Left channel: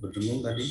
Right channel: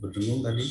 berdengung tadi.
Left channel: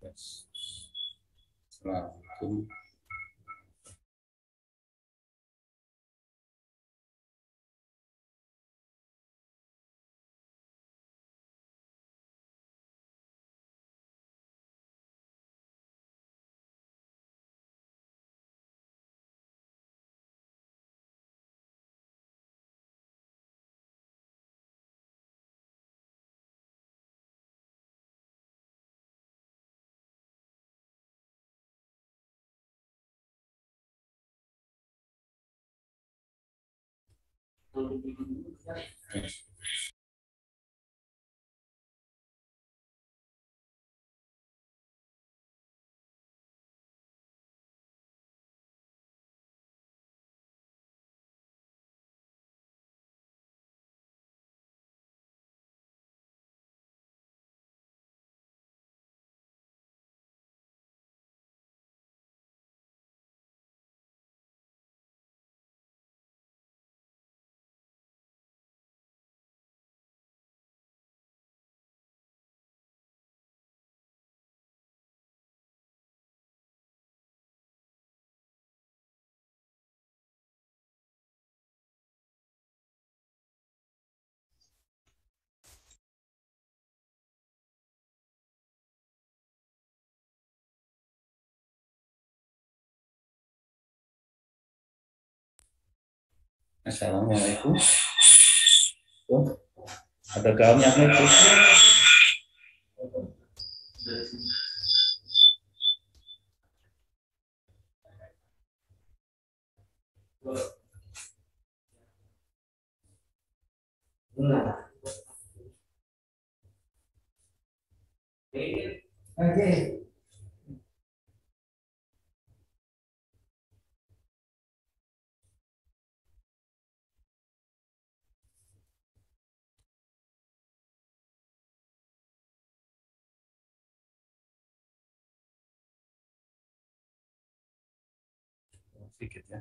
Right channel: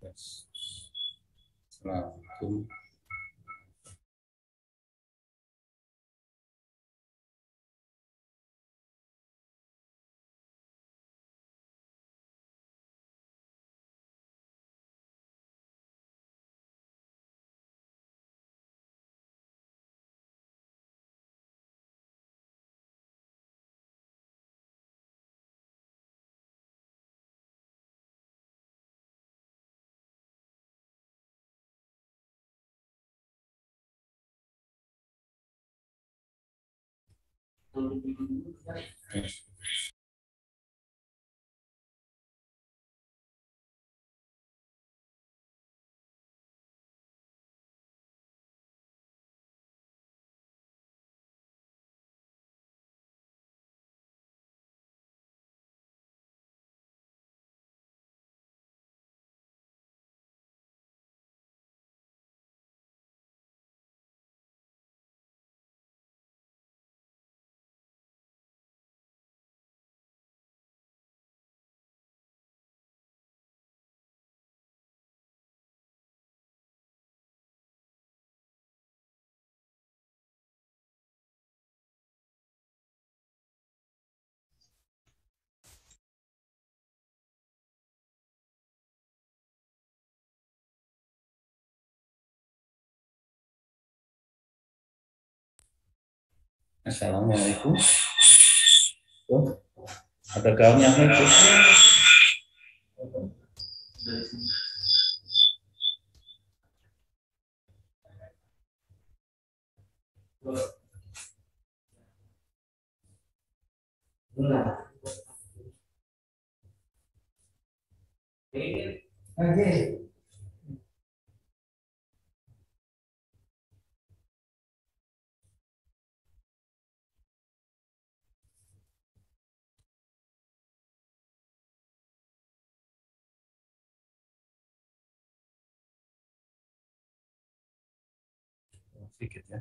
Yes. Assalamualaikum. Assalamualaikum. Tuh, ada gaunnya itu. Oke. Sedikit ya.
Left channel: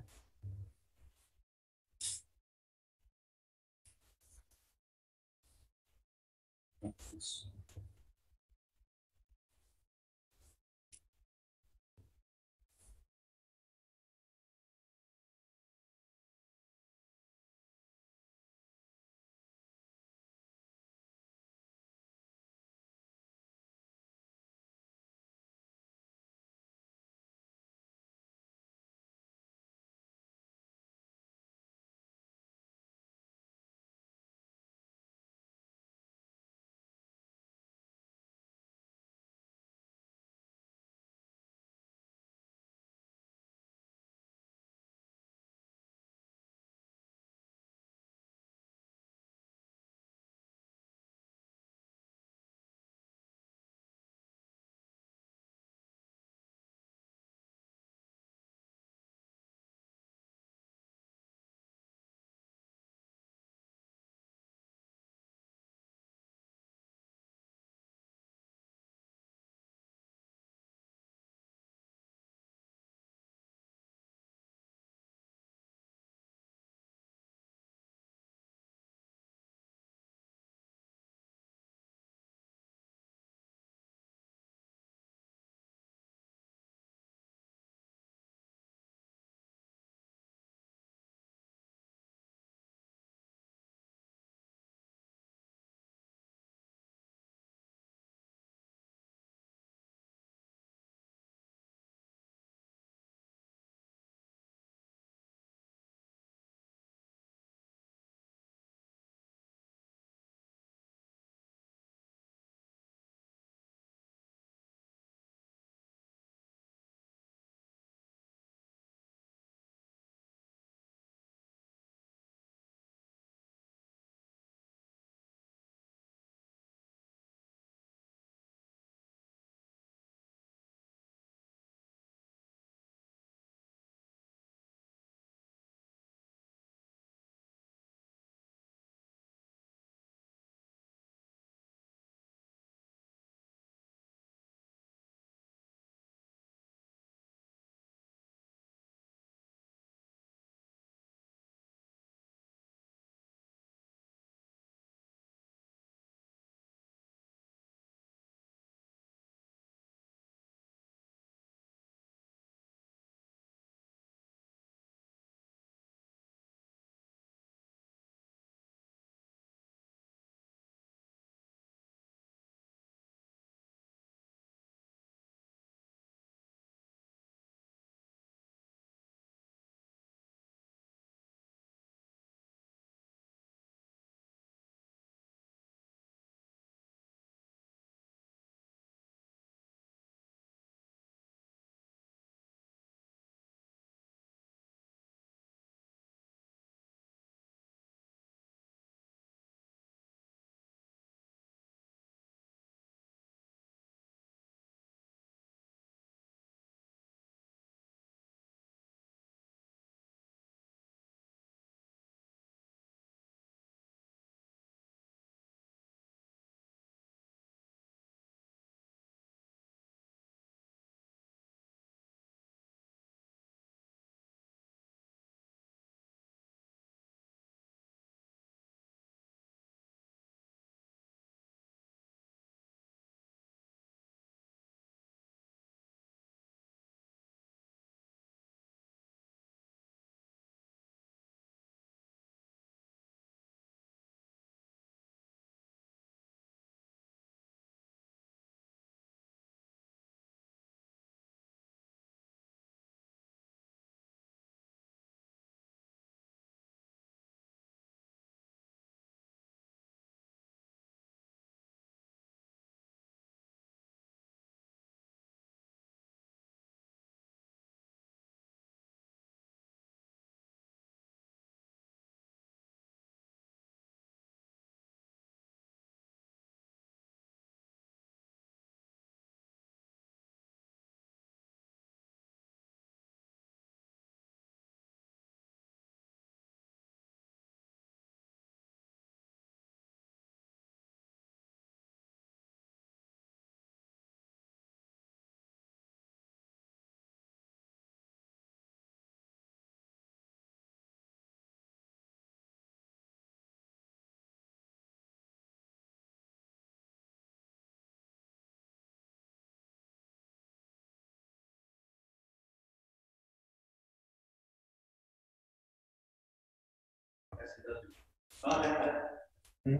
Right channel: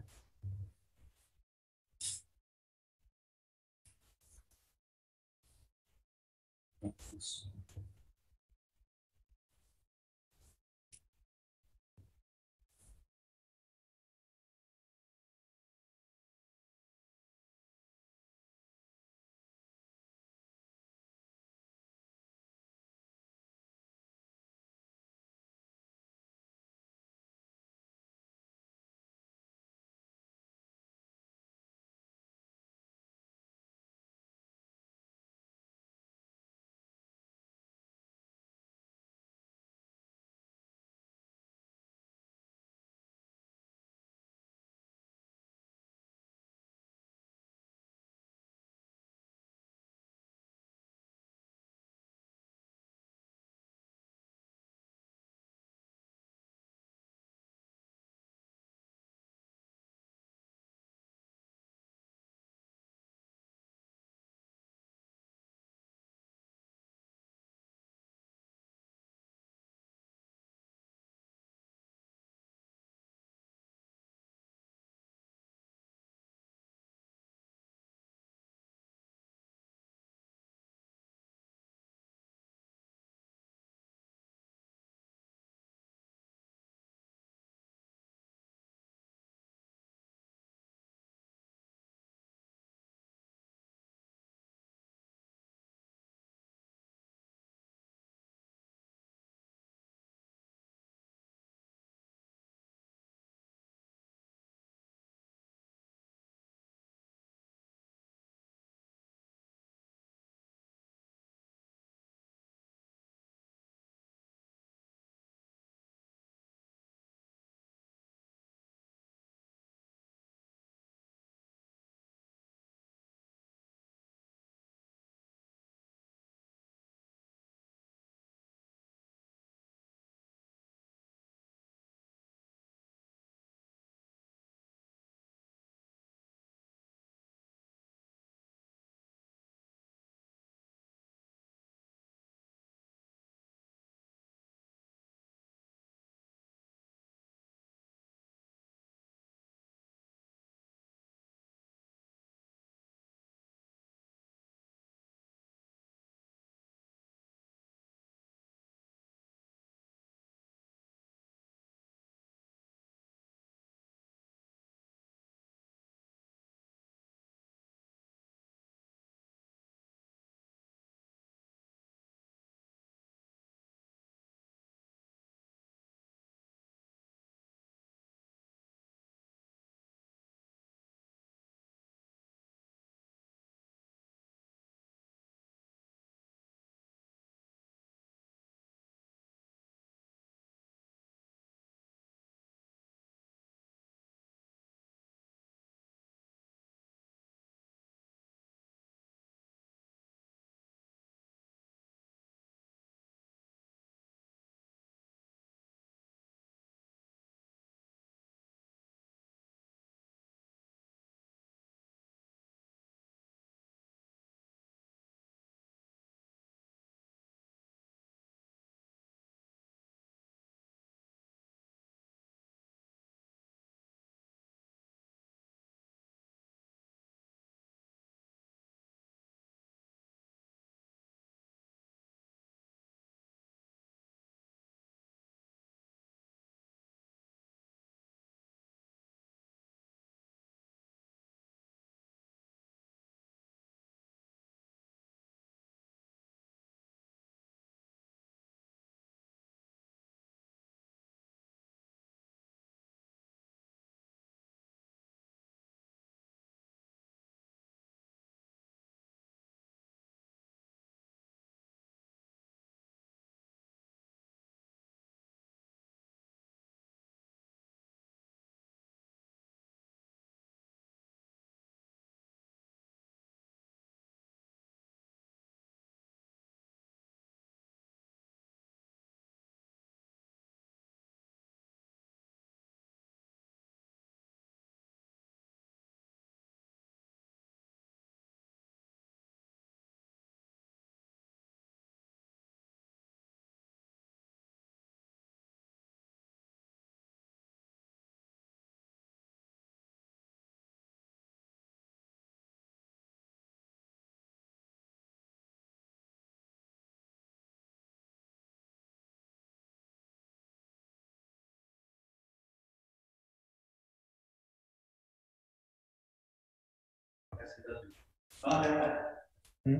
Hmm.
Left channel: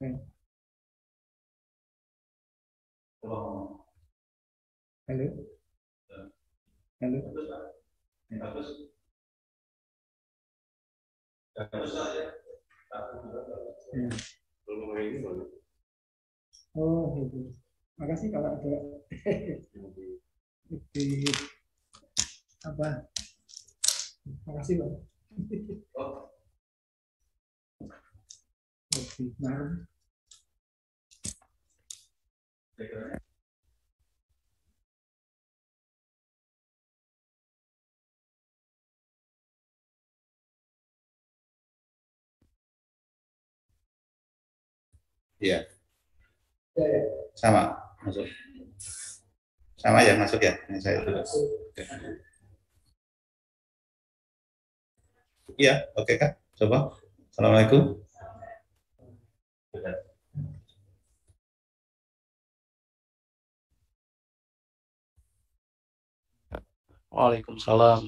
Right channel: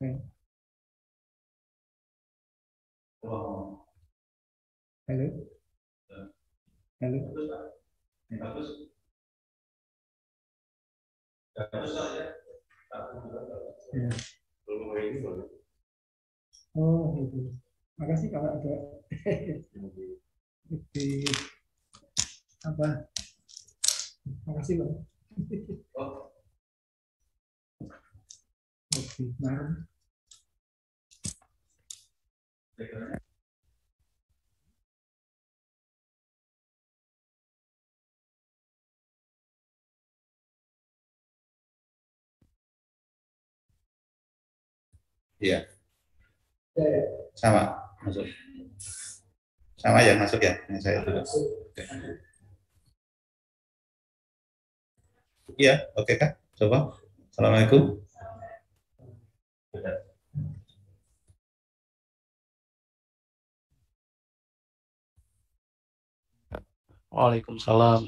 Hmm. Halo, halo. Ya. Oh, gitu. Makasih kalau ada di apa? Makasih Bang. Lebih malam. Iya, Ya, ya. sama masuk. Sama ya masuk ya. Ini saya juga. Oke. Iya, oke Kak. Coba. Assalamualaikum. Waalaikumsalam.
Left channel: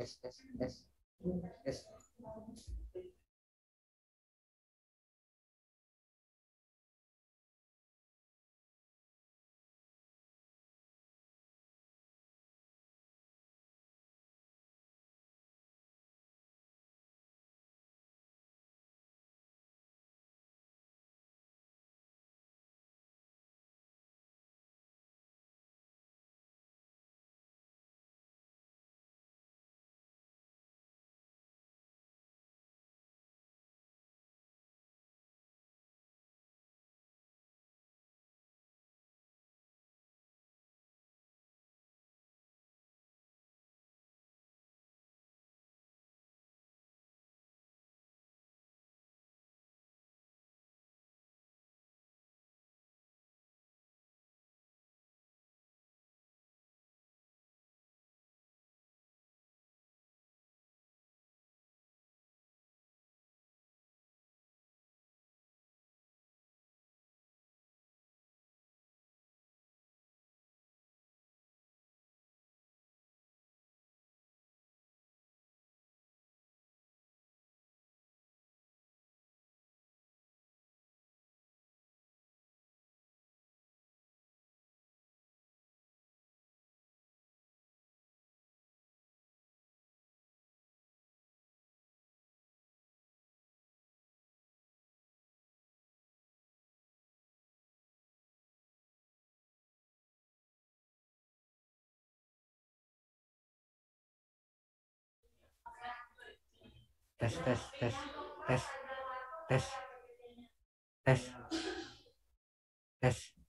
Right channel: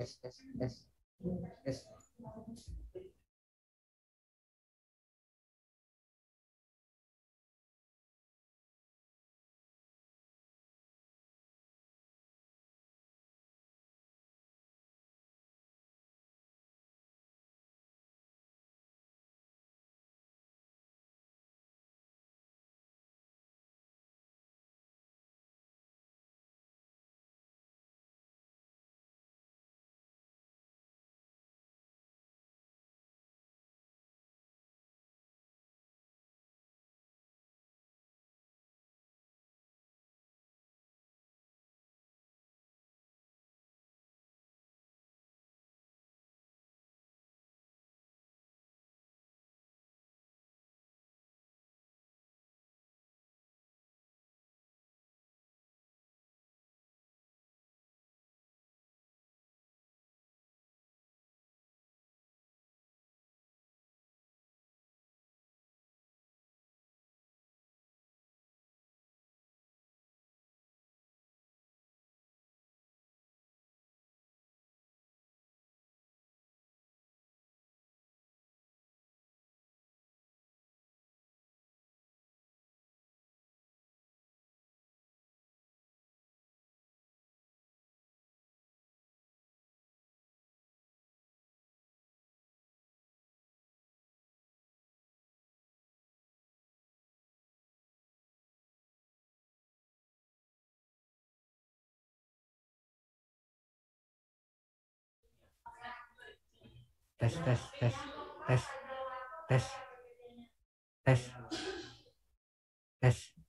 tes tes tes tes. Tes tes tes tes tes tes tes.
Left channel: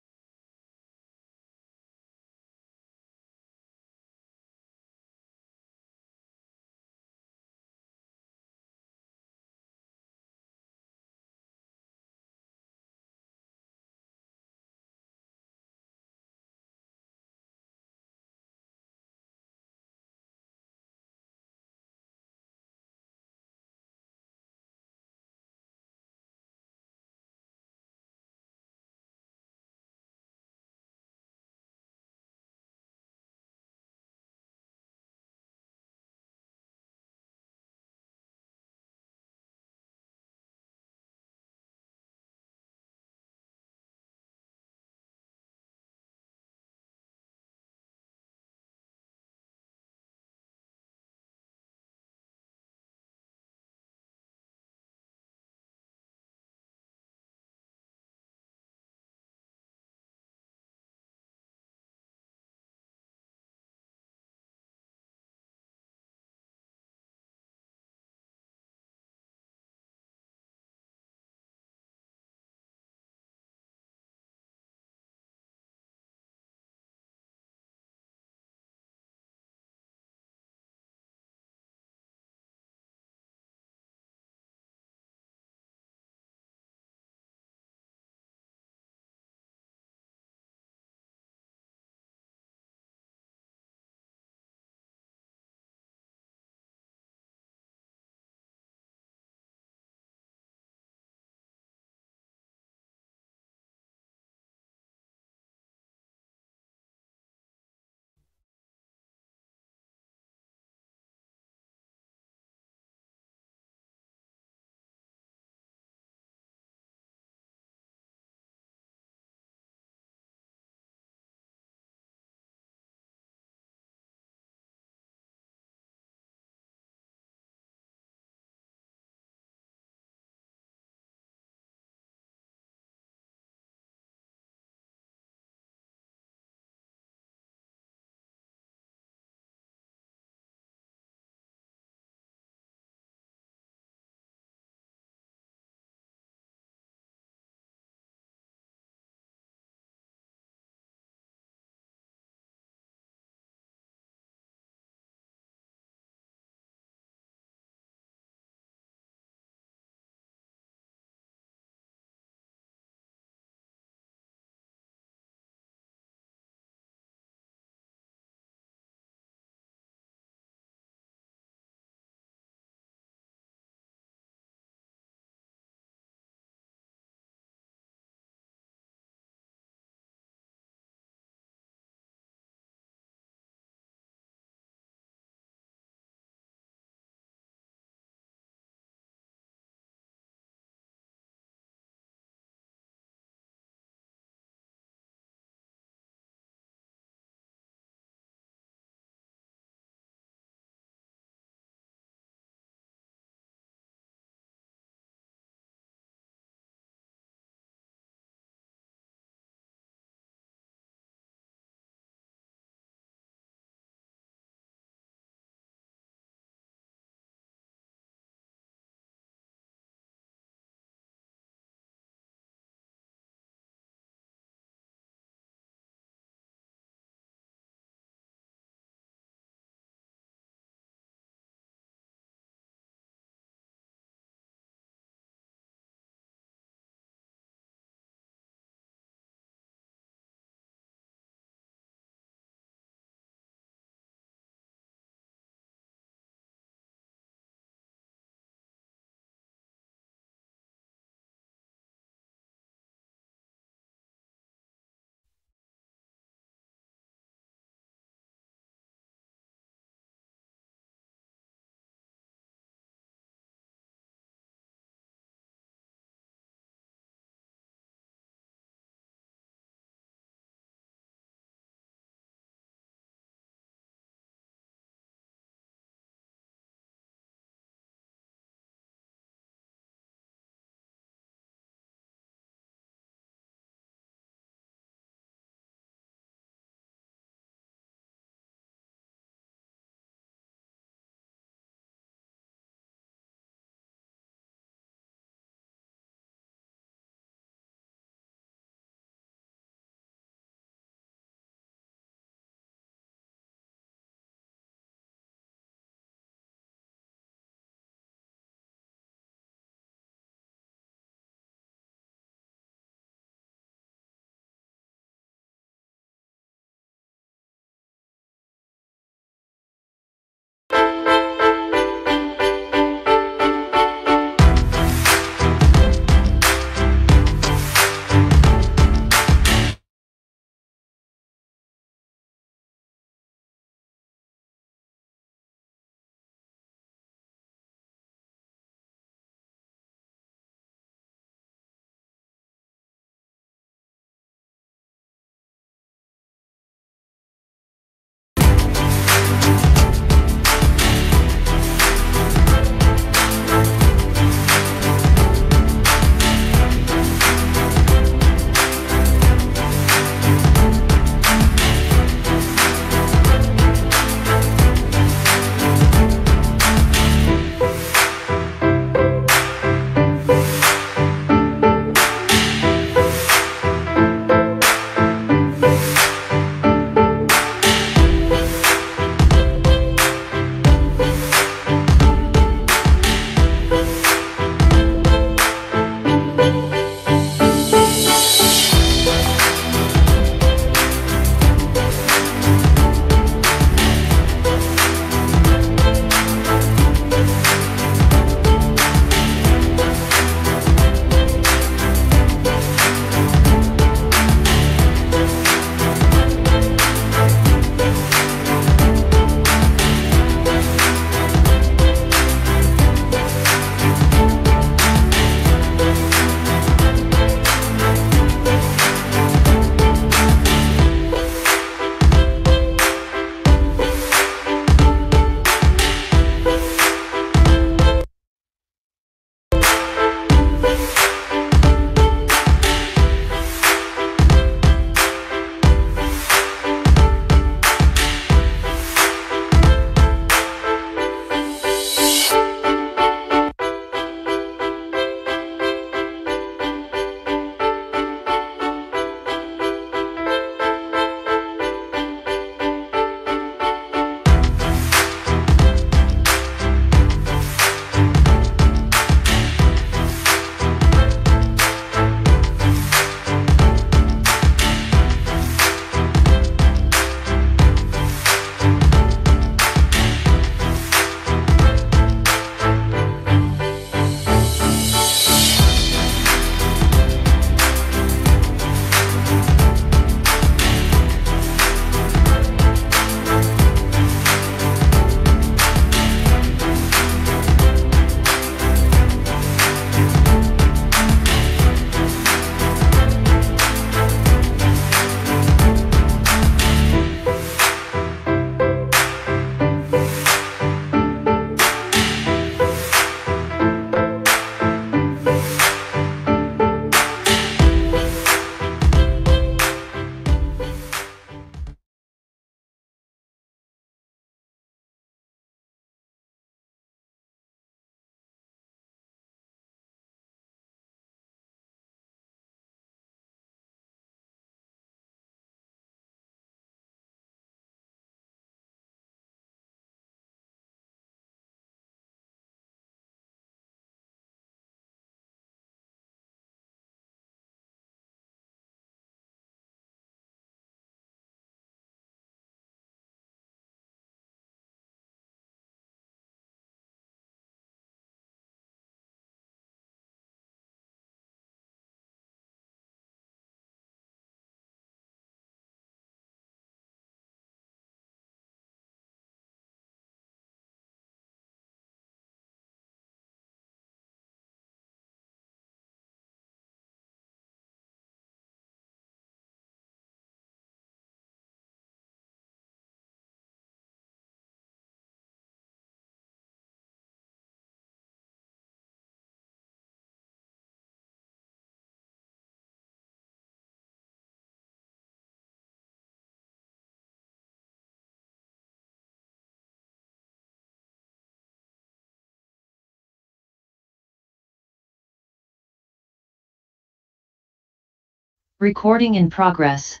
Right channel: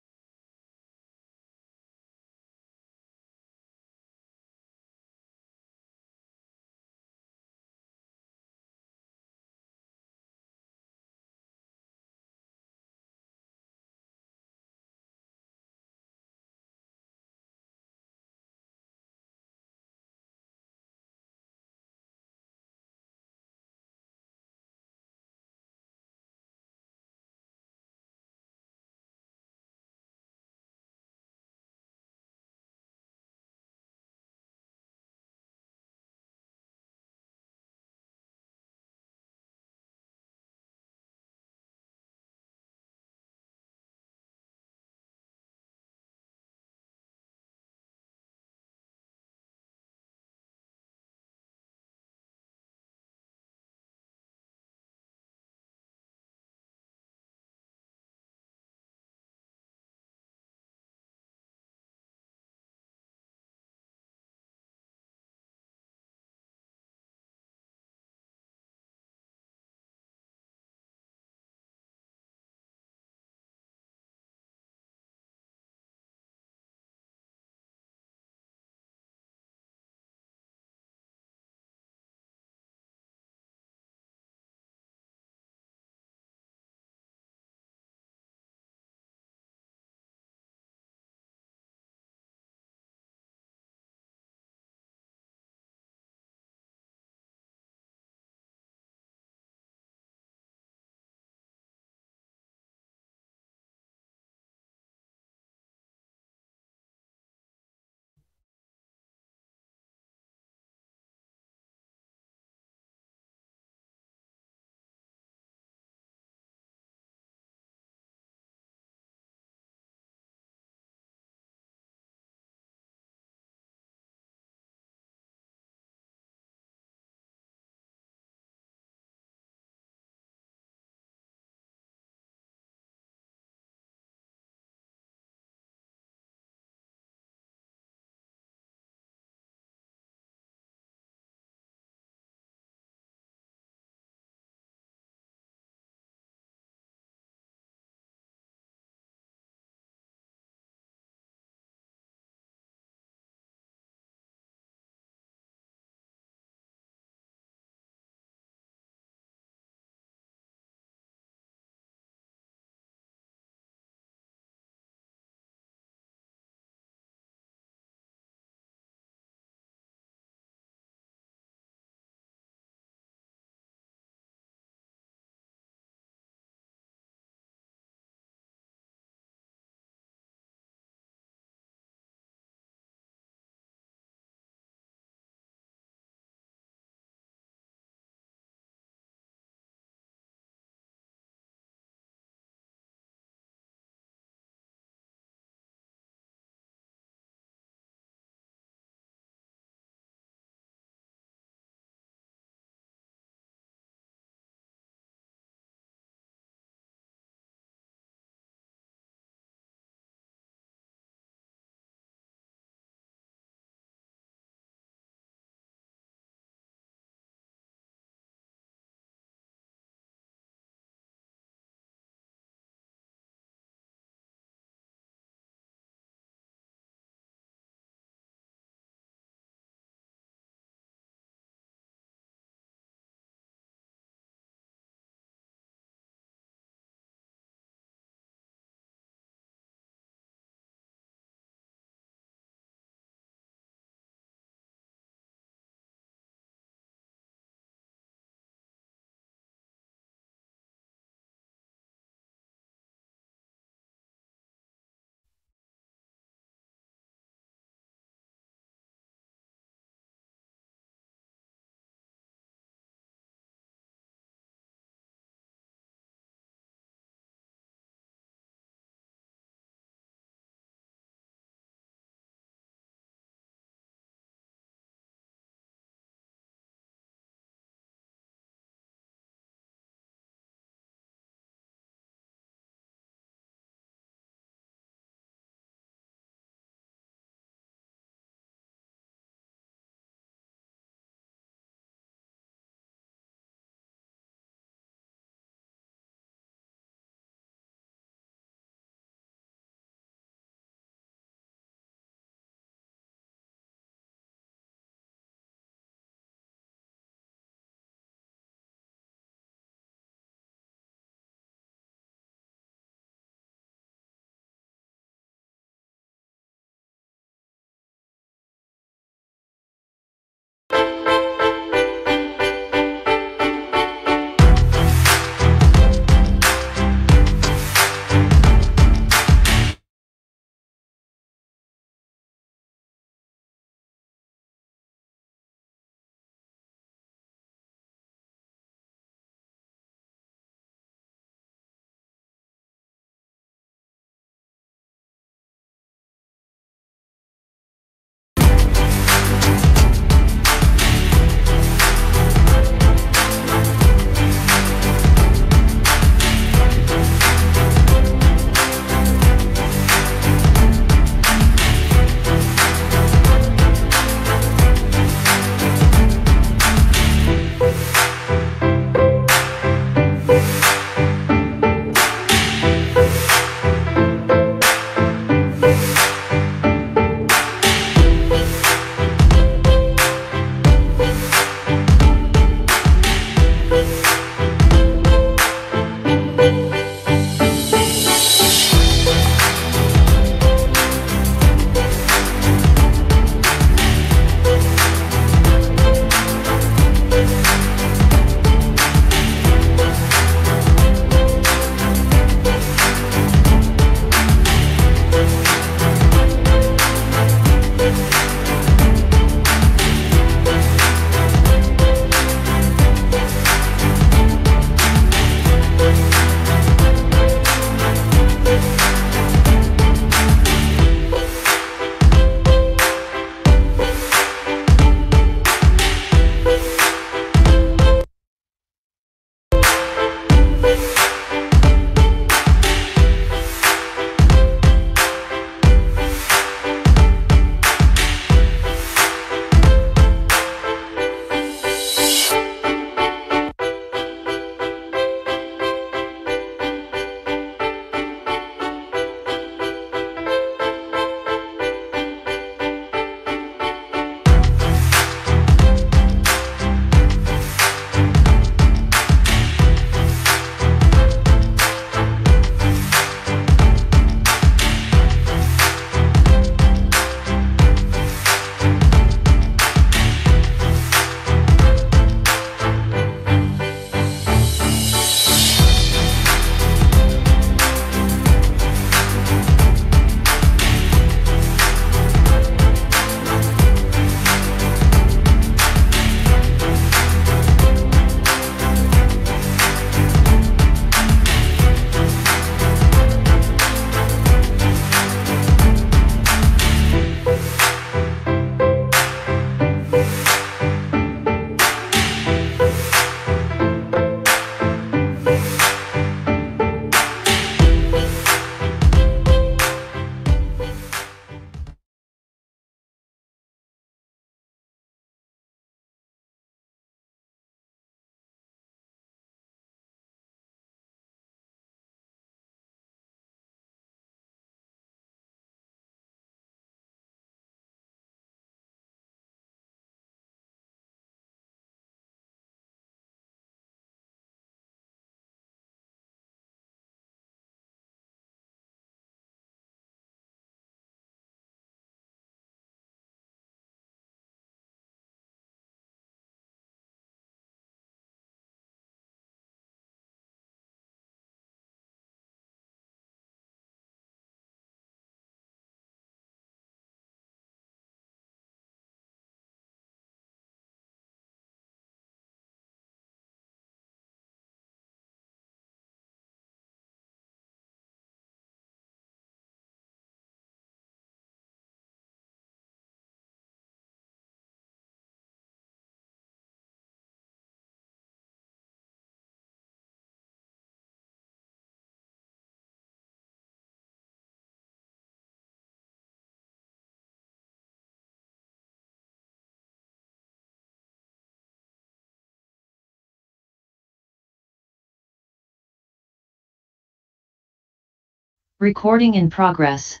Recording in progress.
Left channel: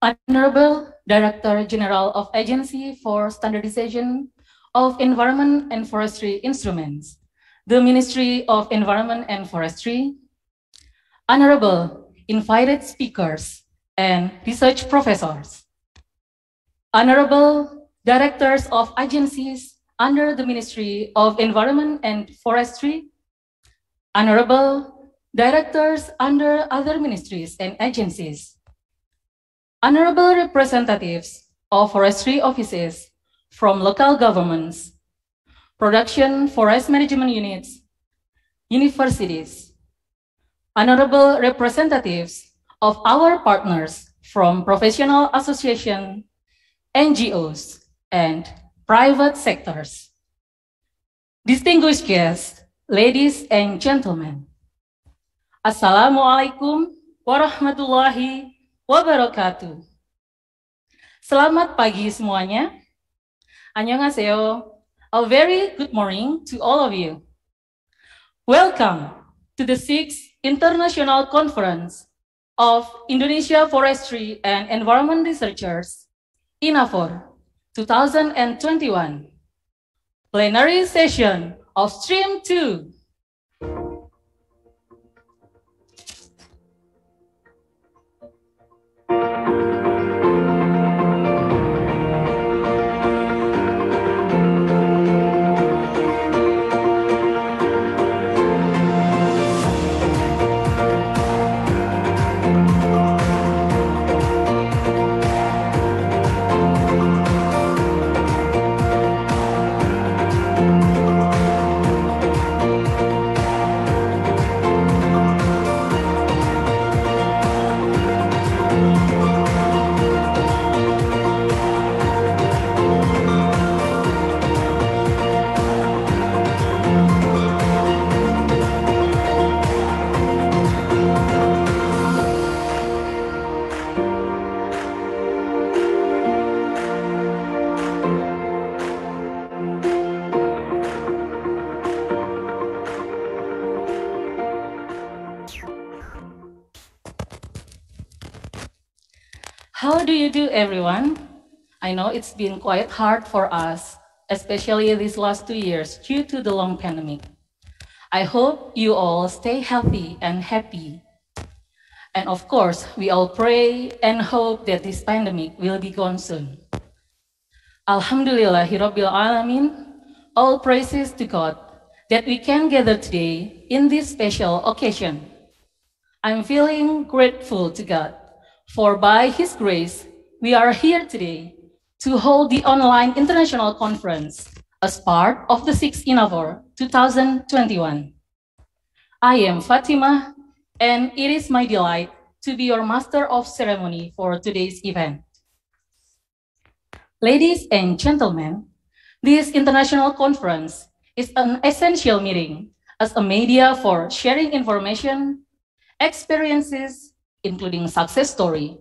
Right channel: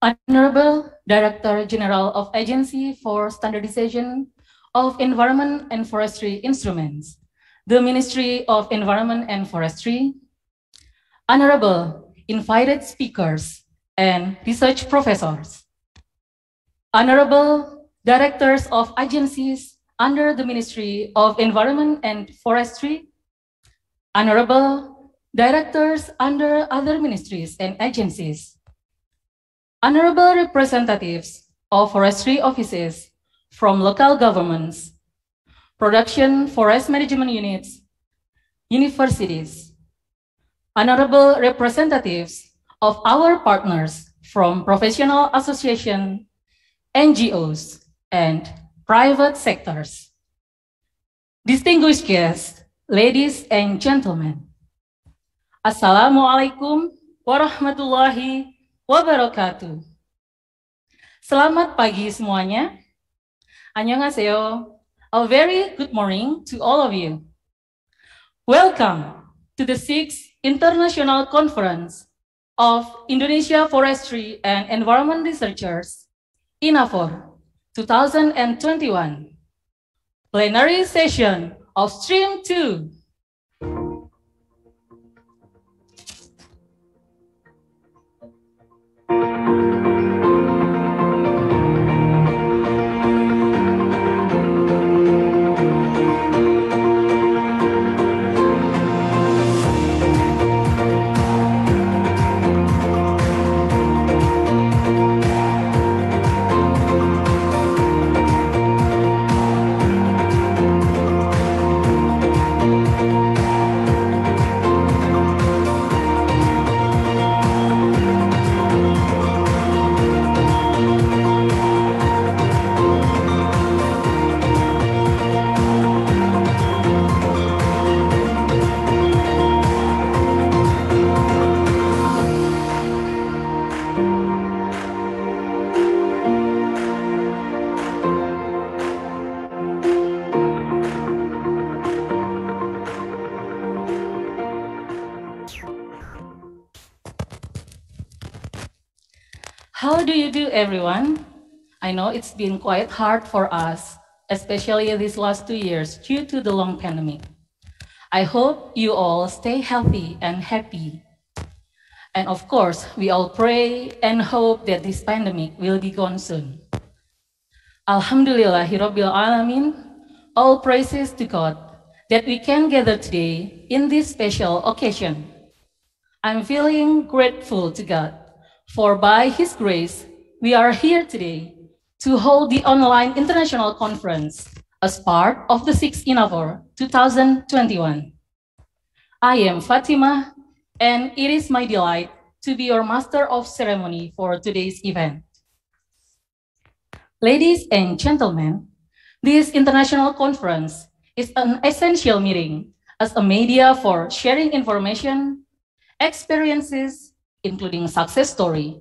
Honorable Director General of Agency for Standardization of Environment and Forestry Instruments, the Ministry of Environment and Forestry, Honorable invited speakers and research professors, Honorable Directors of Agencies under the Ministry of Environment and Forestry, Honorable Directors under other ministries and agencies, Honorable representatives of forestry offices from local governments, production forest management units, universities, honorable representatives of our partners from professional associations, NGOs, and private sectors. Distinguished guests, ladies and gentlemen, Assalamualaikum warahmatullahi wabarakatuh. Selamat pagi semuanya. Annyeonghaseyo. A very good morning to all of you. Welcome to the 6th International Conference of Indonesia Forestry and Environment Researchers, INAFOR 2021. Plenary session of Stream 2. How do you do, everyone? I know it's been quite hard for us, especially these last 2 years due to the long pandemic. I hope you all stay healthy and happy. And of course, we all pray and hope that this pandemic will be gone soon. Alhamdulillahirabbil alamin. All praises to God that we can gather today in this special occasion. I'm feeling grateful to God, for by His grace, we are here today to hold the online international conference as part of the 6th INAFOR 2021. I am Fatima, and it is my delight to be your master of ceremony for today's event. Ladies and gentlemen, this international conference is an essential meeting as a media for sharing information, experiences, including success story,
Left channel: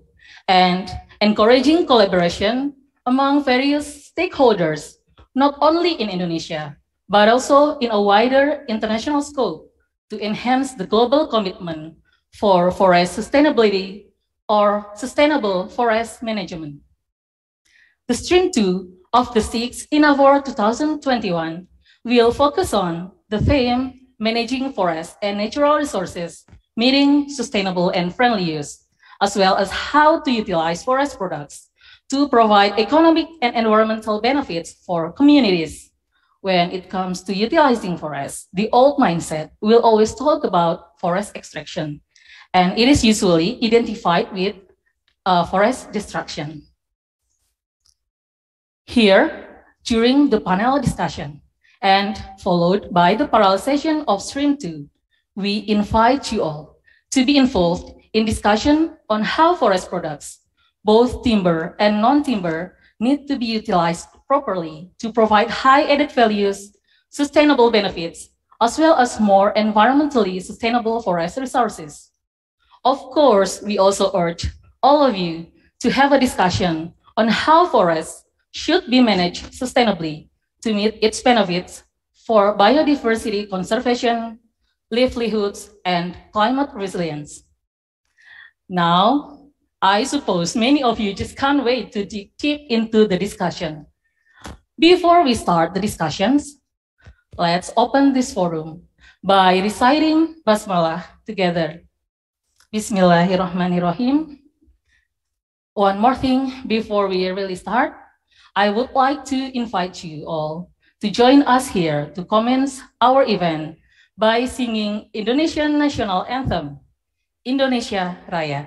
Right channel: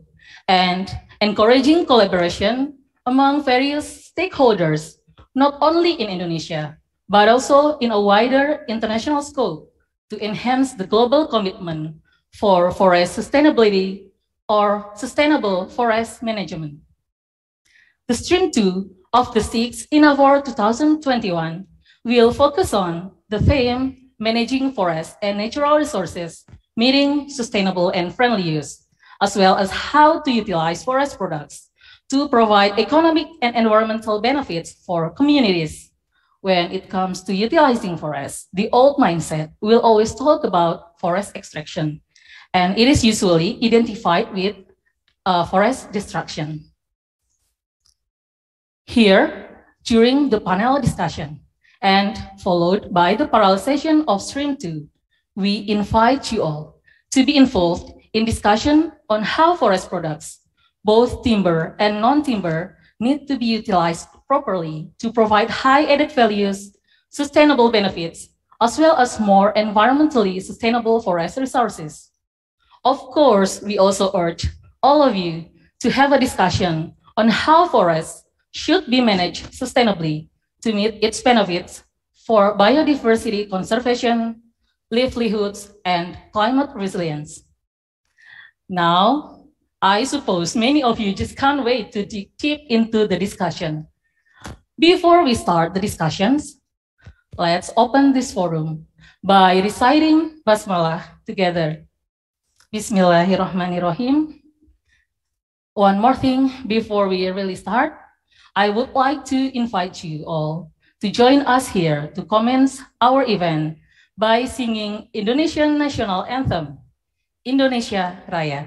and encouraging collaboration among various stakeholders, not only in Indonesia, but also in a wider international scope to enhance the global commitment for forest sustainability or sustainable forest management. The stream 2 of the 6th INAFOR 2021 will focus on the theme Managing Forests and Natural Resources, Meeting Sustainable and Friendly Use, as well as how to utilize forest products to provide economic and environmental benefits for communities. When it comes to utilizing forests, the old mindset will always talk about forest extraction, and it is usually identified with forest destruction. Here, during the panel discussion, and followed by the parallel session of Stream 2, we invite you all to be involved in discussion on how forest products, both timber and non-timber, need to be utilized properly to provide high added values, sustainable benefits, as well as more environmentally sustainable forest resources. Of course, we also urge all of you to have a discussion on how forests should be managed sustainably to meet its benefits for biodiversity conservation, livelihoods, and climate resilience. Now, I suppose many of you just can't wait to dig deep into the discussion. Before we start the discussions, let's open this forum by reciting Basmalah together. Bismillahirrahmanirrahim. One more thing before we really start, I would like to invite you all to join us here to commence our event by singing Indonesian National Anthem, Indonesia Raya.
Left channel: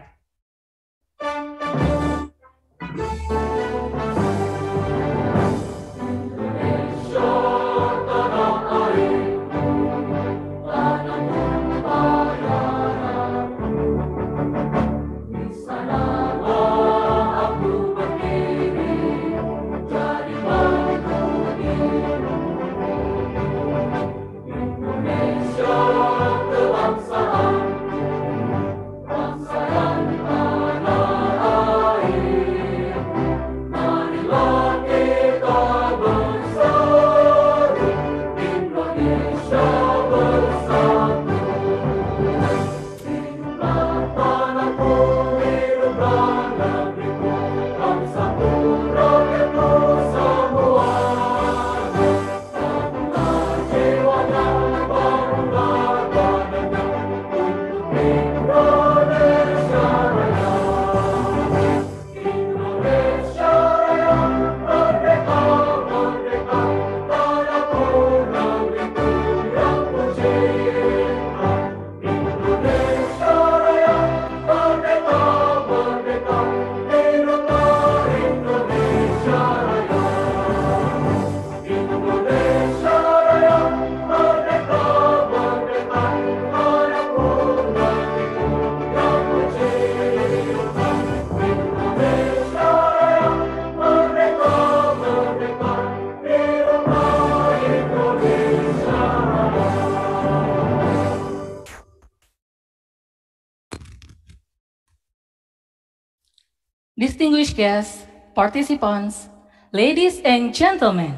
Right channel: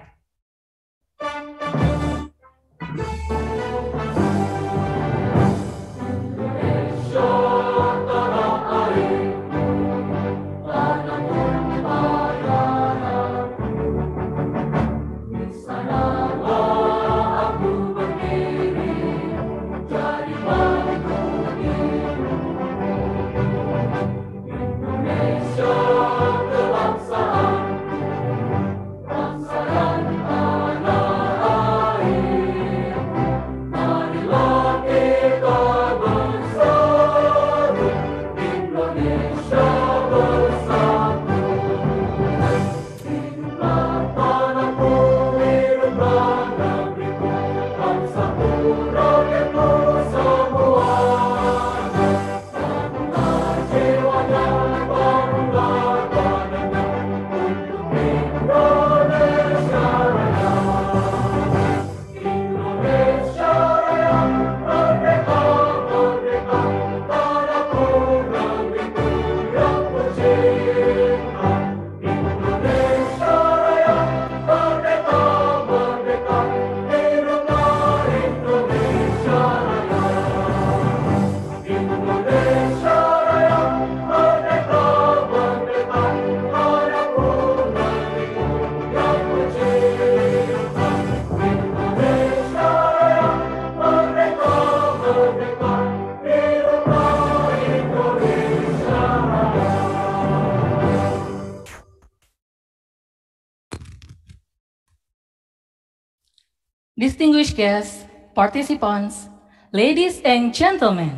Distinguished guests, participants, ladies and gentlemen,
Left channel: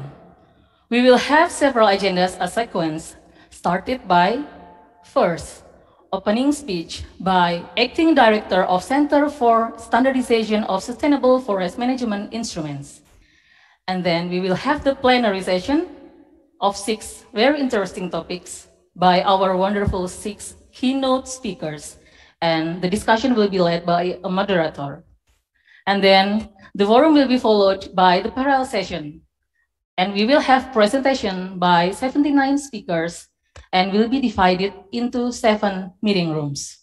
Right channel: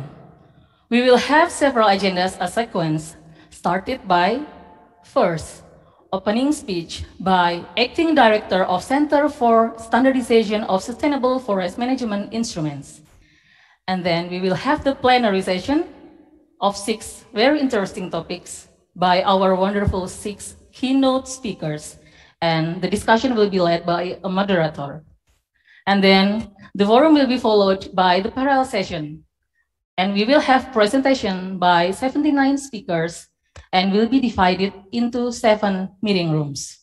we will have several agendas as sequence, started by first, opening speech by Acting Director of Center for Standardization of Sustainable Forest Management Instruments. And then we will have the plenary session of 6 very interesting topics by our wonderful 6 keynote speakers. And the discussion will be led by a moderator. And then the forum will be followed by the parallel session. And we will have presentation by 79 speakers and will be divided into 7 meeting rooms.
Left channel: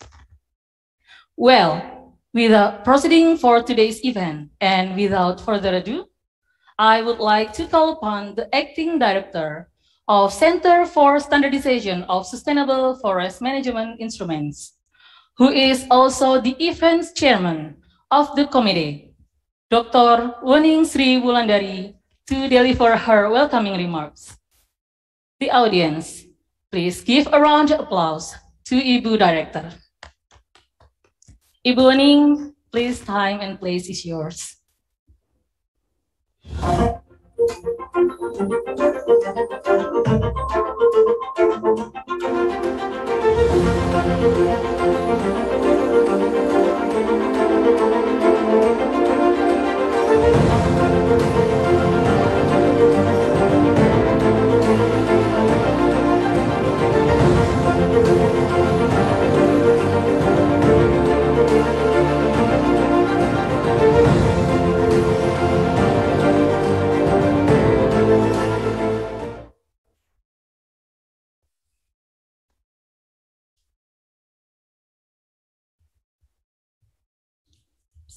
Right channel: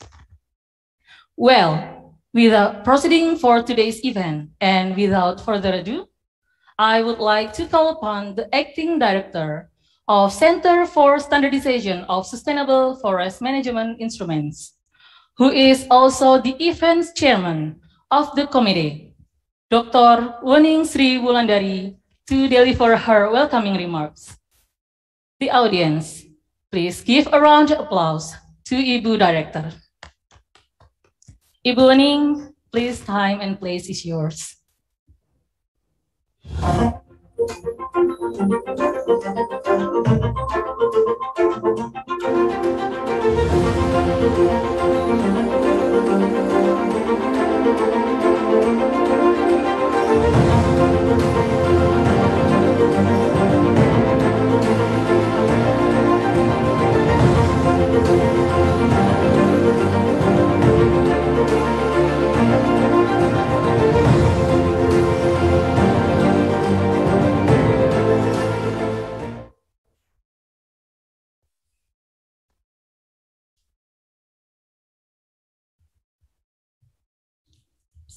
Well, without proceeding for today's event and without further ado, I would like to call upon the Acting Director of Center for Standardization of Sustainable Forest Management Instruments, who is also the events chairman of the committee, Dr. Wening Sri Wulandari, to deliver her welcoming remarks. The audience, please give a round of applause to Ibu Director. Ibu Wening, please, time and place is yours.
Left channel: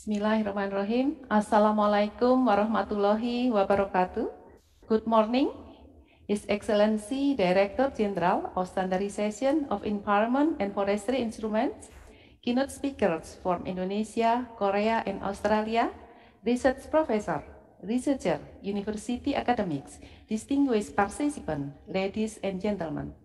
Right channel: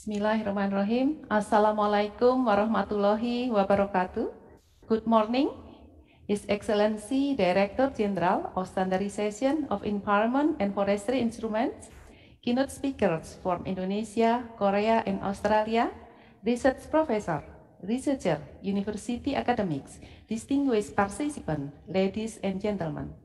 Bismillahirrahmanirrahim. Assalamualaikum warahmatullahi wabarakatuh. Good morning, His Excellency Director General of Standardization of Environment and Forestry Instruments, keynote speakers from Indonesia, Korea, and Australia, research professor, researcher, university academics, distinguished participants, ladies and gentlemen.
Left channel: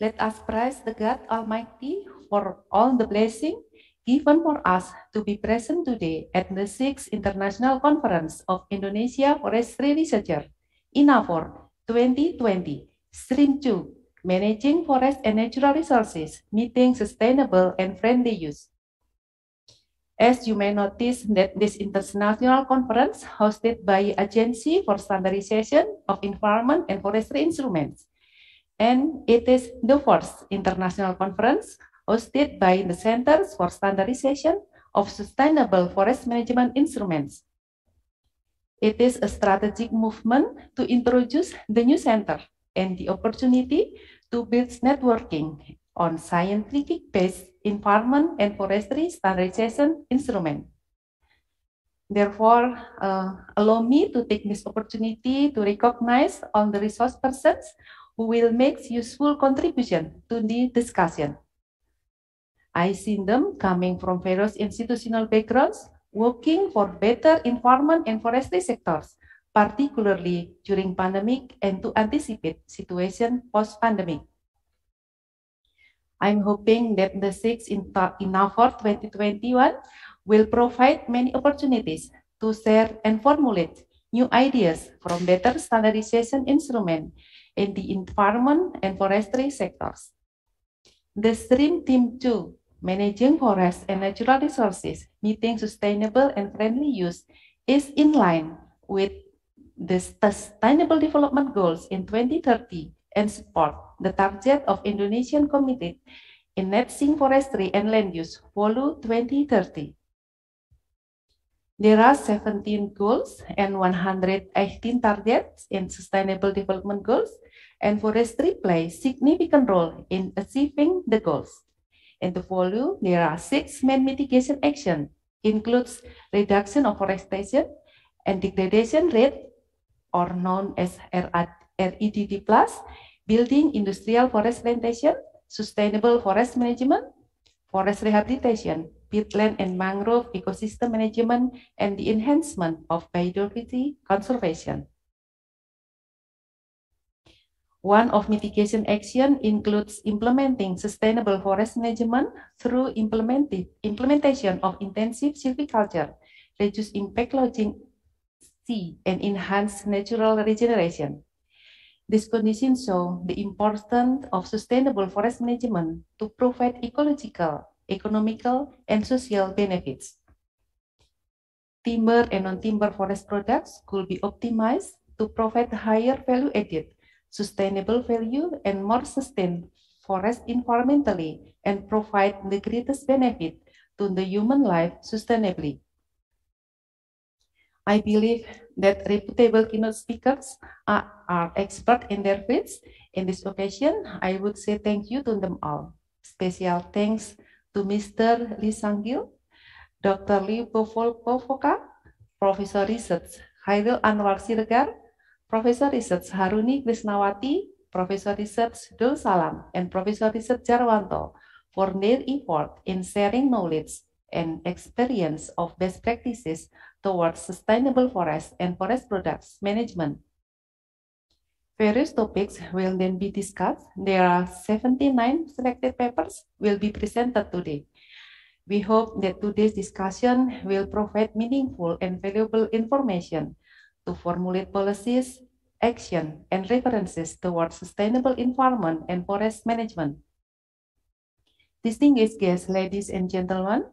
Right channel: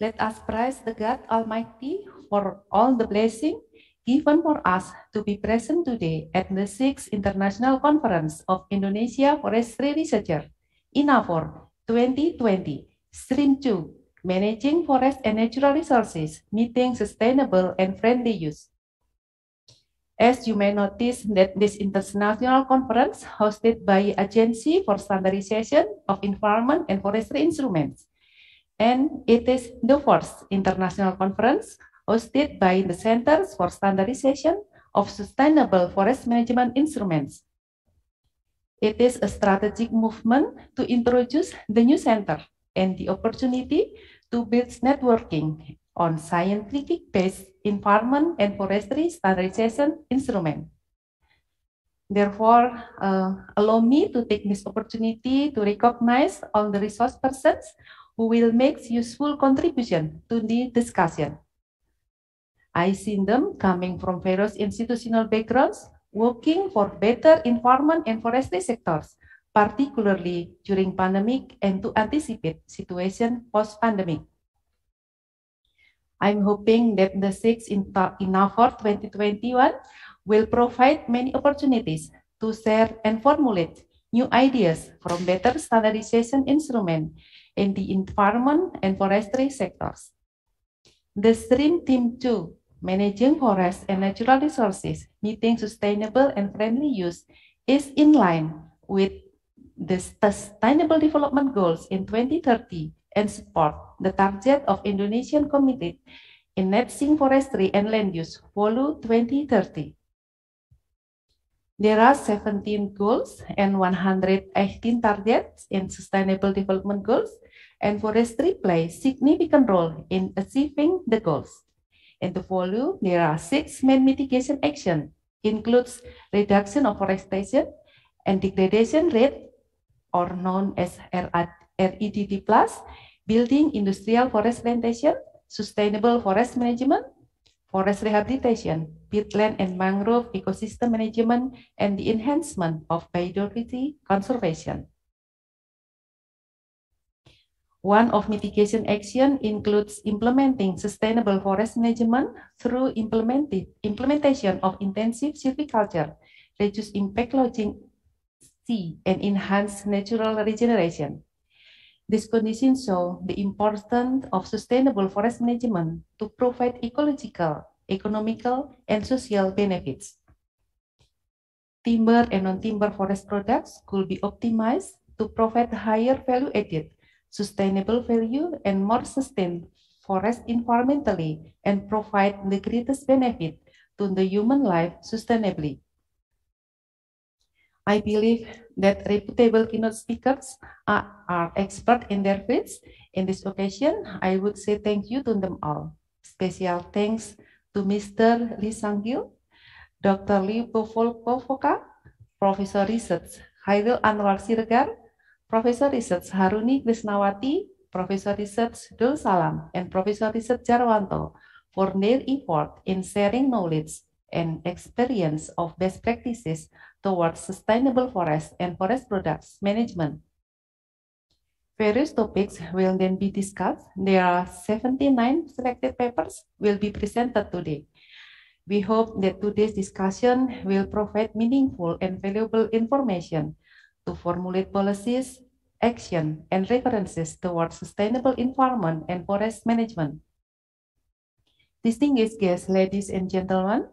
Let us praise the God Almighty for all the blessings given for us to be present today at the 6th International Conference of Indonesia Forestry Researcher, INAFOR 2020, Stream 2, Managing Forest and Natural Resources, Meeting Sustainable and Friendly Use. As you may notice that this international conference hosted by Agency for Standardization of Environment and Forestry Instruments, and it is the first international conference hosted by the Centers for Standardization of Sustainable Forest Management Instruments. It is a strategic movement to introduce the new center and the opportunity to build networking on scientific-based environment and forestry standardization instrument. Therefore, allow me to take this opportunity to recognize all the resource persons who will make useful contribution to the discussion. I see them coming from various institutional backgrounds, working for better environment and forestry sectors, particularly during pandemic and to anticipate situation post-pandemic. I'm hoping that the 6th INAFOR 2021 will provide many opportunities to share and formulate new ideas from better standardization instrument in the environment and forestry sectors. The Stream Team 2, Managing Forest and Natural Resources, Meeting Sustainable and Friendly Use, is in line with the Sustainable Development Goals in 2030 and support the target of Indonesian committed in net sink forestry and land use follow 2030. There are 17 goals and 118 targets in Sustainable Development Goals, and forestry plays significant role in achieving the goals. In the volume, there are 6 main mitigation actions, includes reduction of forestation and degradation rate, or known as REDD+, building industrial forest plantation, sustainable forest management, forest rehabilitation, peatland and mangrove ecosystem management, and the enhancement of biodiversity conservation. One of mitigation action includes implementing sustainable forest management through implementation of intensive silviculture, reduce impact logging, and enhance natural regeneration. These conditions show the importance of sustainable forest management to provide ecological, economical, and social benefits. Timber and non-timber forest products could be optimized to provide higher value added, sustainable value, and more sustained forest environmentally and provide the greatest benefit to the human life sustainably. I believe that reputable keynote speakers are expert in their fields. In this occasion, I would say thank you to them all. Special thanks to Mr. Lee Sang-gil, Dr. Lee Povoka, Professor Research Hairil Anwar Siregar, Professor Research Haruni Krisnawati, Professor Research Dul Salam, and Professor Research Jarwanto for their effort in sharing knowledge and experience of best practices towards sustainable forest and forest products management. Various topics will then be discussed. There are 79 selected papers will be presented today. We hope that today's discussion will provide meaningful and valuable information to formulate policies, action, and references towards sustainable environment and forest management. Distinguished guests, ladies and gentlemen,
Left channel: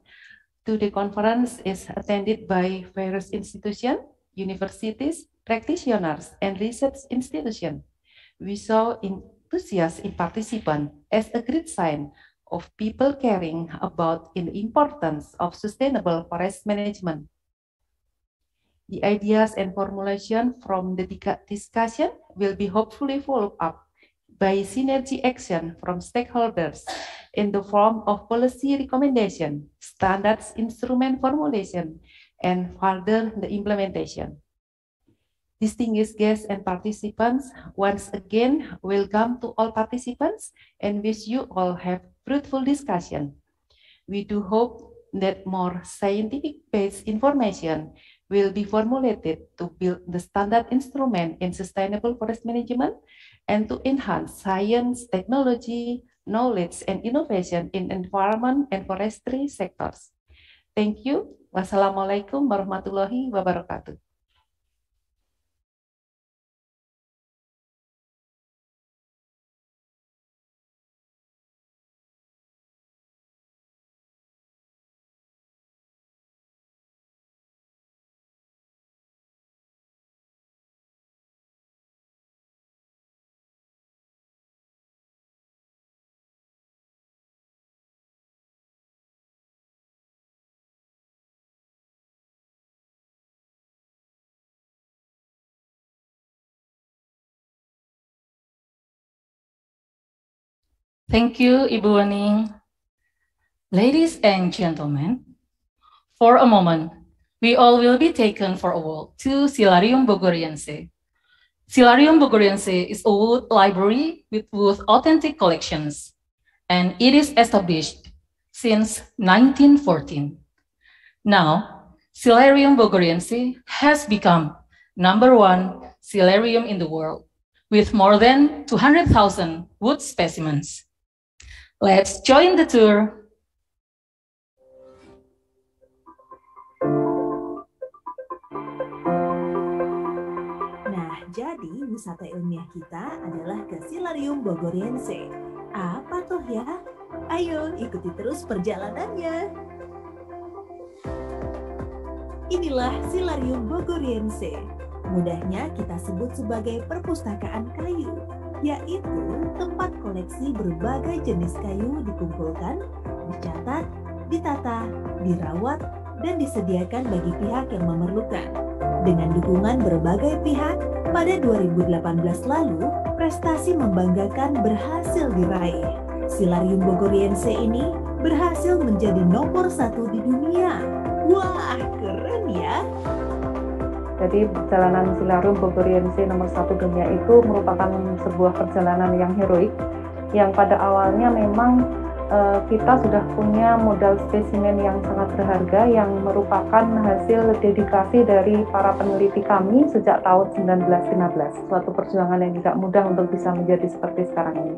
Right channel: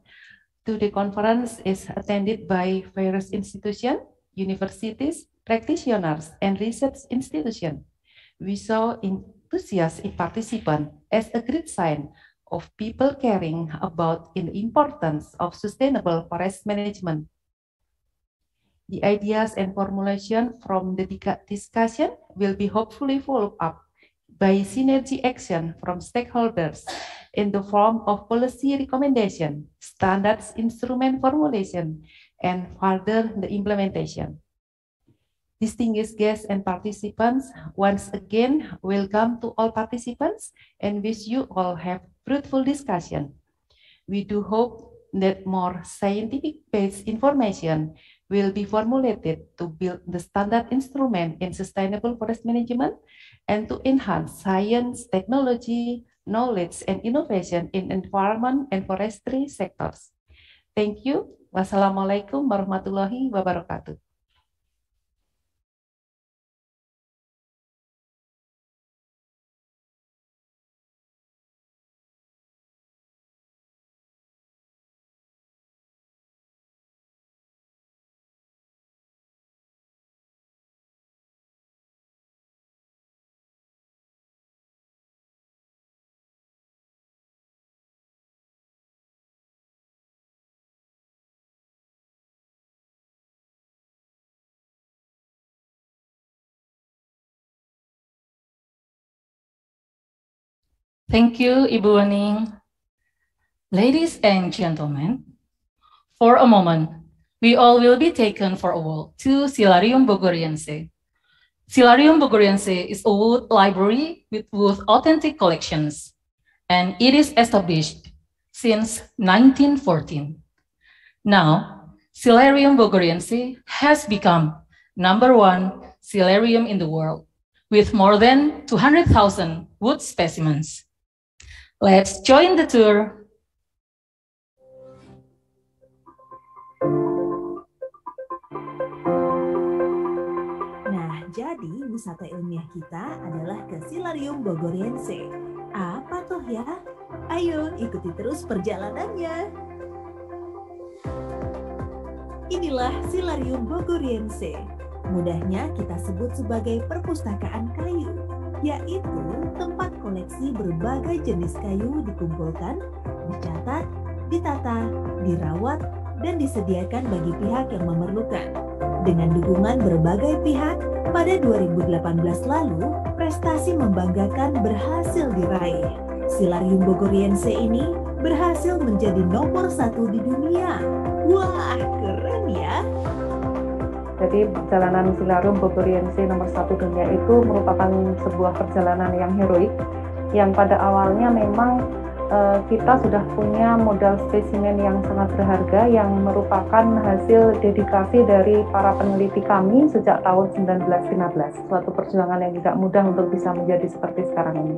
today conference is attended by various institutions, universities, practitioners, and research institutions. We saw enthusiastic participants as a great sign of people caring about the importance of sustainable forest management. The ideas and formulation from the discussion will be hopefully followed up by synergy action from stakeholders in the form of policy recommendation, standards instrument formulation, and further the implementation. Distinguished guests and participants, once again, welcome to all participants and wish you all have fruitful discussion. We do hope that more scientific-based information will be formulated to build the standard instrument in sustainable forest management and to enhance science, technology, knowledge, and innovation in environment and forestry sectors. Thank you. Wassalamualaikum warahmatullahi wabarakatuh. Thank you, Ibu Wening. Ladies and gentlemen, for a moment, we all will be taken for a walk to Silarium Bogoriense. Silarium Bogoriense is a wood library with wood authentic collections, and it is established since 1914. Now, Silarium Bogoriense has become #1 silarium in the world, with more than 200,000 wood specimens. Let's join the tour. Nah, jadi wisata ilmiah kita adalah ke Silarium Bogoriense. Apa tuh ya? Ayo ikuti terus perjalanannya. Inilah Silarium Bogoriense. Mudahnya kita sebut sebagai perpustakaan kayu, yaitu tempat koleksi berbagai jenis kayu dikumpulkan, dicatat, ditata, dirawat, dan disediakan bagi pihak yang memerlukan. Dengan dukungan berbagai pihak, pada 2018 lalu, prestasi membanggakan berhasil diraih. Silarium Bogoriense ini berhasil menjadi nomor 1 di dunia. Wah, keren ya! Jadi perjalanan Silarium Bogoriense nomor 1 dunia itu merupakan sebuah perjalanan yang heroik, yang pada awalnya memang kita sudah punya modal spesimen yang sangat berharga yang merupakan hasil dedikasi dari para peneliti kami sejak tahun 1915. Suatu perjuangan yang tidak mudah untuk bisa menjadi seperti sekarang ini.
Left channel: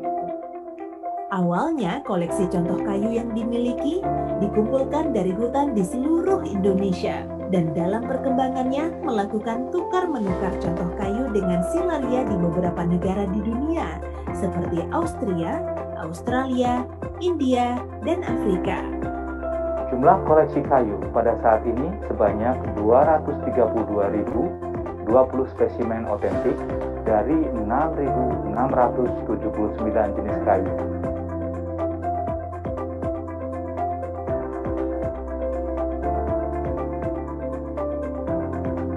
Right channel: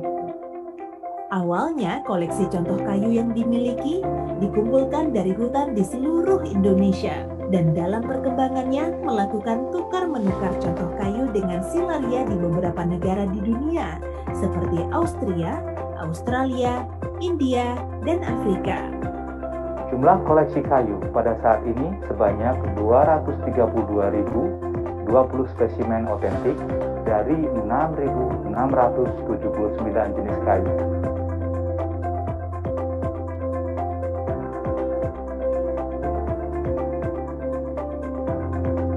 Awalnya, koleksi contoh kayu yang dimiliki dikumpulkan dari hutan di seluruh Indonesia dan dalam perkembangannya melakukan tukar-menukar contoh kayu dengan silaria di beberapa negara di dunia seperti Austria, Australia, India, dan Afrika. Jumlah koleksi kayu pada saat ini sebanyak 232.020 spesimen otentik dari 6.679 jenis kayu.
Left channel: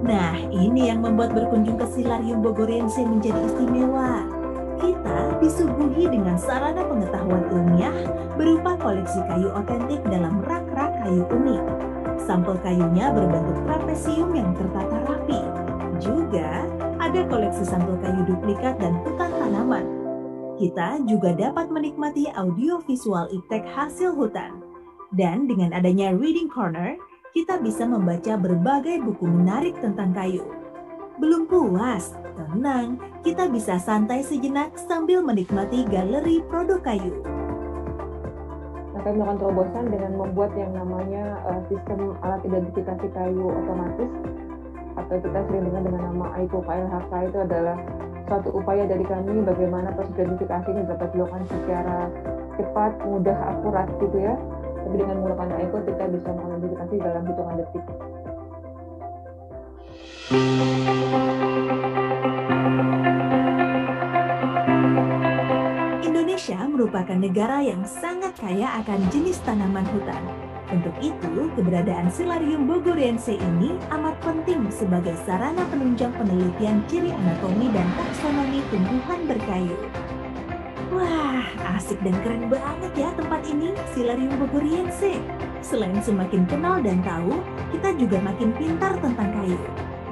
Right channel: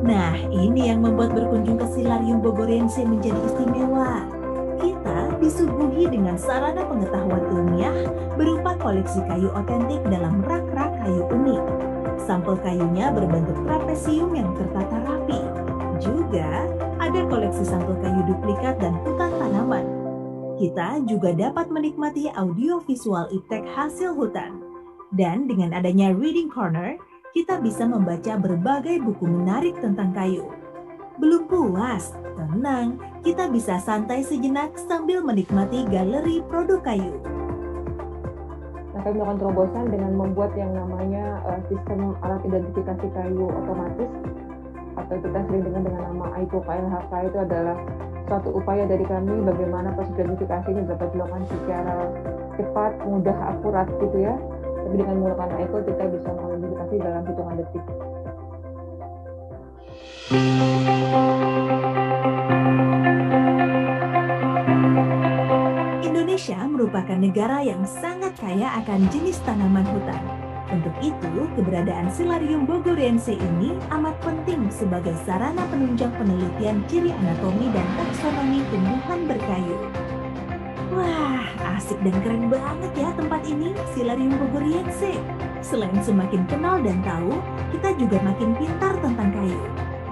Nah, ini yang membuat berkunjung ke Silarium Bogoriense menjadi istimewa. Kita disuguhi dengan sarana pengetahuan ilmiah berupa koleksi kayu otentik dalam rak-rak kayu unik. Sampel kayunya berbentuk trapesium yang tertata rapi. Juga ada koleksi sampel kayu duplikat dan hutan tanaman. Kita juga dapat menikmati audiovisual iptek hasil hutan. Dan dengan adanya Reading Corner, kita bisa membaca berbagai buku menarik tentang kayu. Belum puas, tenang, kita bisa santai sejenak sambil menikmati galeri produk kayu. Nah, kami melakukan terobosan dengan membuat yang namanya sistem alat identifikasi kayu otomatis, atau kita sering dengar dengan nama IPOK-LHK. Itu adalah suatu upaya dari kami bagaimana proses identifikasi ini dapat dilakukan secara cepat, mudah, akurat gitu ya. Tapi dengan menggunakan IPO kita bisa mengidentifikasi dalam hitungan detik. Indonesia merupakan negara yang sangat kaya akan jenis tanaman hutan. Untuk itu, keberadaan Silarium Bogoriense ini amat penting sebagai sarana penunjang penelitian ciri anatomi dan taksonomi tumbuhan berkayu. Wah, asik dan keren banget ya tempat ini, Silarium Bogoriense. Selain semakin kenal dan tahu, kita juga makin pintar tentang kayu.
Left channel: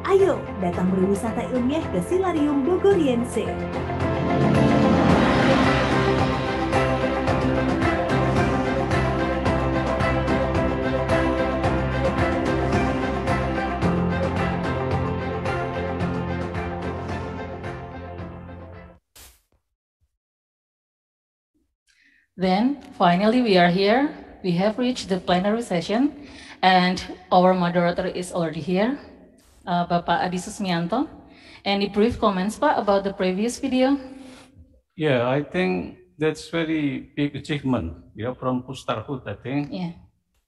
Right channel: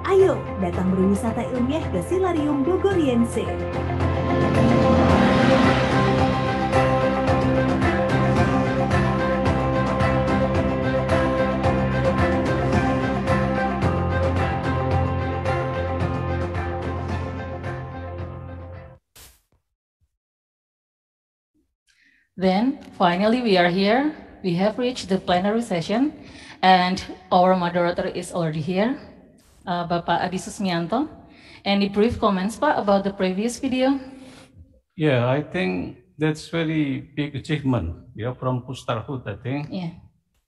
Ayo, datang berwisata ilmiah ke Silarium Bogoriense. Then, finally, we are here. We have reached the plenary session, and our moderator is already here, Bapak Adi Susmianto. Any brief comments, Pak, about the previous video? Yeah, I think that's very big achievement, from Pustarhood, I think. Yeah.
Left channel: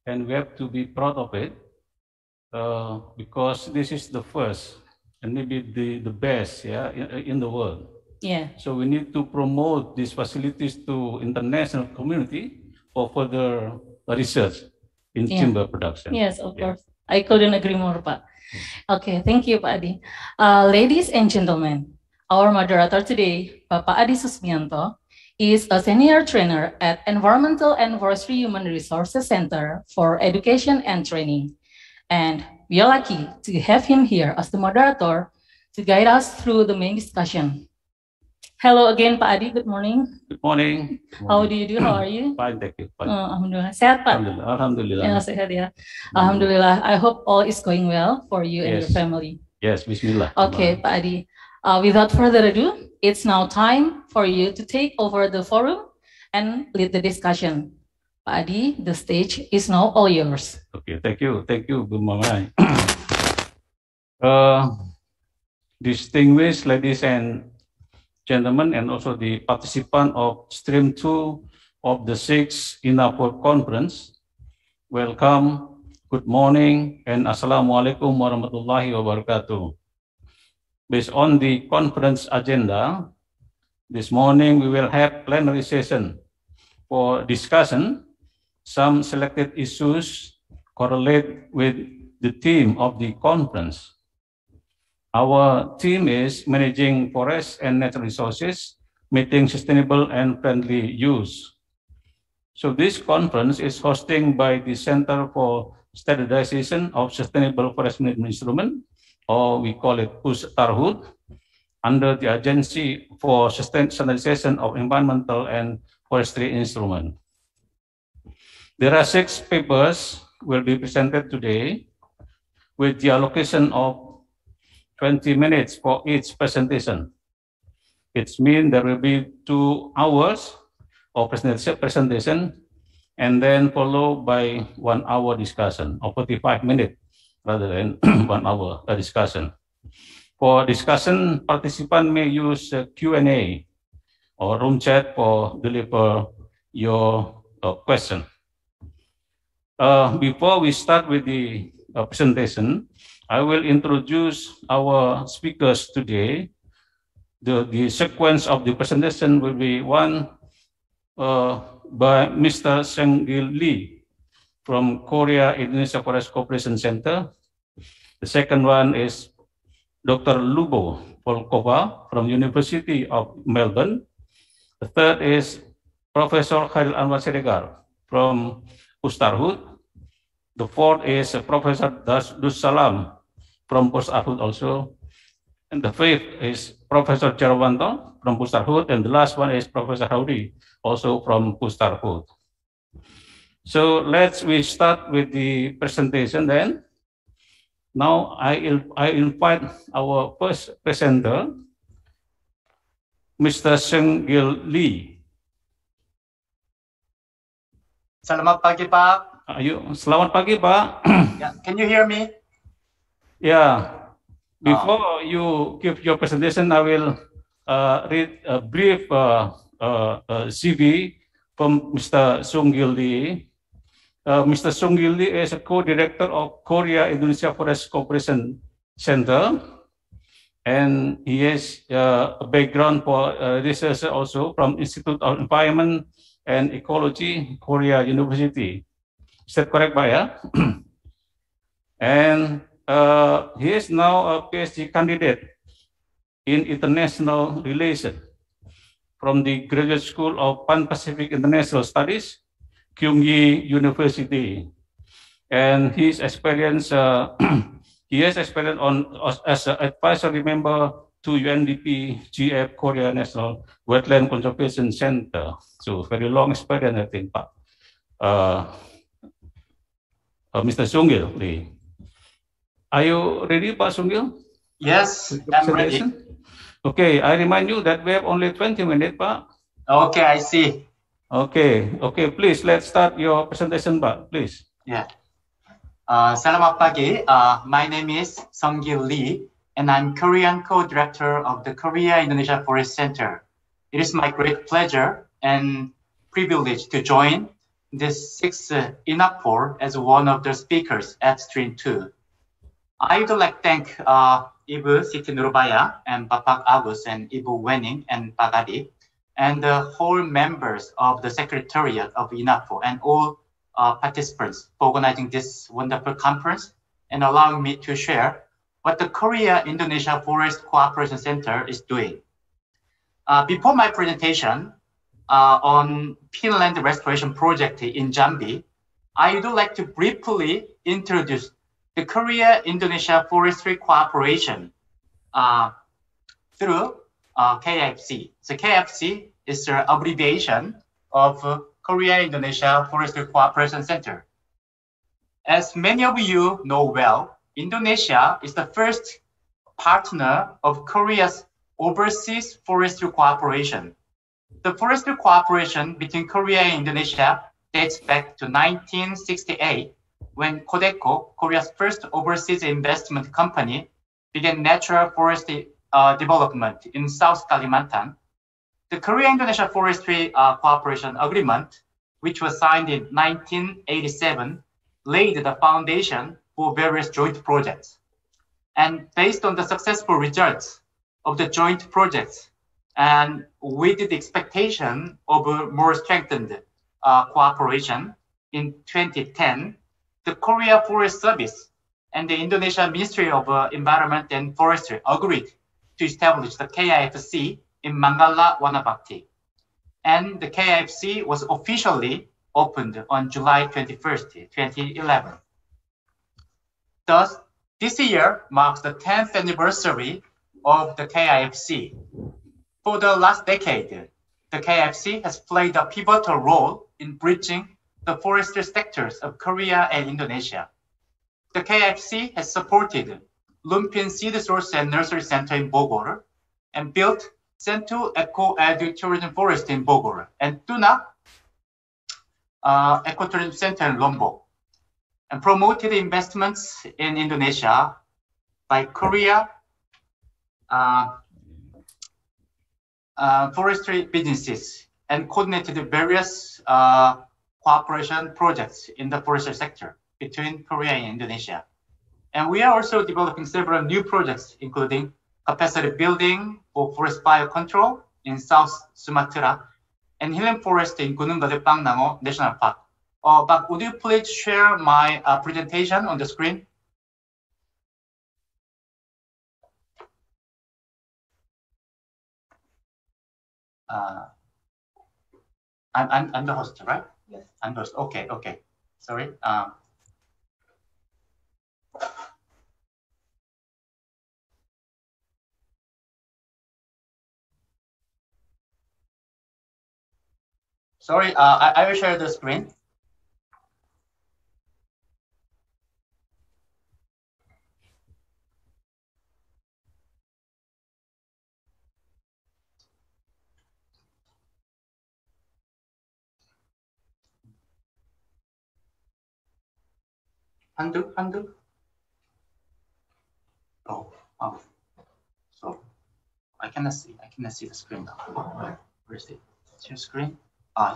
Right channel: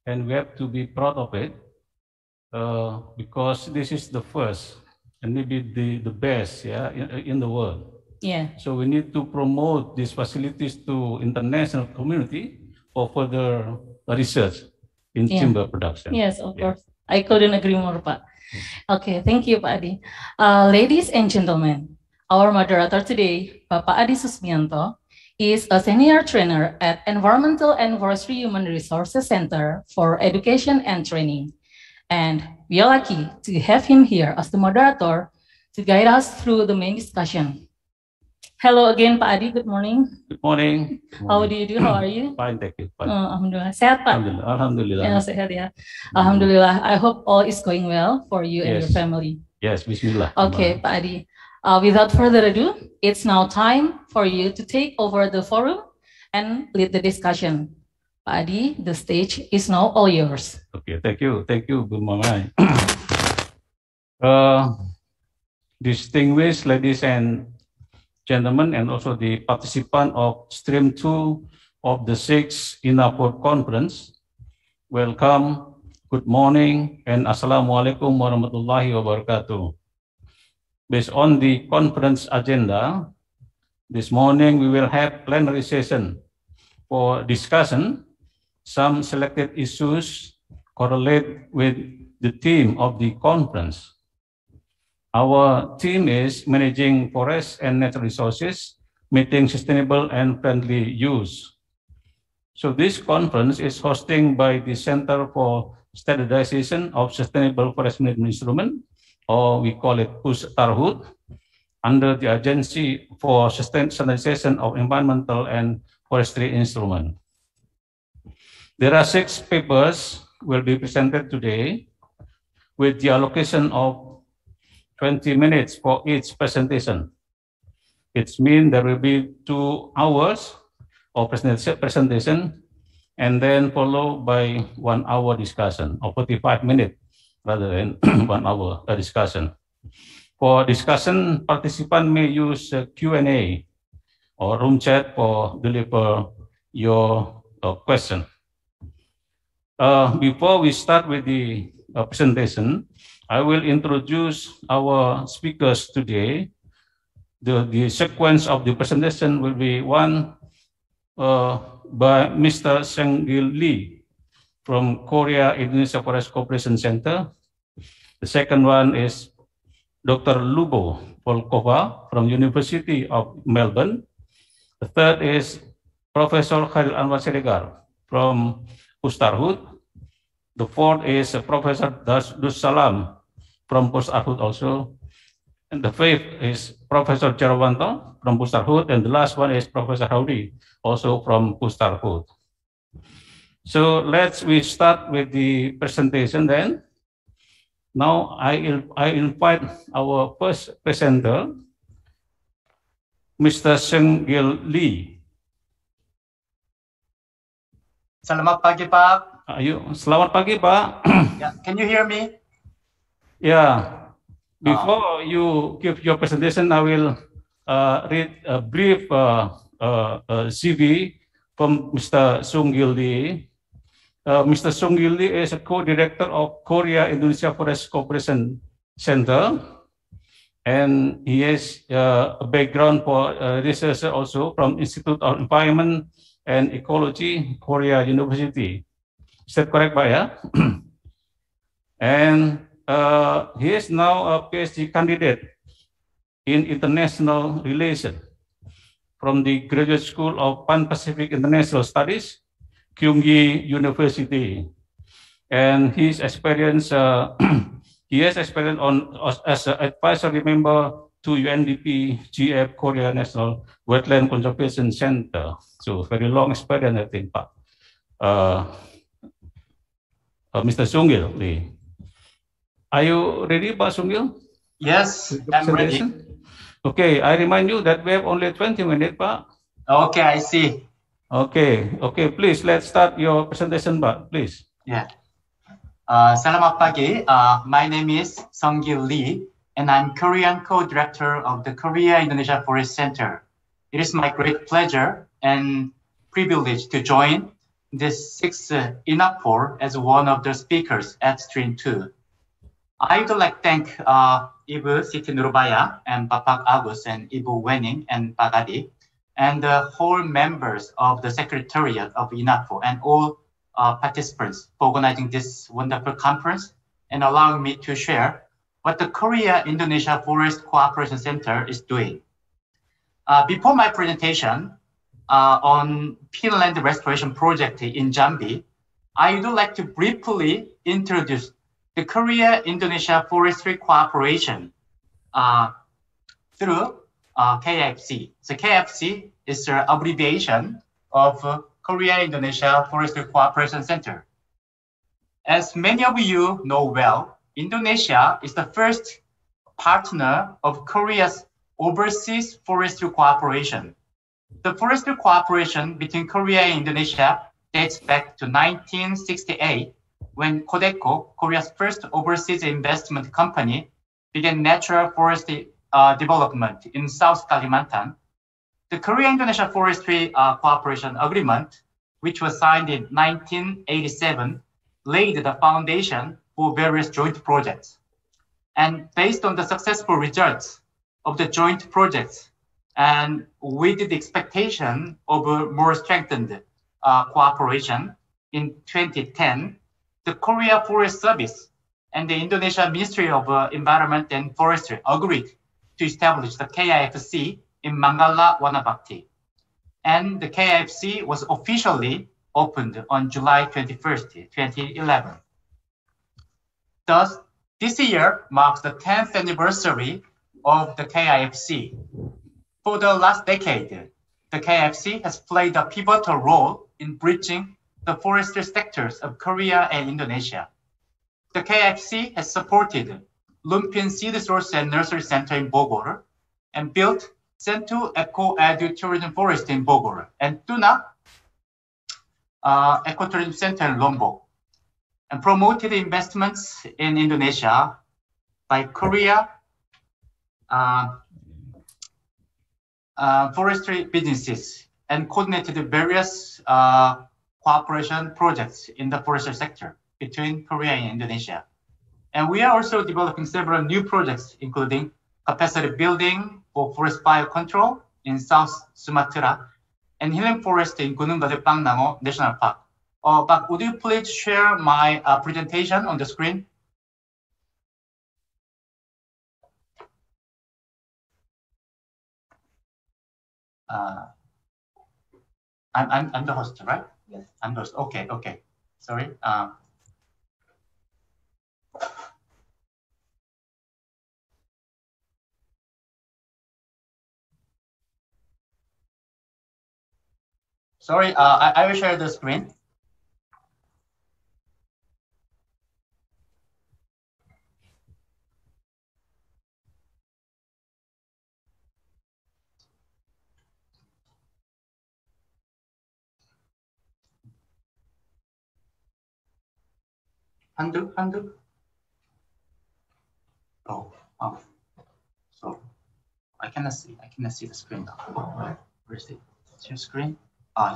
And we have to be proud of it, because this is the first and maybe the best, in the world. Yeah. So we need to promote these facilities to international community for further research in timber production. Yes, of course. I couldn't agree more, Pak. Okay, thank you, Pak Adi. Ladies and gentlemen, our moderator today, Bapak Adi Susmianto, is a senior trainer at Environmental and Forestry Human Resources Center for Education and Training. And we are lucky to have him here as the moderator to guide us through the main discussion. Hello again, Pak Adi. Good morning. Good morning. How do you do? How are you? Fine, thank you. Fine. Alhamdulillah. Sehat, Pak? Alhamdulillah. Ya, sehat ya. Alhamdulillah. I hope all is going well for you and your family. Yes, Bismillah. Okay, Pak Adi. Without further ado, it's now time for you to take over the forum and lead the discussion. Pak Adi, the stage is now all yours. Okay, thank you. Thank you, Bu Mamai. Distinguished ladies and gentlemen, and also the participant of Stream 2 of the 6th INAFOR Conference, welcome, good morning, and Assalamualaikum warahmatullahi wabarakatuh. Based on the conference agenda, this morning we will have plenary session for discussion. Some selected issues correlate with the theme of the conference. Our theme is managing forests and natural resources, meeting sustainable and friendly use. So this conference is hosted by the Center for Standardization of Sustainable Forest Management Instrument, or we call it Pustarhood, under the Agency for Standardization of Environmental and Forestry Instrument. There are 6 papers will be presented today with the allocation of 20 minutes for each presentation. It means there will be 2 hours of presentation, and then followed by 1 hour discussion, or 45 minutes rather than 1 hour discussion. For discussion, participants may use Q&A or room chat for deliver your question. Before we start with the presentation, I will introduce our speakers today. The sequence of the presentation will be one by Mr. Seung-Gil Lee from Korea Indonesia Forest Cooperation Center. The second one is Dr. Lubo Polkova from University of Melbourne. The third is Professor Khairil Anwar Siregar from Pustarhut. The fourth is Professor Dus Salam from Pustarhut also. And the fifth is Professor Jarwanto from Pustarhut. And the last one is Professor Howdy, also from Pustarhut. So we start with the presentation then. Now I invite our first presenter, Mr. Seung-Gil Lee. Selamat pagi, Pak. Selamat pagi, Pak. Yeah, can you hear me? Yeah. Before you give your presentation, I will read a brief CV from Mr. Seung-Gil Lee. Mr. Seung-Gil Lee is a co-director of Korea Indonesia Forest Cooperation Center, and he has a background for research also from Institute of Environment and Ecology, Korea University. Is that correct, Pak? Yeah? And he is now a PhD candidate in international relations from the Graduate School of Pan-Pacific International Studies, Kyunggi University, and his experience, he has experience as an advisory member to UNDP GF Korea National Wetland Conservation Center. So very long experience, I think, Pak. Mr. Seung-Gil Lee, are you ready, Pak Seung-Gil? Yes, I'm ready. Okay, I remind you that we have only 20 minutes, Pak. Okay, I see. Okay, please, let's start your presentation, Pak, please. Yeah. Selamat pagi. My name is Seung-Gil Lee, and I'm Korean co-director of the Korea Indonesia Forest Center. It is my great pleasure and privilege to join this 6th INAFOR as one of the speakers at Stream 2. I would like to thank Ibu Siti Nurbaya and Bapak Agus and Ibu Wening and Bagadi, and the whole members of the Secretariat of INAFOR and all participants for organizing this wonderful conference and allowing me to share what the Korea Indonesia Forest Cooperation Center is doing. Before my presentation on peatland restoration project in Jambi, I would like to briefly introduce the Korea Indonesia Forestry Cooperation through KFC. So KFC is an abbreviation of Korea Indonesia Forestry Cooperation Center. As many of you know well, Indonesia is the first partner of Korea's overseas forestry cooperation. The forestry cooperation between Korea and Indonesia dates back to 1968, when Codeco, Korea's first overseas investment company, began natural forestry development in South Kalimantan. The Korea-Indonesia Forestry Cooperation Agreement, which was signed in 1987, laid the foundation for various joint projects. And based on the successful results of the joint projects, and with the expectation of a more strengthened cooperation, in 2010, the Korea Forest Service and the Indonesia Ministry of Environment and Forestry agreed to establish the KIFC in Manggala, Wanabakti. And the KIFC was officially opened on July 21st, 2011. Thus, this year marks the 10th anniversary of the KIFC. For the last decade, the KIFC has played a pivotal role in bridging the forestry sectors of Korea and Indonesia. The KIFC has supported Lumpin Seed Source and Nursery Center in Bogor and built Sentu Eco-Edu Tourism Forest in Bogor, and Tuna Ecotourism Center in Lombok, and promoted investments in Indonesia by Korea forestry businesses, and coordinated various cooperation projects in the forestry sector between Korea and Indonesia. And we are also developing several new projects, including capacity building for forest fire control in South Sumatra and healing forest in Gunung Gede Pangnango National Park. But would you please share my presentation on the screen? I'm the host, right? Yes. I'm the host. Okay. Sorry. Sorry, I will share the screen. Undo. Oh. So I cannot see the screen now. Where is it? It's your screen?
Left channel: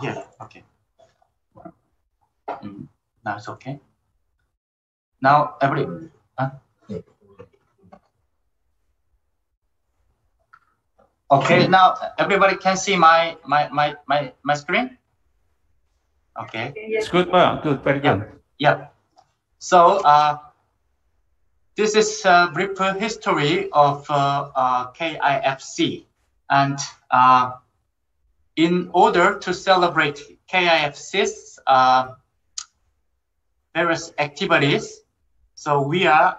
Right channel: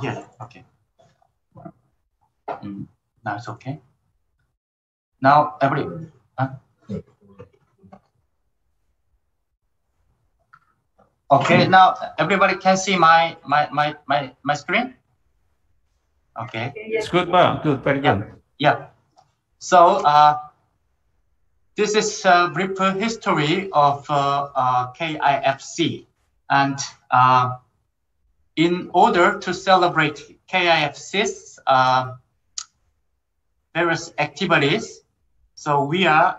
Here. Okay. Now it's okay. Now Okay, now everybody can see my screen? Okay. It's good, Pak. Good, very good. Yeah. So this is a brief history of KIFC, and in order to celebrate KIFC's various activities, so we are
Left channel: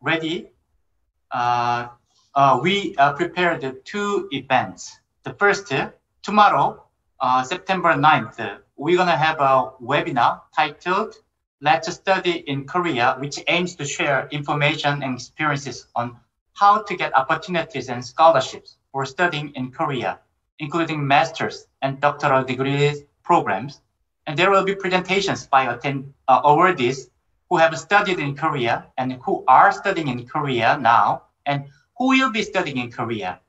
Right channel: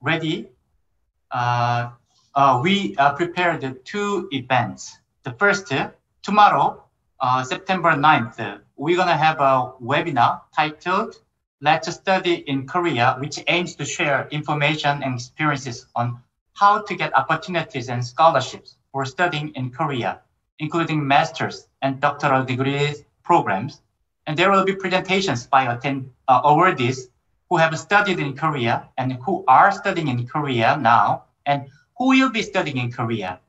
ready. We prepared 2 events. The first, tomorrow, September 9th, we're going to have a webinar titled Let's Study in Korea, which aims to share information and experiences on how to get opportunities and scholarships for studying in Korea, including master's and doctoral degrees programs. And there will be presentations by awardees who have studied in Korea and who are studying in Korea now and who will be studying in Korea.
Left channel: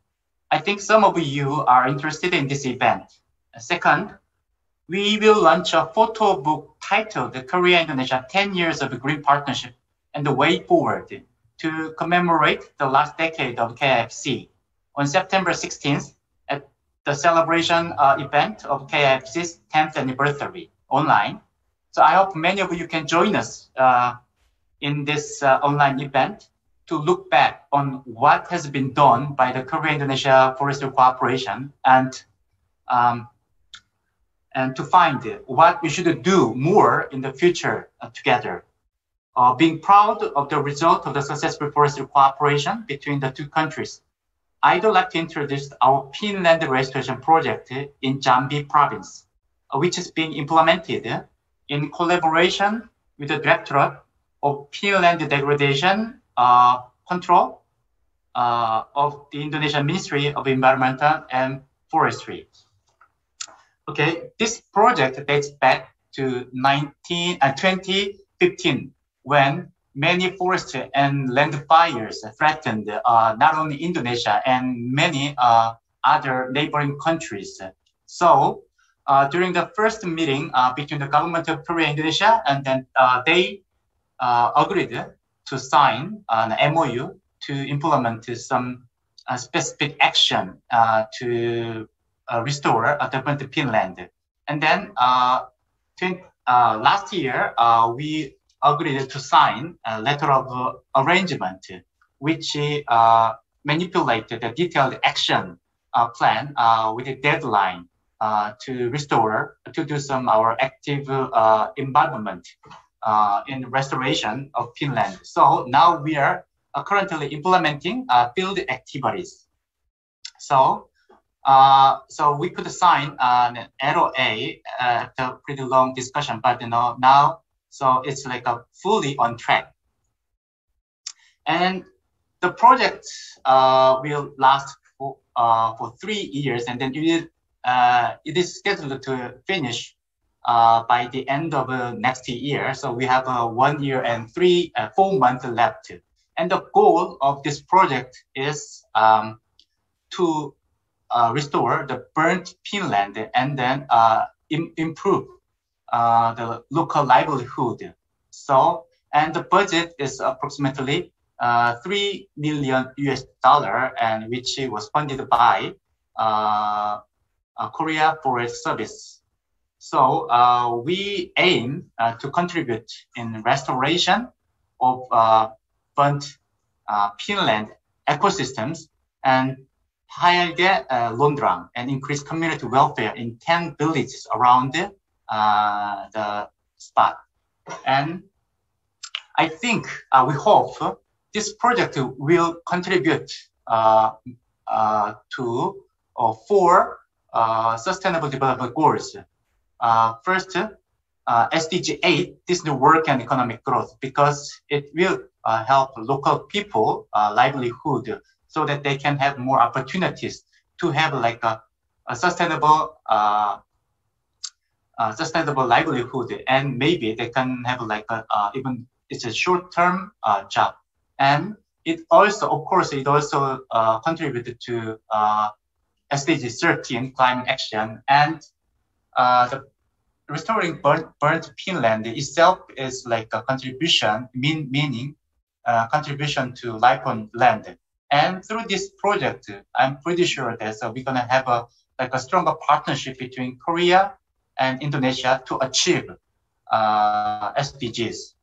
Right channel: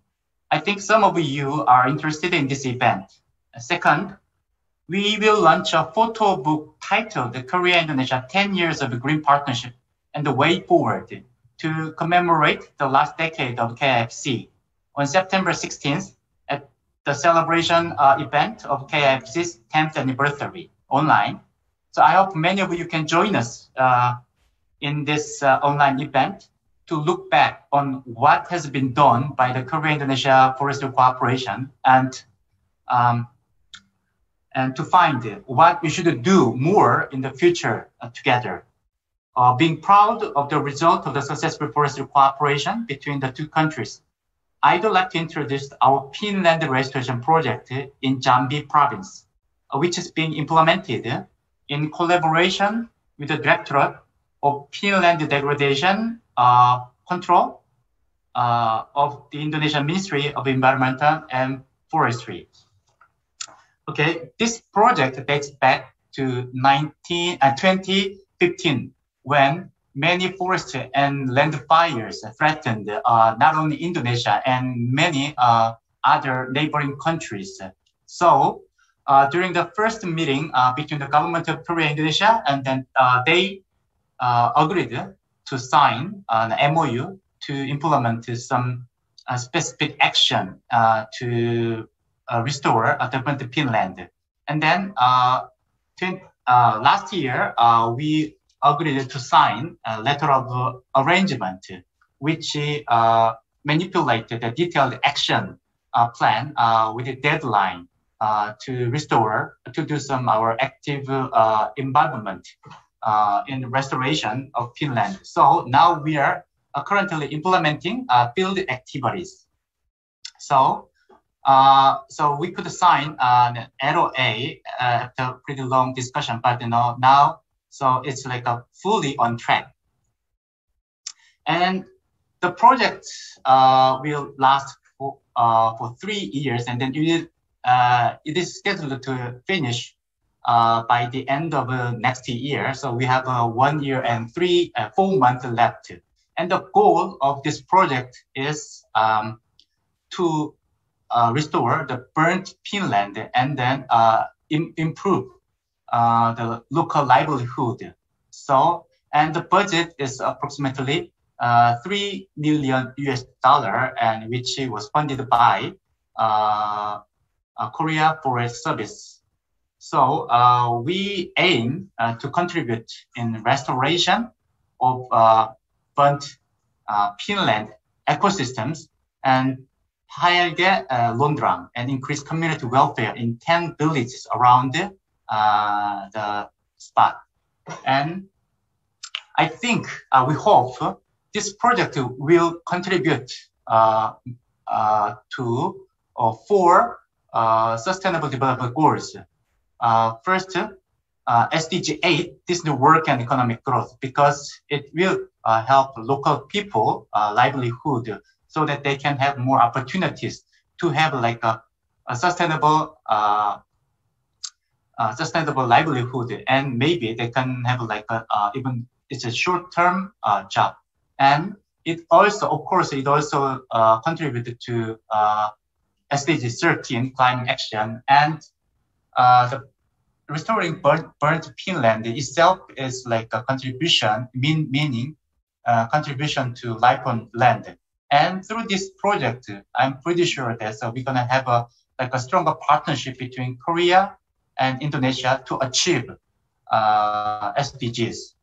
I think some of you are interested in this event. Second, we will launch a photo book titled Korea-Indonesia 10 Years of Green Partnership and the Way Forward to commemorate the last decade of KIFC on September 16th at the celebration event of KIFC's 10th anniversary online. So I hope many of you can join us in this online event to look back on what has been done by the Korea-Indonesia Forestry Cooperation and to find what we should do more in the future together. Being proud of the result of the successful forestry cooperation between the 2 countries, I'd like to introduce our Peatland restoration project in Jambi province, which is being implemented in collaboration with the Directorate of Peatland Degradation Control of the Indonesian Ministry of Environment and Forestry. Okay, this project dates back to 2015, when many forest and land fires threatened not only Indonesia and many other neighboring countries. So during the first meeting between the government of Korea and Indonesia, and then they agreed to sign an MOU to implement some specific action to restore development Peatland. And then last year, we agreed to sign a letter of arrangement, which manipulated a detailed action plan with a deadline to restore, to do some our active involvement in restoration of Peatland. So now we are currently implementing field activities. So we could sign an LOA after pretty long discussion, but now, so it's like a fully on track. And the project will last for for 3 years, and then it is scheduled to finish by the end of next year. So we have 1 year and 4 months left. And the goal of this project is to restore the burnt peatland and then improve the local livelihood. So, and the budget is approximately $3 million, and which was funded by Korea Forest Service. So we aim to contribute in restoration of burnt peatland ecosystems and 하얀게 론드랑 and increase community welfare in 10 villages around the spot. And I think we hope this project will contribute to 4 sustainable development goals. First, SDG 8, this new work and economic growth, because it will help local people livelihood so that they can have more opportunities to have like a sustainable livelihood, and maybe they can have like even it's a short-term job. And it also, of course, it also contributed to SDG 13 climate action, and the restoring burnt peatland itself is like a contribution, meaning contribution to life on land. And through this project, I'm pretty sure that we're gonna have a stronger partnership between Korea and Indonesia to achieve SDGs.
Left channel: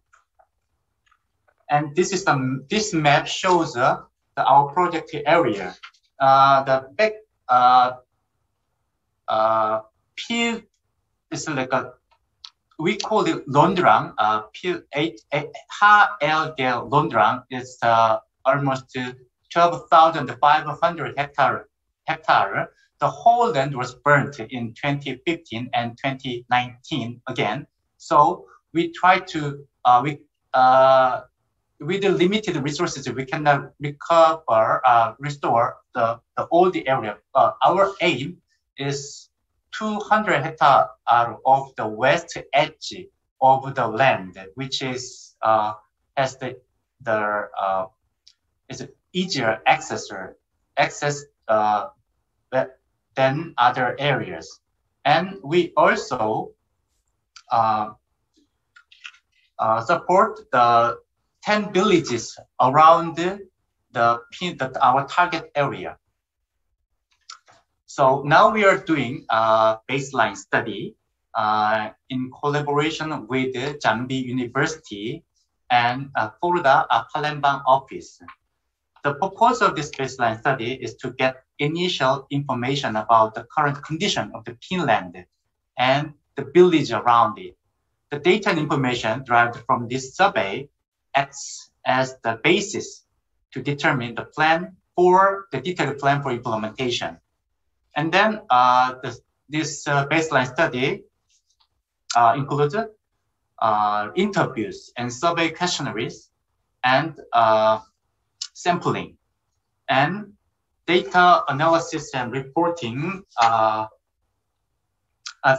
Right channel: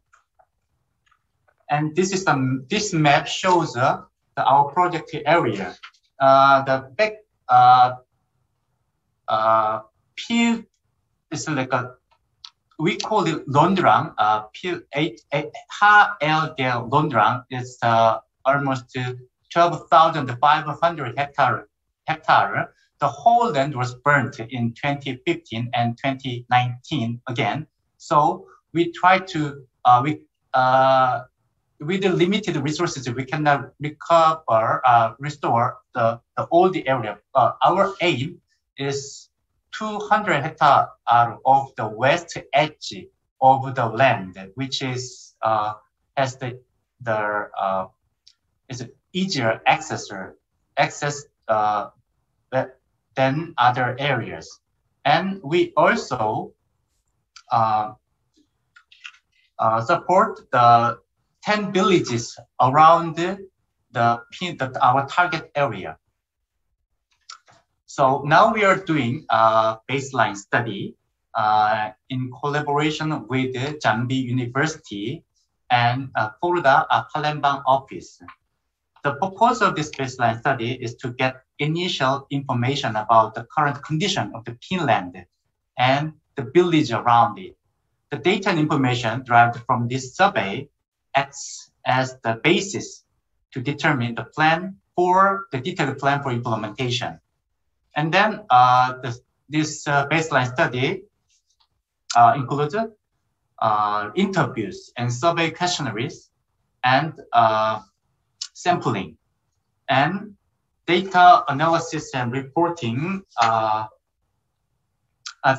And this map shows our project area. The back peel is like we call it Londrang. Peel 8 HLG Londrang is almost 12,500 hectare. The whole land was burnt in 2015 and 2019 again. So we try to with the limited resources, we cannot restore all the area. Our aim is 200 hectares of the west edge of the land, which is has is easier access than other areas. And we also support the 10 villages around our target area. So now we are doing a baseline study in collaboration with the Jambi University and Florida Palembang office. The purpose of this baseline study is to get initial information about the current condition of the peatland and the village around it. The data and information derived from this survey acts as the basis to determine the detailed plan for implementation. And then this baseline study includes interviews and survey questionnaires and sampling and data analysis and reporting.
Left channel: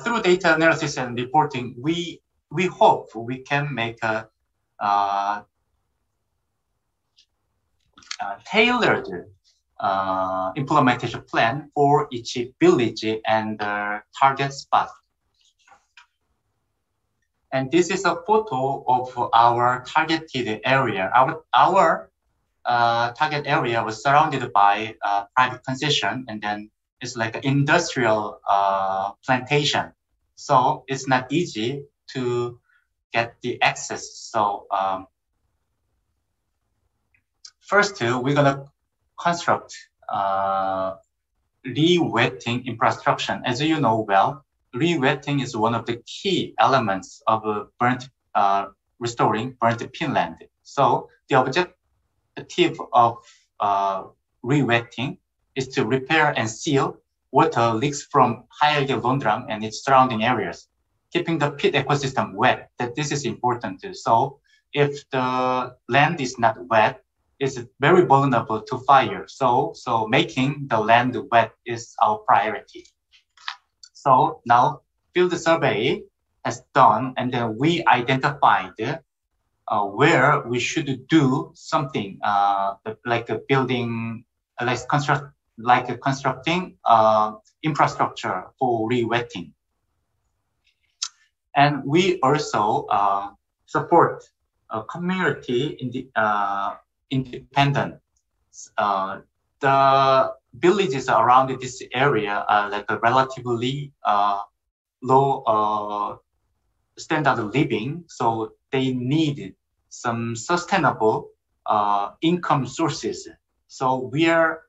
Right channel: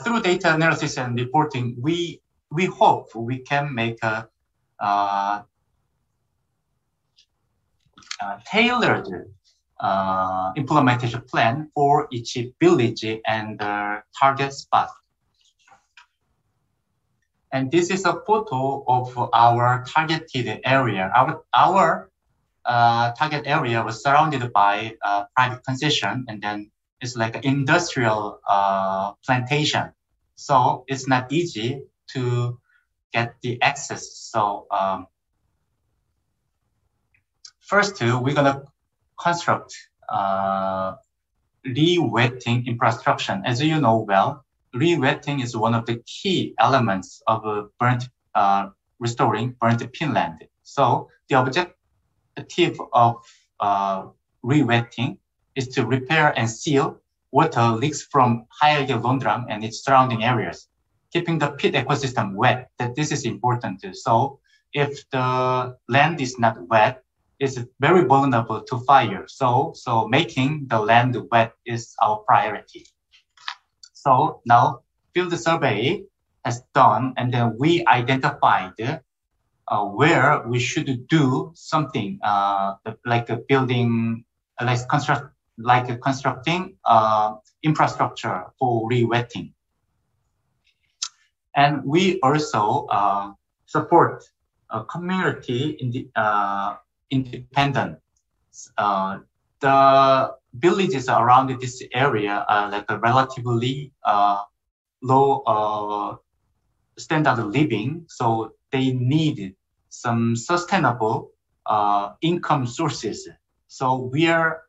Through data analysis and reporting, we hope we can make a tailored implementation plan for each village and target spot. And this is a photo of our targeted area. Our target area was surrounded by private concession, and then it's like an industrial plantation. So it's not easy to get the access. So first, we're gonna construct re-wetting infrastructure. As you know well, re-wetting is one of the key elements of restoring burnt peatland. So the objective of re-wetting is to repair and seal water leaks from 하얀게 Londrang and its surrounding areas, keeping the peat ecosystem wet. That this is important too. So if the land is not wet, is very vulnerable to fire. So making the land wet is our priority. So now field survey has done, and then we identified where we should do something like a building, constructing infrastructure for re-wetting. And we also support a community in the independent. The villages around this area are like a relatively low standard of living, so they need some sustainable income sources. So we are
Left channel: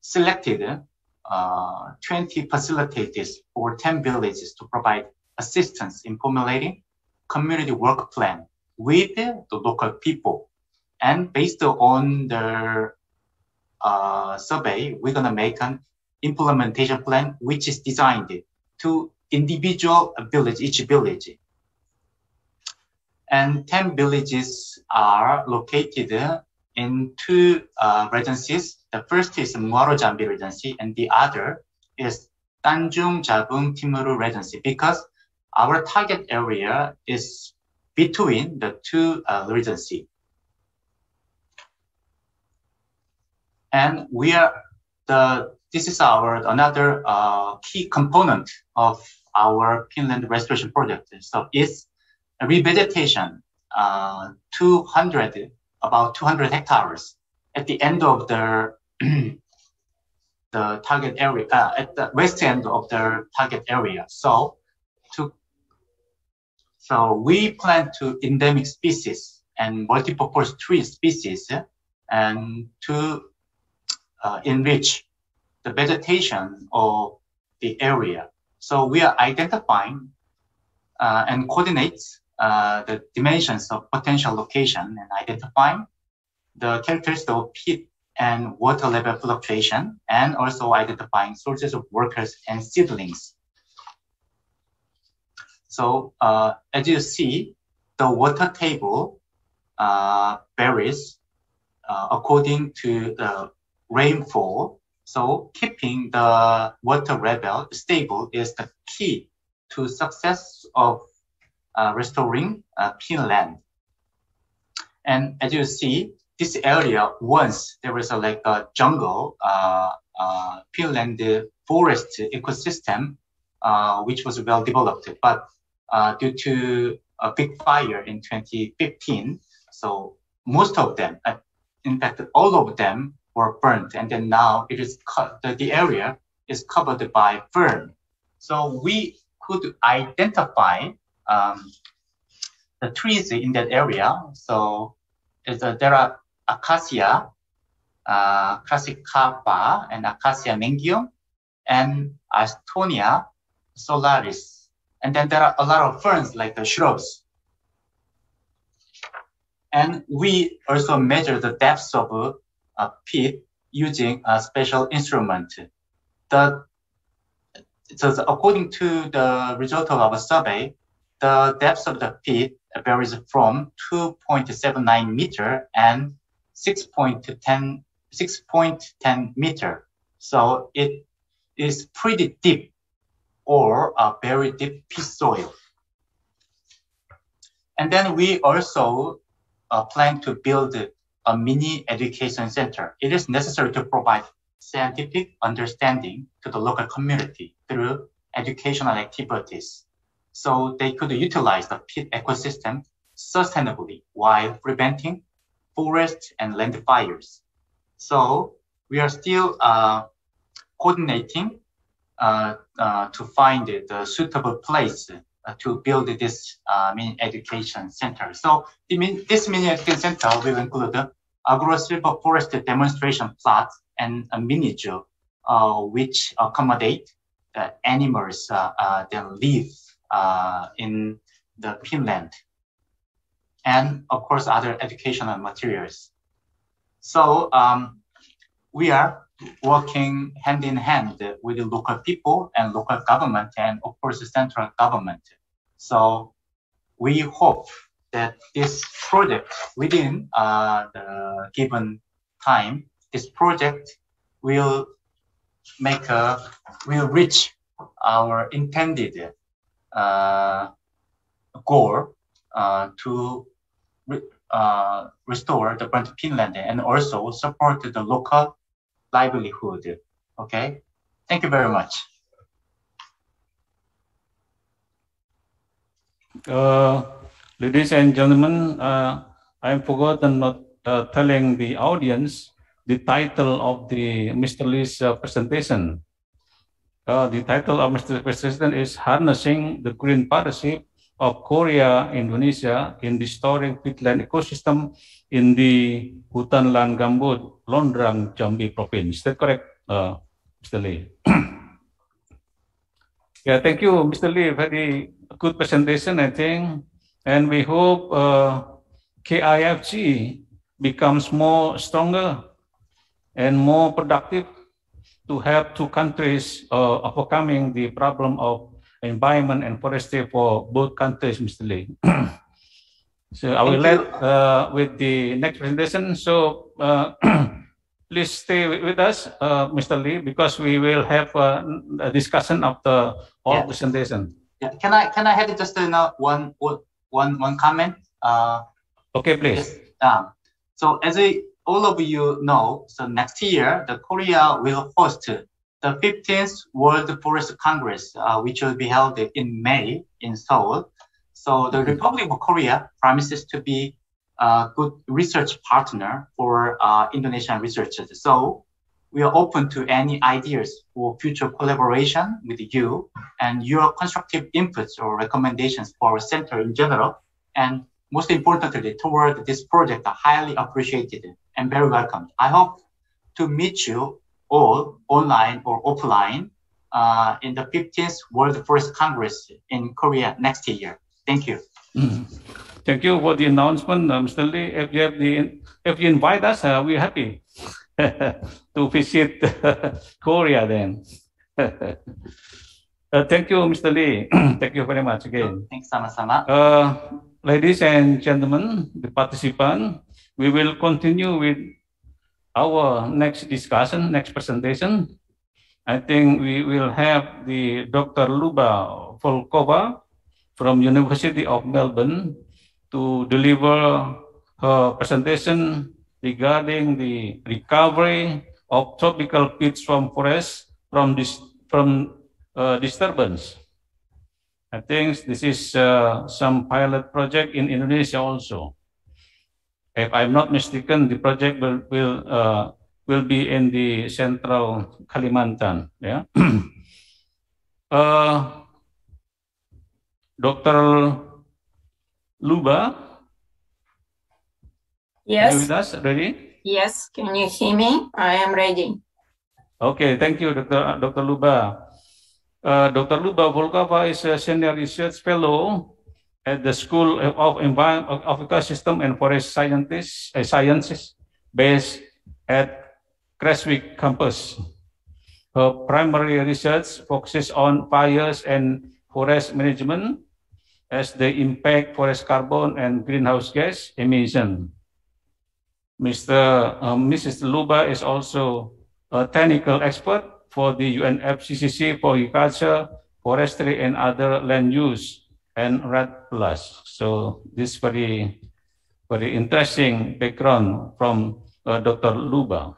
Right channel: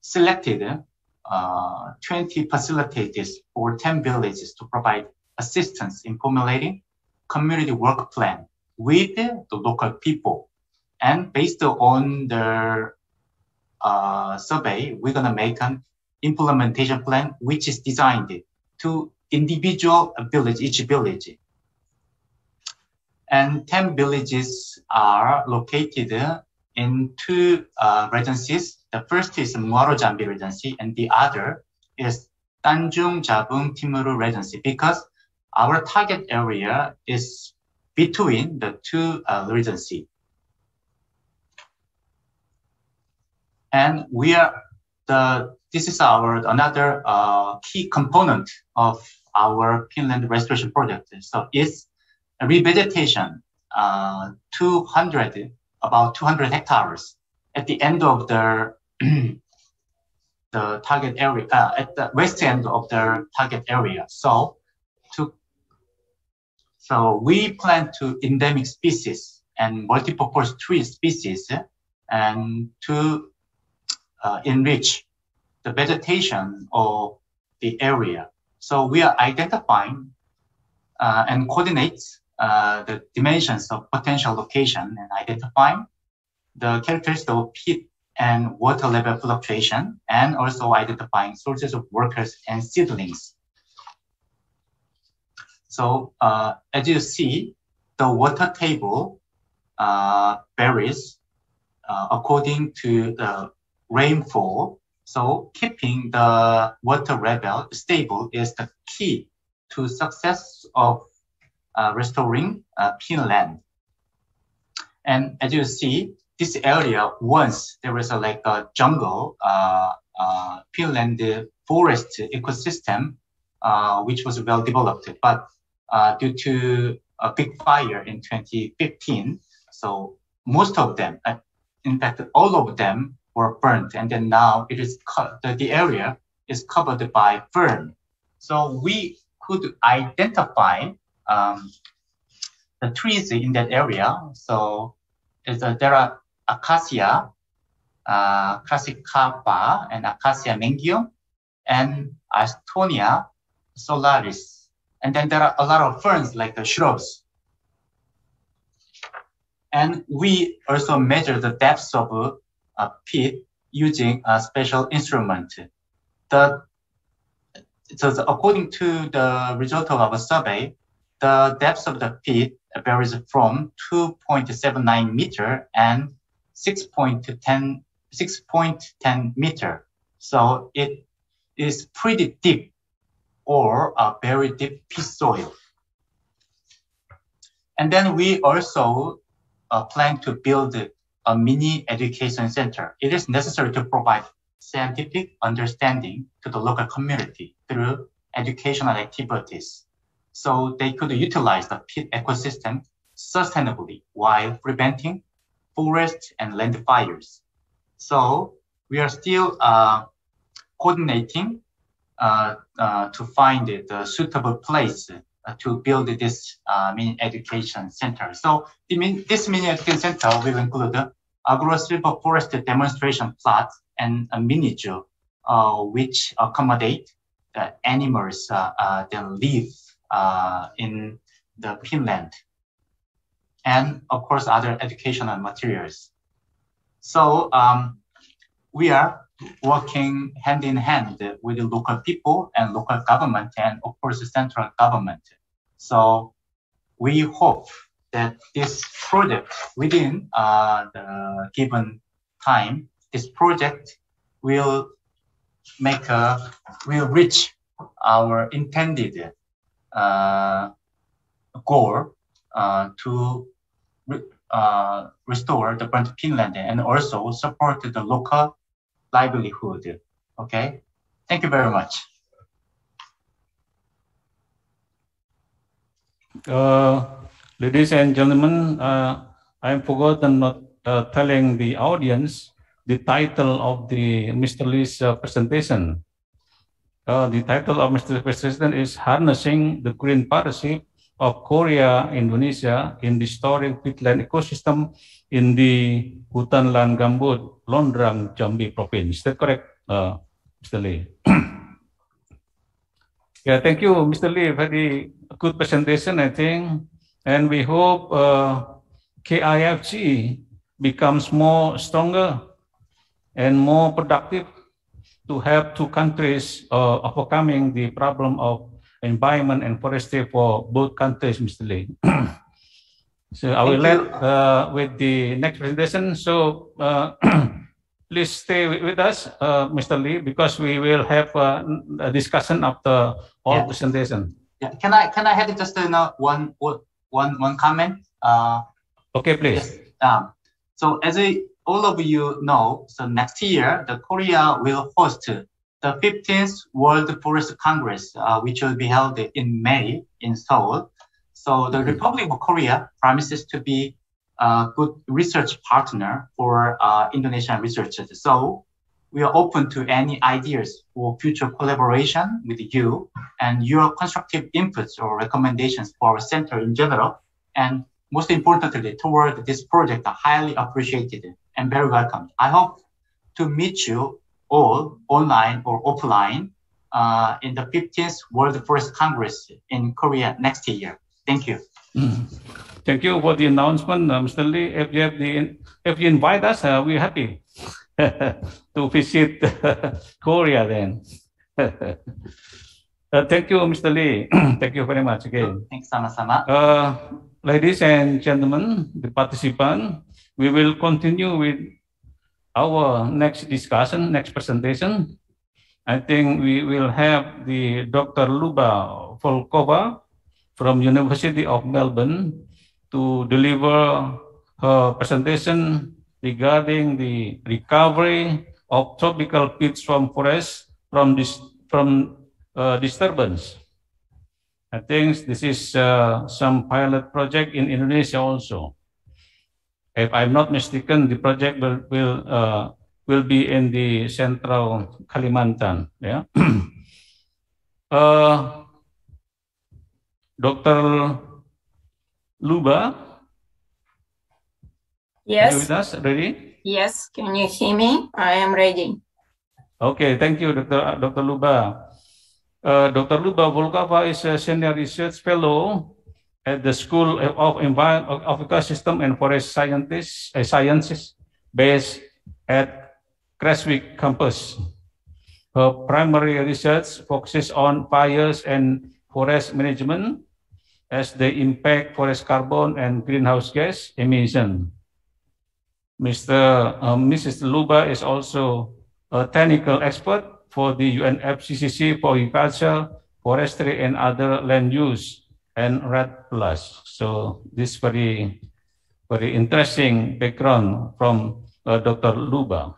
selected 20 facilitators for 10 villages to provide assistance in formulating community work plan with the local people. And based on the survey, we're gonna make an implementation plan which is designed to individual village, each village. And 10 villages are located in two regencies. The first is Muaro Jambi Regency, and the other is Tanjung Jabung Timuru Regency, because our target area is between the two regencies. And this is another key component of our Pinland restoration project. So it's a revegetation, about 200 hectares at the end of the target area, at the west end of the target area. So we plan to endemic species and multi-purpose tree species and to enrich the vegetation of the area. So we are identifying and coordinate the dimensions of potential location and identifying the characteristics of peat and water level fluctuation, and also identifying sources of workers and seedlings. So as you see, the water table varies according to the rainfall. So keeping the water level stable is the key to success of restoring Pinland. And as you see, this area, once there was like a jungle, Pinland forest ecosystem, which was well developed, but due to a big fire in 2015, so most of them, in fact, all of them were burnt, and then now it is the area is covered by fern. So we could identify the trees in that area. So there are Acacia crassicapa and Acacia mengium and Astonia solaris. And then there are a lot of ferns like the shrubs. And we also measure the depths of peat using a special instrument. So according to the result of our survey, the depth of the peat varies from 2.79 meter and 6.10 meter. So it is pretty deep, or a very deep peat soil. And then we also plan to build a mini education center. It is necessary to provide scientific understanding to the local community through educational activities, so they could utilize the peat ecosystem sustainably while preventing forest and land fires. So we are still coordinating to find the suitable place to build this mini education center. So this mini education center will include the agro-silver forest demonstration plot and a mini zoo, which accommodate the animals that live in the Pinland, and of course other educational materials. So we are working hand in hand with the local people and local government, and of course the central government. So we hope that this project within the given time, this project will reach our intended goal to restore the burnt peatland and also support the local livelihood. Okay, thank you very much. Ladies and gentlemen, I forgotten not telling the audience the title of Mr. Lee's presentation. The title of Mr. Lee's presentation is Harnessing the Green Partnership of Korea, Indonesia in Restoring Peatland Ecosystem in the Hutan Lan Gambut, Londrang, Jambi Province. Is that correct, Mr. Lee? Yeah, thank you, Mr. Lee. Very good presentation, I think. And we hope KIFG becomes stronger and more productive to help two countries overcoming the problem of environment and forestry for both countries, Mr. Lee. So I will let with the next presentation. So please stay with us, Mr. Lee, because we will have a discussion after all presentation. Yeah. Can I have just one comment? Okay, please. Yes. So as all of you know, so next year the Korea will host the 15th World Forest Congress, which will be held in May in Seoul. So the Republic of Korea promises to be a good research partner for Indonesian researchers. So we are open to any ideas for future collaboration with you and your constructive inputs or recommendations for our center in general. And most importantly, toward this project are highly appreciated and very welcome. I hope to meet you all online or offline in the 15th World Forest Congress in Korea next year. Thank you. Thank you for the announcement, Mr. Lee. If you invite us, we're happy to visit Korea then. Thank you, Mr. Lee. Thank you very much again. Thanks, sama-sama. Ladies and gentlemen, the participants, we will continue with our next discussion, next presentation. I think we will have the Dr. Luba Volkova from University of Melbourne to deliver her presentation regarding the recovery of tropical peats from forests from disturbance. I think this is some pilot project in Indonesia also. If I'm not mistaken, the project will be in the central Kalimantan. Yeah. Dr. Luba. Yes. Are you with us? Ready? Yes. Can you hear me? I am ready. Okay. Thank you, Dr. Luba. Dr. Luba Volkova is a senior research fellow at the School of Ecosystem and Forest Sciences based at Creswick campus. Her primary research focuses on fires and forest management as they impact forest carbon and greenhouse gas emission. Mrs. Luba is also a technical expert for the UNFCCC for agriculture, forestry, and other land use and REDD+. So this very interesting background from Dr. Luba.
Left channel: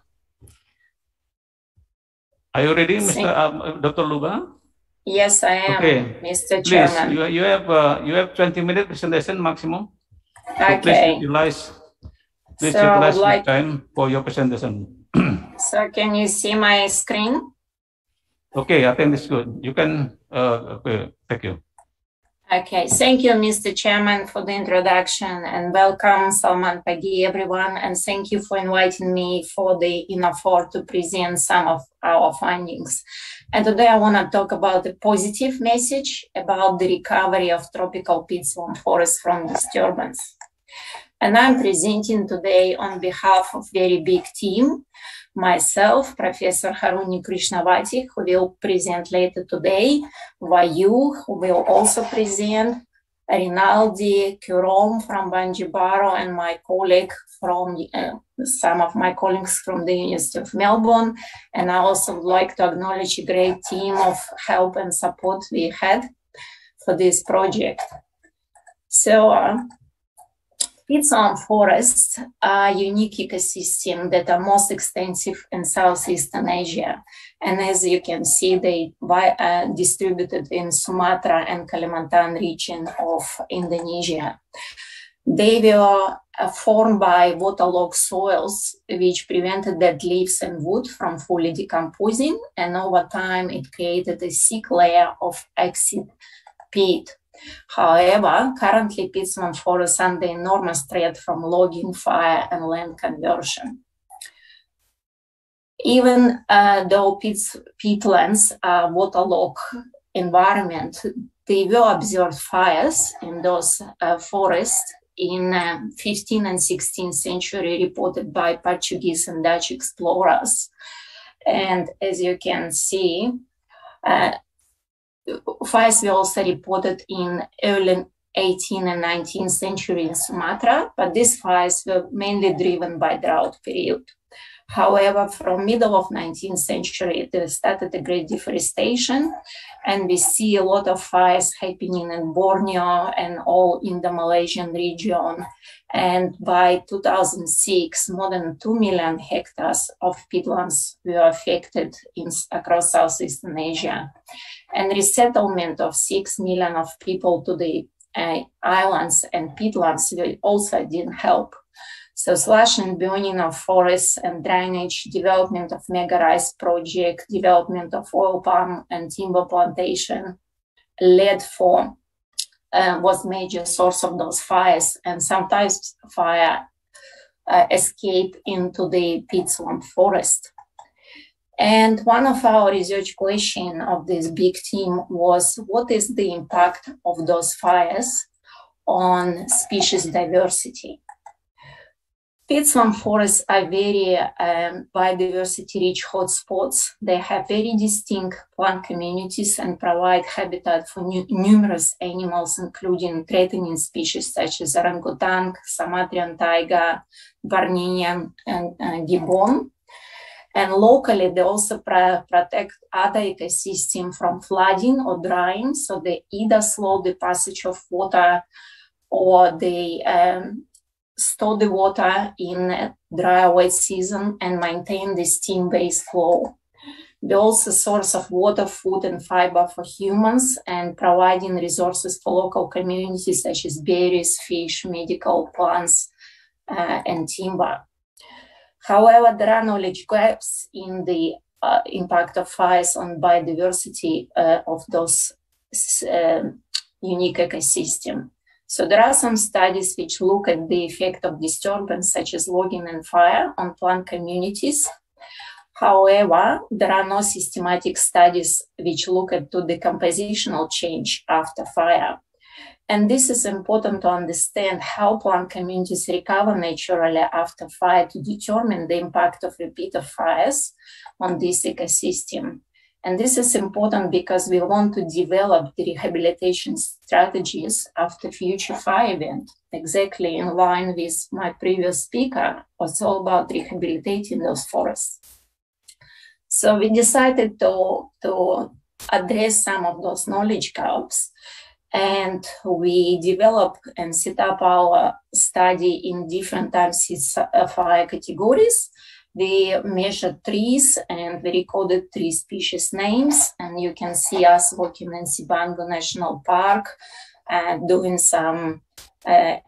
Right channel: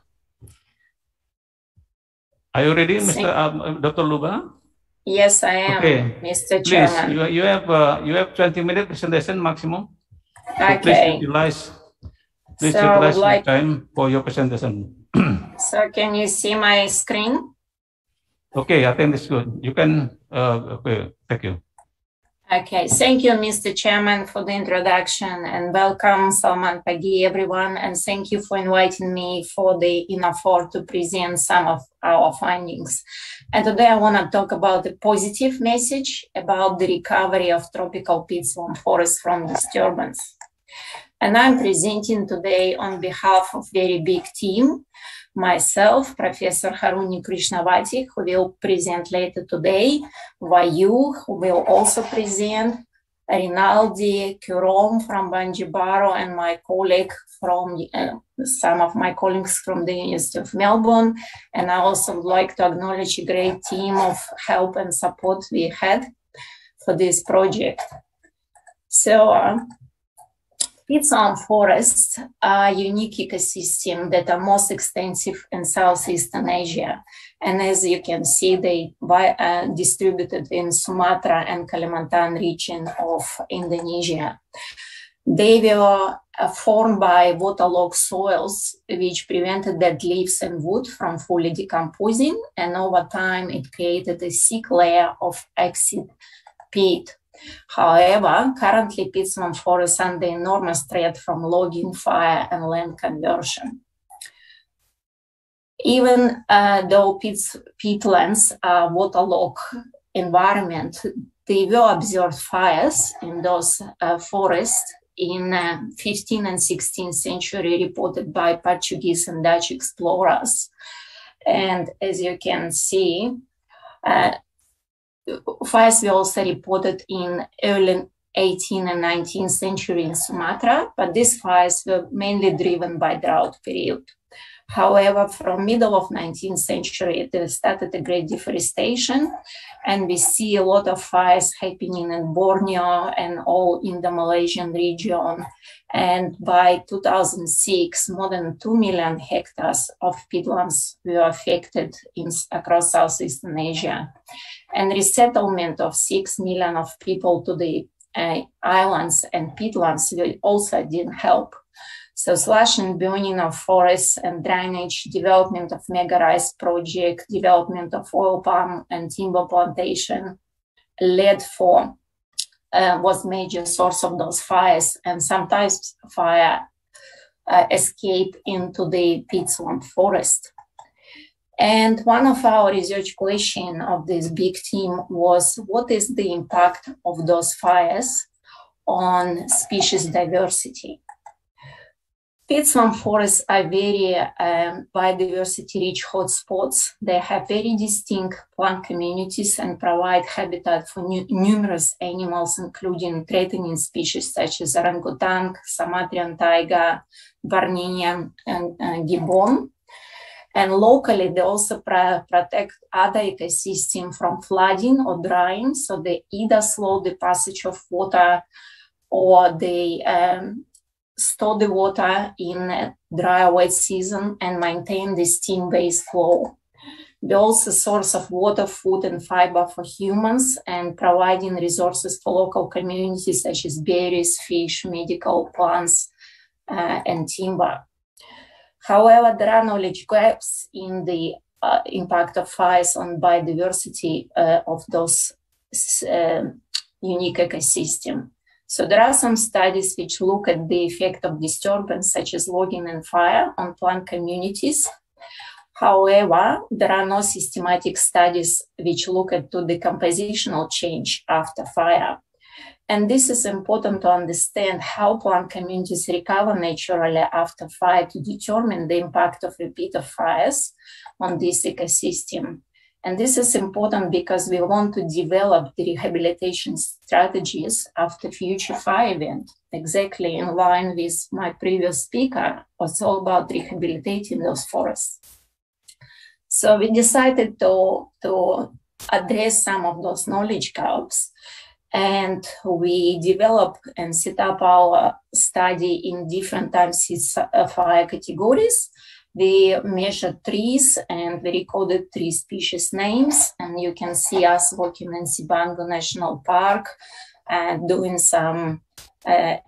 Are you ready, Dr. Luba? Yes, I am, okay. Mr. Chairman. Please, you have 20-minute presentation maximum. Okay. So please utilize the time for your presentation. So can you see my screen? Okay, I think it's good. You can, okay, thank you. Okay, thank you, Mr. Chairman, for the introduction, and welcome, Salman Pagi, everyone, and thank you for inviting me for the INAFOR to present some of our findings. And today I want to talk about the positive message about the recovery of tropical peatland forests from disturbance. And I'm presenting today on behalf of very big team, myself, Professor Haruni Krishnavati, who will present later today, Vayu, who will also present, Rinaldi, Kurom from Banjibaro, and my colleague from some of my colleagues from the University of Melbourne. And I also would like to acknowledge a great team of help and support we had for this project. So peatland forests are unique ecosystem that are most extensive in Southeastern Asia. And as you can see, they distributed in Sumatra and Kalimantan region of Indonesia. They were formed by waterlogged soils, which prevented dead leaves and wood from fully decomposing. And over time, it created a thick layer of acid peat. However, currently peatland forests are under enormous threat from logging, fire, and land conversion. Even though peatlands are waterlogged environment, they will observe fires in those forests in 15th and 16th century, reported by Portuguese and Dutch explorers. And as you can see, fires were also reported in early 18th and 19th century in Sumatra, but these fires were mainly driven by drought period. However, from middle of 19th century, there started a great deforestation, and we see a lot of fires happening in Borneo and all in the Malaysian region. And by 2006, more than 2 million hectares of peatlands were affected across Southeastern Asia. And resettlement of 6 million of people to the islands and peatlands also didn't help. So slash and burning of forests and drainage, development of mega rice project, development of oil palm and timber plantation was major source of those fires, and sometimes fire escape into the peatland forest. And one of our research questions of this big team was, what is the impact of those fires on species diversity? Peatland forests are very biodiversity-rich hotspots. They have very distinct plant communities and provide habitat for numerous animals, including threatening species such as orangutan, Sumatran taiga, Barninian, and gibbon. And locally, they also protect other ecosystems from flooding or drying, so they either slow the passage of water or they store the water in a dry or wet season and maintain the stream-based flow. They're also a source of water, food, and fiber for humans, and providing resources for local communities such as berries, fish, medical plants, and timber. However, there are knowledge gaps in the impact of fires on biodiversity of those unique ecosystems. So there are some studies which look at the effect of disturbance such as logging and fire on plant communities. However, there are no systematic studies which look at the compositional change after fire. And this is important to understand how plant communities recover naturally after fire to determine the impact of repeated fires on this ecosystem. And this is important because we want to develop the rehabilitation strategies after future fire event, exactly in line with my previous speaker, was all about rehabilitating those forests. So we decided to address some of those knowledge gaps, and we developed and set up our study in different types of fire categories. We measured trees and we recorded 3 species names, and you can see us working in Sibangu National Park, doing some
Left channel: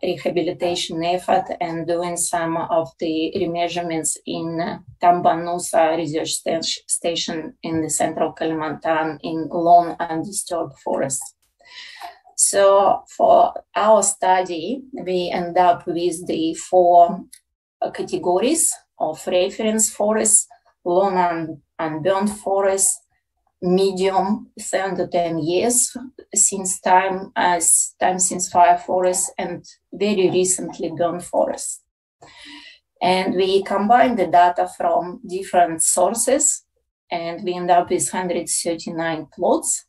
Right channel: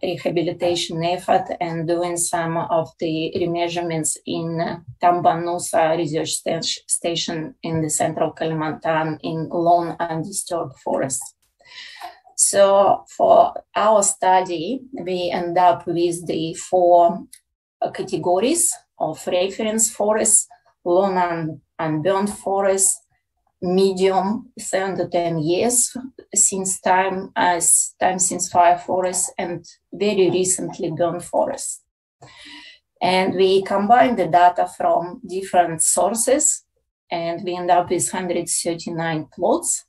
rehabilitation effort and doing some of the remeasurements in Tambanusa Research Station in the central Kalimantan in lone undisturbed forest. So for our study, we end up with the 4 categories of reference forests: lone unburned forest, medium 7 to 10 years since time since fire forest, and very recently burned forest. And we combine the data from different sources, and we end up with 139 plots.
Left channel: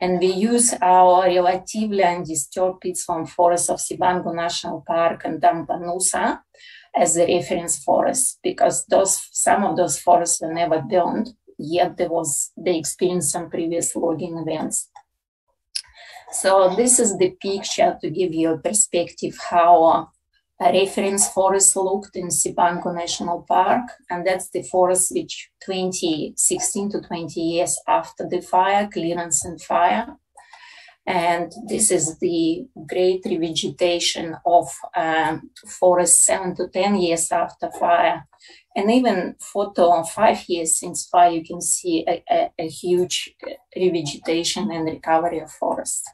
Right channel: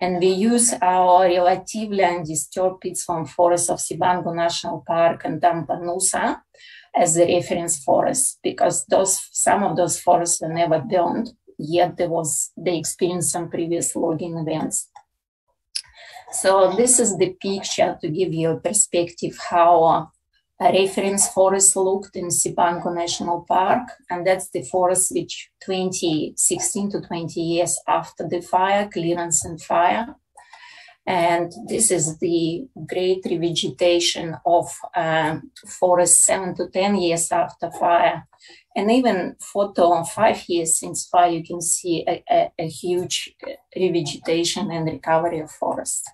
And we use our relatively undisturbed peatland forest of Sibangu National Park and Tampanusa as the reference forest, because some of those forests were never burned, yet they experienced some previous logging events. So this is the picture to give you a perspective how a reference forest looked in Sibangu National Park, and that's the forest which 16 to 20 years after the fire, clearance and fire. And this is the great revegetation of forest 7 to 10 years after fire. And even 4 to 5 years since fire, you can see a huge revegetation and recovery of forest.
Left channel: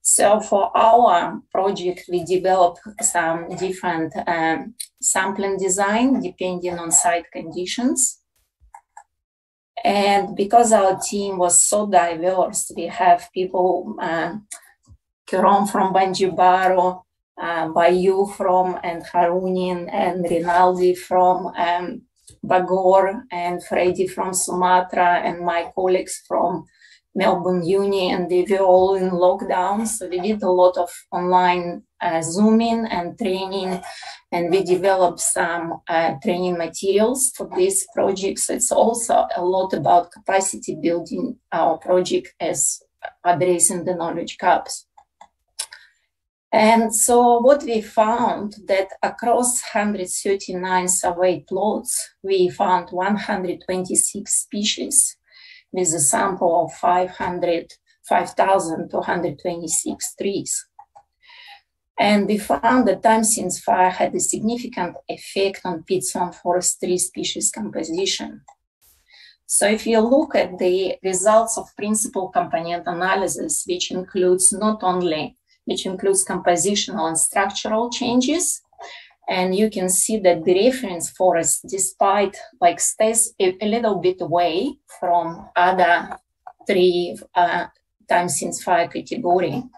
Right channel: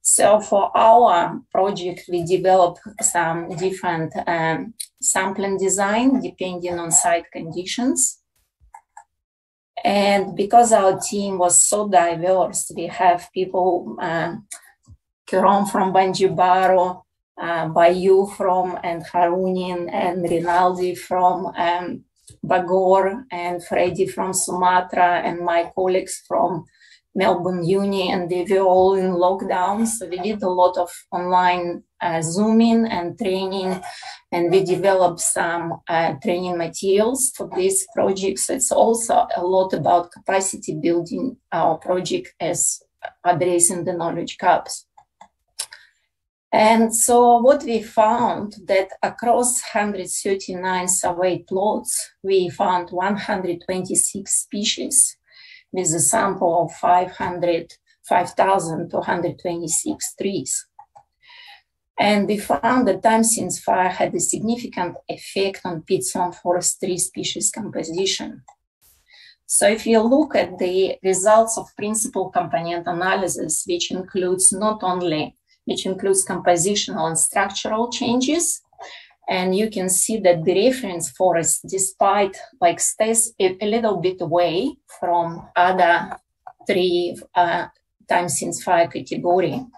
So for our project, we developed some different sampling design depending on site conditions. And because our team was so diverse, we have people, Kiron from Banjibaro, Bayu from and Harunin and Rinaldi from Bagor and Freddy from Sumatra and my colleagues from Melbourne Uni, and they were all in lockdown. So we did a lot of online Zooming and training, and we developed some training materials for this project. So it's also a lot about capacity building our project as addressing the knowledge gaps. And so what we found that across 139 surveyed plots, we found 126 species with a sample of 5,226 trees. And we found that time since fire had a significant effect on peatland forest tree species composition. So if you look at the results of principal component analysis, which includes compositional and structural changes, and you can see that the reference forest, despite stays a little bit away from other three time since fire category.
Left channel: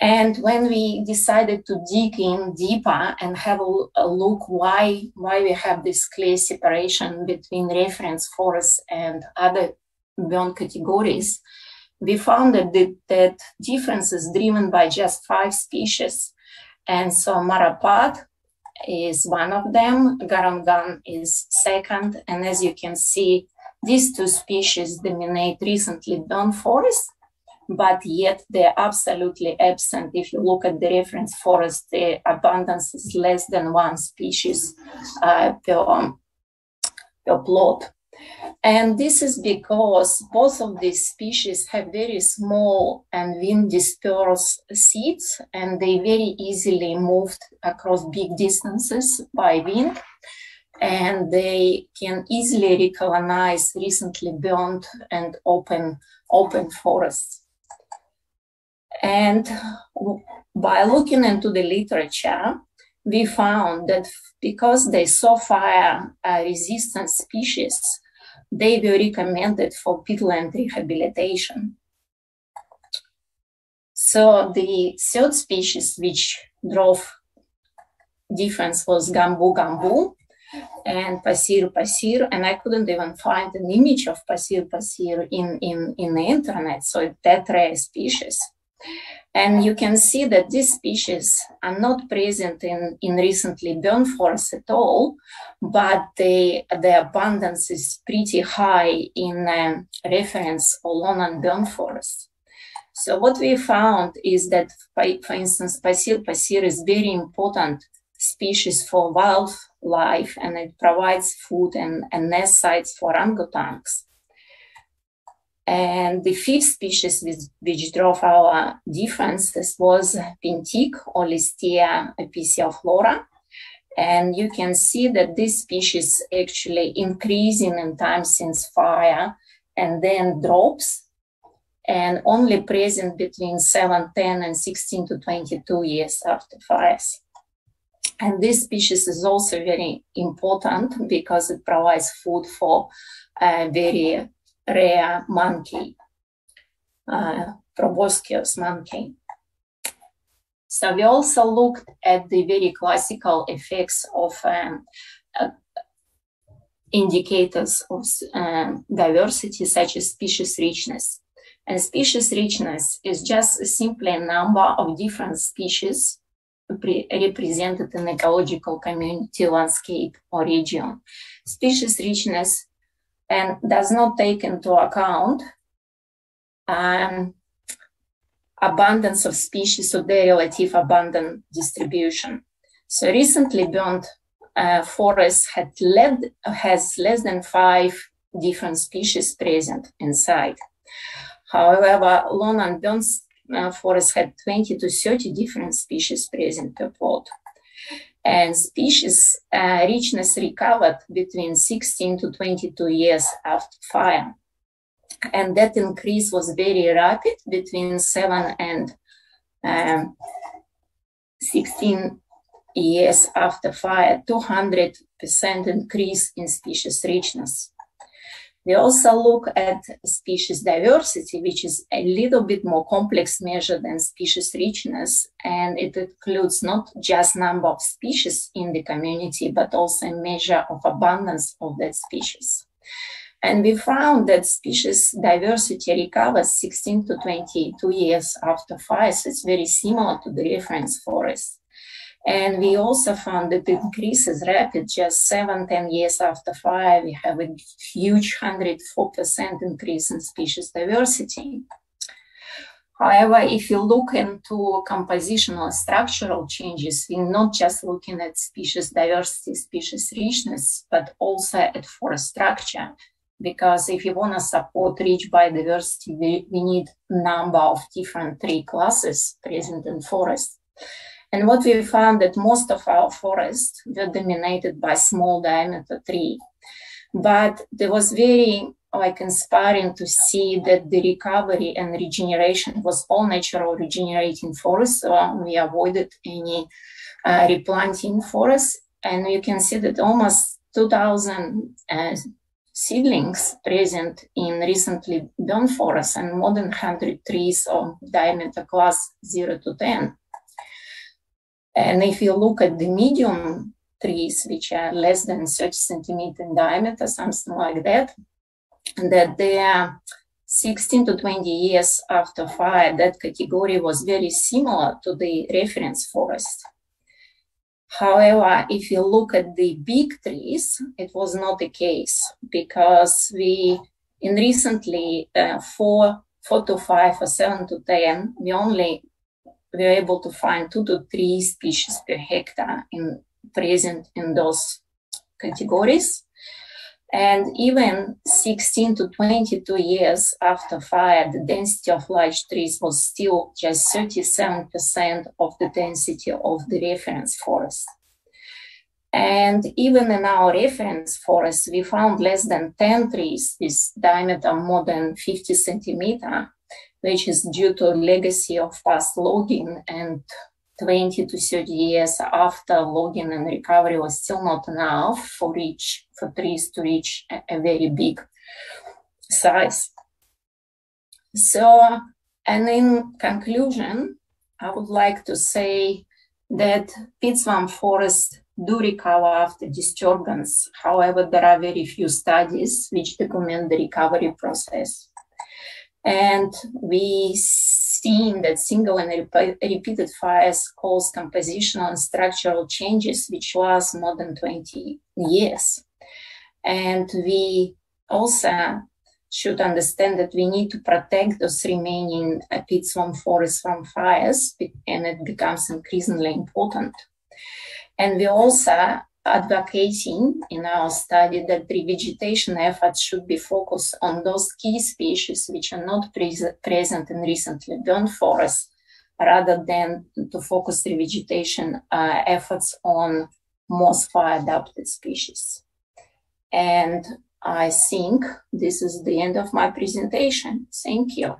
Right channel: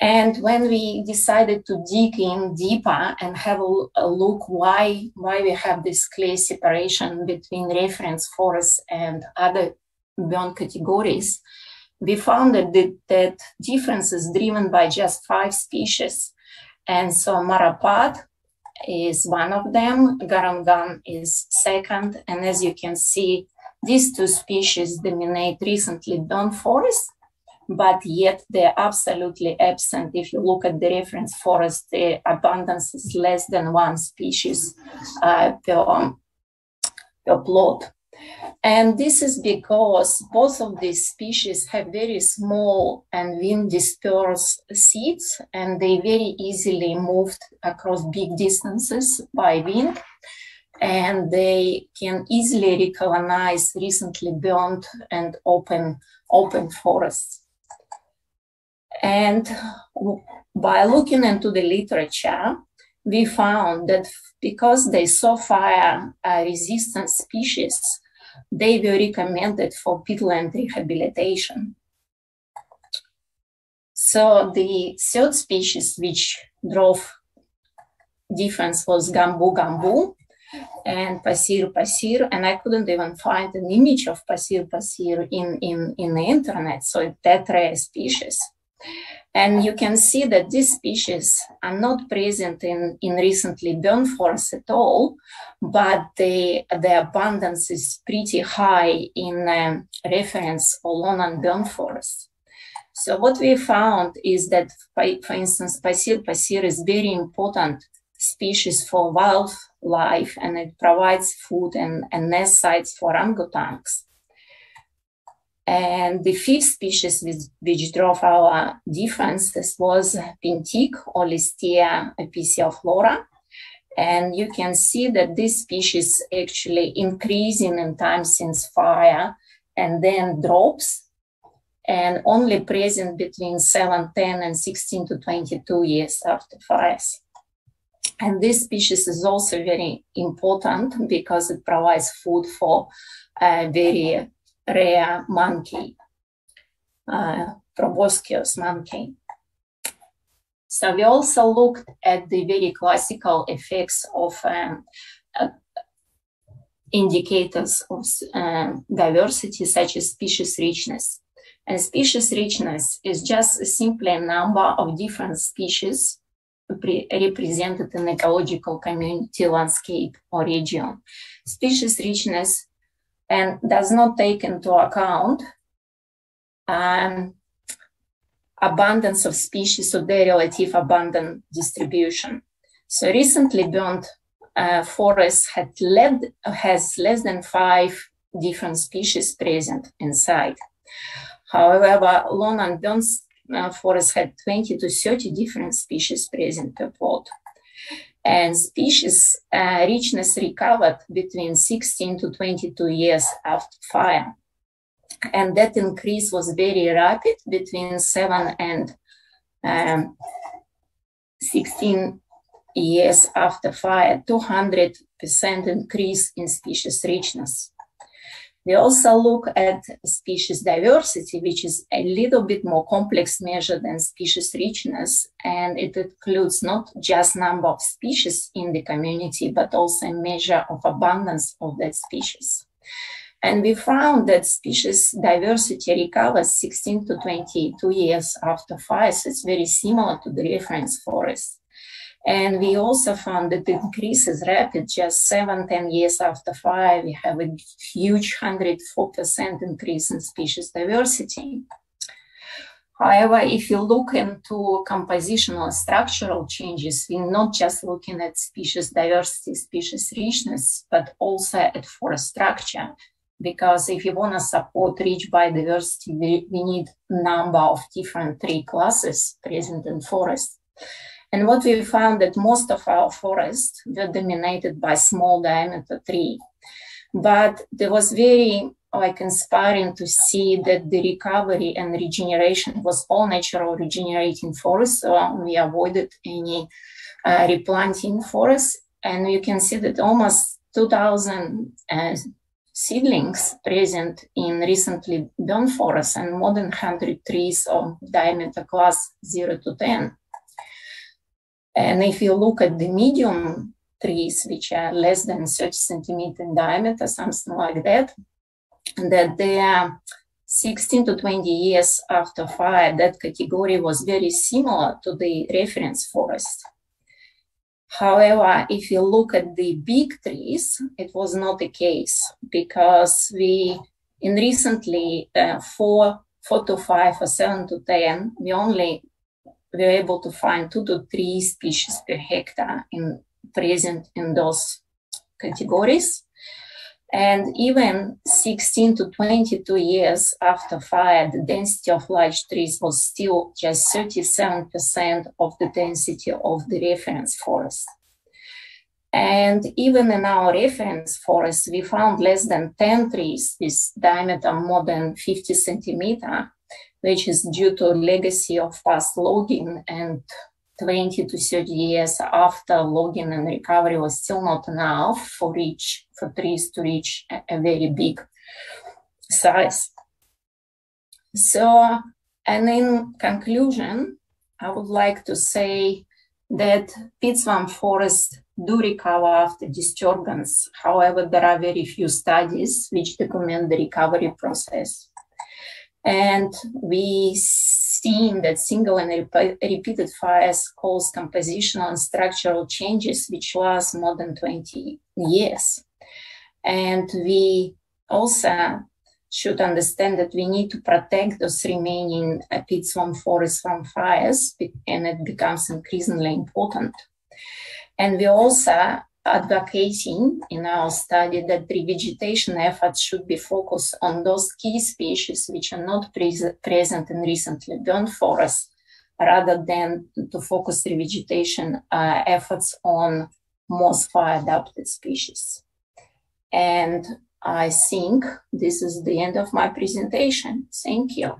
And when we decided to dig in deeper and have a look why we have this clear separation between reference forests and other burned categories, we found that difference is driven by just 5 species. And so Marapat is one of them, Garangan is second, and as you can see, these 2 species dominate recently burned forests, but yet they're absolutely absent. If you look at the reference forest, the abundance is less than 1 species per plot. And this is because both of these species have very small and wind dispersed seeds, and they very easily moved across big distances by wind, and they can easily recolonize recently burned and open forests. And by looking into the literature, we found that because they saw fire resistant species, they were recommended for peatland rehabilitation. So the third species which drove difference was Gambu and Pasir, and I couldn't even find an image of Pasir in the internet, so it's that rare species. And you can see that these species are not present in recently burned forests at all, but the abundance is pretty high in reference or lawn and burned forests. So what we found is that, for instance, Pasir is very important species for wildlife, and it provides food and nest sites for orangutans. And the 5th species which drove our differences was Pintic or Listea epicioflora. And you can see that this species actually increasing in time since fire and then drops, and only present between 7, 10 and 16 to 22 years after fires. And this species is also very important because it provides food for very rare monkey, proboscis monkey. So we also looked at the very classical effects of indicators of diversity, such as species richness. And species richness is just simply a number of different species represented in ecological community, landscape, or region. Species richness and does not take into account abundance of species or their relative abundant distribution. So recently burnt forest has less than 5 different species present inside. However, lawn and burnt forest had 20 to 30 different species present per plot. And species richness recovered between 16 to 22 years after fire. And that increase was very rapid between 7 and 16 years after fire, 200% increase in species richness. We also look at species diversity, which is a little bit more complex measure than species richness, and it includes not just number of species in the community, but also a measure of abundance of that species. And we found that species diversity recovers 16 to 22 years after fire, so it's very similar to the reference forest. And we also found that the increase is rapid, just 7-10 years after fire, we have a huge 104% increase in species diversity. However, if you look into compositional structural changes, we're not just looking at species diversity, species richness, but also at forest structure. Because if you want to support rich biodiversity, we need a number of different tree classes present in forest. And what we found that most of our forests were dominated by small diameter tree. But there was very inspiring to see that the recovery and regeneration was all natural regenerating forests. So we avoided any replanting forests. And you can see that almost 2,000 seedlings present in recently burned forests and more than 100 trees of diameter class 0 to 10. And if you look at the medium trees, which are less than 30 centimeters in diameter, something like that they are 16 to 20 years after fire, that category was very similar to the reference forest. However, if you look at the big trees, it was not the case, because we, in recently 4 to 5 or 7 to 10, we only were able to find 2 to 3 species per hectare present in those categories. And even 16 to 22 years after fire, the density of large trees was still just 37% of the density of the reference forest. And even in our reference forest, we found less than 10 trees with diameter more than 50 centimeters, which is due to legacy of past logging, and 20 to 30 years after logging and recovery was still not enough for trees to reach a very big size. So, and in conclusion, I would like to say that peatswamp forests do recover after disturbance. However, there are very few studies which document the recovery process. And we seen that single and repeated fires cause compositional and structural changes which last more than 20 years. And we also should understand that we need to protect those remaining peatswamp forests from fires, and it becomes increasingly important. And we also advocating in our study that revegetation efforts should be focused on those key species which are not present in recently burned forests, rather than to focus revegetation efforts on most fire-adapted species. And I think this is the end of my presentation. Thank you.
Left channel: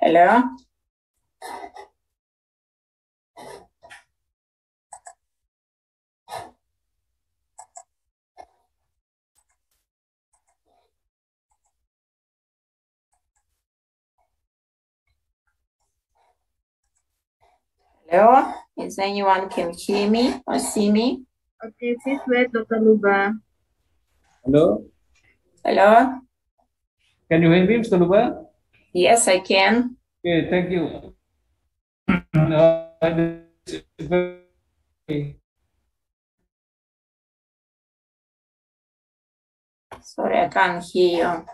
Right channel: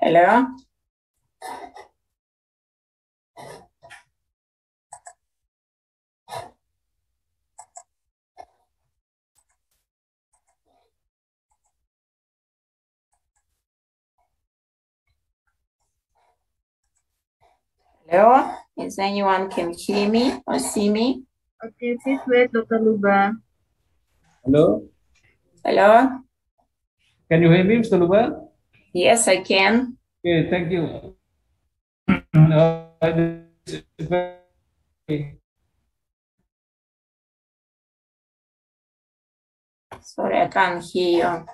Hello? Hello, is anyone can hear me or see me? Okay, please wait, Dr. Luba. Hello? Hello? Can you hear me, Mr. Luba? Yes, I can. Okay, thank you. Sorry, I can't hear you.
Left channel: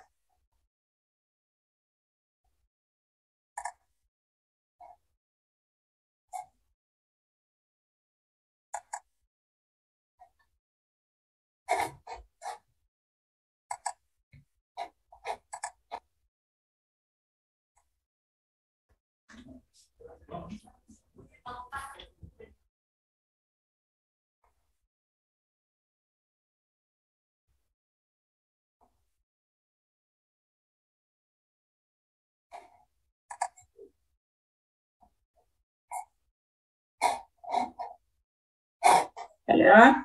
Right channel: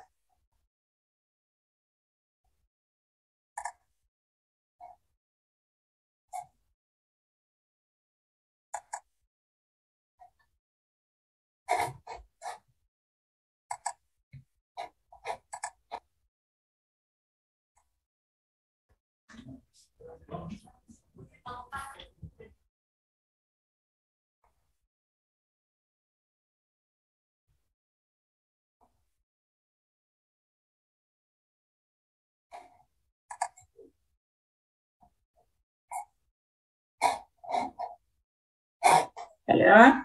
Hello?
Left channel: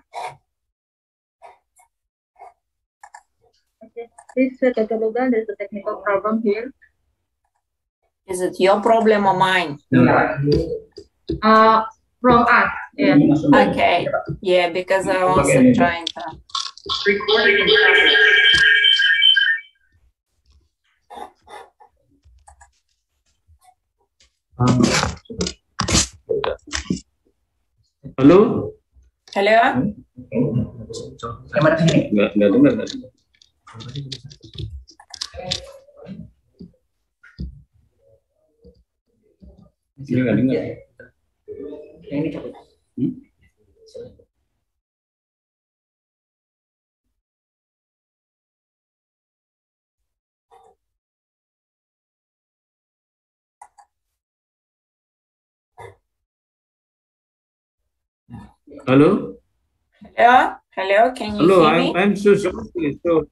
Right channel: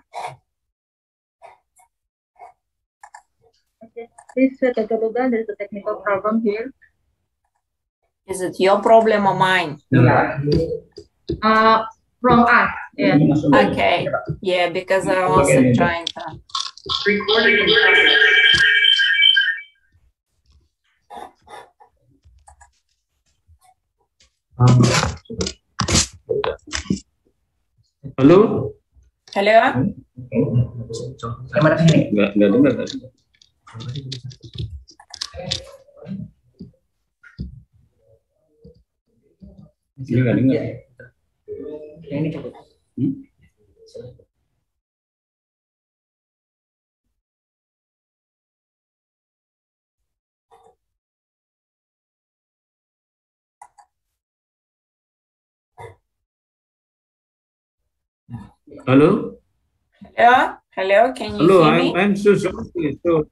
Okay, please wait, Dr. Luba. There's a technical problem here. Is it your problem or mine? From us. Yeah. Okay. Yeah, because I also trying to. Recording in progress. Halo? Halo? Enggak dengar. Ini enggak dengar. Yang ini cukup. Hello? Hello? Hello? Can you Hello, hear me? I'm so sorry. So,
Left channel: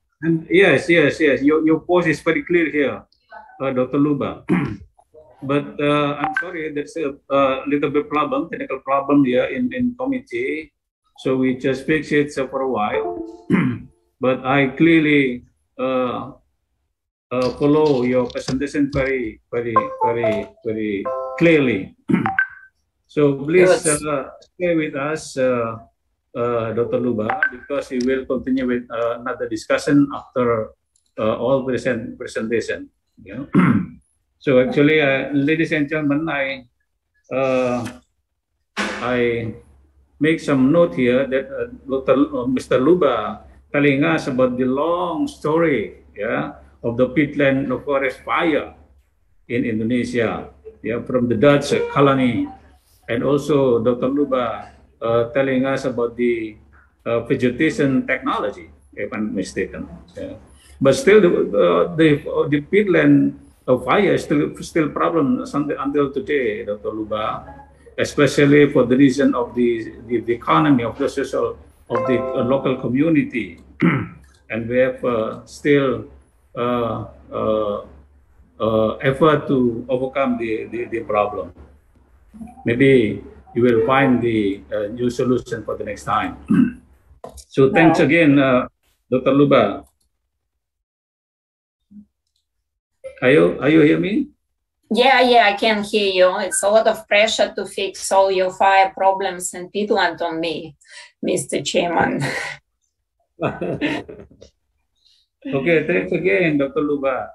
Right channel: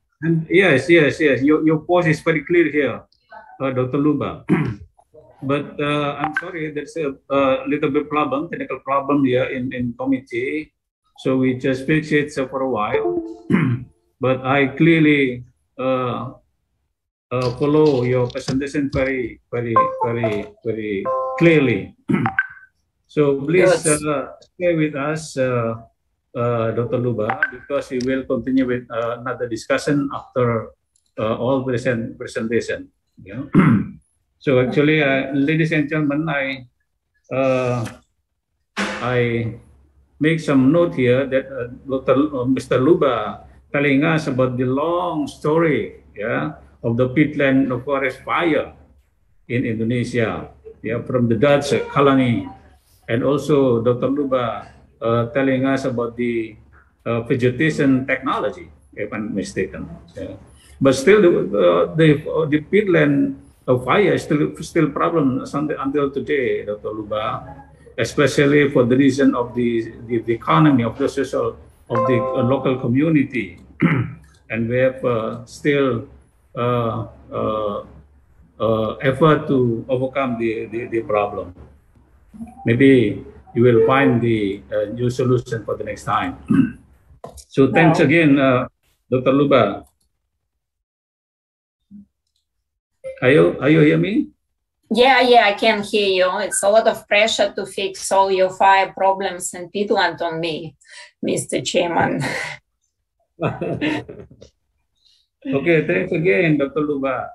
yes. Your voice is very clear here, Dr. Luba. But I'm sorry, there's a little bit technical problem here in committee. So we just fix it for a while. But I clearly follow your presentation very clearly. So please stay with us, Dr. Luba, because we will continue with another discussion after all presentation. You know? So actually, ladies and gentlemen, I make some note here that Mr. Luba telling us about the long story, of the peatland forest fire in Indonesia, from the Dutch colony, and also Dr. Luba telling us about the vegetation technology, if I'm mistaken. But still, the peatland fire is still problem until today, Dr. Luba, especially for the reason of the economy, of the social, of the local community. And we have still effort to overcome the problem. Maybe you will find the new solution for the next time. So thanks again, Dr. Luba. Are you hear me? Yeah, I can hear you. It's a lot of pressure to fix all your fire problems in peatland on me, Mr. Chairman. Okay, thanks again, Dr. Luba.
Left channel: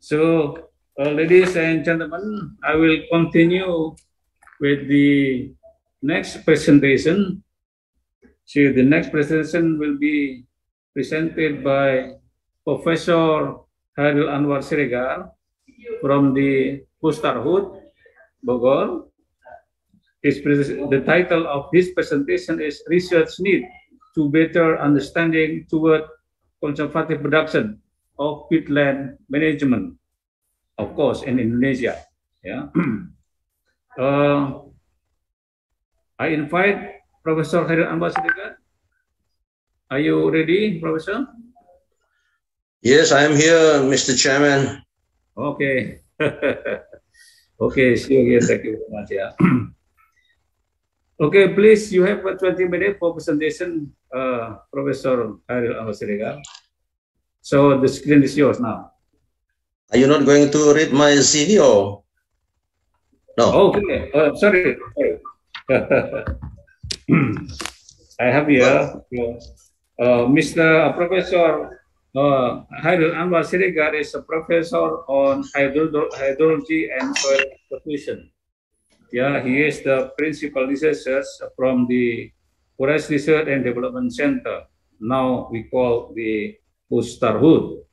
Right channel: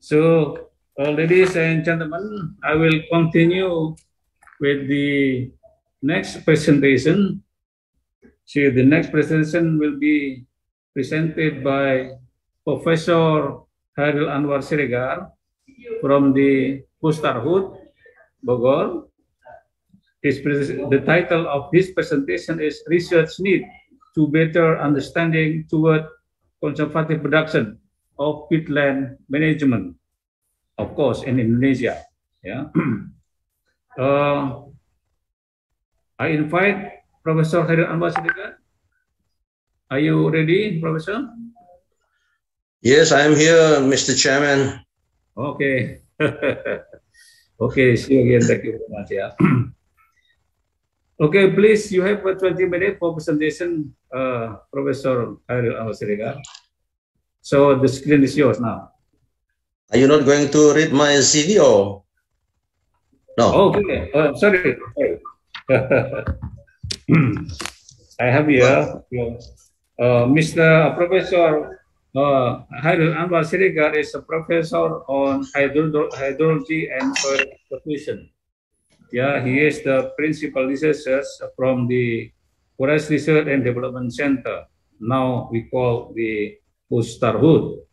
So, ladies and gentlemen, I will continue with the next presentation. So the next presentation will be presented by Professor Hairil Anwar Siregar from the Pustarhut, Bogor. The title of this presentation is Research Need to Better Understanding Toward Conservative Production of Peatland Management, of course, in Indonesia. Yeah. I invite Professor Hairil Anwar Siregar. Are you ready, Professor? Yes, I am here, Mr. Chairman. Okay. Okay, see you again. Thank you very much. Yeah. Okay, please, you have 20 minutes for presentation, Professor Hairil Anwar Siregar. So the screen is yours now. Are you not going to read my CV or? No. Okay. Sorry. I have here Mr. Professor Hairul Anwar Siregar is a professor on hydrology and soil evolution. Yeah, he is the principal researcher from the Forest Research and Development Center. Now we call the Ustarhut.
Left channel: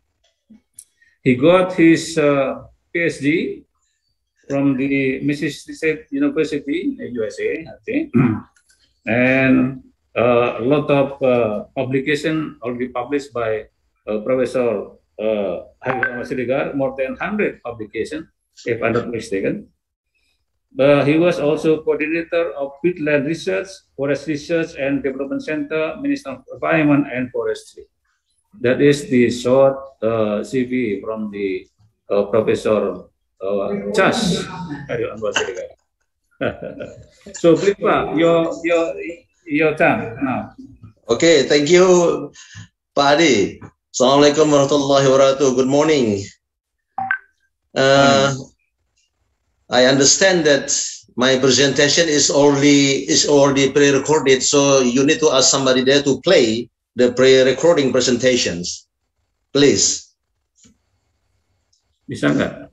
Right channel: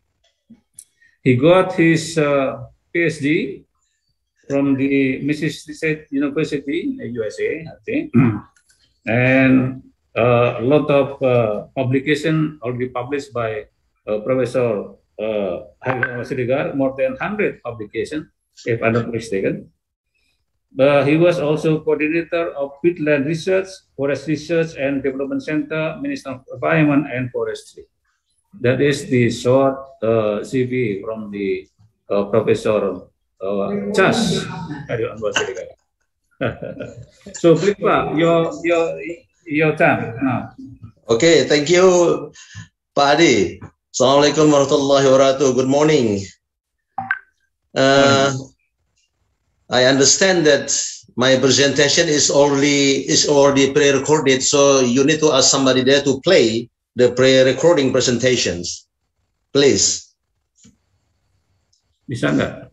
He got his PhD from the Mississippi State University, USA, I think. And a lot of publication already published by Professor Hairul Siregar, more than 100 publications, if I'm not mistaken. He was also coordinator of Peatland Research, Forest Research and Development Center, Minister of Environment and Forestry. That is the short CV from the Professor Chas Hairul Anwar Siregar. So please, Pak, your time now. Okay, thank you, Pak Adi. Assalamualaikum warahmatullahi wabarakatuh. Good morning. I understand that my presentation is already pre-recorded, so you need to ask somebody there to play the pre-recording presentations, please. Bisa nggak?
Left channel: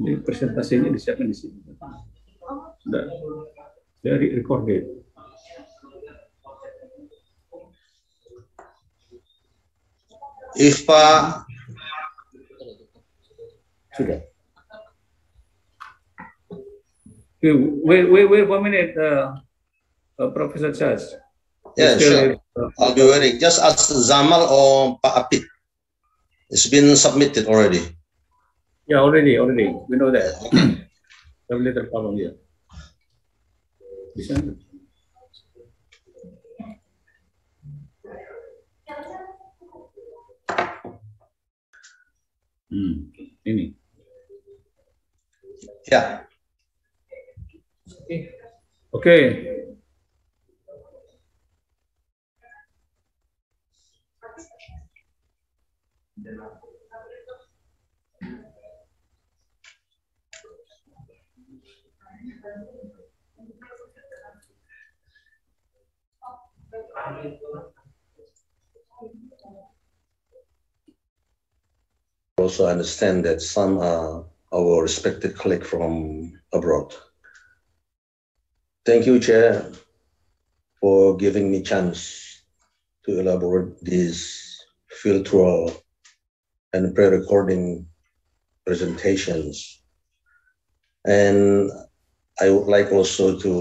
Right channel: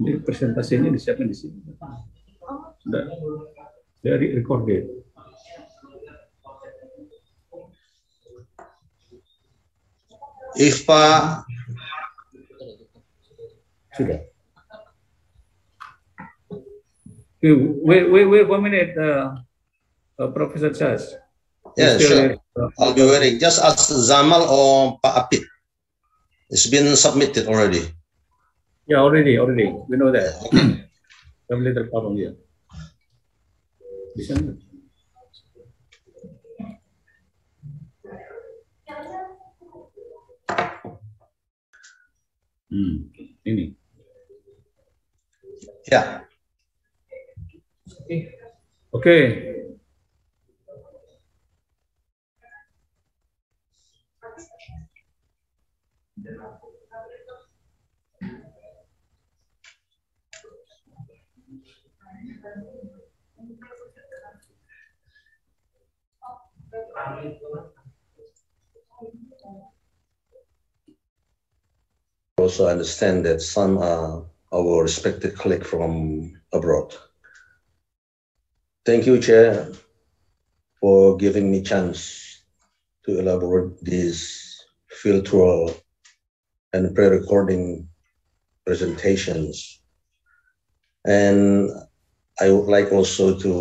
Ini presentasinya disiapkan di sini. Sudah dari recorded. If Pak Sudah. Wait 1 minute, Professor Chas. Yeah, sure. I'll be waiting. Just ask Zamal or Pak Apit. It's been submitted already. Yeah, already. We know that. Have a little problem here. Bisa nggak? Ini. Yeah. Okay. Also understand that some are our respected colleagues from abroad. Thank you, Chair, for giving me chance to elaborate these field tour and pre-recording presentations. And I would like also to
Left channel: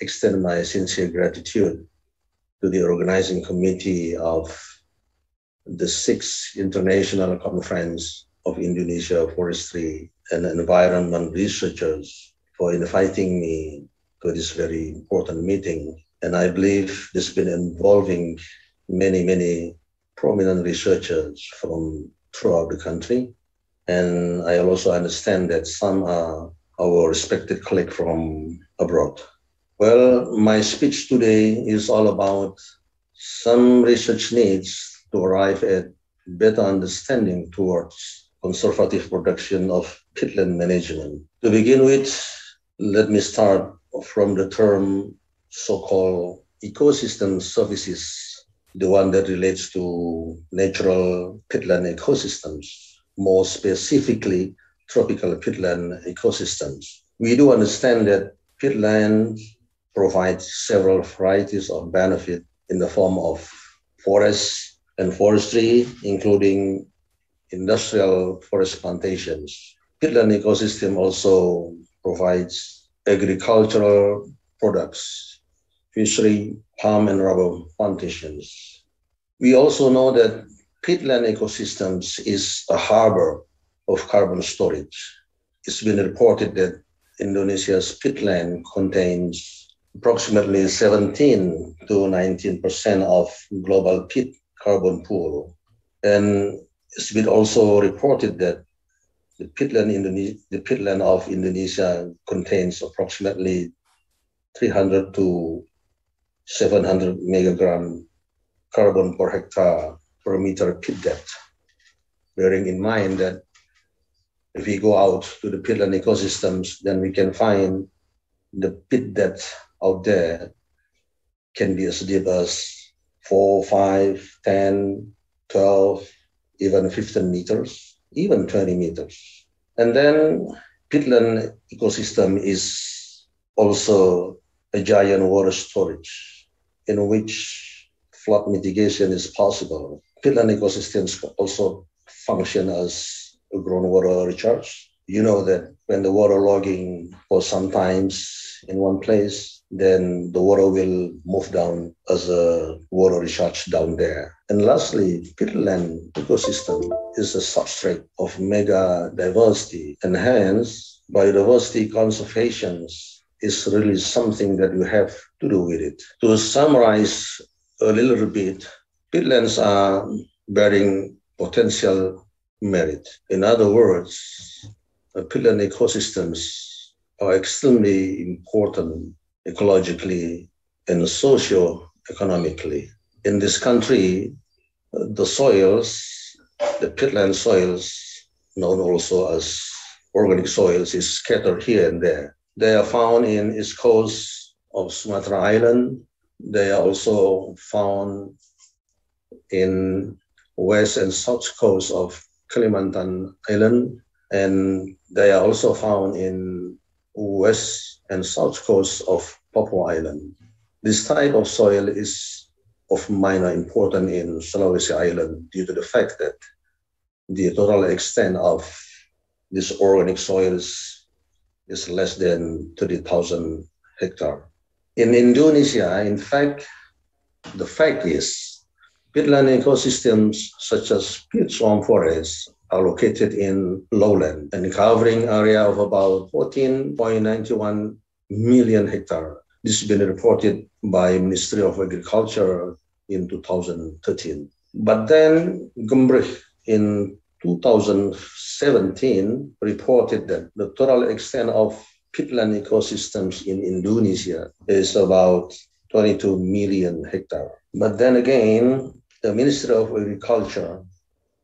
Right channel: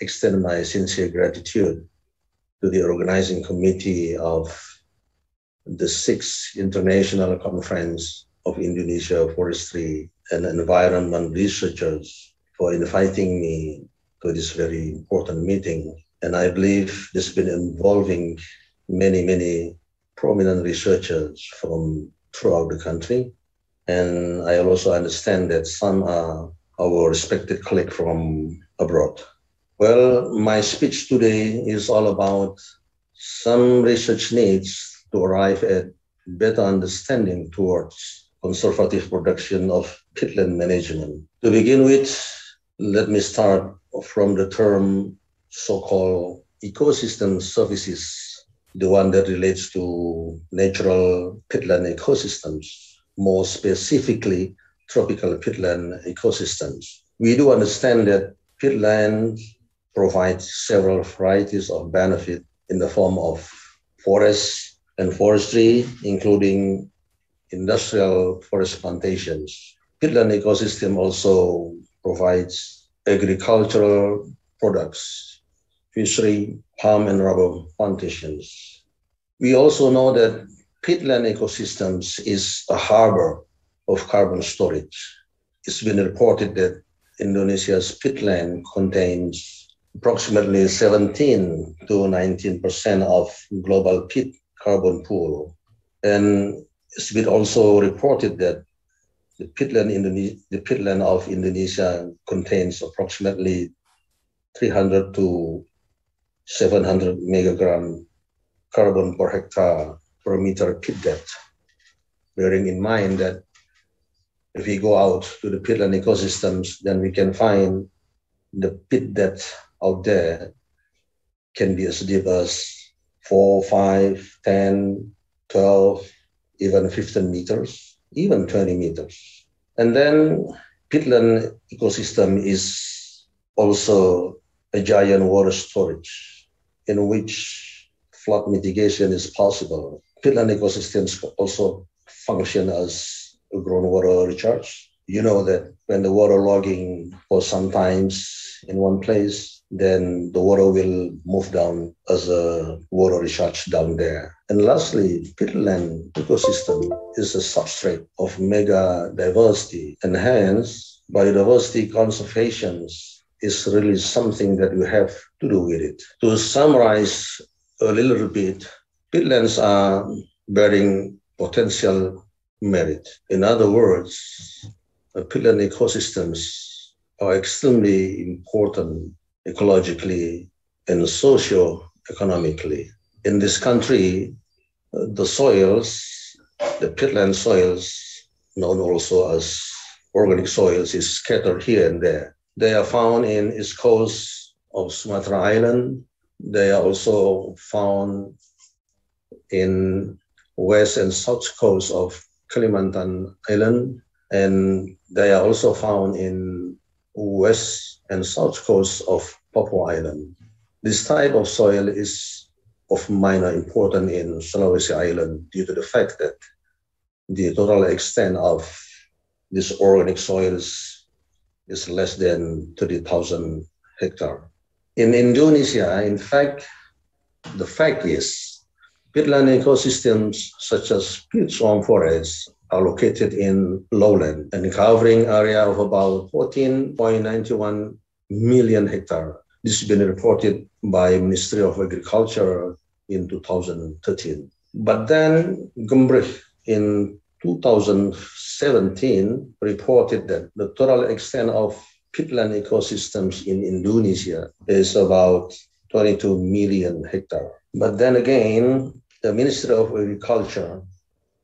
extend my sincere gratitude to the organizing committee of the 6th International Conference of Indonesia Forestry and Environment Researchers for inviting me to this very important meeting. And I believe this has been involving many prominent researchers from throughout the country. And I also understand that some are our respected colleagues from abroad. Well, my speech today is all about some research needs to arrive at better understanding towards conservative production of peatland management. To begin with, let me start from the term so-called ecosystem services, the one that relates to natural peatland ecosystems, more specifically tropical peatland ecosystems. We do understand that peatland provides several varieties of benefit in the form of forests and forestry, including industrial forest plantations. Peatland ecosystem also provides agricultural products, fishery, palm and rubber plantations. We also know that peatland ecosystems is a harbor of carbon storage. It's been reported that Indonesia's peatland contains approximately 17 to 19% of global peat carbon pool. And it's been also reported that the peatland of Indonesia contains approximately 300 to 700 megagram carbon per hectare per meter peat depth, bearing in mind that if we go out to the peatland ecosystems, then we can find the peat depth out there can be as deep as 4, 5, 10, 12, even 15 meters, even 20 meters. And then peatland ecosystem is also a giant water storage in which flood mitigation is possible. Peatland ecosystems also function as a groundwater recharge. You know that when the water logging for some times in one place, then the water will move down as a water recharge down there. And lastly, peatland ecosystem is a substrate of mega diversity, and hence biodiversity conservation is really something that we have to do with it. To summarize a little bit, peatlands are bearing potential merit. In other words, peatland ecosystems are extremely important ecologically and socio-economically. In this country, the soils, the peatland soils, known also as organic soils, is scattered here and there. They are found in east coast of Sumatra Island. They are also found in west and south coast of Kalimantan Island, and they are also found in west and south coast of Papua Island. This type of soil is of minor importance in Sulawesi Island due to the fact that the total extent of these organic soils is less than 30,000 hectares. In Indonesia, in fact, the fact is peatland ecosystems such as peat swamp forests are located in lowland and covering area of about 14.91 million hectares. This has been reported by Ministry of Agriculture in 2013. But then Gembrich in 2017 reported that the total extent of peatland ecosystems in Indonesia is about 22 million hectares. But then again, the Ministry of Agriculture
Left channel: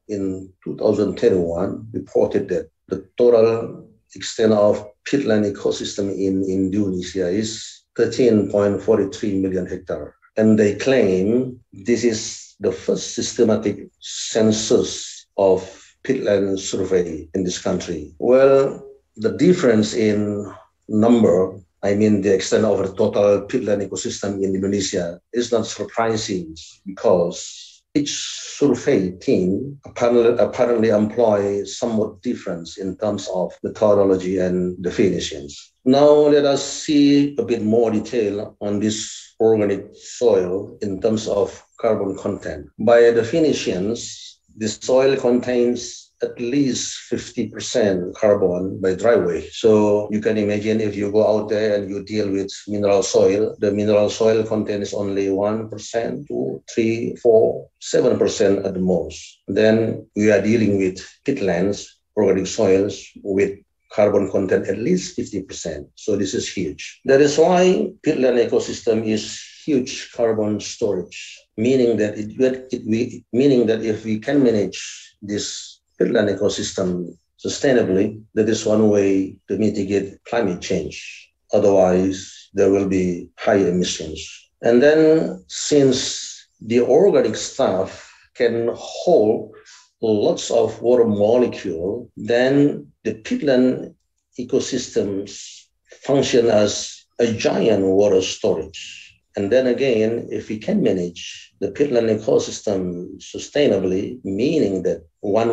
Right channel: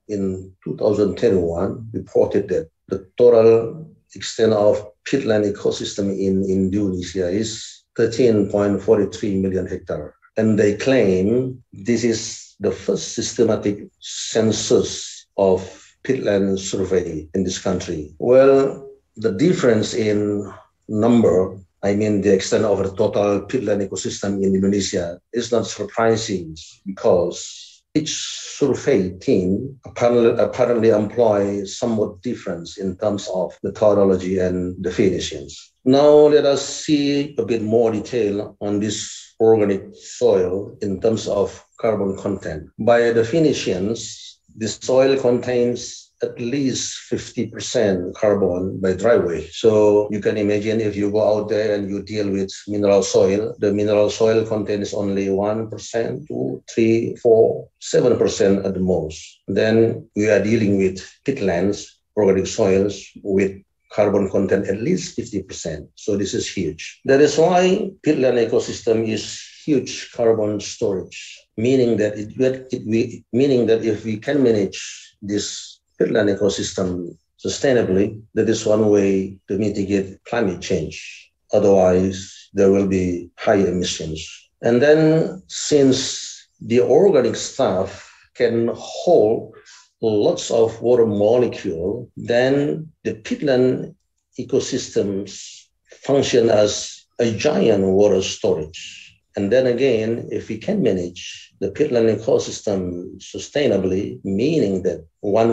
in 2021 reported that the total extent of peatland ecosystem in Indonesia is 13.43 million hectares. And they claim this is the first systematic census of peatland survey in this country. Well, the difference in number, I mean the extent of the total peatland ecosystem in Indonesia, is not surprising because each survey team apparently employ somewhat difference in terms of methodology and definitions. Now let us see a bit more detail on this organic soil in terms of carbon content. By definitions, this soil contains at least 50% carbon by dry weight. So you can imagine if you go out there and you deal with mineral soil, the mineral soil contains only 1%, 2, 3, 4, 7% at the most. Then we are dealing with peatlands, organic soils with carbon content at least 50%. So this is huge. That is why peatland ecosystem is huge carbon storage, meaning that if we can manage this peatland ecosystem sustainably, that is one way to mitigate climate change. Otherwise, there will be high emissions. And then since the organic stuff can hold lots of water molecule, then the peatland ecosystems function as a giant water storage. And then again, if we can manage the peatland ecosystem sustainably, meaning that one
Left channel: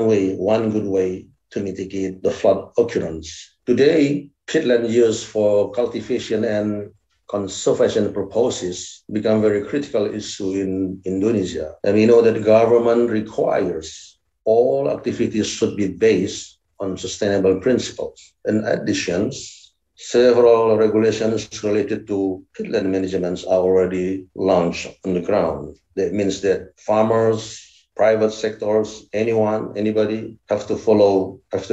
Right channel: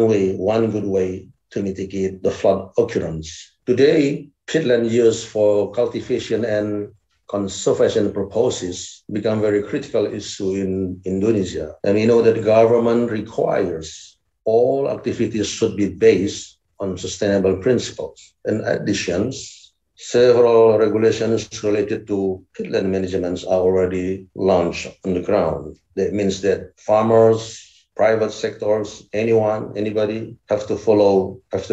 good way to mitigate the flood occurrence. Today, peatland use for cultivation and conservation purposes become very critical issue in Indonesia. And we know that the government requires all activities should be based on sustainable principles. In addition, several regulations related to peatland management are already launched on the ground. That means that farmers, private sectors, anybody have to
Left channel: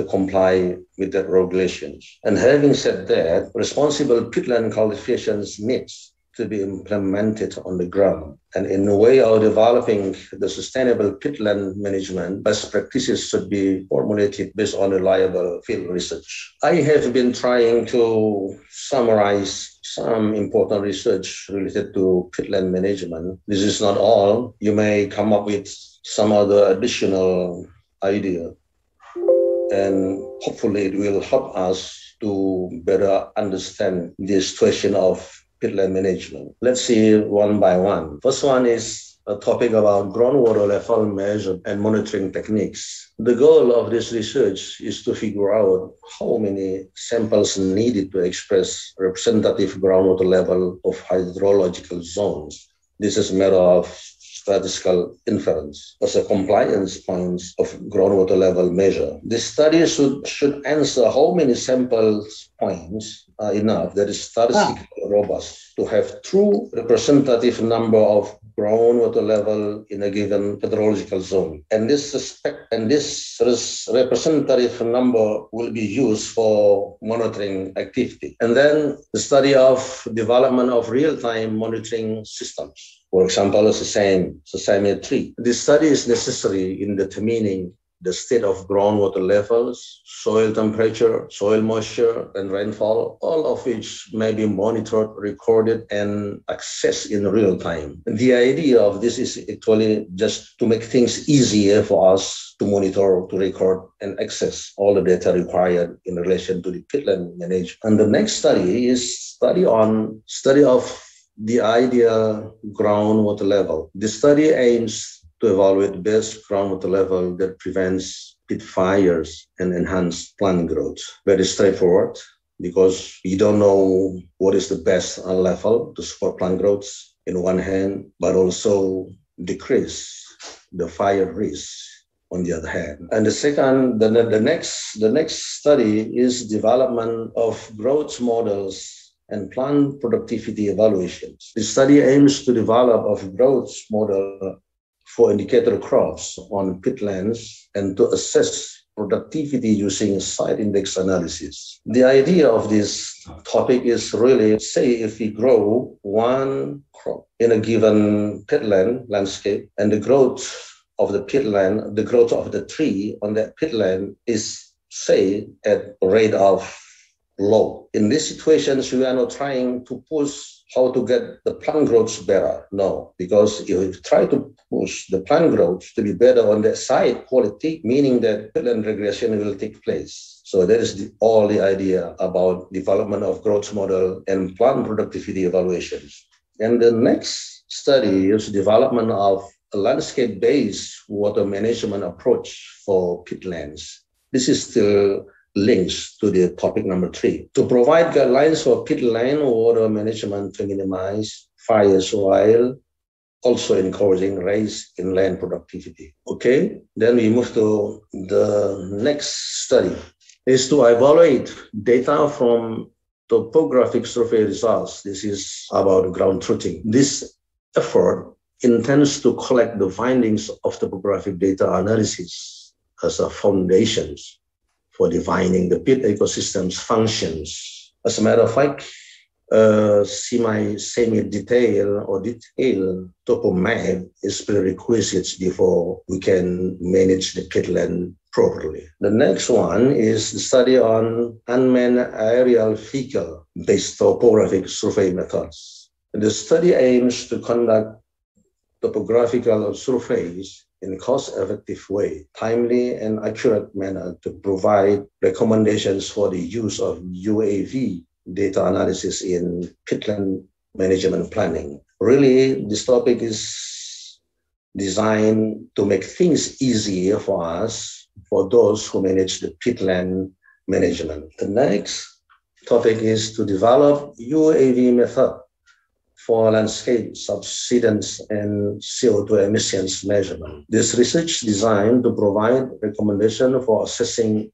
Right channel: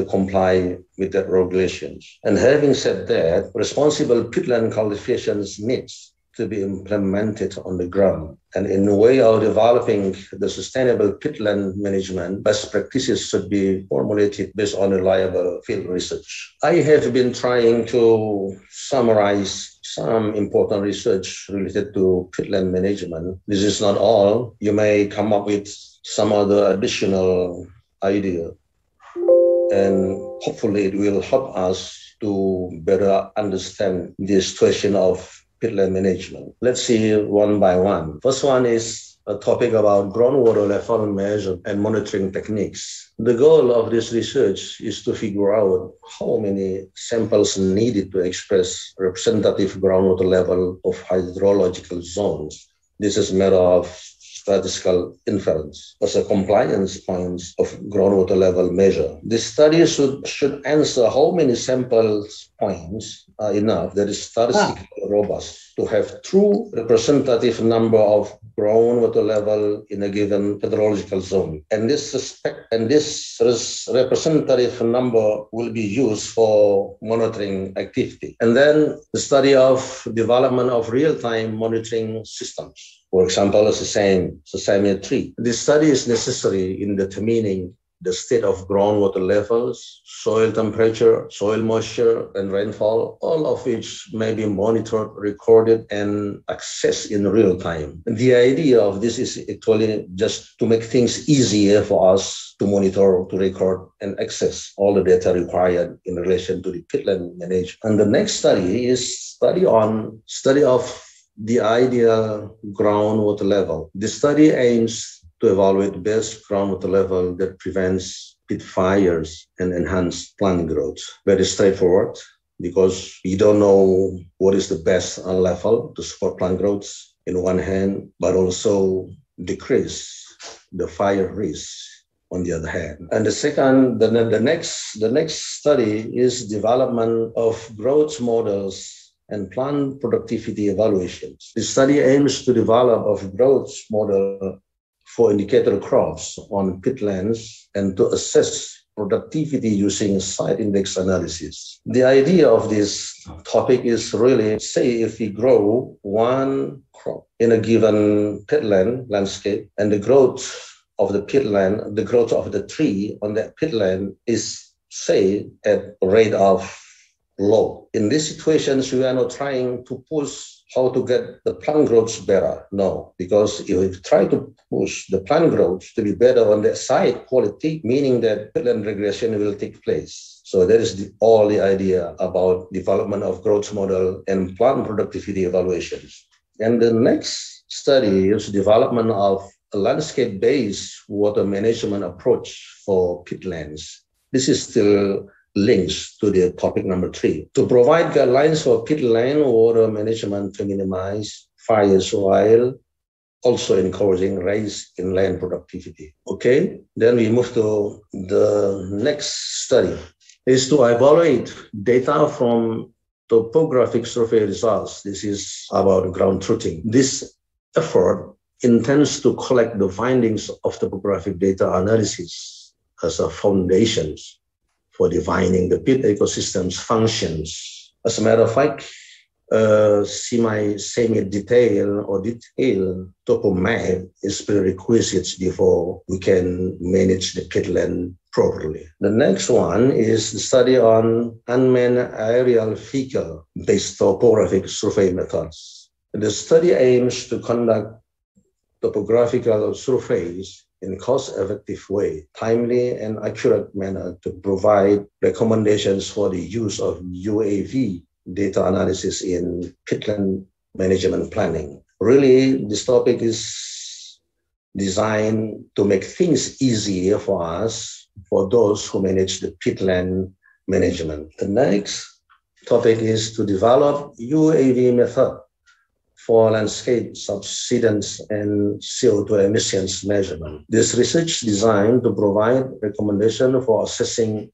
comply with that regulations. And having said that, responsible peatland cultivation needs to be implemented on the ground. And in a way of developing the sustainable peatland management, best practices should be formulated based on reliable field research. I have been trying to summarize some important research related to peatland management. This is not all. You may come up with some other additional idea, and hopefully it will help us to better understand this question of peatland management. Let's see one by one. First one is a topic about groundwater level measure and monitoring techniques. The goal of this research is to figure out how many samples needed to express representative groundwater level of hydrological zones. This is a matter of statistical inference as a compliance points of groundwater level measure. This study should answer how many samples points are enough that is statistically robust to have true representative number of groundwater level in a given hydrological zone. And this representative number will be used for monitoring activity. And then the study of development of real-time monitoring systems. For example, the Sesame tree. This study is necessary in determining the state of groundwater levels, soil temperature, soil moisture, and rainfall, all of which may be monitored, recorded, and accessed in real time. And the idea of this is actually just to make things easier for us to monitor, to record, and access all the data required in relation to the peatland management. And the next study is study of the ideal groundwater level. The study aims to evaluate best groundwater level that prevents peat fires and enhance plant growth. Very straightforward, because we don't know what is the best level to support plant growth in one hand, but also decrease the fire risk on the other hand. And the next study is development of growth models and plant productivity evaluations. The study aims to develop a growth model for indicator crops on peatlands and to assess productivity using site index analysis. The idea of this topic is really, say if we grow one crop in a given peatland landscape and the growth of the peatland, the growth of the tree on that peatland is, say, at a rate of low. In these situations, we are not trying to push how to get the plant growth better. No, because if you try to push the plant growth to be better on the site quality, meaning that peatland regression will take place. So that is all the idea about development of growth model and plant productivity evaluations. And the next study is development of a landscape-based water management approach for peatlands. This is still links to the topic number 3. To provide guidelines for peatland water management to minimize fires while also encouraging rise in land productivity. Okay, then we move to the next study. Is to evaluate data from topographic survey results. This is about ground truthing. This effort intends to collect the findings of topographic data analysis as a foundation for defining the peat ecosystem's functions. As a matter of fact, semi-detailed or detailed topo map is prerequisites before we can manage the peatland properly. The next one is the study on unmanned aerial vehicle-based topographic survey methods. The study aims to conduct topographical surveys in a cost-effective way, timely and accurate manner to provide recommendations for the use of UAV data analysis in peatland management planning. Really, this topic is designed to make things easier for us, for those who manage the peatland management. The next topic is to develop UAV method for landscape subsidence and CO2 emissions measurement. This research designed to provide recommendation for assessing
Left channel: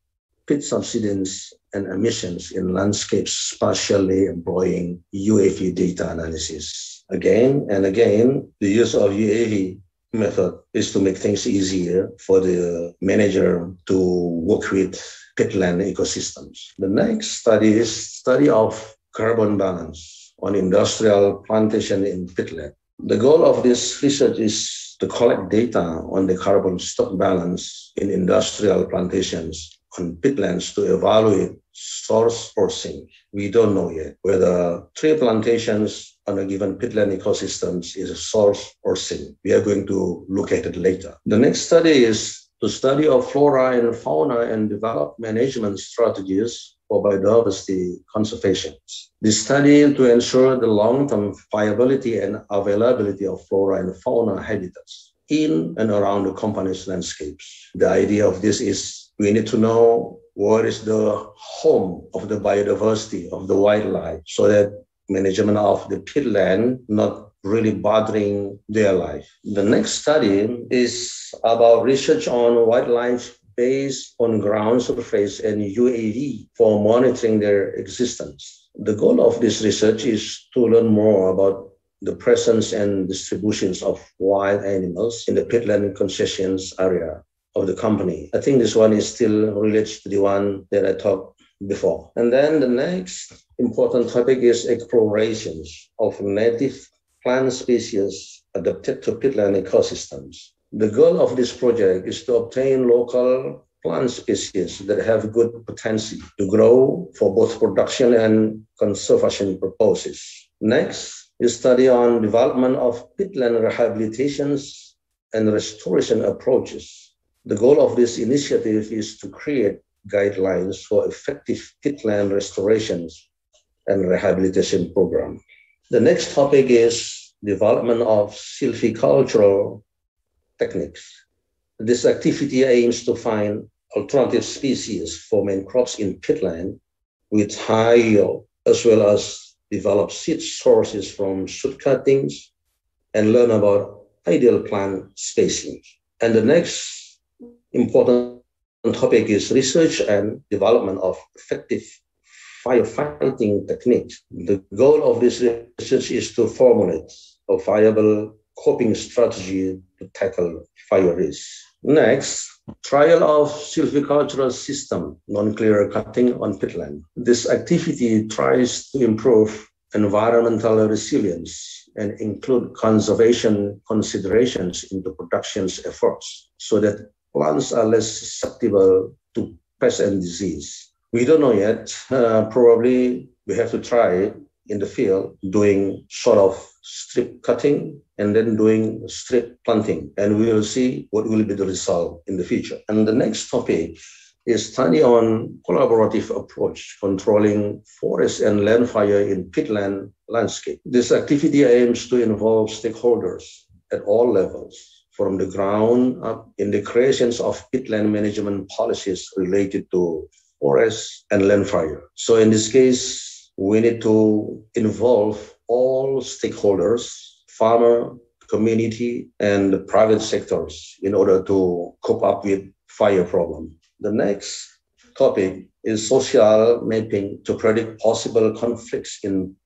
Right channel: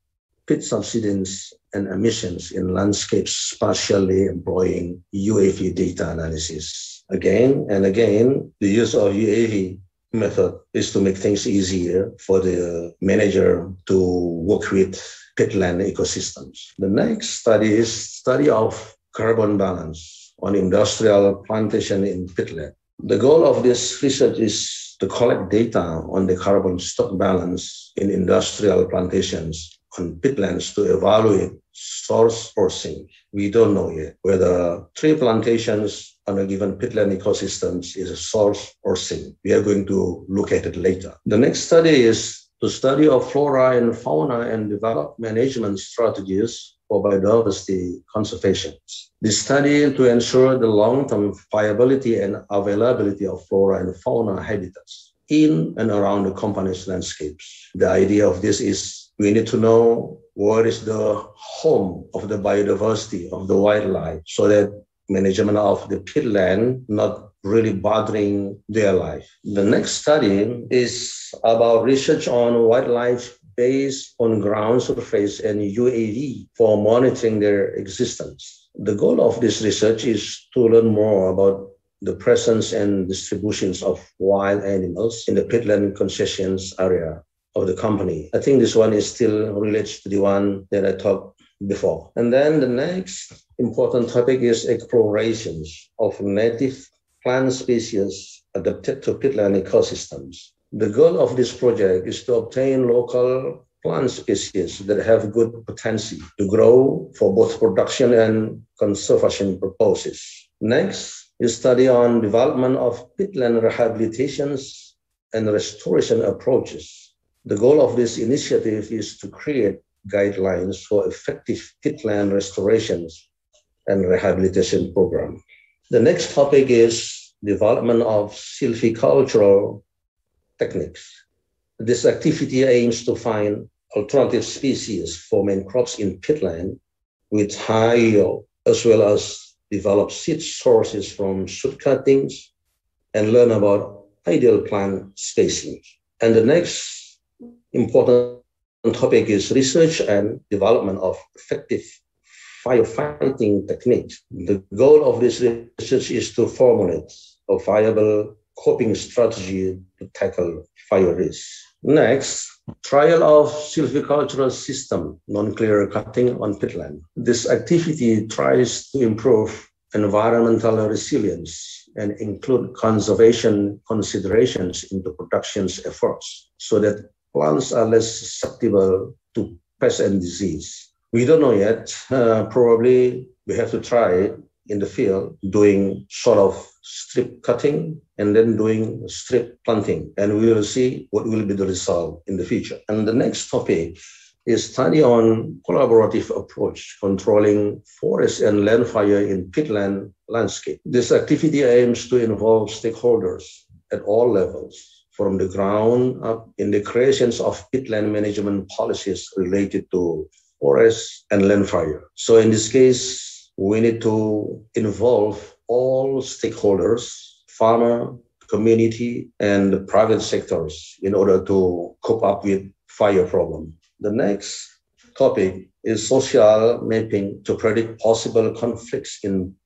peat subsidence and emissions in landscapes, spatially employing UAV data analysis. Again and again, the use of UAV method is to make things easier for the manager to work with peatland ecosystems. The next study is study of carbon balance on industrial plantation in peatland. The goal of this research is to collect data on the carbon stock balance in industrial plantations on peatlands to evaluate source or sink. We don't know yet whether tree plantations on a given peatland ecosystems is a source or sink. We are going to look at it later. The next study is to study of flora and fauna and develop management strategies for biodiversity conservation. This study to ensure the long-term viability and availability of flora and fauna habitats in and around the company's landscapes. The idea of this is we need to know where is the home of the biodiversity of the wildlife so that management of the peatland not really bothering their life. The next study is about research on wildlife based on ground surface and UAV for monitoring their existence. The goal of this research is to learn more about the presence and distributions of wild animals in the peatland concessions area of the company. I think this one is still related to the one that I talked before. And then the next important topic is explorations of native plant species adapted to peatland ecosystems. The goal of this project is to obtain local plant species that have good potential to grow for both production and conservation purposes. Next is study on development of peatland rehabilitations and restoration approaches. The goal of this initiative is to create guidelines for effective peatland restorations and rehabilitation program. The next topic is development of silvicultural techniques. This activity aims to find alternative species for main crops in peatland with high yield, as well as develop seed sources from shoot cuttings and learn about ideal plant spacing. And the next important topic is research and development of effective firefighting techniques. The goal of this research is to formulate a viable coping strategy to tackle fire risk. Next, trial of silvicultural system, non-clear cutting on peatland. This activity tries to improve environmental resilience and include conservation considerations into production's efforts so that plants are less susceptible to pest and disease. We don't know yet. Probably we have to try in the field doing sort of strip cutting and then doing strip planting, and we will see what will be the result in the future. And the next topic is study on collaborative approach controlling forest and land fire in peatland landscape. This activity aims to involve stakeholders at all levels, from the ground up in the creations of peatland management policies related to forest and land fire. So in this case, we need to involve all stakeholders, farmer, community, and the private sectors in order to cope up with fire problem. The next topic is social mapping to predict possible conflicts in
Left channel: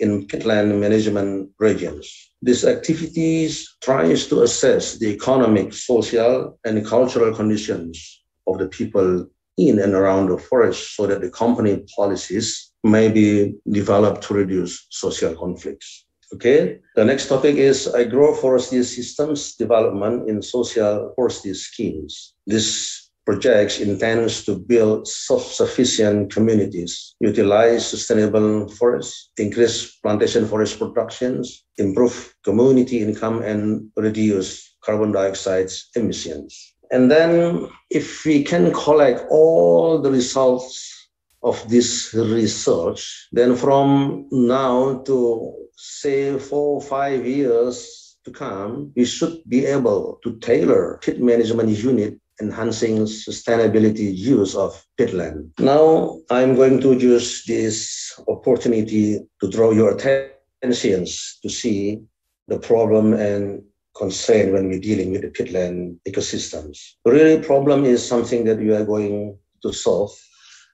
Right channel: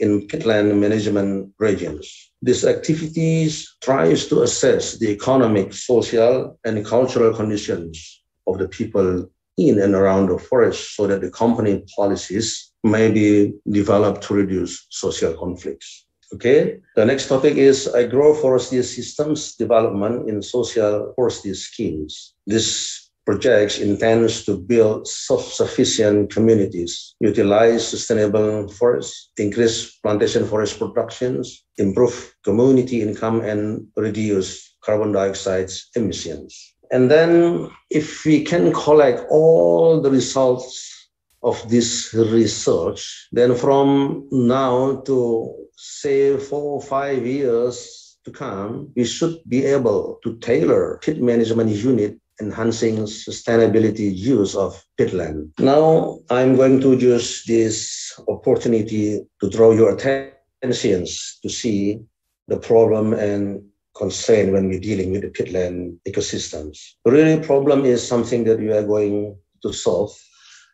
peatland management regions. This activities tries to assess the economic, social, and cultural conditions of the people in and around the forest so that the company policies may be developed to reduce social conflicts. Okay, the next topic is agroforestry systems development in social forestry schemes. This project intends to build self-sufficient communities, utilize sustainable forests, increase plantation forest productions, improve community income, and reduce carbon dioxide emissions. And then if we can collect all the results of this research, then from now to say 4 or 5 years to come, we should be able to tailor peat management unit enhancing sustainability use of peatland. Now, I'm going to use this opportunity to draw your attention to see the problem and concern when we're dealing with the peatland ecosystems. The real problem is something that we are going to solve,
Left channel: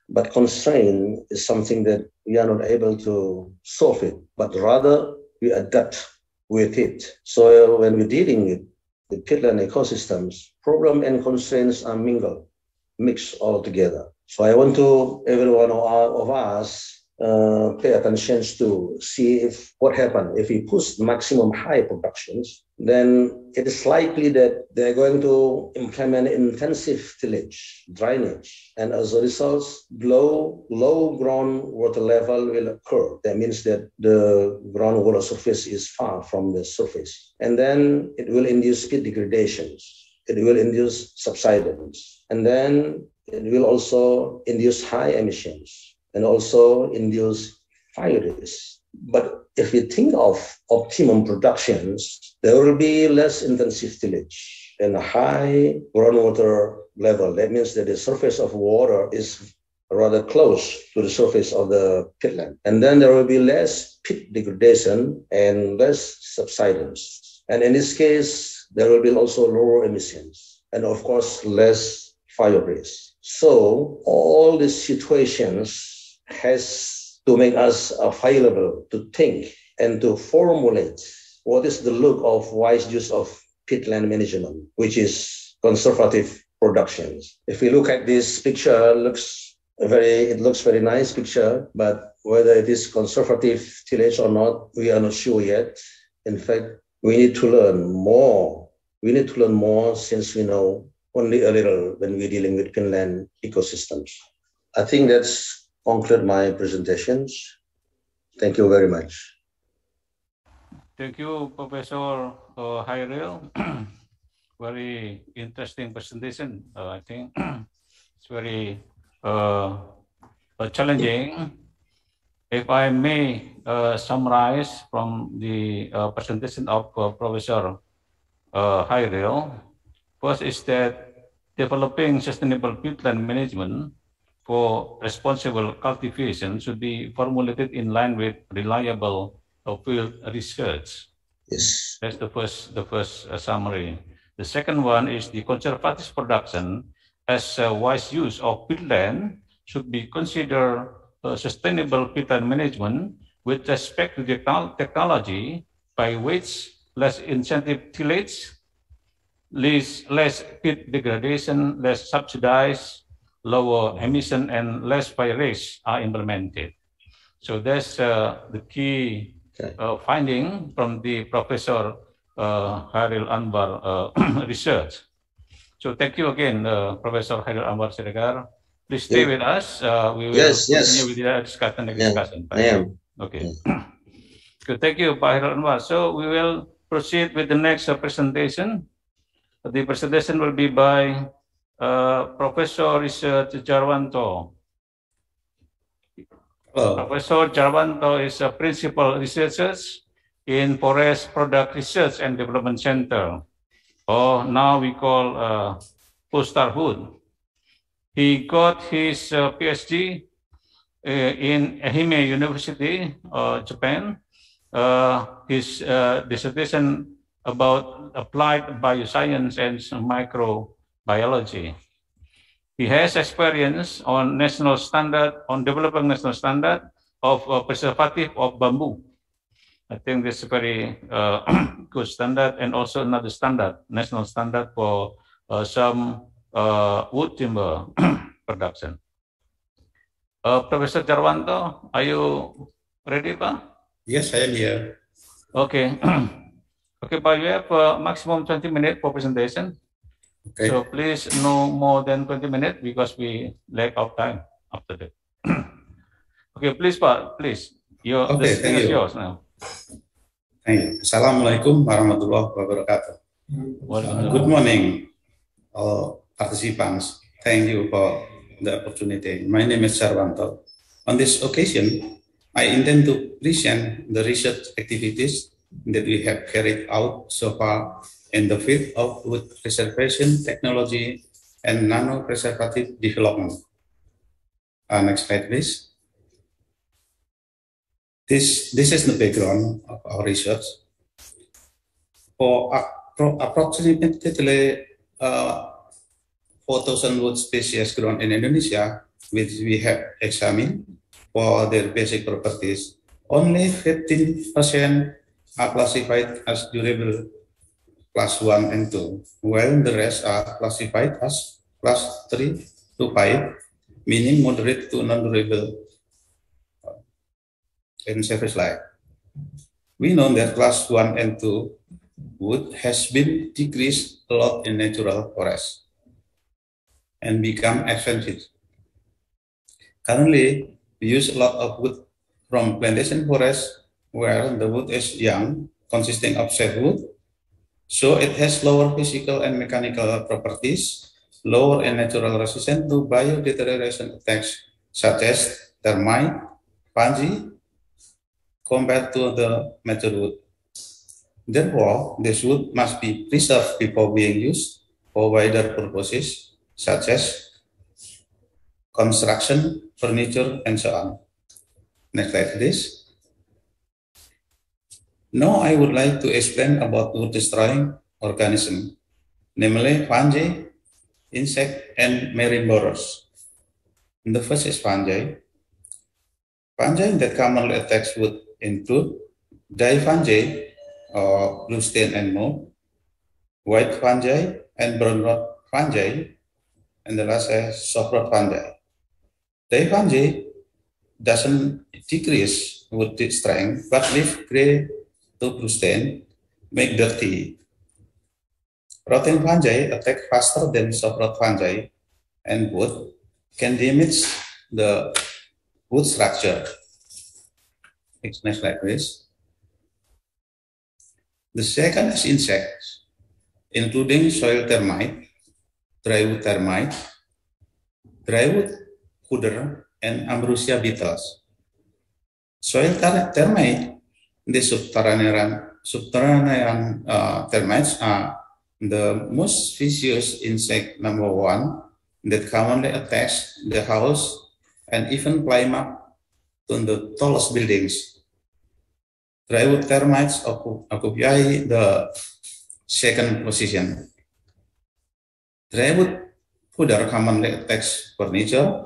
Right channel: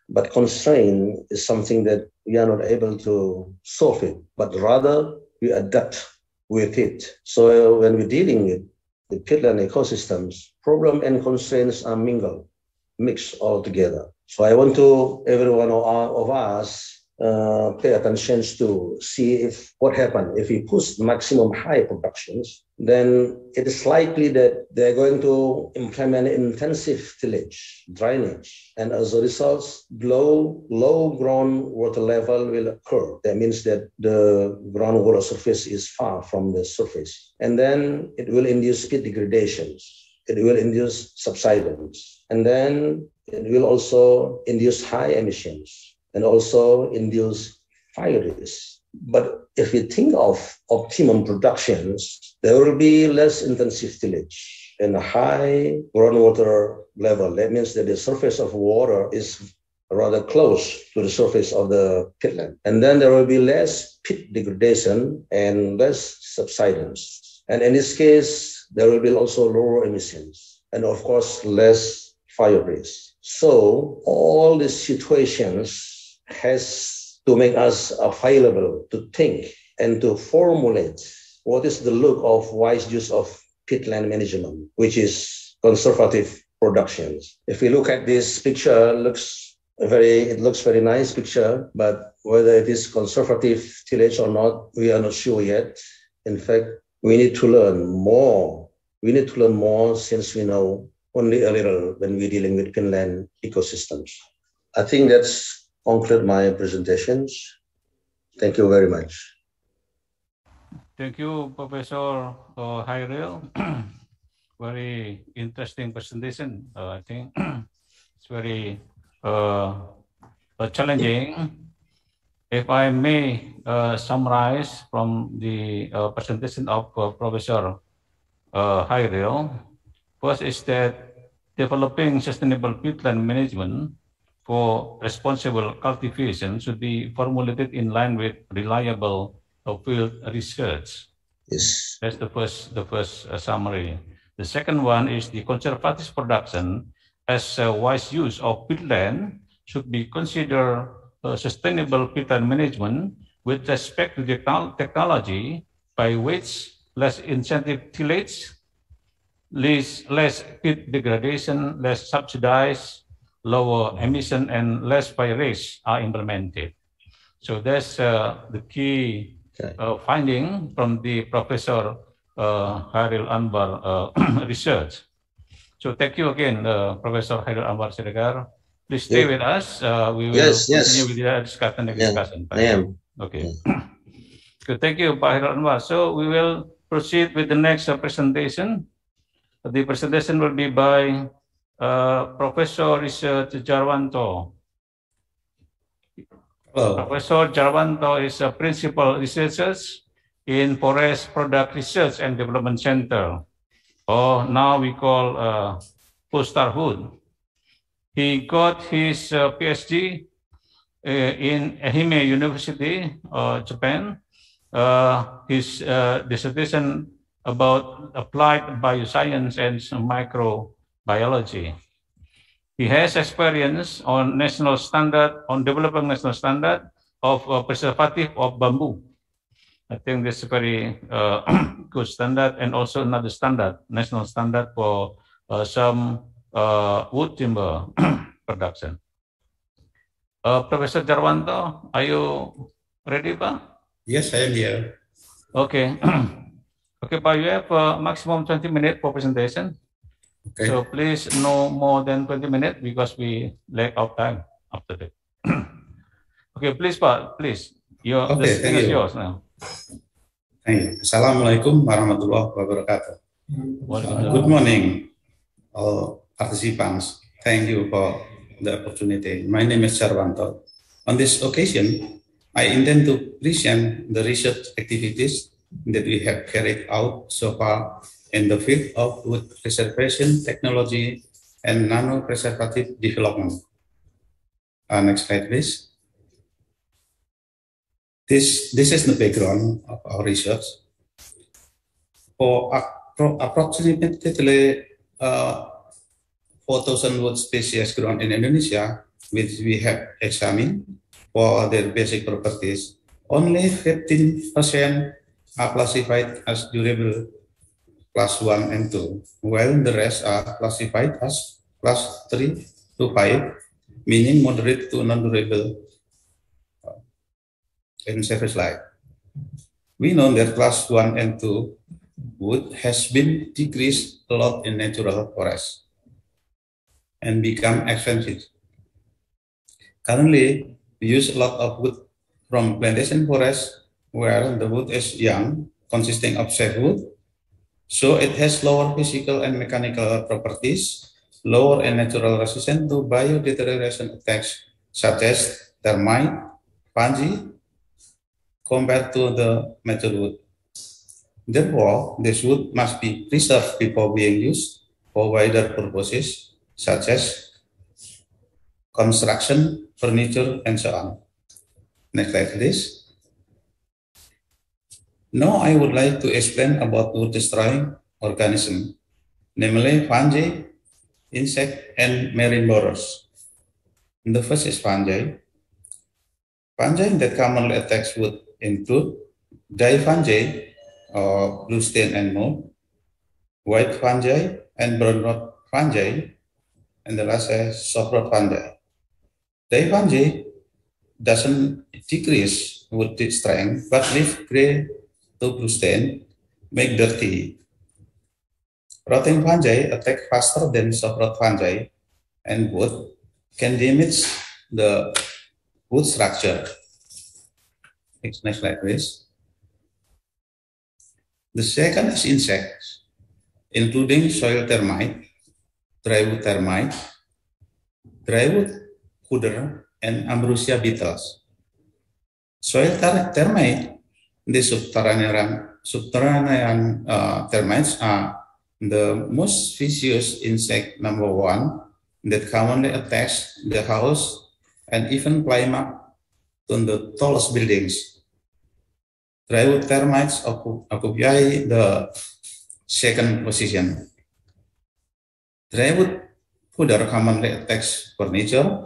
but constraint is something that we are not able to solve it, but rather we adapt with it. So when we're dealing with the peatland ecosystems, problem and constraints are mixed all together. So I want to every one of us pay attention to see if what happened if we push maximum high productions, then it is likely that they're going to implement intensive tillage, drainage, and as a result, low groundwater level will occur. That means that the groundwater surface is far from the surface, and then it will induce peat degradations. It will induce subsidence, and then it will also induce high emissions and also induce fire risk. But if we think of optimum productions, there will be less intensive tillage and a high groundwater level. That means that the surface of water is rather close to the surface of the peatland. And then there will be less peat degradation and less subsidence. And in this case, there will be also lower emissions and of course, less fire risk. So all these situations has to make us available to think and to formulate what is the look of wise use of peatland management, which is conservative productions. If we look at this picture, it looks very nice picture, but whether it is conservative tillage or not, we are not sure yet. In fact, we need to learn more. We need to learn more since we know only a little when we're dealing with peatland ecosystems. I think that's conclude my presentations. Thank you very much. Thank you, Professor Hairil. Very interesting presentation. I think it's very challenging. If I may summarize from the presentation of Professor Hairil, first is that developing sustainable peatland management for responsible cultivation should be formulated in line with reliable field research. Yes. That's the first summary. The second one is the conservative production as a wise use of peatland should be considered sustainable peatland management with respect to the technology by which less incentive tillage, less peat degradation, less subsidized, lower emission and less fire risk are implemented. So that's the key finding from the Professor Hairil Anwar research. So thank you again, Professor Hairil Anwar Siregar. Please stay with us. We will continue with the discussion. I am. Okay. Good. Thank you, Pak Hairil Anwar. So we will proceed with the next presentation. The presentation will be by Professor Research Jarwanto. Hello. Professor Jarwanto is a principal researcher in Forest Product Research and Development Center, or now we call Posterhood. He got his PhD in Ehime University, Japan. His dissertation about applied bioscience and microbiology. He has experience on developing national standard of preservative of bamboo. I think this is a very good standard, and also another standard, national standard for some wood timber production. Professor Jarwanto, are you ready, Pa? Yes, I am here. Okay. Okay, but you have maximum 20 minutes for presentation. Okay. So please no more than 20 minutes because we lack of time after that. Okay, please, Pak, please. The screen is yours now. Thank you. Assalamualaikum warahmatullahi wabarakatuh. Good morning, all participants. Thank you for the opportunity. My name is Jarwanto. On this occasion, I intend to present the research activities that we have carried out so far in the field of wood preservation technology and nano-preservative development. Next slide, please. This is the background of our research. For approximately 4,000 wood species grown in Indonesia, which we have examined for their basic properties, only 15% are classified as durable class 1 and 2, while the rest are classified as class 3 to 5, meaning moderate to non-durable in service life. We know that class 1 and 2 wood has been decreased a lot in natural forests and become expensive. Currently, we use a lot of wood from plantation forests where the wood is young, consisting of softwood, so it has lower physical and mechanical properties, lower and natural resistance to biodeterioration attacks such as termite, fungi, compared to the mature wood. Therefore, this wood must be preserved before being used for wider purposes such as construction, furniture, and so on. Next slide, please. Now I would like to explain about wood-destroying organisms, namely fungi, insect, and marine borers. The first is fungi. Fungi that commonly attacks wood include dye fungi, or blue stain and mold, white fungi, and brown rot fungi, and the last is soft rot fungi. Dye fungi doesn't decrease wood strength, but leave gray to blue stain, make dirty. Rotting fungi attack faster than soft rot fungi, and wood can damage the wood structure. Next slide, please. The second is insects, including soil termite, drywood termite, drywood cooder, and ambrosia beetles. Soil termite, the subterranean termites are the most vicious insect number 1 that commonly attacks the house and even climb up to the tallest buildings. Drywood termites occupy the second position. Drywood cooder commonly attacks furniture,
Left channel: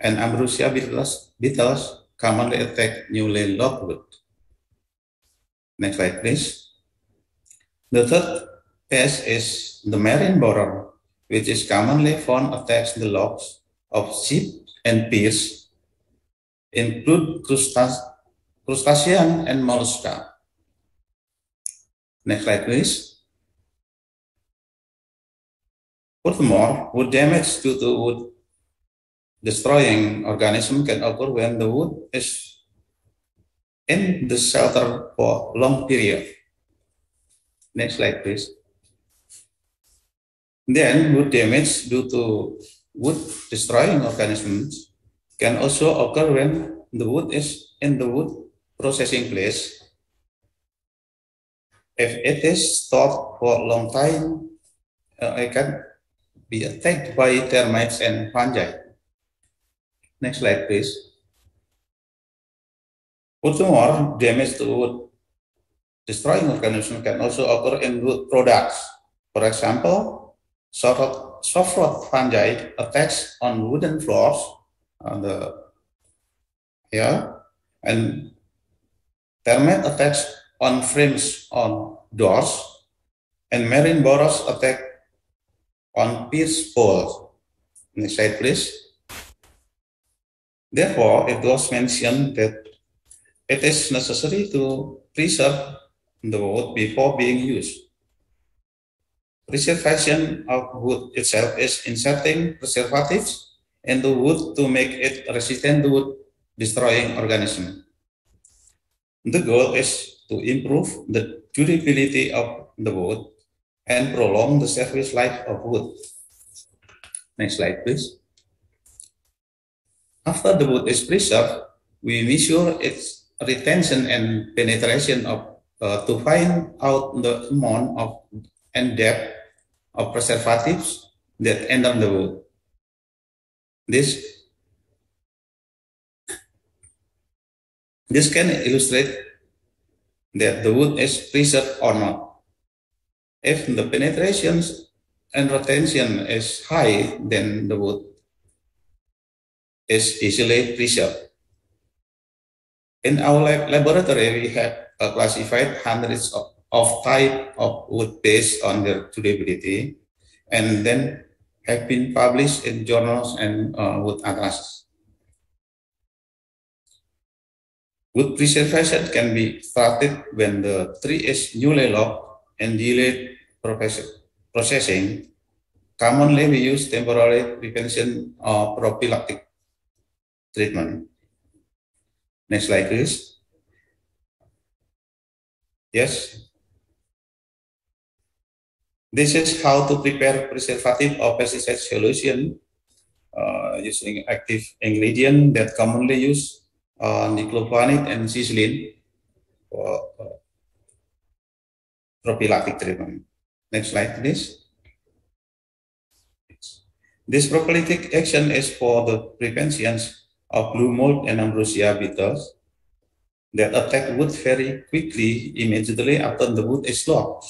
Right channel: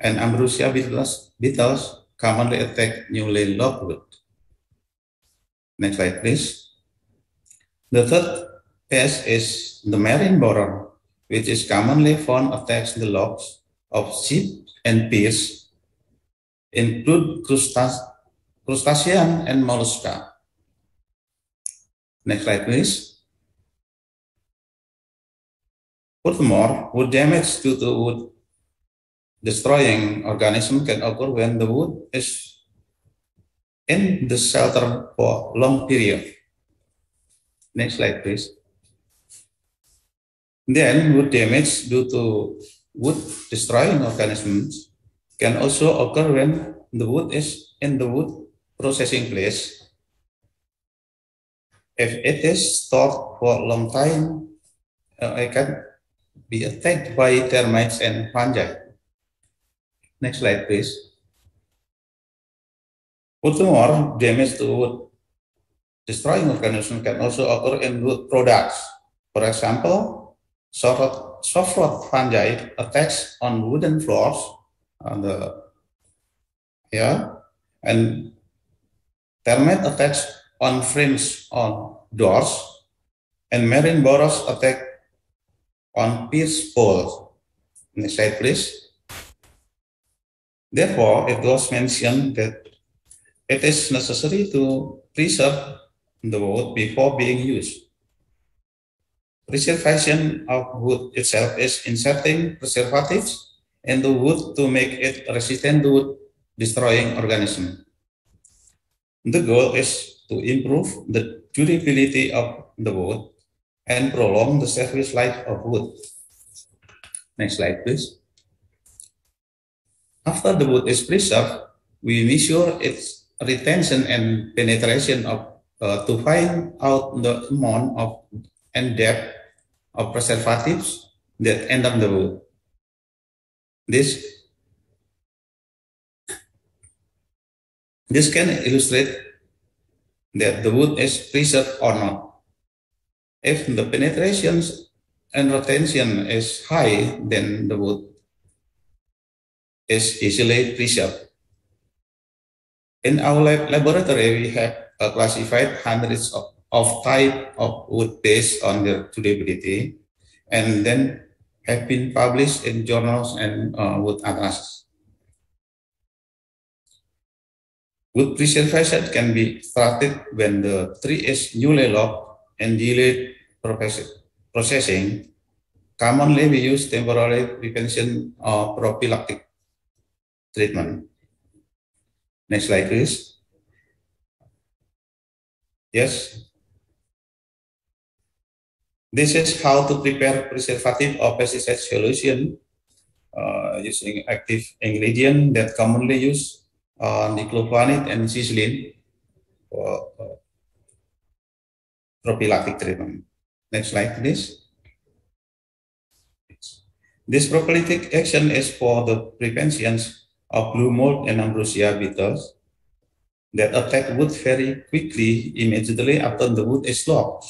and ambrosia beetles commonly attack newly logged wood. Next slide, please. The third pest is the marine borer, which is commonly found attacks the logs of ship and piers, include crustacean and mollusca. Next slide, please. Furthermore, wood damage due to wood destroying organism can occur when the wood is in the shelter for long period. Next slide, please. Then wood damage due to wood destroying organisms can also occur when the wood is in the wood processing place. If it is stored for a long time, it can be attacked by termites and fungi. Next slide, please. Furthermore, damage to wood destroying organisms can also occur in wood products. For example, soft rot fungi attacks on wooden floors, and termite attacks on frames on doors, and marine borers attack on pierce poles. Next slide, please. Therefore, it was mentioned that it is necessary to preserve the wood before being used. Preservation of wood itself is inserting preservatives into wood to make it resistant to wood destroying organisms. The goal is to improve the durability of the wood and prolong the service life of wood. Next slide, please. After the wood is preserved, We measure its retention and penetration to find out the amount of and depth of preservatives that enter the wood. This can illustrate that the wood is preserved or not. If the penetration and retention is high, then the wood is easily preserved. In our laboratory, we have classified hundreds of types of wood based on their durability, and then have been published in journals and wood atlases. Wood preservation can be started when the tree is newly logged and delayed processing. Commonly, we use temporary prevention or prophylactic treatment. Next slide, please. Yes. This is how to prepare preservative or pesticide solution using active ingredient that commonly used diclofenac and xyzine for prophylactic treatment. Next slide, please. This prophylactic action is for the prevention of blue mold and ambrosia beetles that attack wood very quickly immediately after the wood is logged.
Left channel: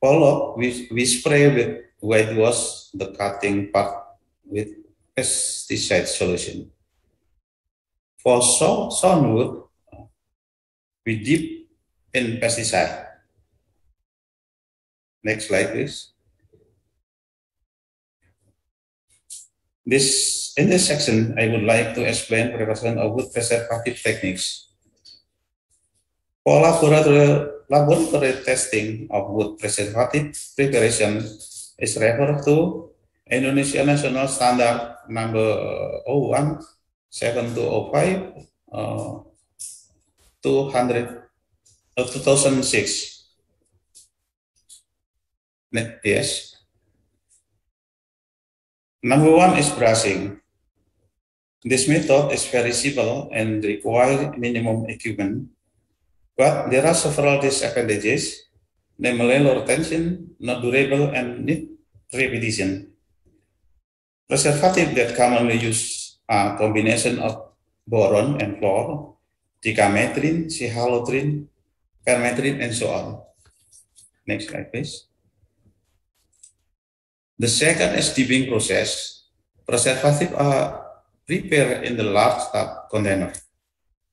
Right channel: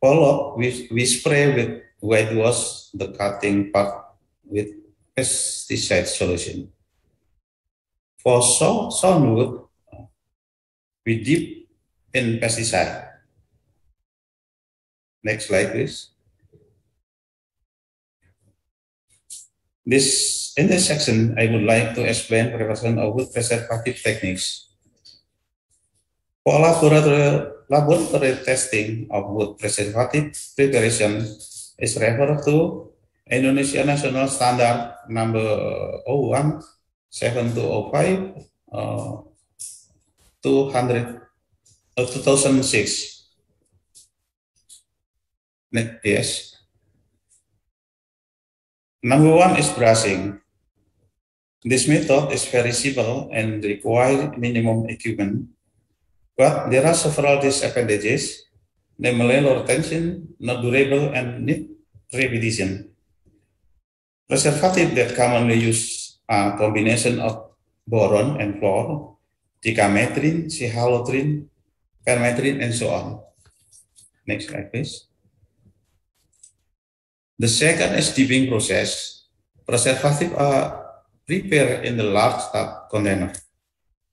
Follow-up, we spray with whitewash the cutting part with pesticide solution. For sawn wood, we dip in pesticide. Next slide, please. In this section, I would like to explain preparation of wood preservative techniques. For laboratory testing of wood preservative preparation is referred to Indonesia National Standard number 017205 2006. Yes. Number 1 is brushing. This method is very simple and requires minimum equipment, but there are several disadvantages, namely low retention, not durable, and need repetition. Preservative that commonly use a combination of boron and fluor, dicametrin, cihalotrin, permetrin, and so on. Next slide, please. The second is dipping process. Preservative are prepared in the large tub container,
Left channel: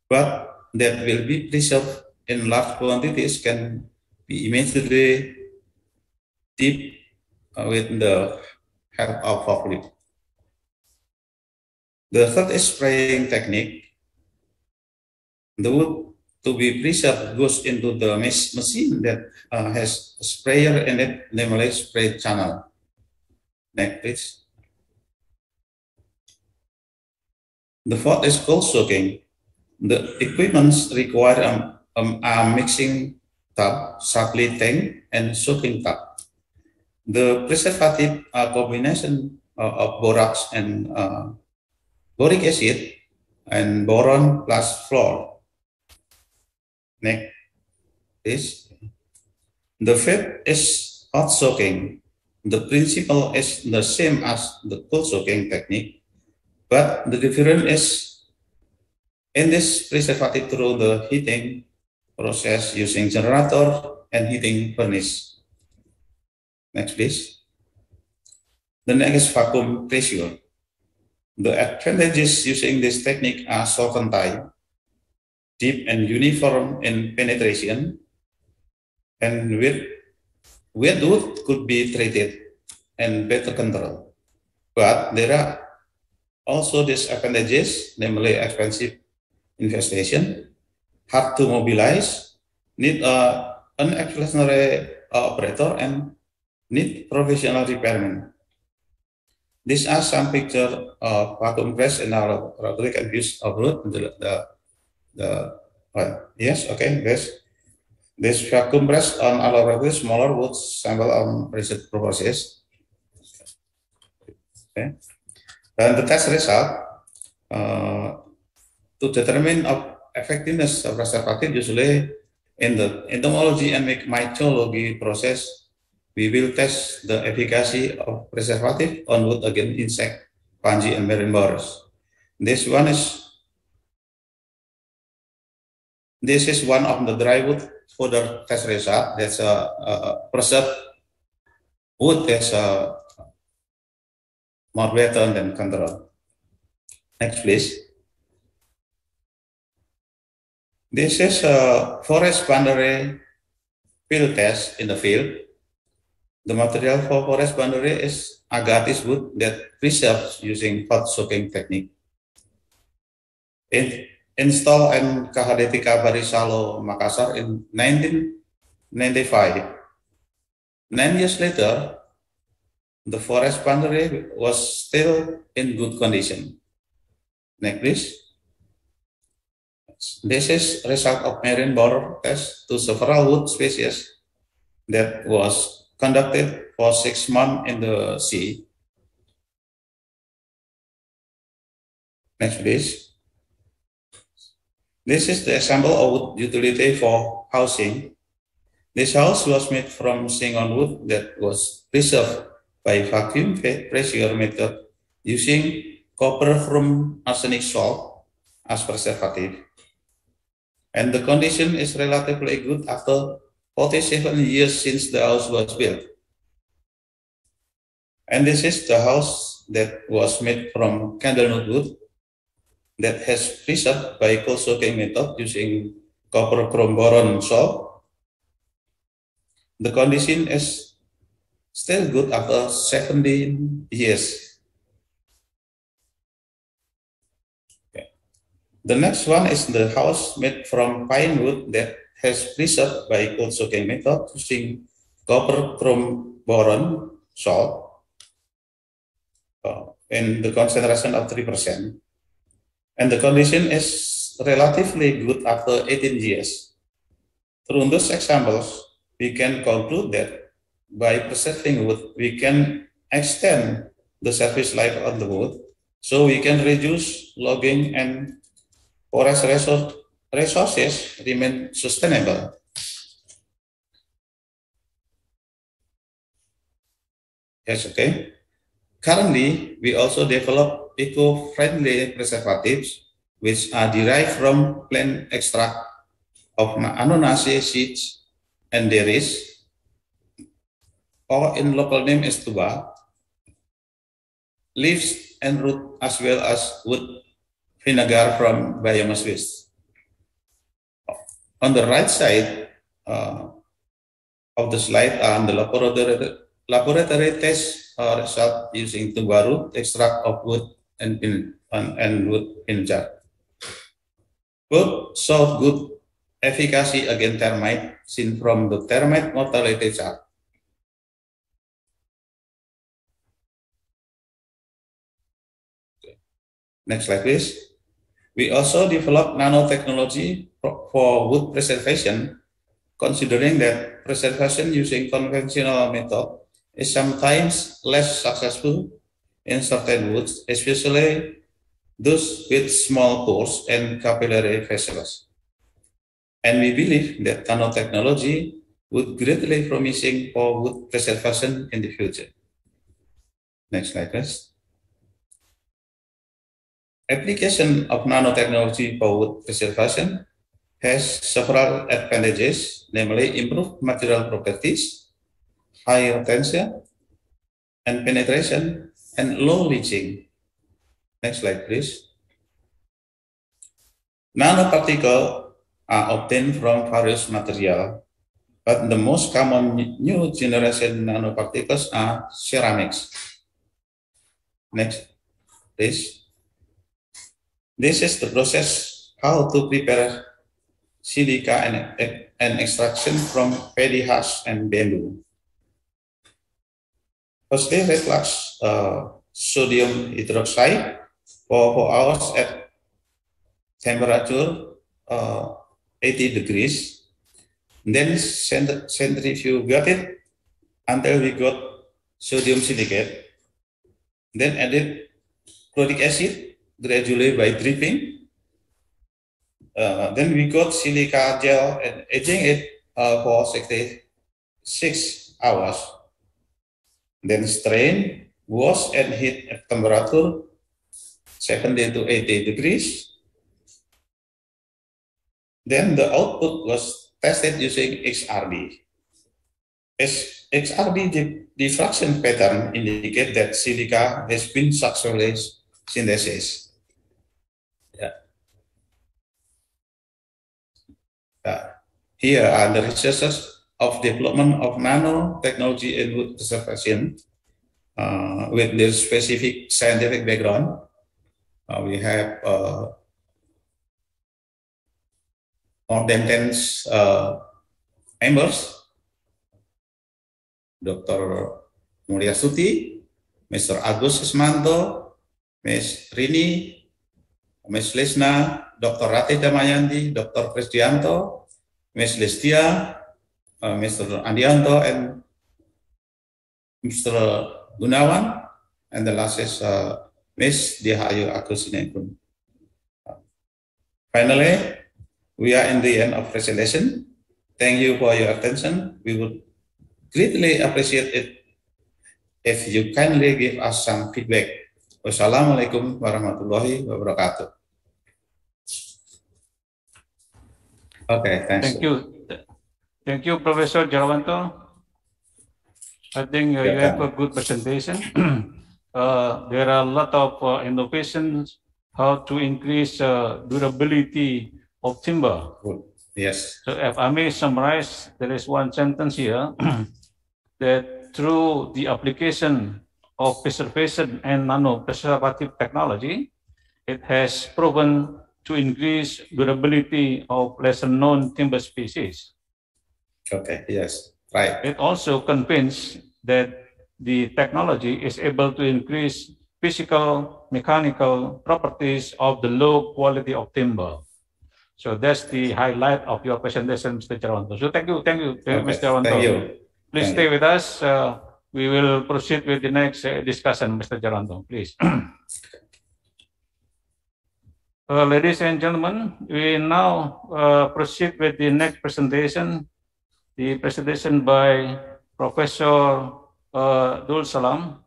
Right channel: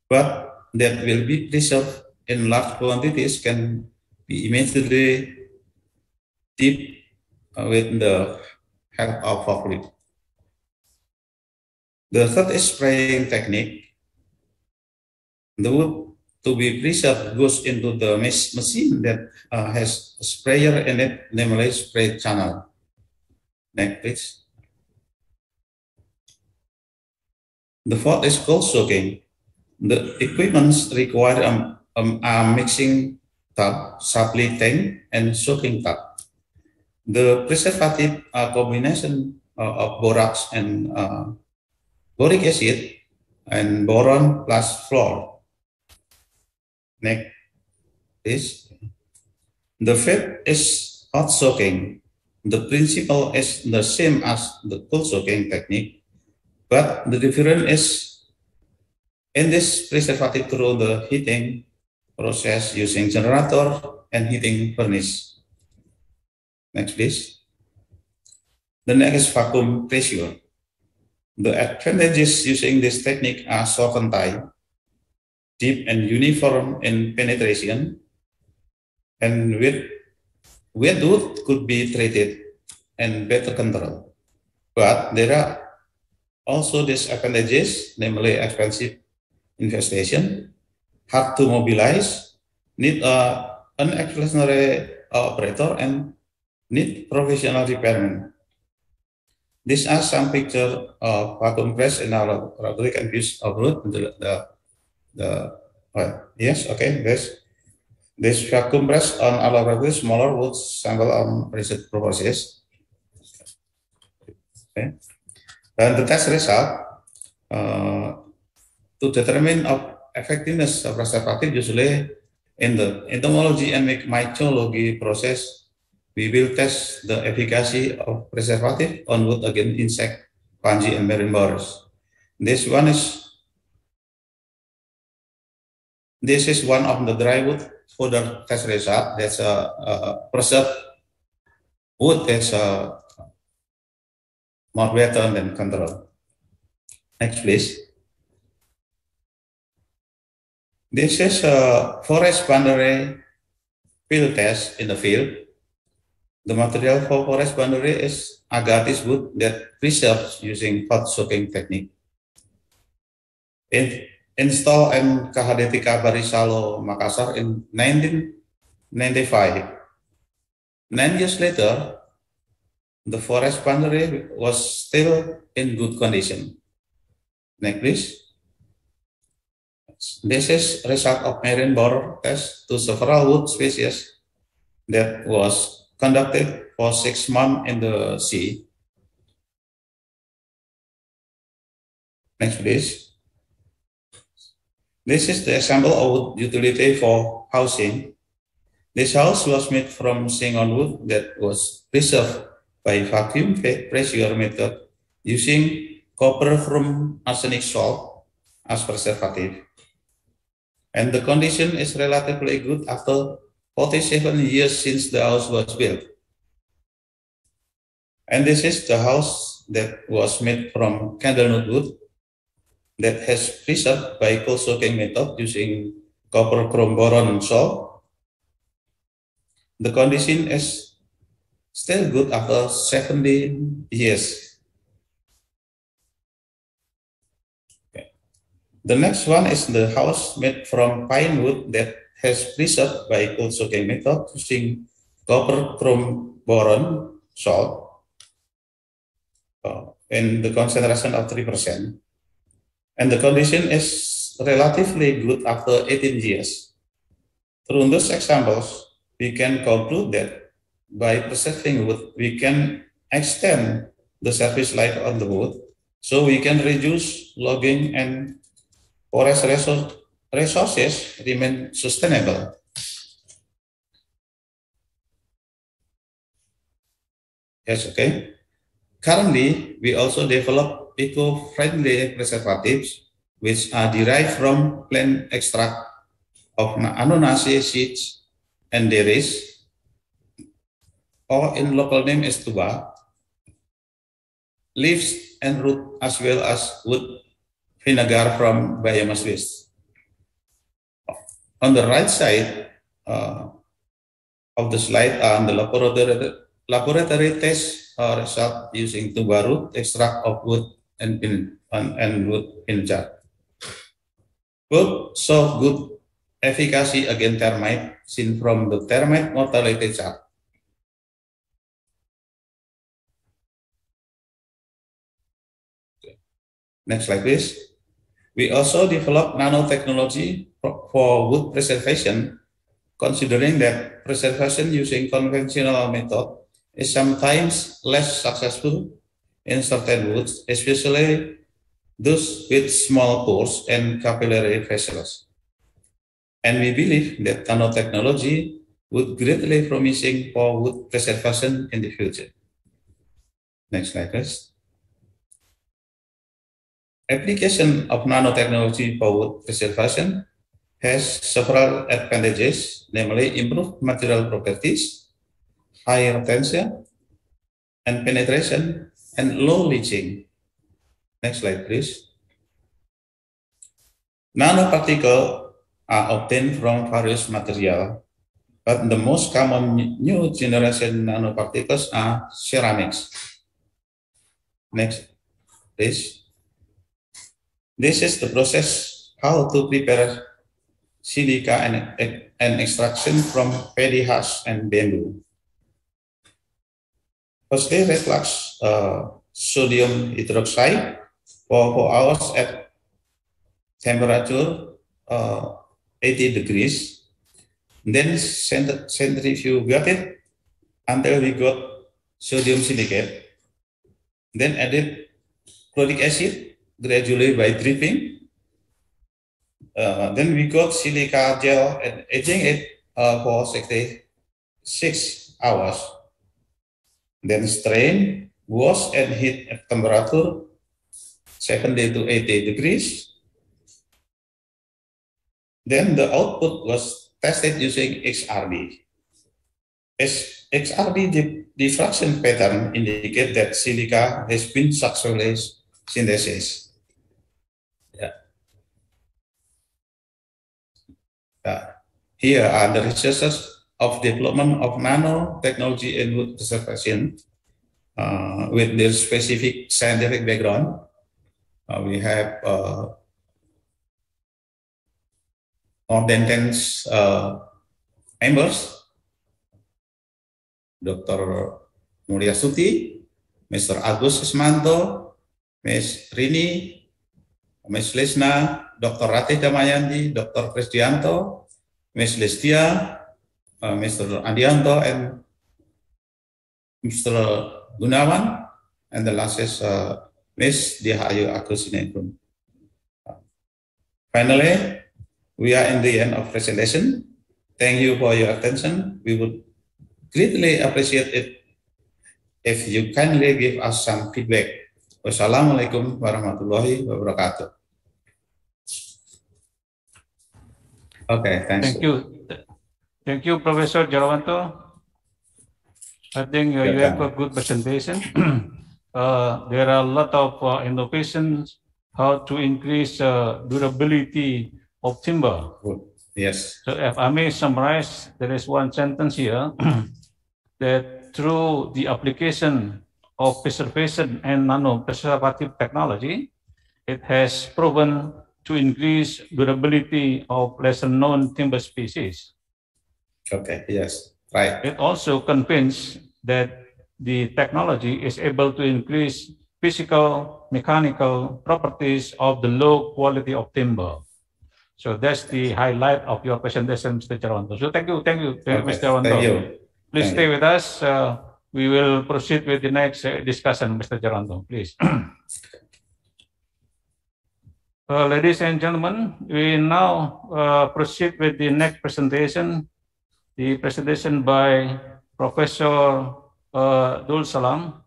but that will be preserved in large quantities can be immediately dipped with the help of forklift. The third is spraying technique. The wood to be preserved goes into the machine that has a sprayer in it, namely spray channel. Next, please. The fourth is cold soaking. The equipment require a mixing tub, supply tank, and soaking tub. The preservative combination of borax and boric acid and boron plus fluor. Next is the fifth is hot soaking. The principle is the same as the cold soaking technique, but the difference is in this preservative through the heating process using generator and heating furnace. Next, please. The next is vacuum pressure. The advantages using this technique are shortened time, deep and uniform in penetration, and wet wood could be treated and better control. But there are also disadvantages, namely expensive investigation, hard to mobilize, need an extraordinary operator, and need professional repairman. These are some pictures of vacuum press in our laboratory and use of wood. Yes, okay, this vacuum press on our laboratory smaller wood sample on research process. Okay. And the test result, To determine of effectiveness of preservative, usually in the entomology and mycology process, we will test the efficacy of preservative on wood against insect, fungi, and marine borers. This is one of the dry wood fodder test result. That's a preserved wood that's more better than control. Next, please. This is a forest boundary field test in the field. The material for forest boundary is agatis wood that preserves using hot soaking technique. Installed in Kahadetika Barisalo, Makassar in 1995. 9 years later, the forest boundary was still in good condition. Next, please. This is result of marine borer test to several wood species that was conducted for 6 months in the sea. Next, please. This is the example of wood utility for housing. This house was made from singon wood that was preserved by vacuum pressure method using copper from arsenic salt as preservative. And the condition is relatively good after 47 years since the house was built. And this is the house that was made from candlenut wood that has preserved by cold soaking method using copper chrome boron salt. The condition is still good after 17 years. Okay. The next one is the house made from pine wood that has preserved by cold soaking method using copper chrome boron salt in the concentration of 3%. And the condition is relatively good after 18 years. Through those examples, we can conclude that by preserving wood, we can extend the service life of the wood, so we can reduce logging and forest resources remain sustainable. Yes, okay. Currently, we also develop eco-friendly preservatives which are derived from plant extract of Annonaceae seeds and berries, or in local name as tuba, leaves and root, as well as wood vinegar from biomass waste. On the right side of the slide are the laboratory test result using tuba root extract of wood and wood vinegar. Both show good efficacy against termite seen from the termite mortality chart. Next slide, please. We also develop nanotechnology for wood preservation, considering that preservation using conventional method is sometimes less successful in certain woods, especially those with small pores and capillary vessels. And we believe that nanotechnology would greatly promising for wood preservation in the future. Next slide, please. Application of nanotechnology for wood preservation has several advantages, namely improved material properties, high retention and penetration, and low leaching. Next slide, please. Nanoparticles are obtained from various materials, but the most common new generation nanoparticles are ceramics. Next, please. This is the process how to prepare silica and extraction from paddy husk and bamboo. Firstly, reflux sodium hydroxide for 4 hours at temperature 80 degrees. Then centrifugate it until we got sodium silicate. Then added chloric acid gradually by dripping. Then we got silica gel and aging it for 66 hours. Then strain, wash and heat at temperature 70 to 80 degrees. Then the output was tested using XRD. XRD diffraction pattern indicate that silica has been successfully synthesized. Here are the researches of development of nanotechnology and wood preservation with their specific scientific background. We have more than 10 members. Dr. Mulia Suti, Mr. Agus Ismanto, Ms. Rini, Ms. Lesna, Dr. Ratih Damayanti, Dr. Krisdianto, Ms. Lestia, Mr. Andianto, and Mr. Gunawan, and the last is Ms. Dihayu Akusinekun. Finally, we are in the end of presentation. Thank you for your attention. We would greatly appreciate it if you kindly give us some feedback. Wassalamualaikum warahmatullahi wabarakatuh. Okay, thanks. Thank you. Thank you, Professor Jarawanto. I think you have a good presentation. There are a lot of innovations how to increase durability of timber. Yes. So if I may summarize, there is one sentence here that through the application of preservation and nano-preservative technology, it has proven to increase durability of lesser-known timber species. Okay, yes, right. It also convinced that the technology is able to increase physical, mechanical properties of the low quality of timber. So that's the highlight of your presentation, Mr. Jarawanto. So thank you, Okay, Mr. Jarawanto. thank you. Please stay with us. We will proceed with the next discussion, Mr. Jarawanto, please. Ladies and gentlemen, we now proceed with the next presentation, the presentation by Professor Dul Salam.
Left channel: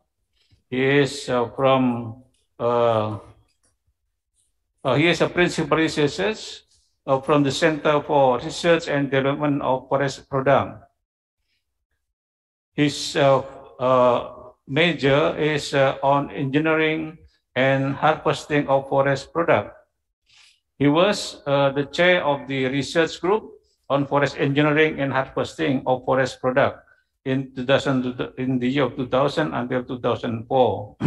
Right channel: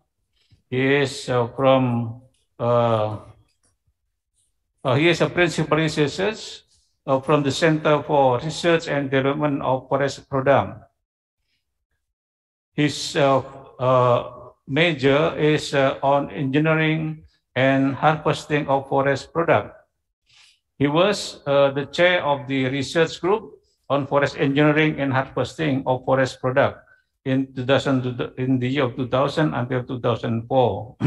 He is he is a principal researcher from the Center for Research and Development of Forest Products. His major is on engineering and harvesting of forest products. He was the chair of the research group on forest engineering and harvesting of forest products in the year of 2000 until 2004.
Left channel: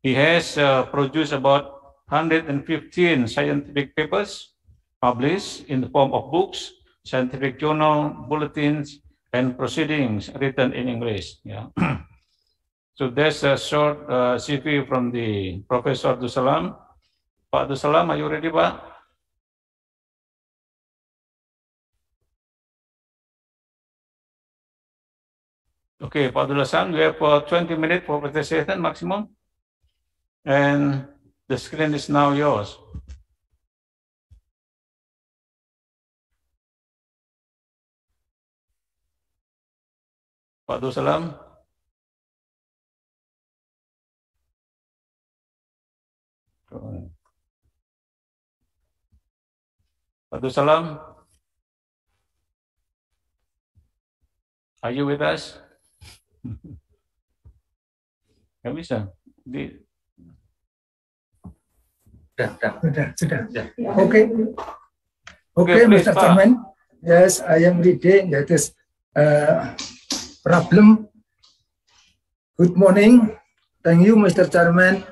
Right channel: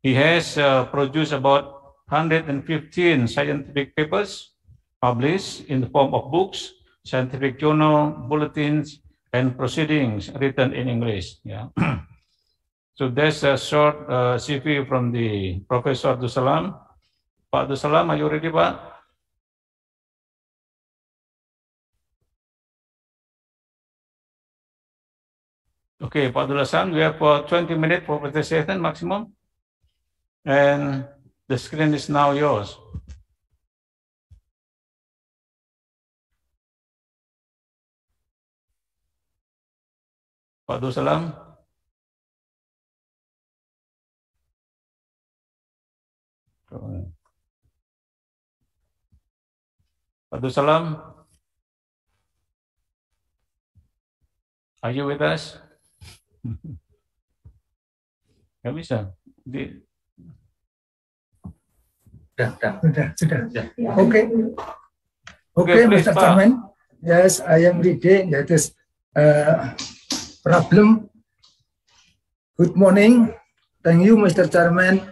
He has produced about 115 scientific papers published in the form of books, scientific journal, bulletins, and proceedings written in English. Yeah. So there's a short CV from the Professor Dusalam. Pak Dusalam, are you ready, Pak? Okay, Pak Dusalam, we have 20 minutes for presentation maximum. And the screen is now yours. Pak Dusalam. Pak Dusalam, are you with us? Nggak bisa. Sudah. Okay, Mr. Chairman. Yes, I am reading. That is problem. Good morning. Thank you, Mr. Chairman.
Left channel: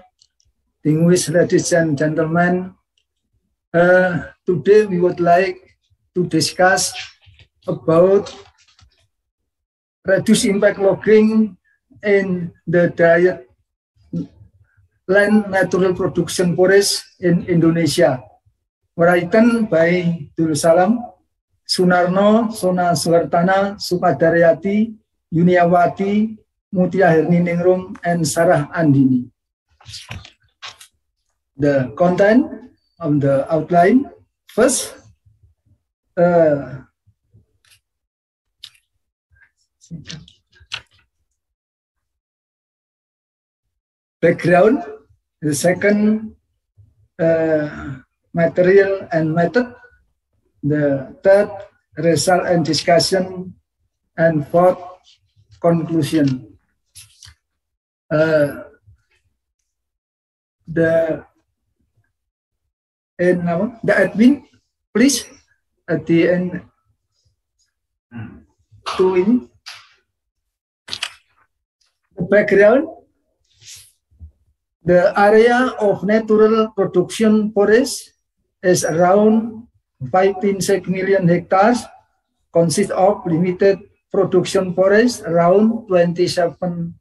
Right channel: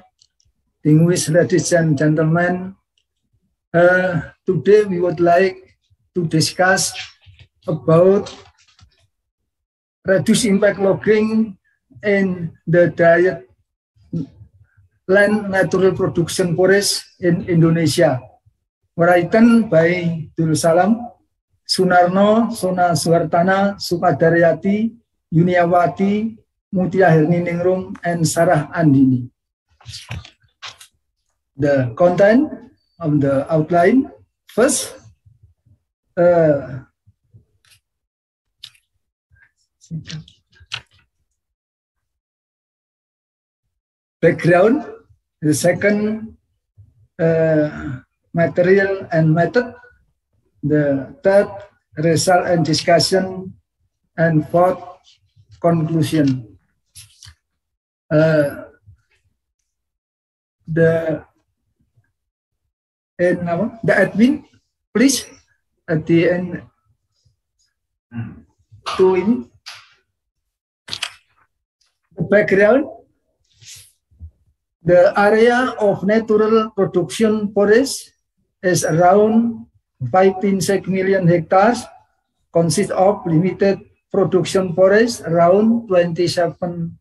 Distinguished ladies and gentlemen. Today we would like to discuss about reduce impact logging in the diet land natural production forest in Indonesia. Written by Dul Salam, Sunarno, Sona Suhartana, Sukadaryati, Yuniawati, Mutia Herniningrum, and Sarah Andini. The content of the outline. First, background. The second, material and method. The third, result and discussion. And fourth, conclusion. The admin, please, at the end, to in the background. The area of natural production forest is around 15 million hectares, consists of limited production forest around 27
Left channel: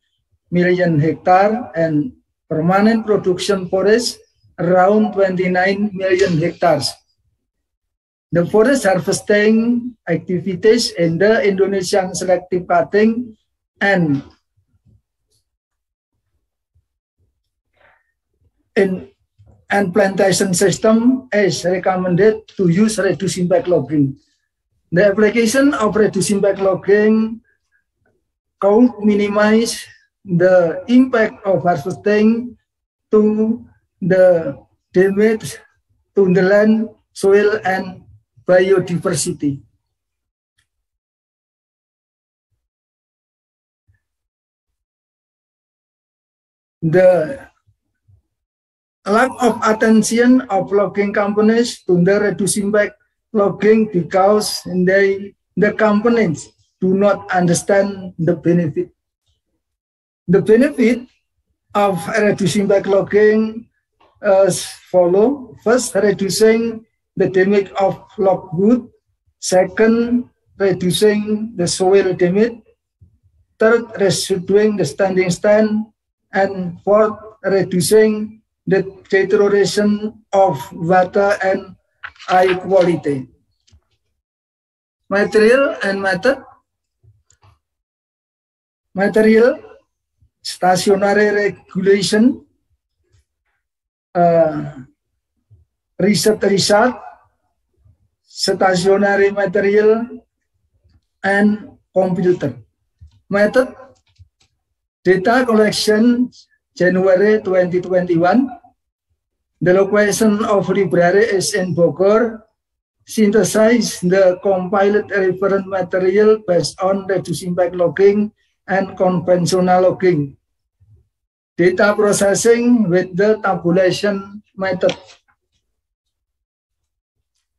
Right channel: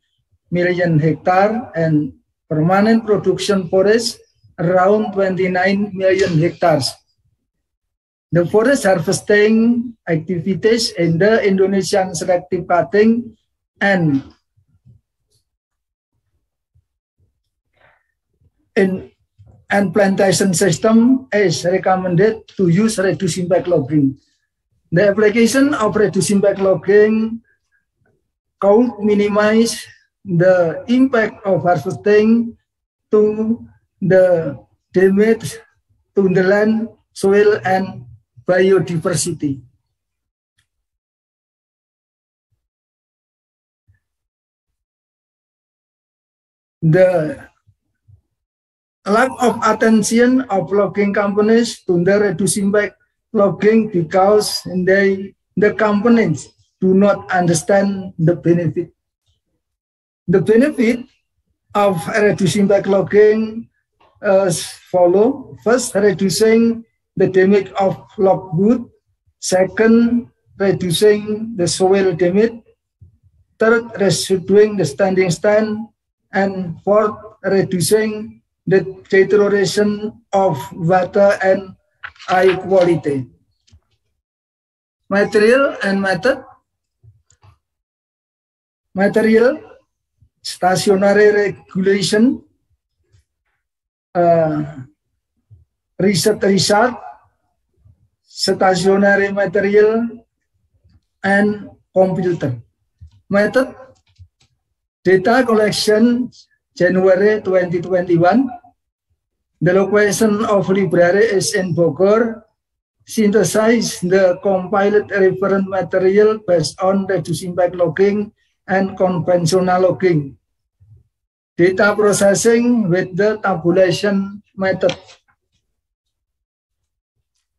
million hectares and permanent production forest around 29 million hectares. The forest harvesting activities in the Indonesian selective cutting and plantation system is recommended to use reduced impact logging. The application of reduced impact logging could minimize the impact of harvesting to the damage to the land, soil, and biodiversity. The lack of attention of logging companies to the reduced impact logging because the companies do not understand the benefit. The benefit of reduced impact logging as follow. First, reducing the damage of logwood. Second, reducing the soil damage. Third, reducing the standing stand. And fourth, reducing the deterioration of water and air quality. Material and method. Material, stationary regulation, research, stationary material, and computer. Method, data collection, January 2021. The location of library is in Bogor. Synthesize the compiled reference material based on reduced impact logging and conventional logging. Data processing with the tabulation method.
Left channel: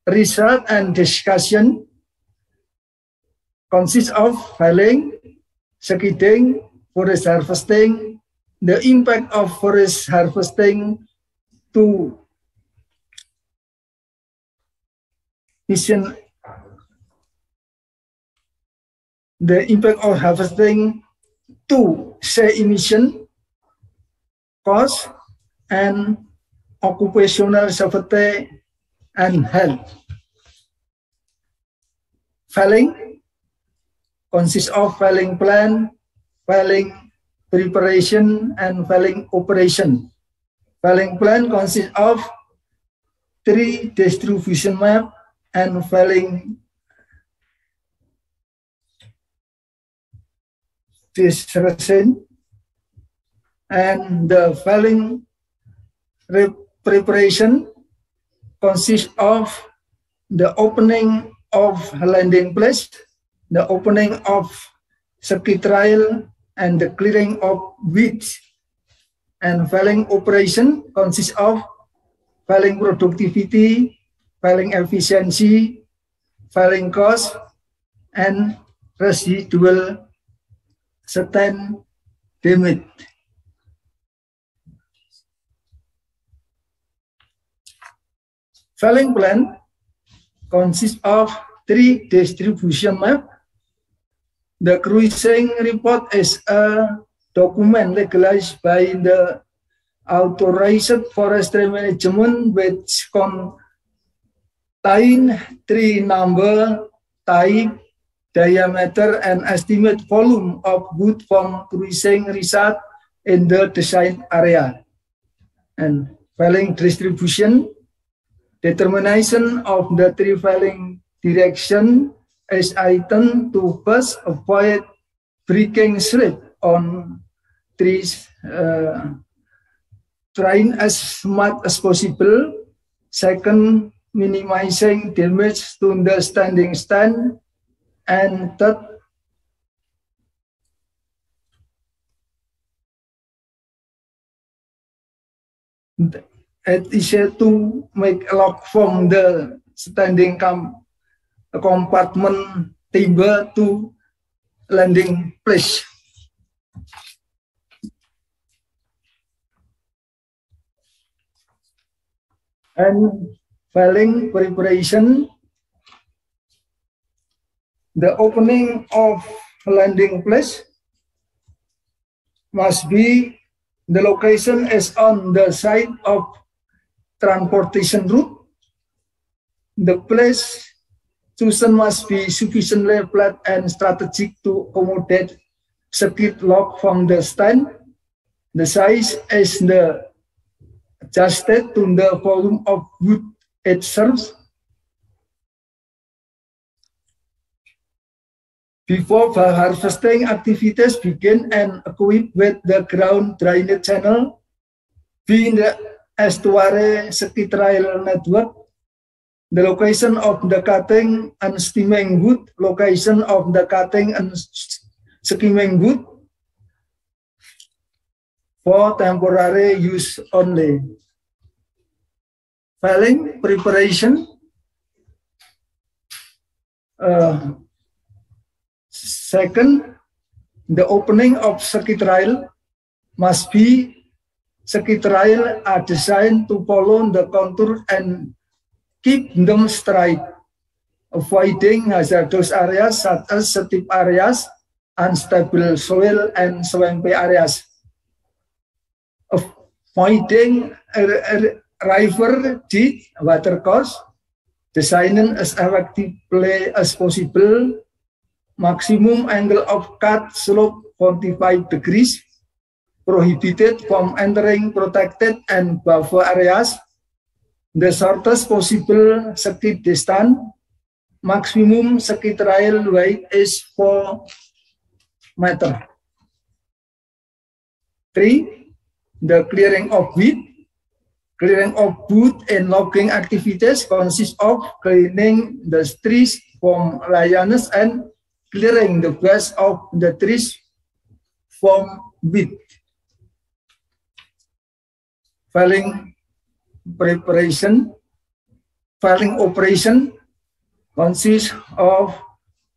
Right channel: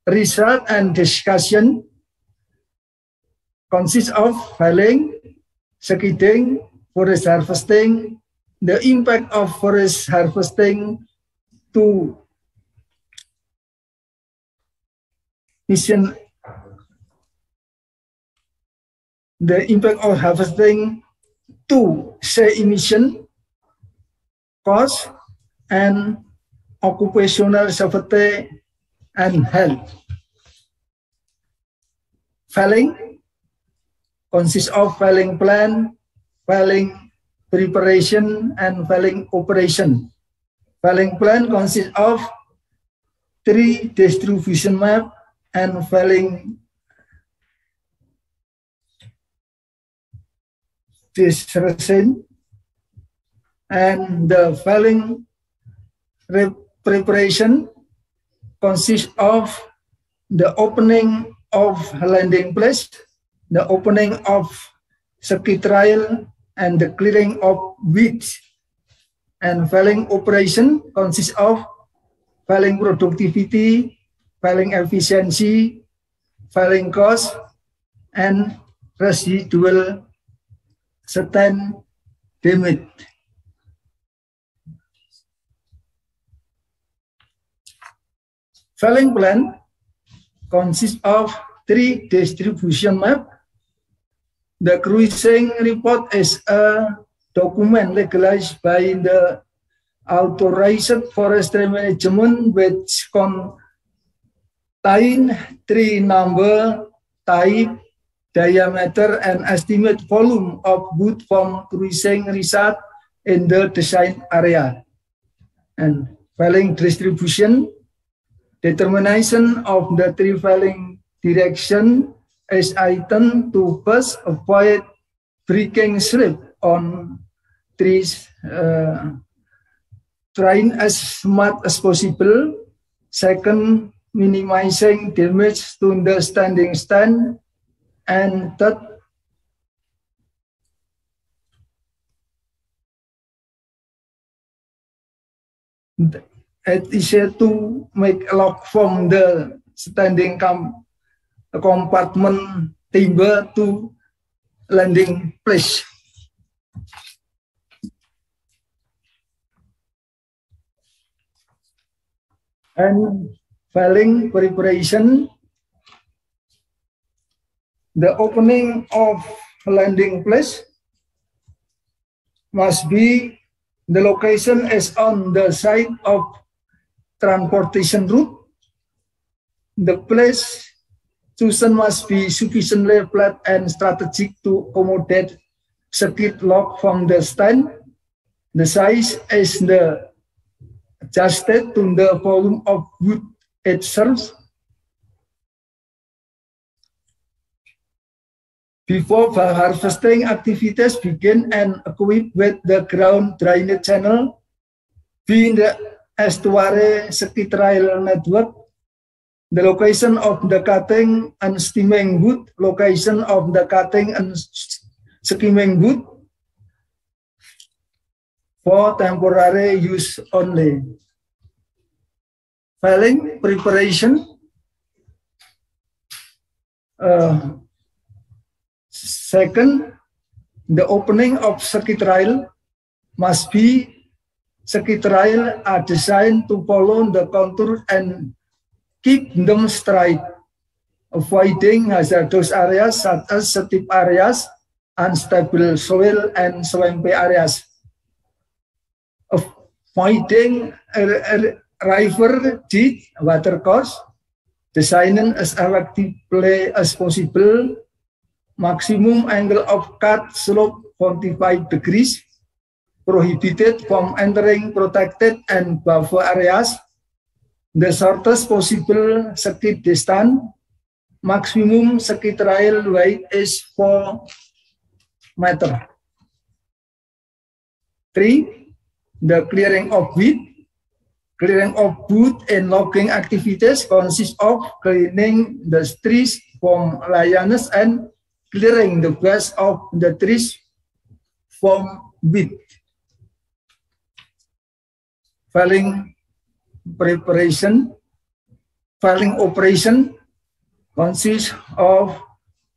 Research and discussion consists of filing, seeding, forest harvesting, the impact of forest harvesting to mission, the impact of harvesting to say emission, cost, and occupational safety and health. Filing consists of filing plan, filing preparation, and filing operation. Filing plan consists of 3 distribution map and filing description, and the filing preparation consists of the opening of landing place, the opening of circuit trail, and the clearing of weeds. And filing operation consists of filing productivity, filing efficiency, filing cost, and residual stand damage. Filing plan consists of 3 distribution map. The cruising report is a document legalized by the authorized forestry management which contain 3 number, type, diameter, and estimate volume of wood from cruising result in the design area. And filing distribution Determination of the tree felling direction is item to first avoid breaking slip on trees, trying as much as possible. Second, minimizing damage to the standing stand. And third, it is to make a lock from the standing compartment timber to landing place. And felling preparation, the opening of landing place must be, the location is on the side of transportation route. The place chosen must be sufficiently flat and strategic to accommodate skid lock from the stand. The size is adjusted to the volume of wood it serves. Before harvesting activities begin and equipped with the ground drainage channel, being the estuary ski trail network, the location of the cutting and steaming wood, location of the cutting and skimming wood for temporary use only. Felling preparation. Second, the opening of ski trail must be, ski trail are designed to follow the contour and keep them straight, avoiding hazardous areas such as steep areas, unstable soil, and swampy areas. Avoiding river ditch watercourse, designing as effectively as possible. Maximum angle of cut slope 45 degrees. Prohibited from entering protected and buffer areas. The shortest possible ski distance. Maximum ski trail weight is 4 meters. 3. The clearing of weed. Clearing of wood and logging activities consists of cleaning the trees from lianas and clearing the base of the trees from weed. Felling preparation. Felling operation consists of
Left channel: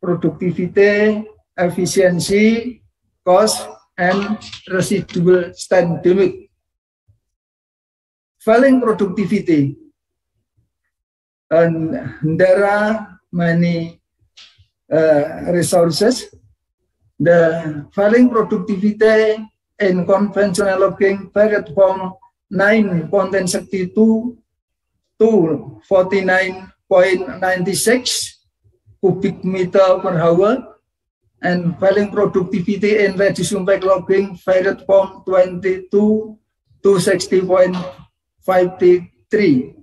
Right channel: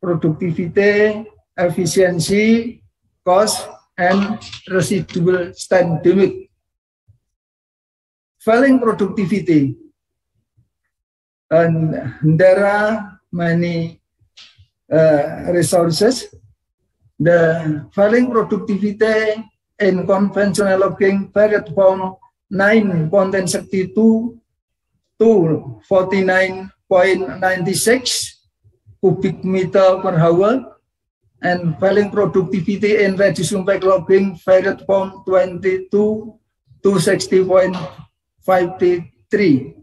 productivity, efficiency, cost, and residual stand damage. Felling productivity, and there are many resources. The felling productivity in conventional logging varied from 9.62 to 49.96 cubic meter per hour, and felling productivity in reduced impact logging varied from 22 to 60.53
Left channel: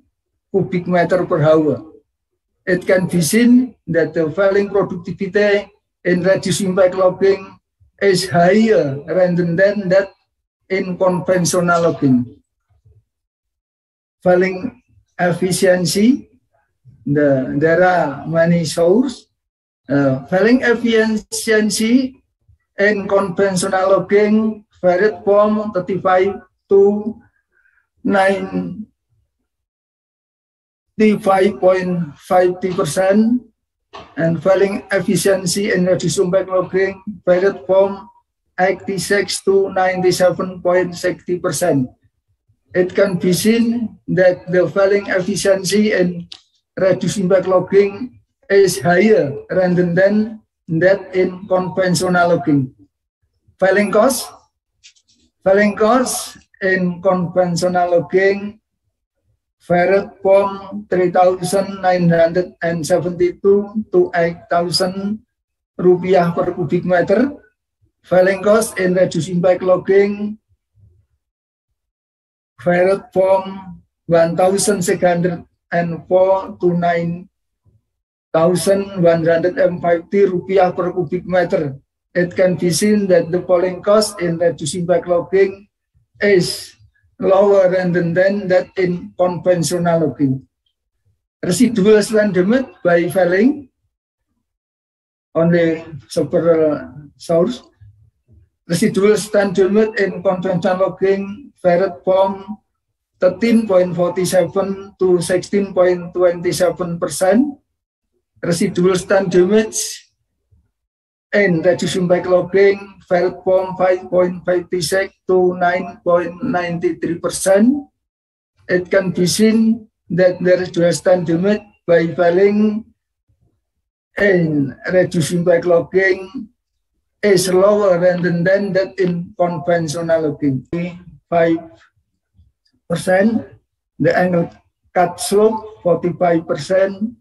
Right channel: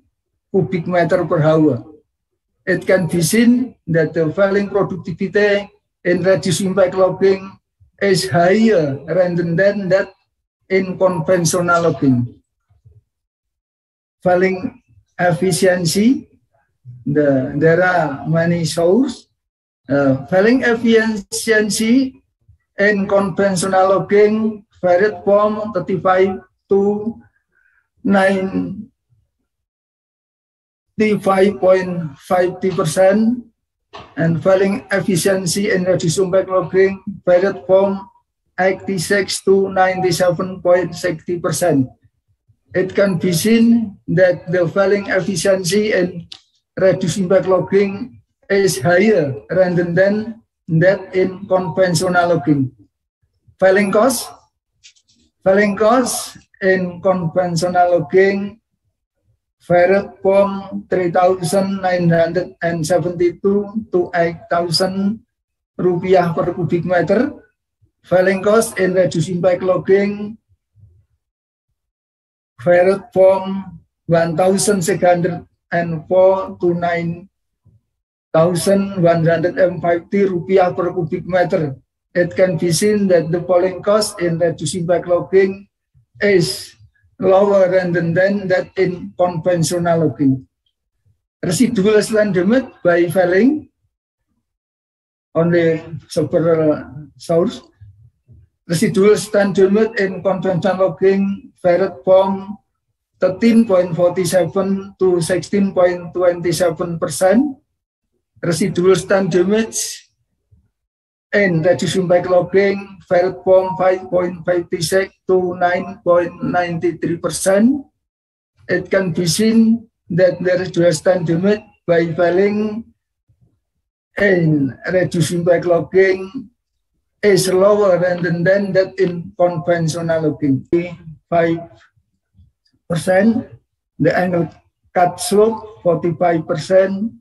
cubic meter per hour. It can be seen that the felling productivity in reduced impact logging is higher rather than that in conventional logging. Felling efficiency, there are many sources. Felling efficiency in conventional logging varied from 35 to 95.50%, and felling efficiency in reduced impact logging varied from 86 to 97.60%. It can be seen that the felling efficiency in reduced impact logging is higher rather than that in conventional logging. Felling cost. Felling cost in conventional logging varied from 3,972 to 8,000 rupiah per cubic meter. Felling cost in reduced impact logging varied from 1,600 to 9,150 rupiah per cubic meter. It can be seen that the polling cost in reducing backlogging is lower than that in conventional logging. Residual stand limit by filing only several source. Residual stand limit in conventional logging varied from 13.47 to 16.27%. Residual stand damage in reducing backlogging varied from 5.56 to 9.93%. It can be seen that the residual stand damage by filing in reducing backlogging is lower than that in conventional logging. 5%, the angle cut slope 45%,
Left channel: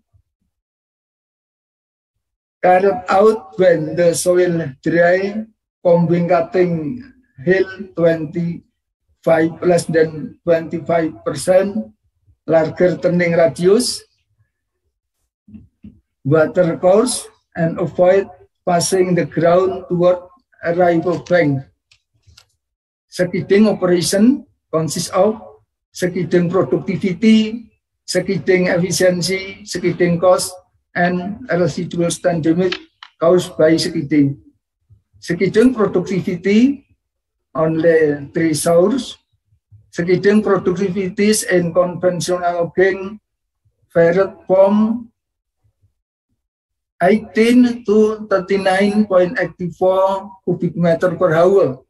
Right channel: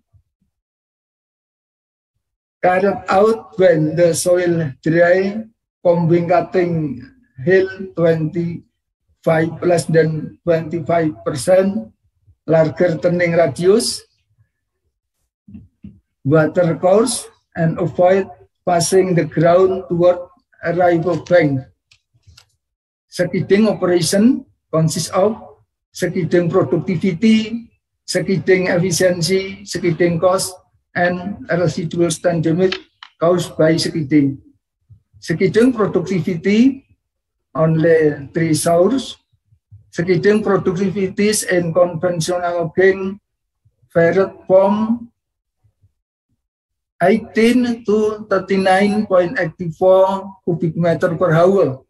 carried out when the soil dry, combing cutting hill 25 less than 25%, larger turning radius, water course, and avoid passing the ground toward a rival bank. Skidding operation consists of skidding productivity, skidding efficiency, skidding cost, and residual stand damage caused by skidding. Skidding productivity only 3 sources. Skidding productivities in conventional logging varied from 18 to 39.84 cubic meter per hour.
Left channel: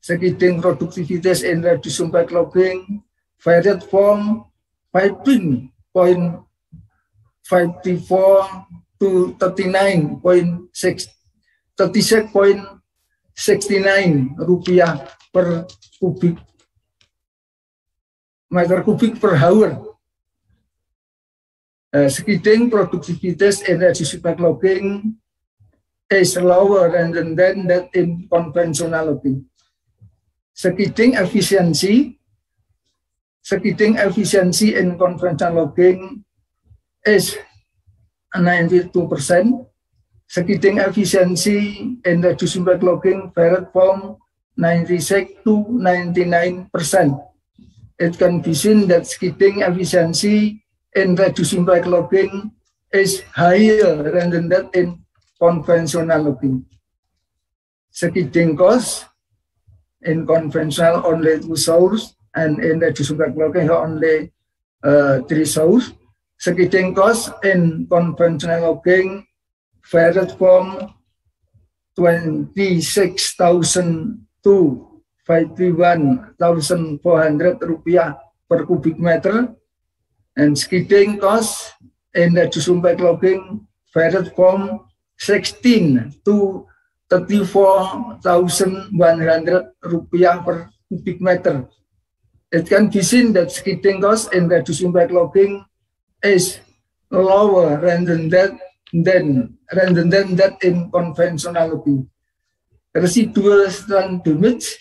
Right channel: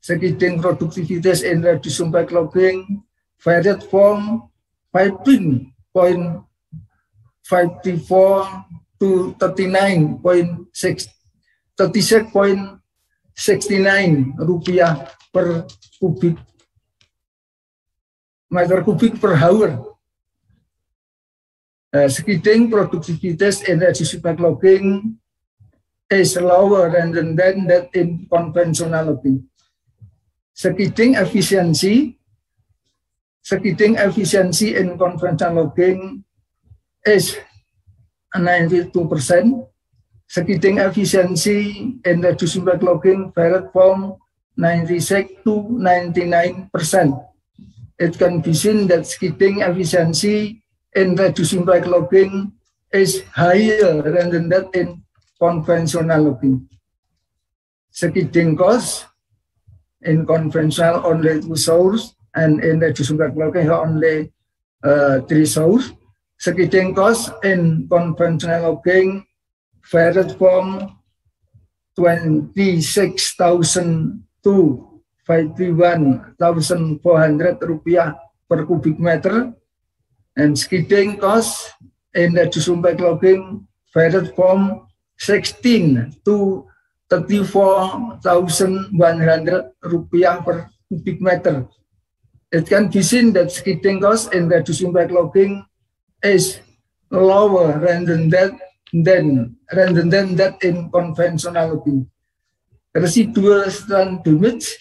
Skidding productivities in reducing backlogging varied from 15.54 to 36.69 rupiah per kubik meter kubik per hour. Skidding productivities in reducing backlogging is lower than that in conventional logging. Skidding efficiency in conventional logging is 92%. Skidding efficiency in reducing backlogging varied from 96 to 99%. It can be seen that skidding efficiency in reducing backlogging is higher than that in conventional logging. Skidding cost in conventional only 2 sources, and in reducing backlogging only 3 sources. Skidding cost in conventional logging varied from 26,000 to 51,400 rupiah per cubic meter, and skidding cost in reducing backlogging varied from 16 to 34,100 rupiah per cubic meter. It can be seen that skidding cost in reducing backlogging is lower than that in conventional logging. Residual stand damage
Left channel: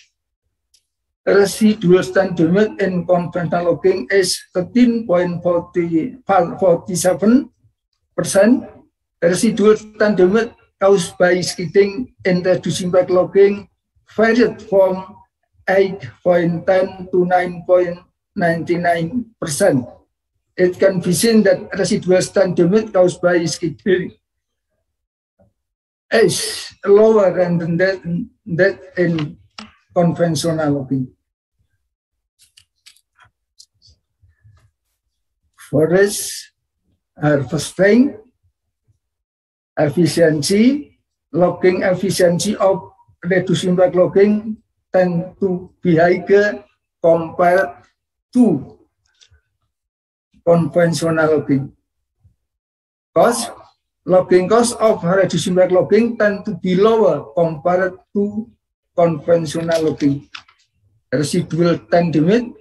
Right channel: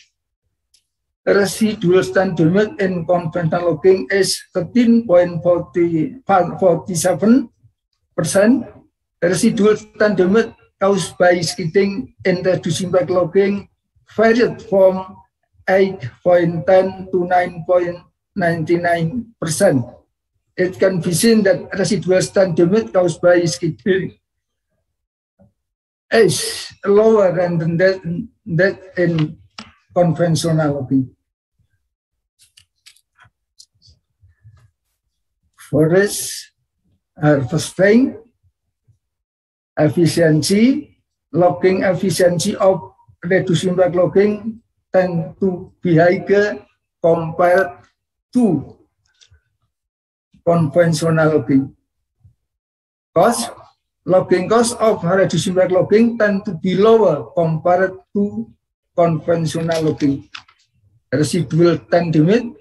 in conventional logging is 13.47%. Residual stand damage caused by skidding in reducing backlogging varied from 8.10 to 9.99%. It can be seen that residual stand damage caused by skidding is lower than that in conventional logging. Forest harvesting efficiency, logging efficiency of reducing backlogging tend to be higher compared to conventional logging. Logging cost of reducing backlogging tend to be lower compared to conventional logging. Residual stand damage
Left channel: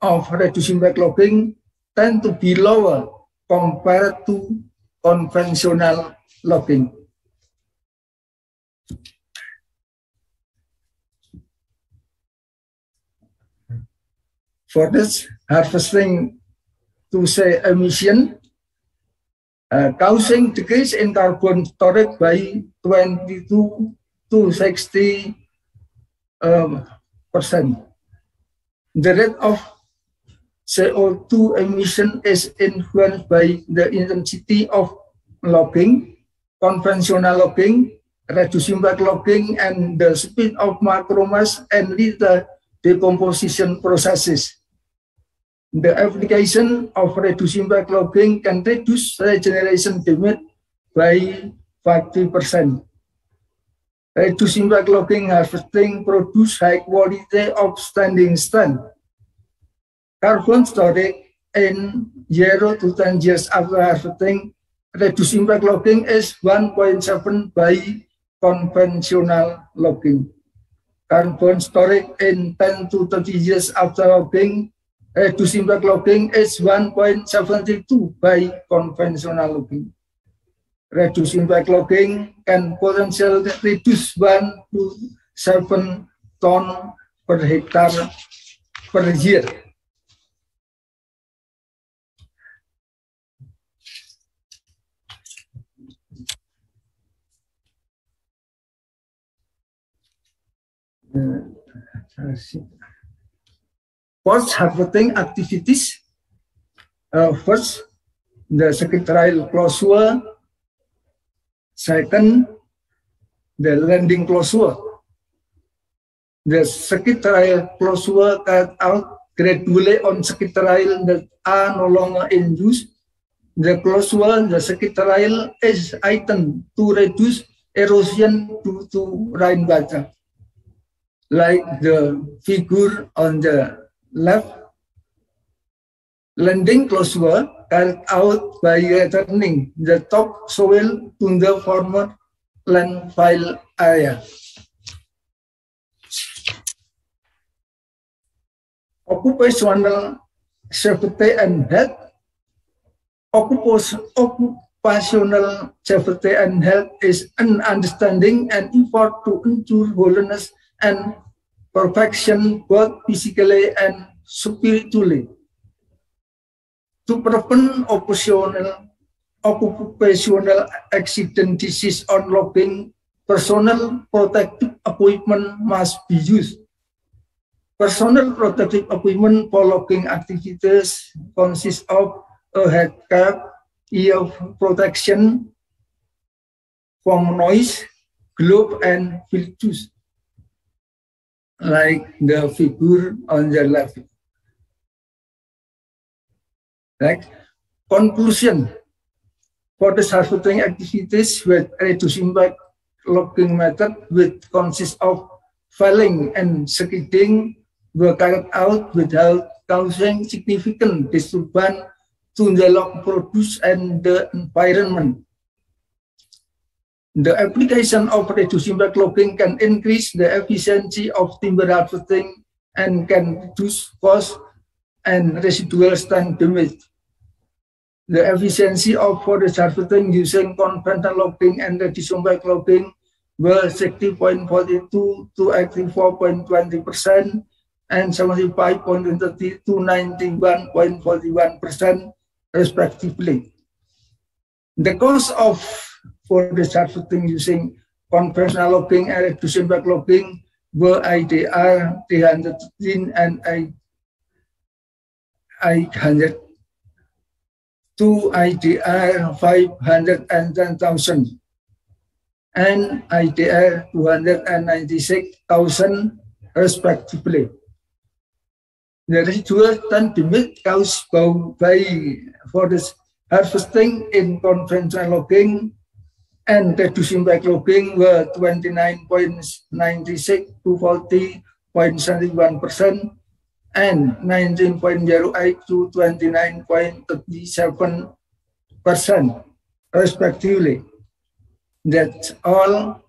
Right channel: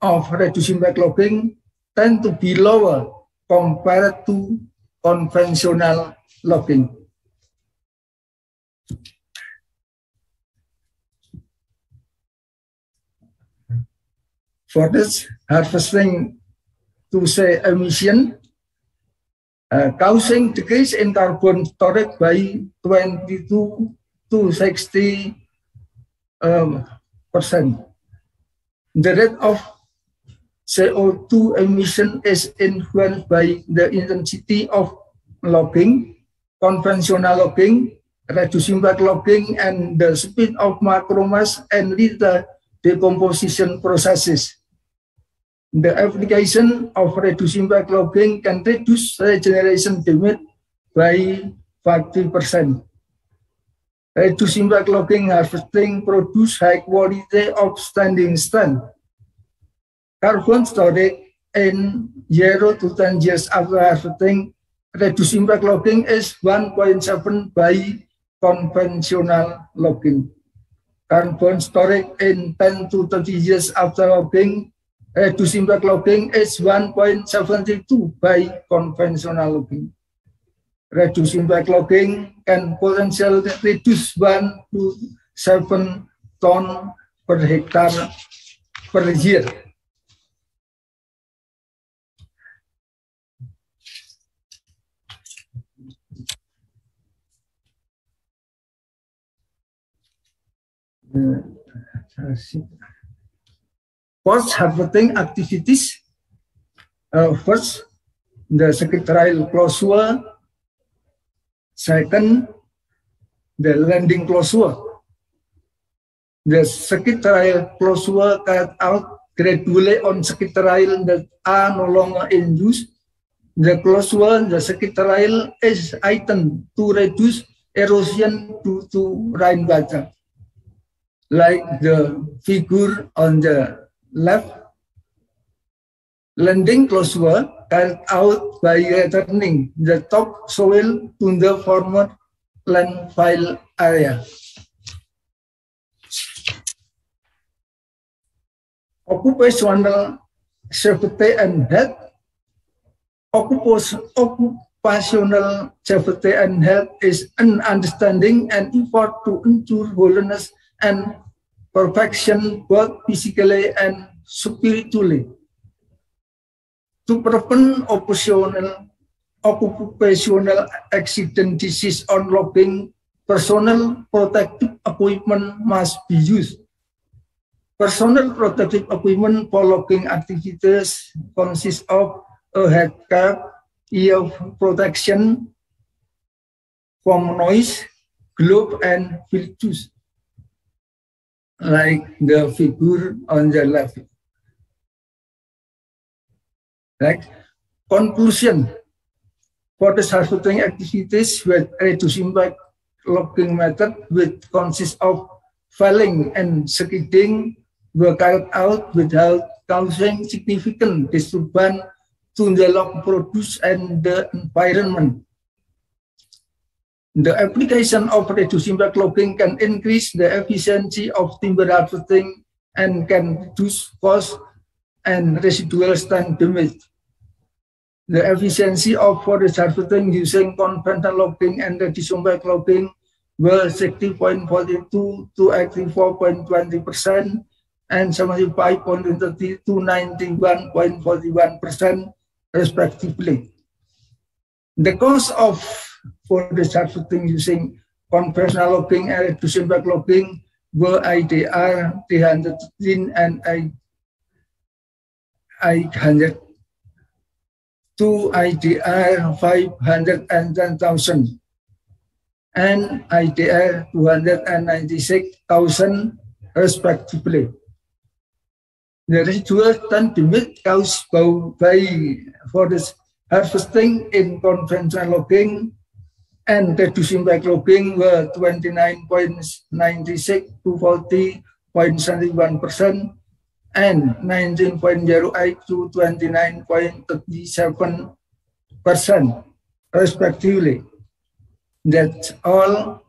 of reducing backlogging tend to be lower compared to conventional logging. For this harvesting to say emission, causing decrease in carbon storage by 22 to 60%. The rate of CO2 emission is influenced by the intensity of logging, conventional logging, reducing back logging, and the speed of macromass and litter decomposition processes. The application of reducing back logging can reduce regeneration damage by 40%. Reducing back logging harvesting produce high quality of standing stand. Carbon storage in 0 to 10 years after harvesting, reducing back logging is 1.7 by conventional logging. Carbon storage in 10 to 30 years after logging, reducing back logging is 1.72 by conventional logging. Reducing back logging can potentially reduce 1 to 7 ton per hectare per year. Post-harvesting activities. First, the secretarial closure. Second, the landing closure. The secretarial closure cut out gradually on secretarial that are no longer in use. The closure, the secretarial is item to reduce erosion due to rainwater. Like the figure on the left, landing closure cut out by returning the top soil to the former landfill area. Occupational safety and health. Occupational safety and health is an understanding and effort to ensure wholeness and perfection both physically and spiritually. To prevent occupational accident disease on logging, personal protective equipment must be used. Personal protective equipment for logging activities consists of a head cap, ear protection from noise, glove, and field tools, like the figure on the left. Right. Conclusion. For the harvesting activities with reducing back logging method, which consists of felling and skidding, were carried out without causing significant disturbance to the log produce and the environment. The application of reducing back logging can increase the efficiency of timber harvesting and can reduce cost and residual stand damage. The efficiency of forest harvesting using conventional logging and reducing back logging were 60.42 to 84.20% and 75.30 to 91.41% respectively. The cost of forest harvesting using conventional logging and reducing back logging were IDR 313 and 800 to IDR 510,000 and IDR 296,000 respectively. The residual stand damage caused by forest harvesting in conventional logging and reducing back logging were 29.96 to 40.71% and 19.08 to 29.37% respectively. That's all.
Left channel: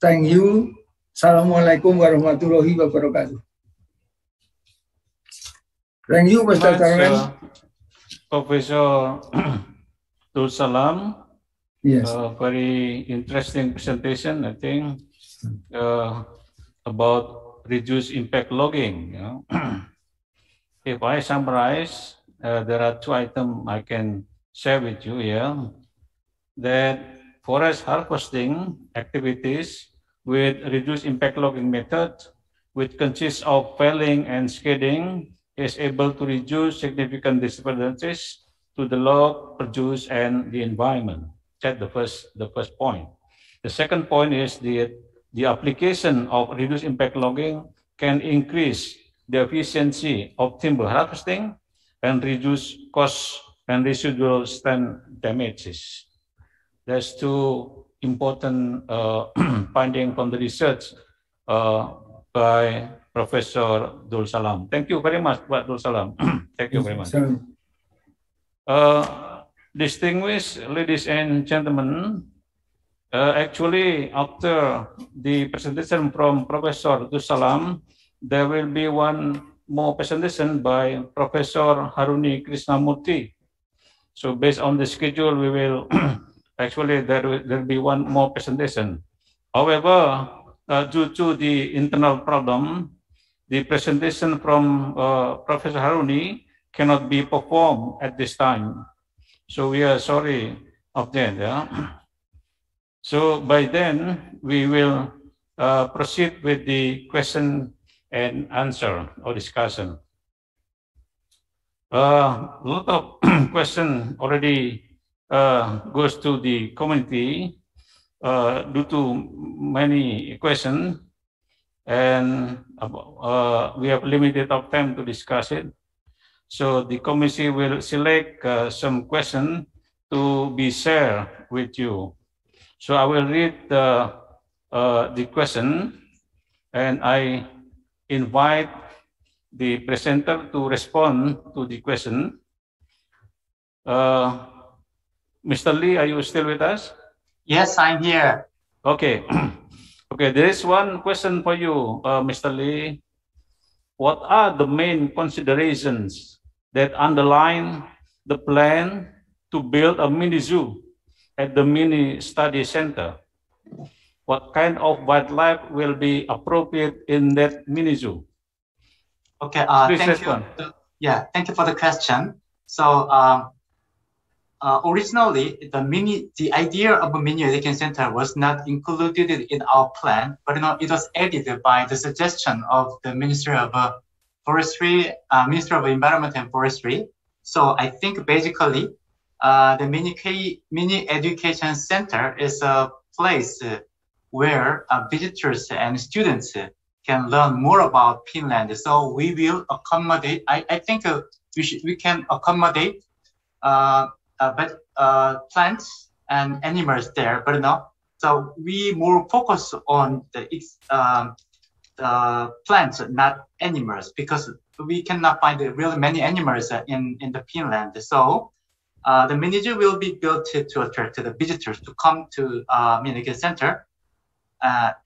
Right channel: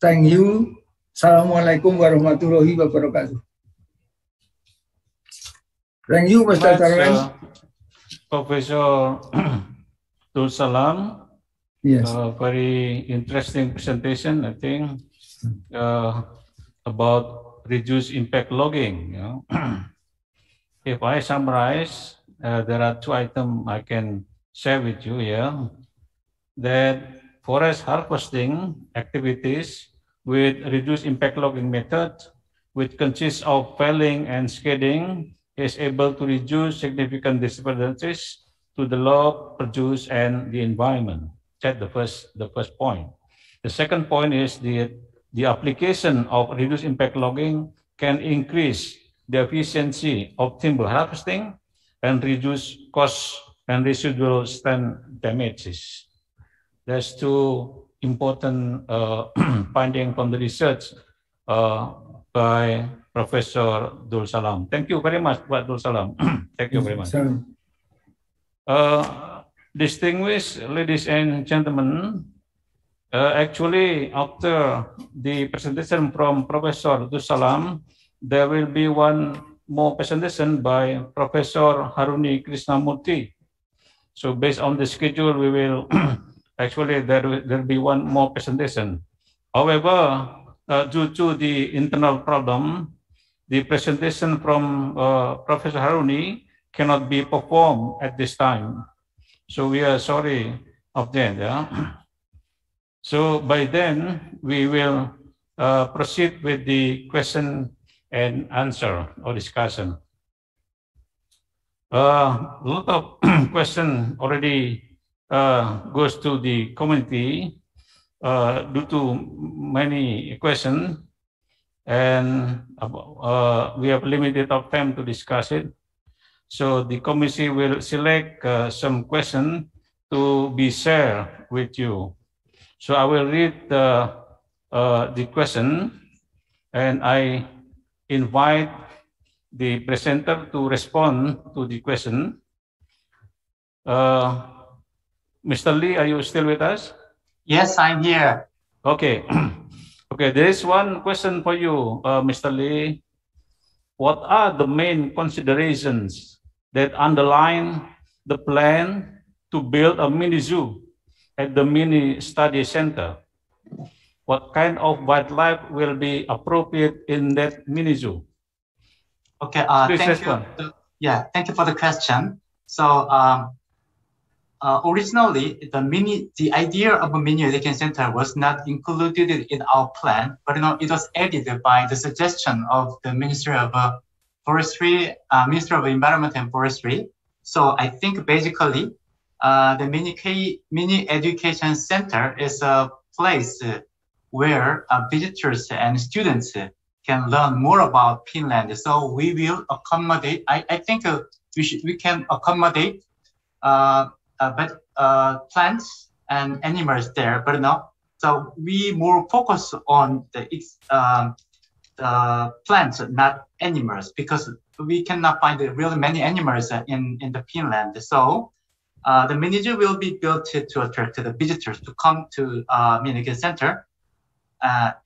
Thank you. Assalamualaikum warahmatullahi wabarakatuh. Thank you, Mr. Chairman. Professor Abdul Salam. Yes. Very interesting presentation, I think, about reduced impact logging. You know. If I summarize, there are two items I can share with you here. That forest harvesting activities with reduced impact logging method, which consists of felling and scaling, is able to reduce significant disturbances to the log produce and the environment. That's the first point. The second point is the application of reduced impact logging can increase the efficiency of timber harvesting and reduce costs and residual stand damages. There's two important findings from the research by Professor Dul Salam. Thank you very much, Pak Dul Salam. Thank you very much. Distinguished ladies and gentlemen, actually, after the presentation from Professor Dul Salam, there will be one more presentation by Professor Haruni Krishnamurti. So based on the schedule, we will actually there will be one more presentation. However, due to the internal problem, the presentation from Professor Haruni cannot be performed at this time. So we are sorry of that. Yeah? So by then, we will proceed with the question and answer or discussion. A lot of question already goes to the community due to many questions, and we have limited of time to discuss it. So the committee will select some questions to be shared with you. So I will read the question, and I invite the presenter to respond to the question. Mr. Lee, are you still with us? Yes, I'm here. Okay. Okay, there is one question for you, Mr. Lee. What are the main considerations that underline the plan to build a mini zoo at the mini study center? What kind of wildlife will be appropriate in that mini zoo? Okay, Please thank respond. you. Yeah, thank you for the question. So originally, the idea of a mini education center was not included in our plan, but it was added by the suggestion of the Ministry of Forestry, Ministry of Environment and Forestry. So I think basically, the mini education center is a place where visitors and students can learn more about Finland. So we will accommodate. I think we can accommodate plants and animals there, but so we more focus on the plants, not animals, because we cannot find really many animals in the Finland. So the mini zoo will be built to attract the visitors to come to mini center.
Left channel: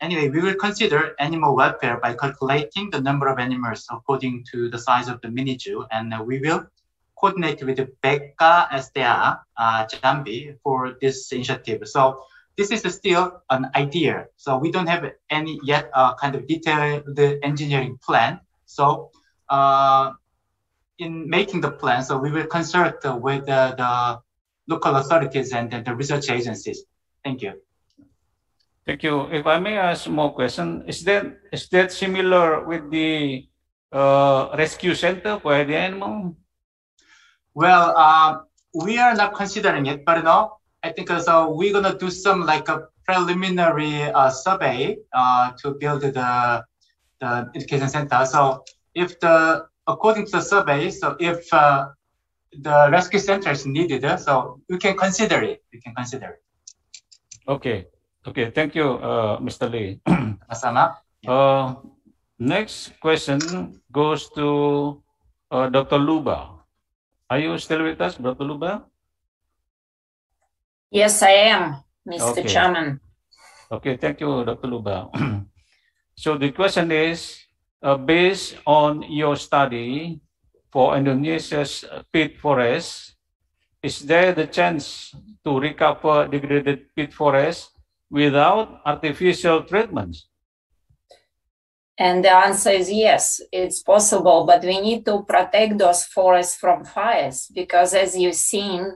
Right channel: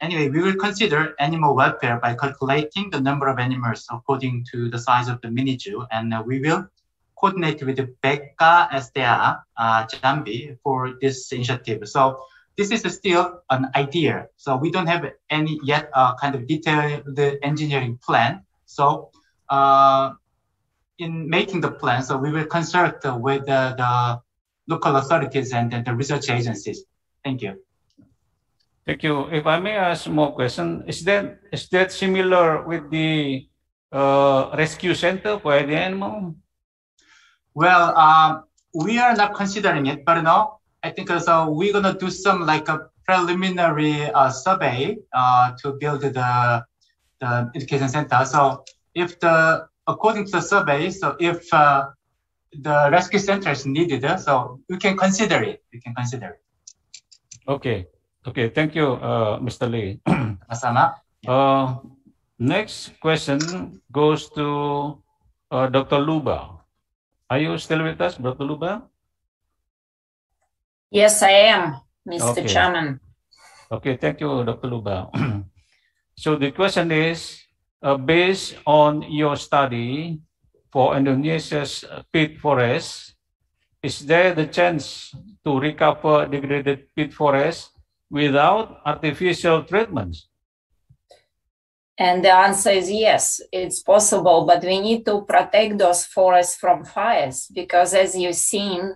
Anyway, we will consider animal welfare by calculating the number of animals according to the size of the mini zoo, and we will coordinate with the BECA SDA Jambi for this initiative. So this is still an idea. So we don't have any yet kind of detailed engineering plan. So in making the plan, so we will consult with the local authorities and the research agencies. Thank you. Thank you. If I may ask more question, is that similar with the rescue center for the animal? Well, we are not considering it, but I think so. We're gonna do some like a preliminary survey to build the education center. So if according to the survey, so if the rescue center is needed, so we can consider it. Okay. Okay. Thank you, Mr. Lee. Masama. Next question goes to Dr. Luba. Are you still with us, Dr. Luba? Yes, I am, Mr. Okay. Chairman. Okay, thank you, Dr. Luba. So the question is, based on your study for Indonesia's peat forest, is there the chance to recover degraded peat forest without artificial treatments? And the answer is yes, it's possible, but we need to protect those forests from fires, because as you've seen,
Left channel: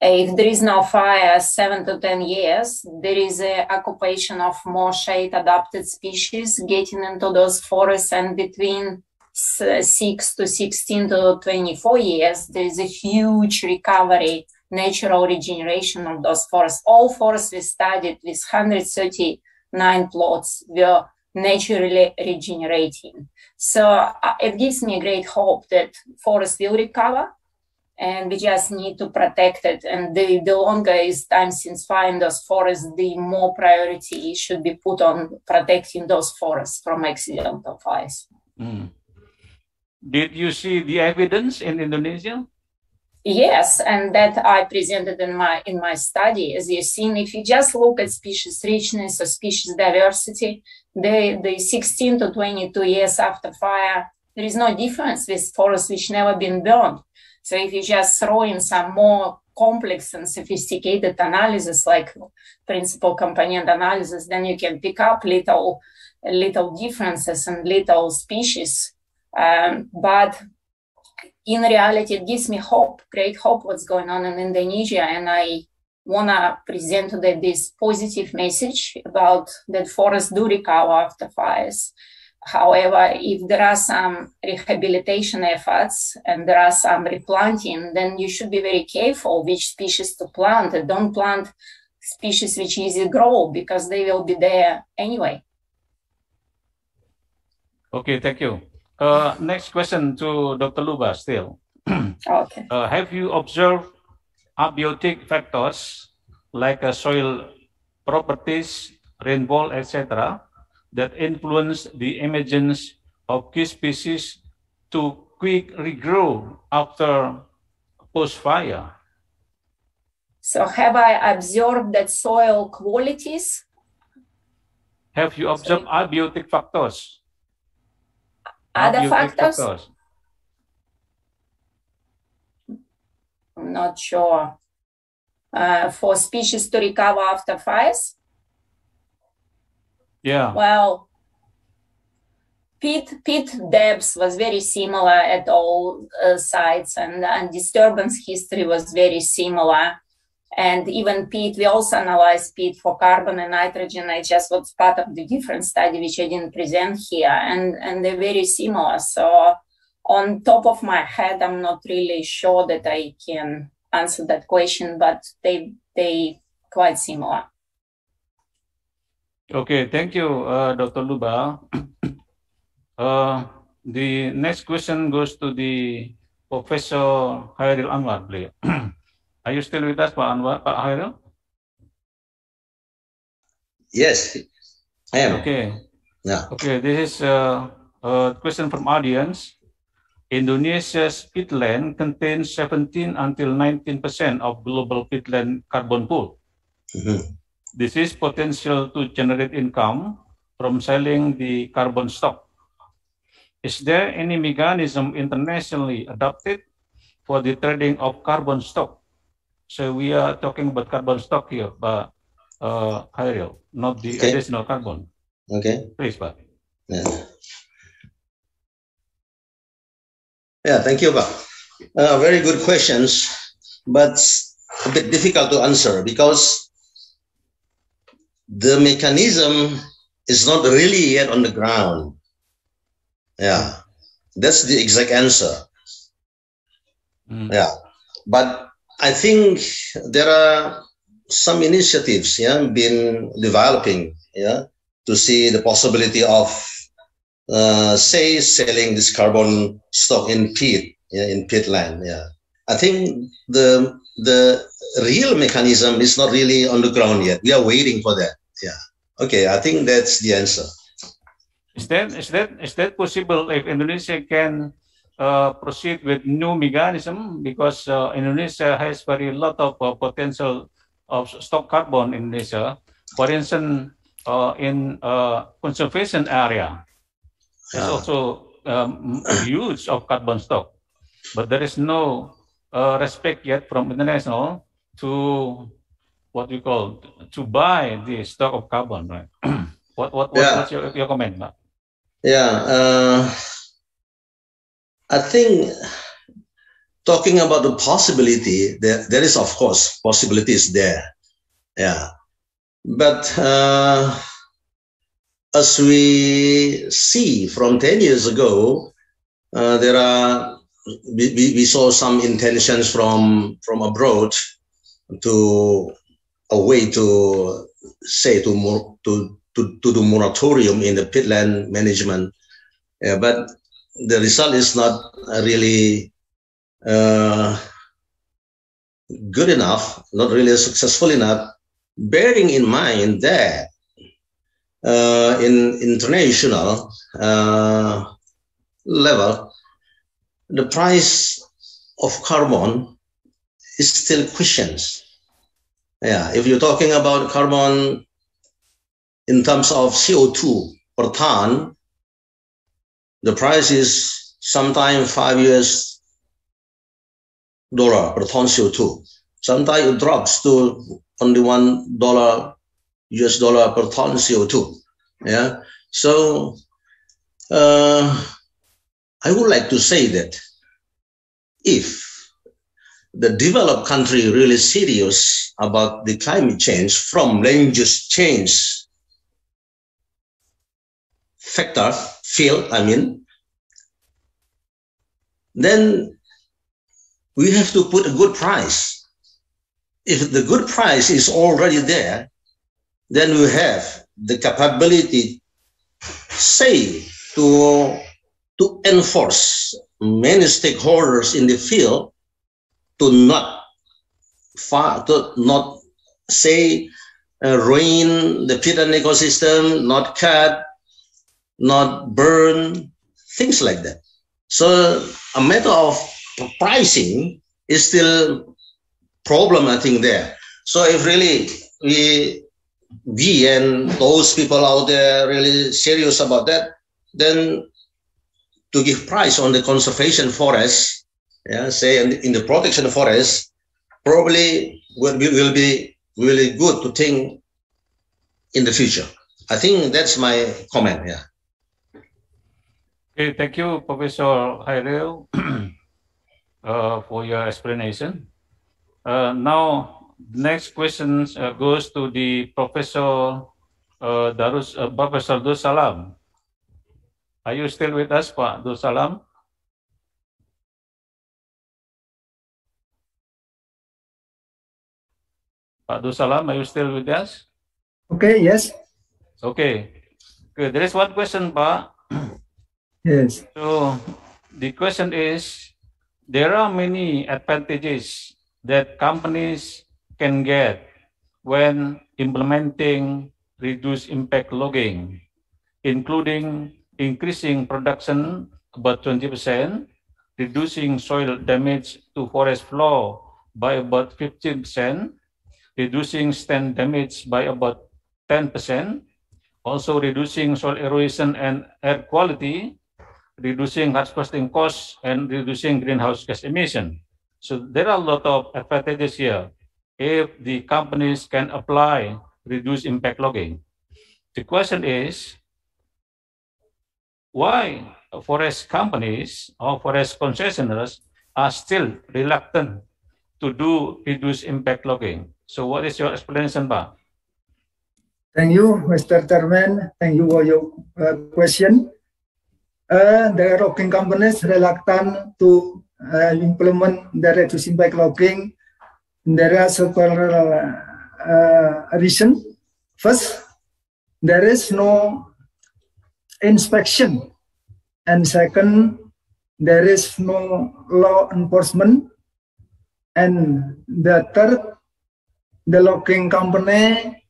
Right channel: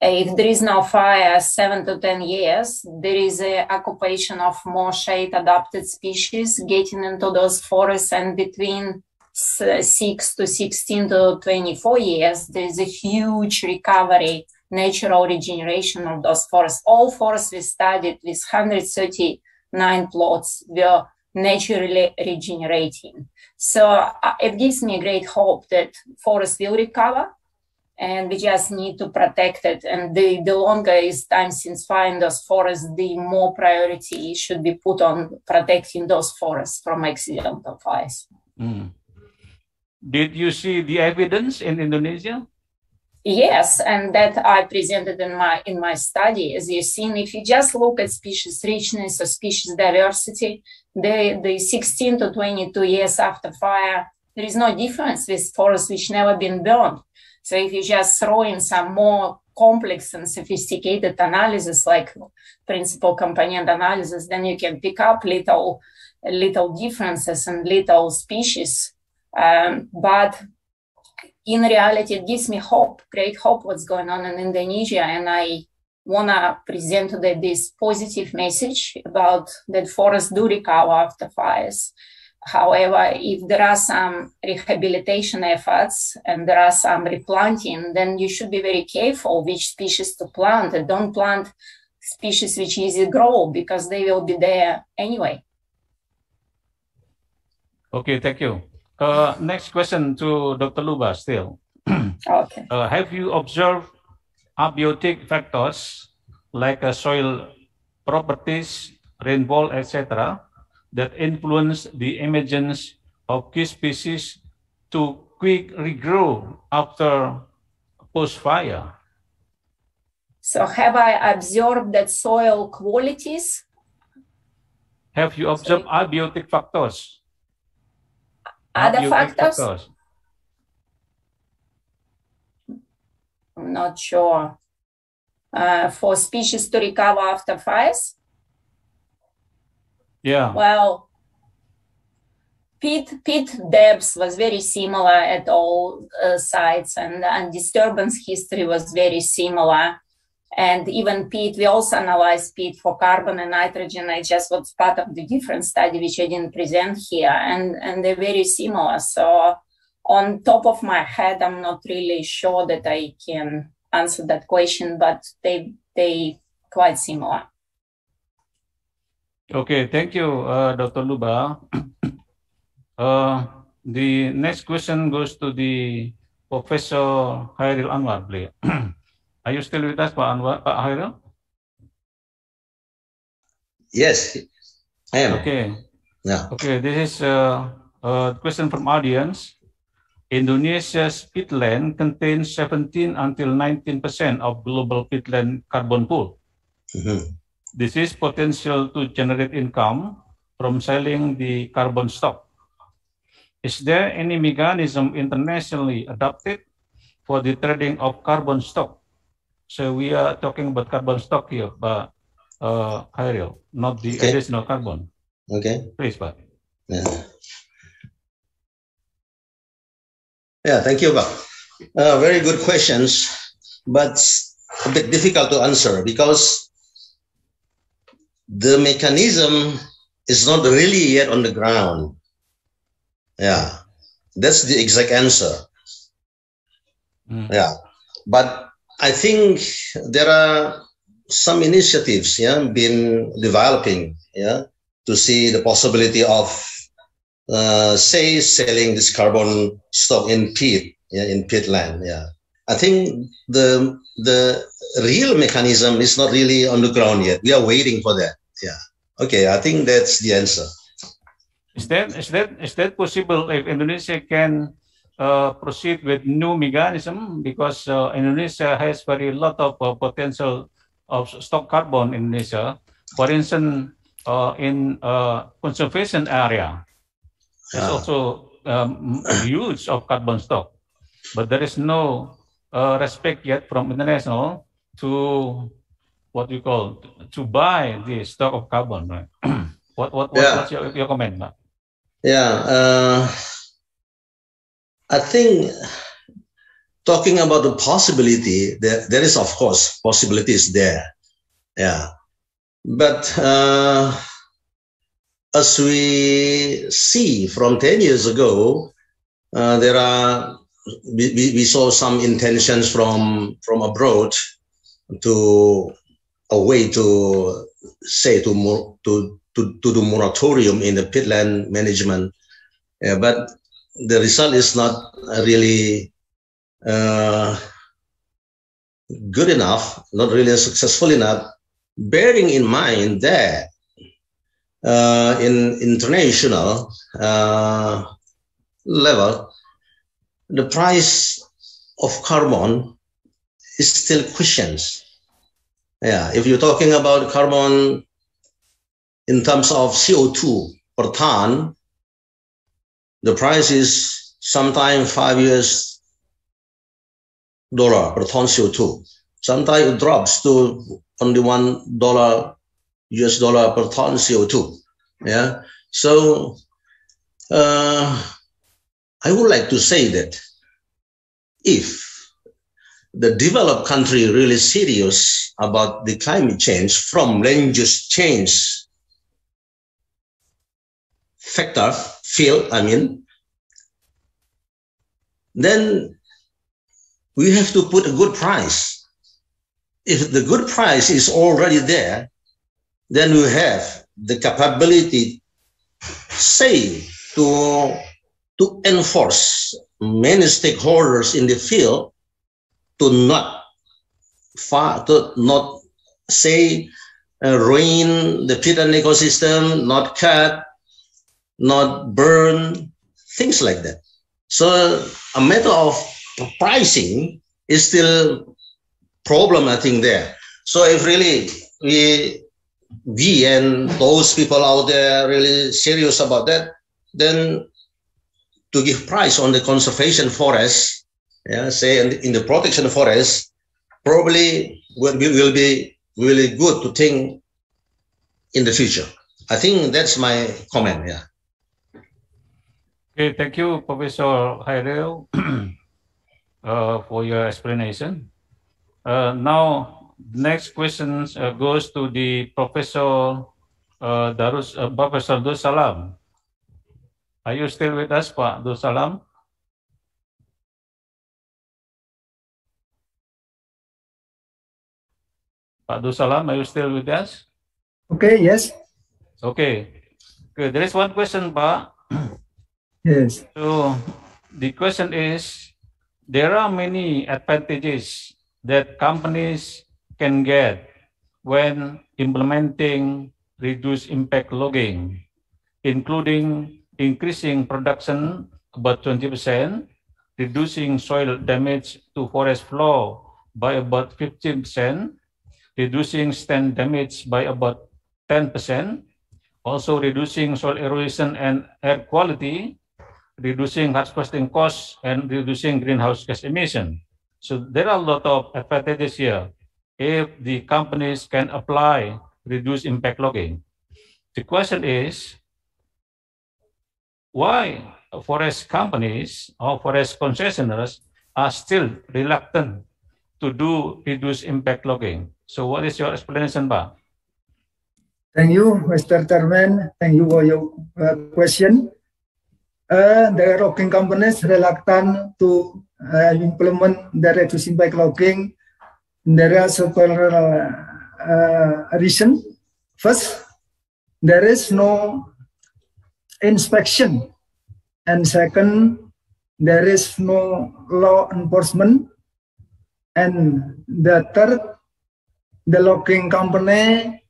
if there is no fire 7 to 10 years, there is a occupation of more shade-adapted species getting into those forests, and between 6 to 16 to 24 years, there is a huge recovery, natural regeneration of those forests. All forests we studied with 139 plots were naturally regenerating. So it gives me great hope that forests will recover, and we just need to protect it. And the longer is time since fire in those forests, the more priority should be put on protecting those forests from accidental fires. Mm. Did you see the evidence in Indonesia? Yes, and that I presented in my study. As you've seen, if you just look at species richness or species diversity, the 16 to 22 years after fire, there is no difference with forests which never been burned. So if you just throw in some more complex and sophisticated analysis like principal component analysis, then you can pick up little differences and little species. But in reality, it gives me hope, great hope what's going on in Indonesia. And I want to present today this positive message about that forests do recover after fires. However, if there are some rehabilitation efforts and there are some replanting, then you should be very careful which species to plant. And don't plant species which easy grow, because they will be there anyway. Okay, thank you. Next question to Dr. Luba still. Okay. Have you observed abiotic factors like soil properties, rainfall, etc., that influence the emergence of key species to quick regrow after post-fire? So have I observed that soil qualities? Have you observed abiotic factors? Other Abiotic factors? I'm not sure. For species to recover after fires? Yeah. Well, peat depth was very similar at all sites, and disturbance history was very similar. And even peat, we also analyzed peat for carbon and nitrogen. I just was part of the different study, which I didn't present here, and they're very similar. So on top of my head, I'm not really sure that I can answer that question, but they quite similar. Okay, thank you, Dr. Luba. The next question goes to the Professor Hairil Anwar, please. Are you still with us, Pak Anwar, Pak Hairil? Yes, I am. Okay. Yeah. Okay, this is a question from audience. Indonesia's peatland contains 17 until 19% of global peatland carbon pool. Mm-hmm. This is potential to generate income from selling the carbon stock. Is there any mechanism internationally adopted for the trading of carbon stock? So we are talking about carbon stock here, but Hairil, not the additional carbon. Okay. Please, Pak. Yeah. Yeah, thank you, Pak. Very good questions, but a bit difficult to answer because the mechanism is not really yet on the ground. Yeah, that's the exact answer. Yeah, but I think there are some initiatives, been developing, to see the possibility of, say, selling this carbon stock in peat, in peatland. Yeah, I think the real mechanism is not really on the ground yet. We are waiting for that. Yeah. Okay, I think that's the answer. Is that possible if Indonesia can proceed with new mechanism, because Indonesia has very lot of potential of stock carbon in Indonesia. For instance, in conservation area, there's also use of carbon stock, but there is no respect yet from international to what we call to buy the stock of carbon, right? What's your comment, Pak? Yeah, I think talking about the possibility, there is, of course, possibilities there. Yeah. But as we see from 10 years ago, we saw some intentions from abroad to a way to say to do moratorium in the peatland management. Yeah, but the result is not really good enough, not really successful enough, bearing in mind that in international level, the price of carbon is still questions. Yeah, if you're talking about carbon in terms of CO2 per ton, the price is sometimes $5 per ton CO2. Sometimes it drops to only $1 per ton CO2. Yeah, so I would like to say that if the developed country really serious about the climate change from land use change factor field, then we have to put a good price. If the good price is already there, then we have the capability, say, to enforce many stakeholders in the field to not say ruin the peatland ecosystem, not cut, not burn, things like that. So a matter of pricing is still problem, I think, there. So if really we and those people out there really serious about that, then to give price on the conservation forest, yeah, say in the protection forest, probably will be really good to think in the future. I think that's my comment. Yeah. Okay, thank you, Professor Hairil, for your explanation. Now, the next question goes to the Professor Professor Salam. Are you still with us, Pak Salam? Pak Salam, are you still with us? Okay, yes. Okay, good. There is one question, Pak. Yes. So the question is, there are many advantages that companies can get when implementing reduced impact logging, including increasing production about 20%, reducing soil damage to forest floor by about 15%, reducing stand damage by about 10%, also reducing soil erosion and air quality, reducing harvesting costs, and reducing greenhouse gas emission. So there are a lot of advantages here if the companies can apply reduced impact logging. The question is, why forest companies or forest concessionaires are still reluctant to do reduced impact logging? So what is your explanation, Pak? Thank you, Mr. Chairman. Thank you for your question. The logging companies reluctant to implement the reduced impact logging. There are several reasons. First, there is no inspection, and second, there is no law enforcement, and the third, the logging company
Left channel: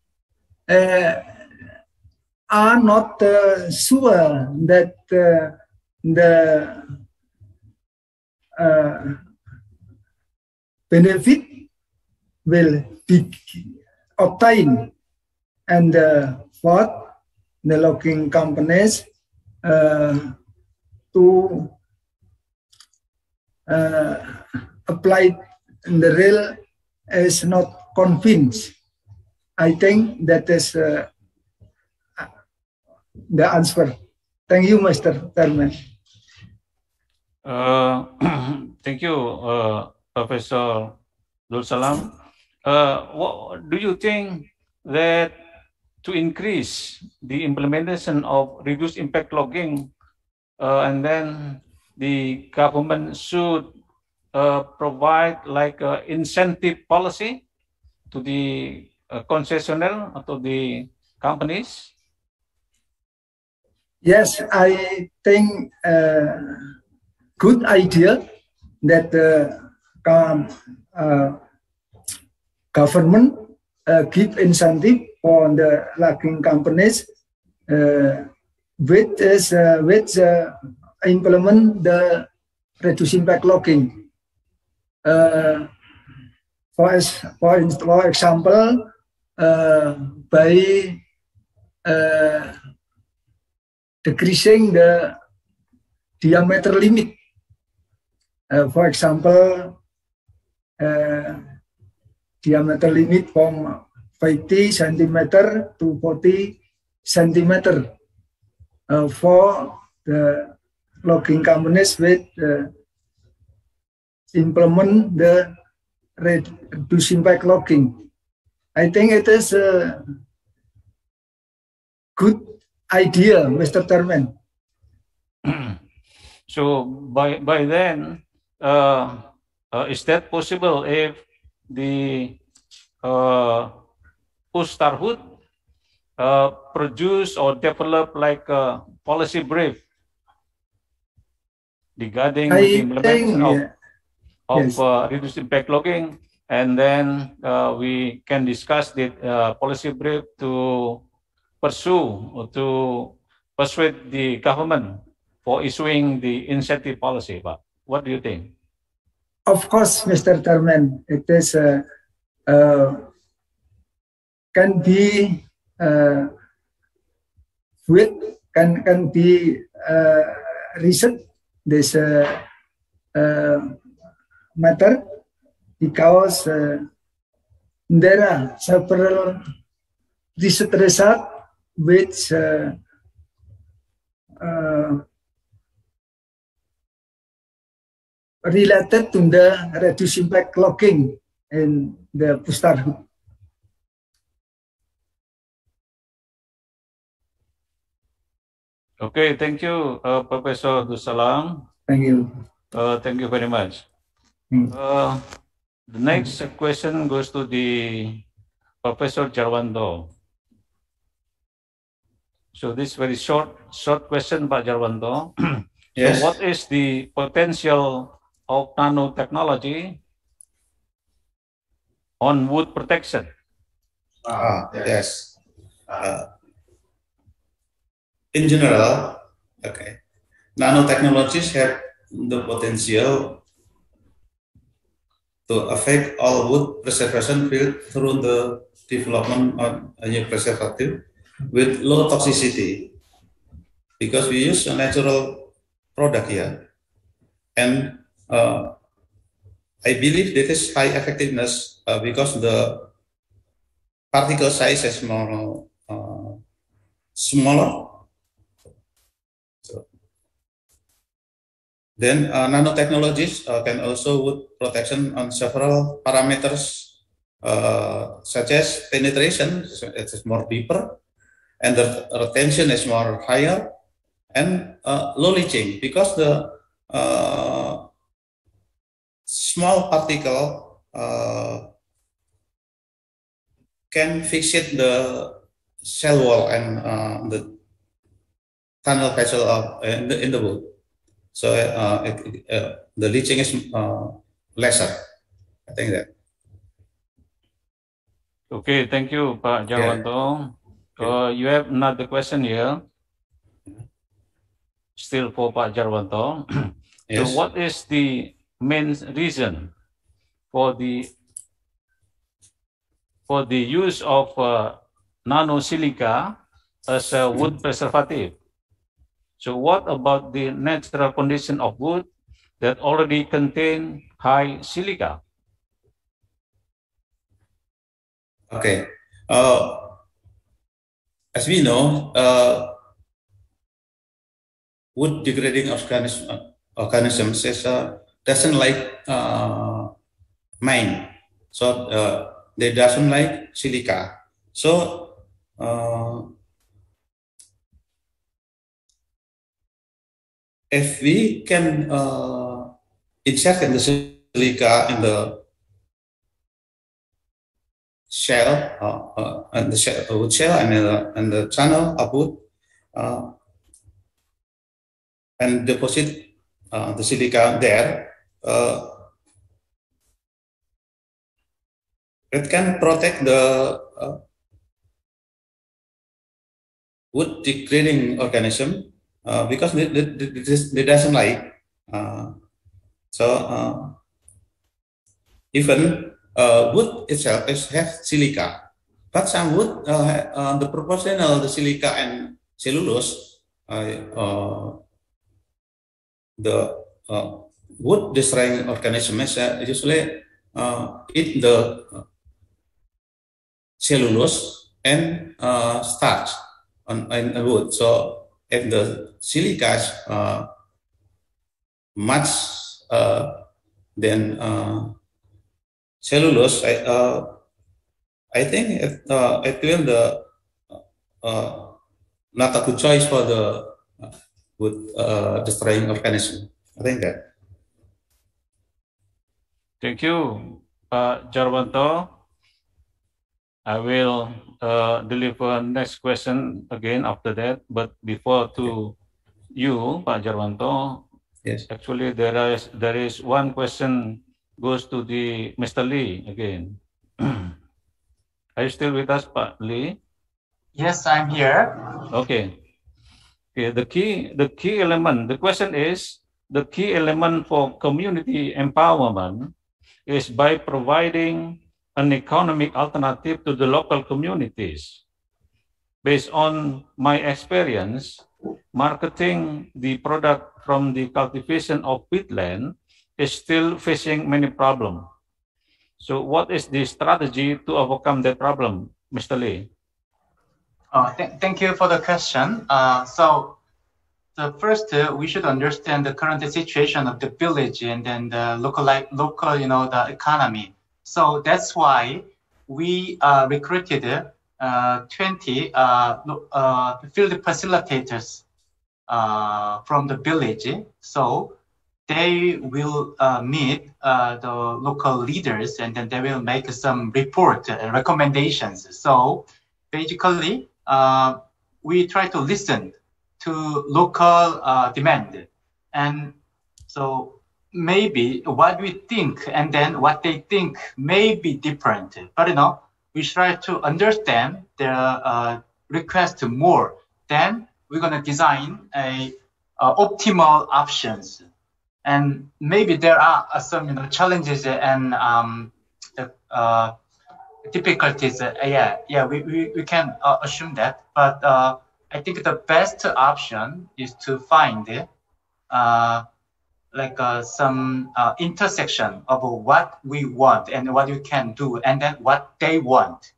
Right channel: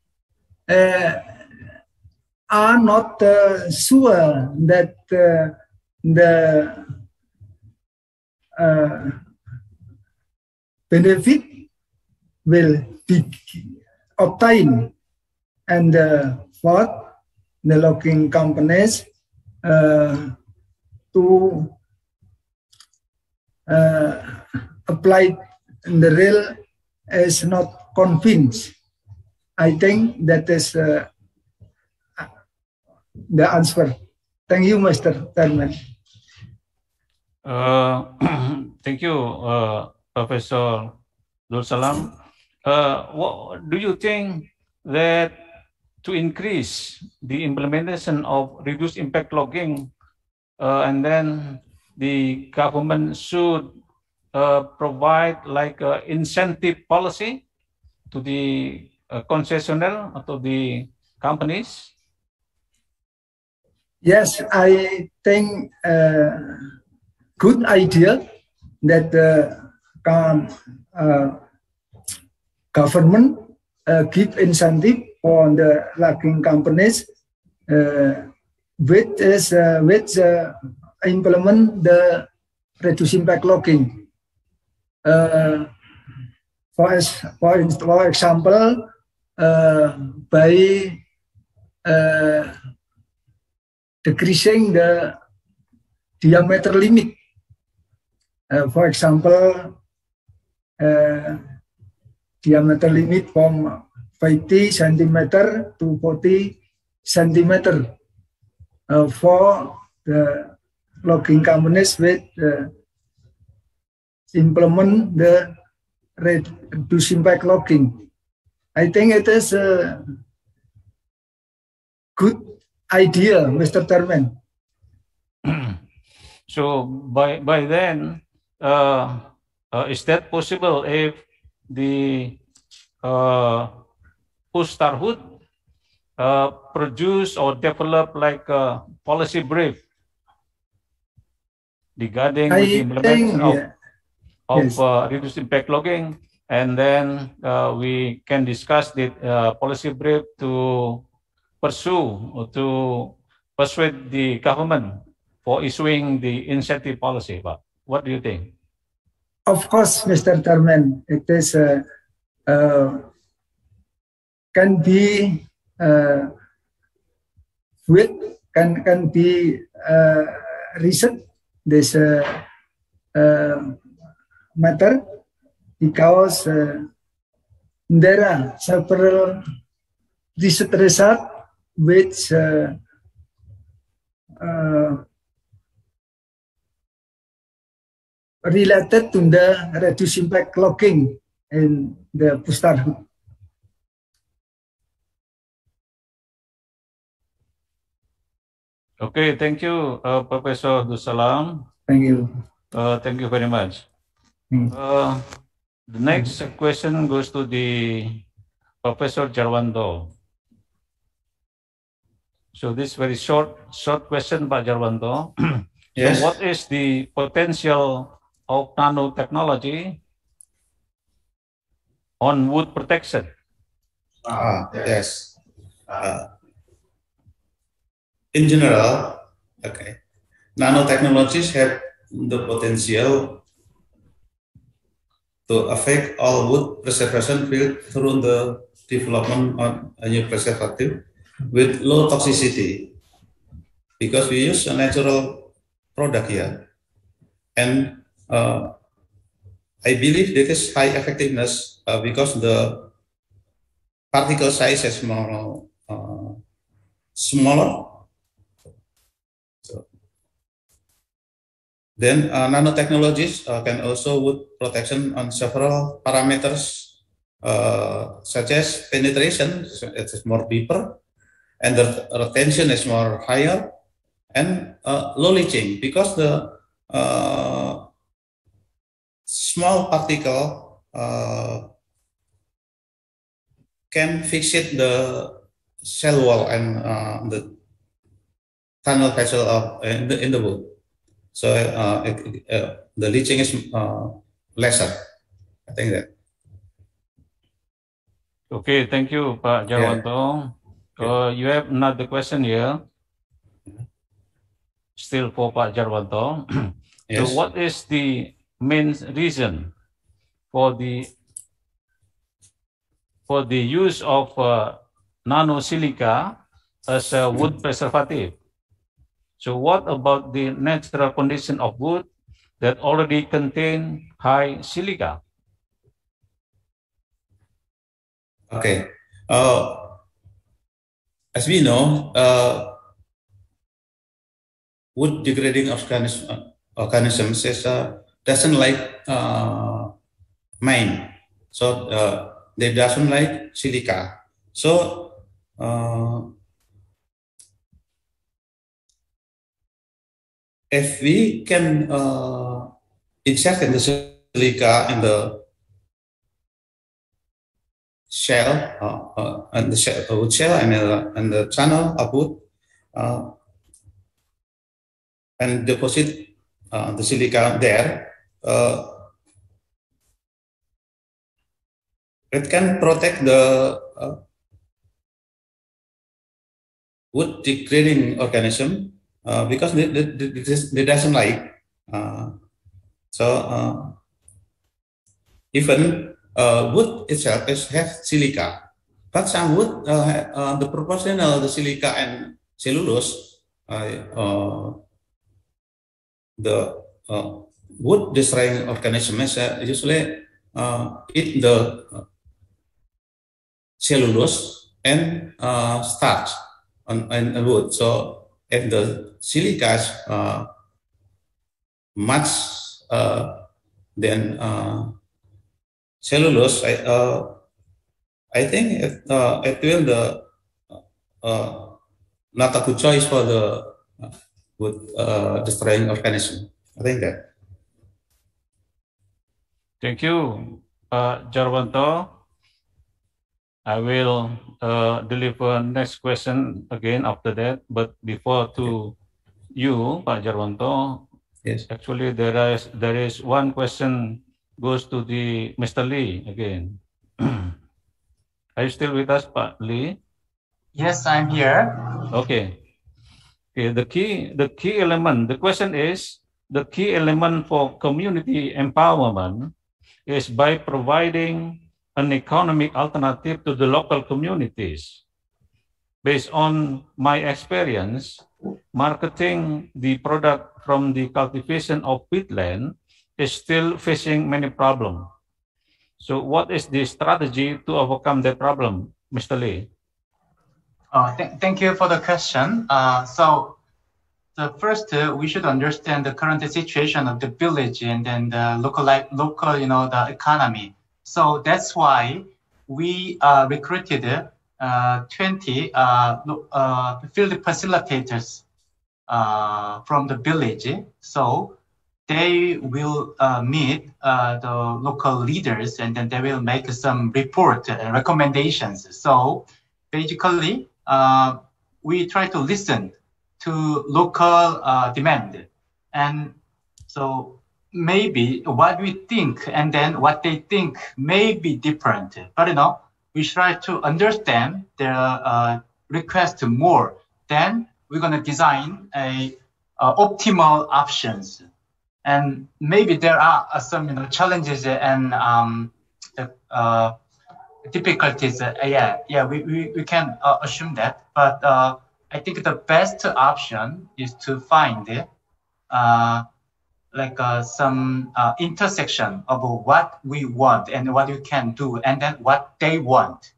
are not sure that the benefit will be obtained, and fourth, the logging companies to apply the rail is not convinced. I think that is the answer. Thank you, Mr. Chairman. Thank you, Professor Dul Salam. What do you think that to increase the implementation of reduced impact logging, and then the government should provide like an incentive policy to the concessionaire or to the companies? Yes, I think good idea that government give incentive for the logging companies which implement the reduced impact logging. For example, by decreasing the diameter limit. For example, diameter limit from 50 centimeter to 40 centimeter for the logging companies with implement the reduced impact logging. I think it is a good idea, Mr. Chairman. So by then, is that possible if the Pustarhut produce or develop like a policy brief regarding the implementation of reduced impact logging, and then we can discuss the policy brief to pursue or to persuade the government for issuing the incentive policy. But what do you think? Of course, Mr. Chairman, it is can be can be research this matter because there are several research results which related to the reduced impact logging in the Pustarhut. Okay, thank you, Professor Dusalam. Thank you. Thank you very much. The next question goes to the Professor Jarwanto. So this very short question by Jarwanto. Yes. So what is the potential of nanotechnology on wood protection? Yes. In general, nanotechnologies have the potential to affect all wood preservation field through the development of a new preservative with low toxicity, because we use a natural product here, and I believe this is high effectiveness because the particle size is more smaller. Then nanotechnologies can also wood protection on several parameters, such as penetration, it is more deeper, and the retention is more higher, and low leaching, because the small particle can fixate the cell wall and the tunnel vessel in the wood. So the leaching is lesser. I think that. Okay, thank you, Pak Jarwanto. You have another question here. Still for Pak Jarwanto. Yes. So what is the main reason for the use of nanosilica as a wood preservative? So what about the natural condition of wood that already contain high silica? Okay. As we know, wood degrading organisms doesn't like mine, so they doesn't like silica. So if we can insert in the silica in the shell and the wood shell and the channel of wood and deposit the silica there, it can protect the wood degrading organism because they doesn't like. Even wood itself has silica, but some wood the proportional the silica and cellulose, the wood destroying organisms usually eat the cellulose and starch on wood. So if the silica is much than cellulose, I think it will not a good choice for the wood destroying organism. I think that. Thank you, Pak Jarwanto. I will deliver next question again after that, but before to you, Pak Jarwanto. Yes. Actually, there is one question goes to the Mr. Lee again. Are you still with us, Pak Lee? Yes, I'm here. Okay. Okay. The key element. The question is the key element for community empowerment is by providing an economic alternative to the local communities. Based on my experience, marketing the product from the cultivation of peatland is still facing many problems. So what is the strategy to overcome that problem, Mr. Lee? Thank you for the question. So the first, we should understand the current situation of the village and then the local, the economy. So that's why we recruited 20 field facilitators from the village. So they will meet the local leaders and then they will make some report recommendations. So basically, we try to listen to local demand. And so maybe what we think and then what they think may be different. But we try to understand their request more. Then we're going to design a optimal options. And maybe there are some challenges and difficulties. We can assume that. But I think the best option is to find some intersection of what we want and what we can do, and then what they want.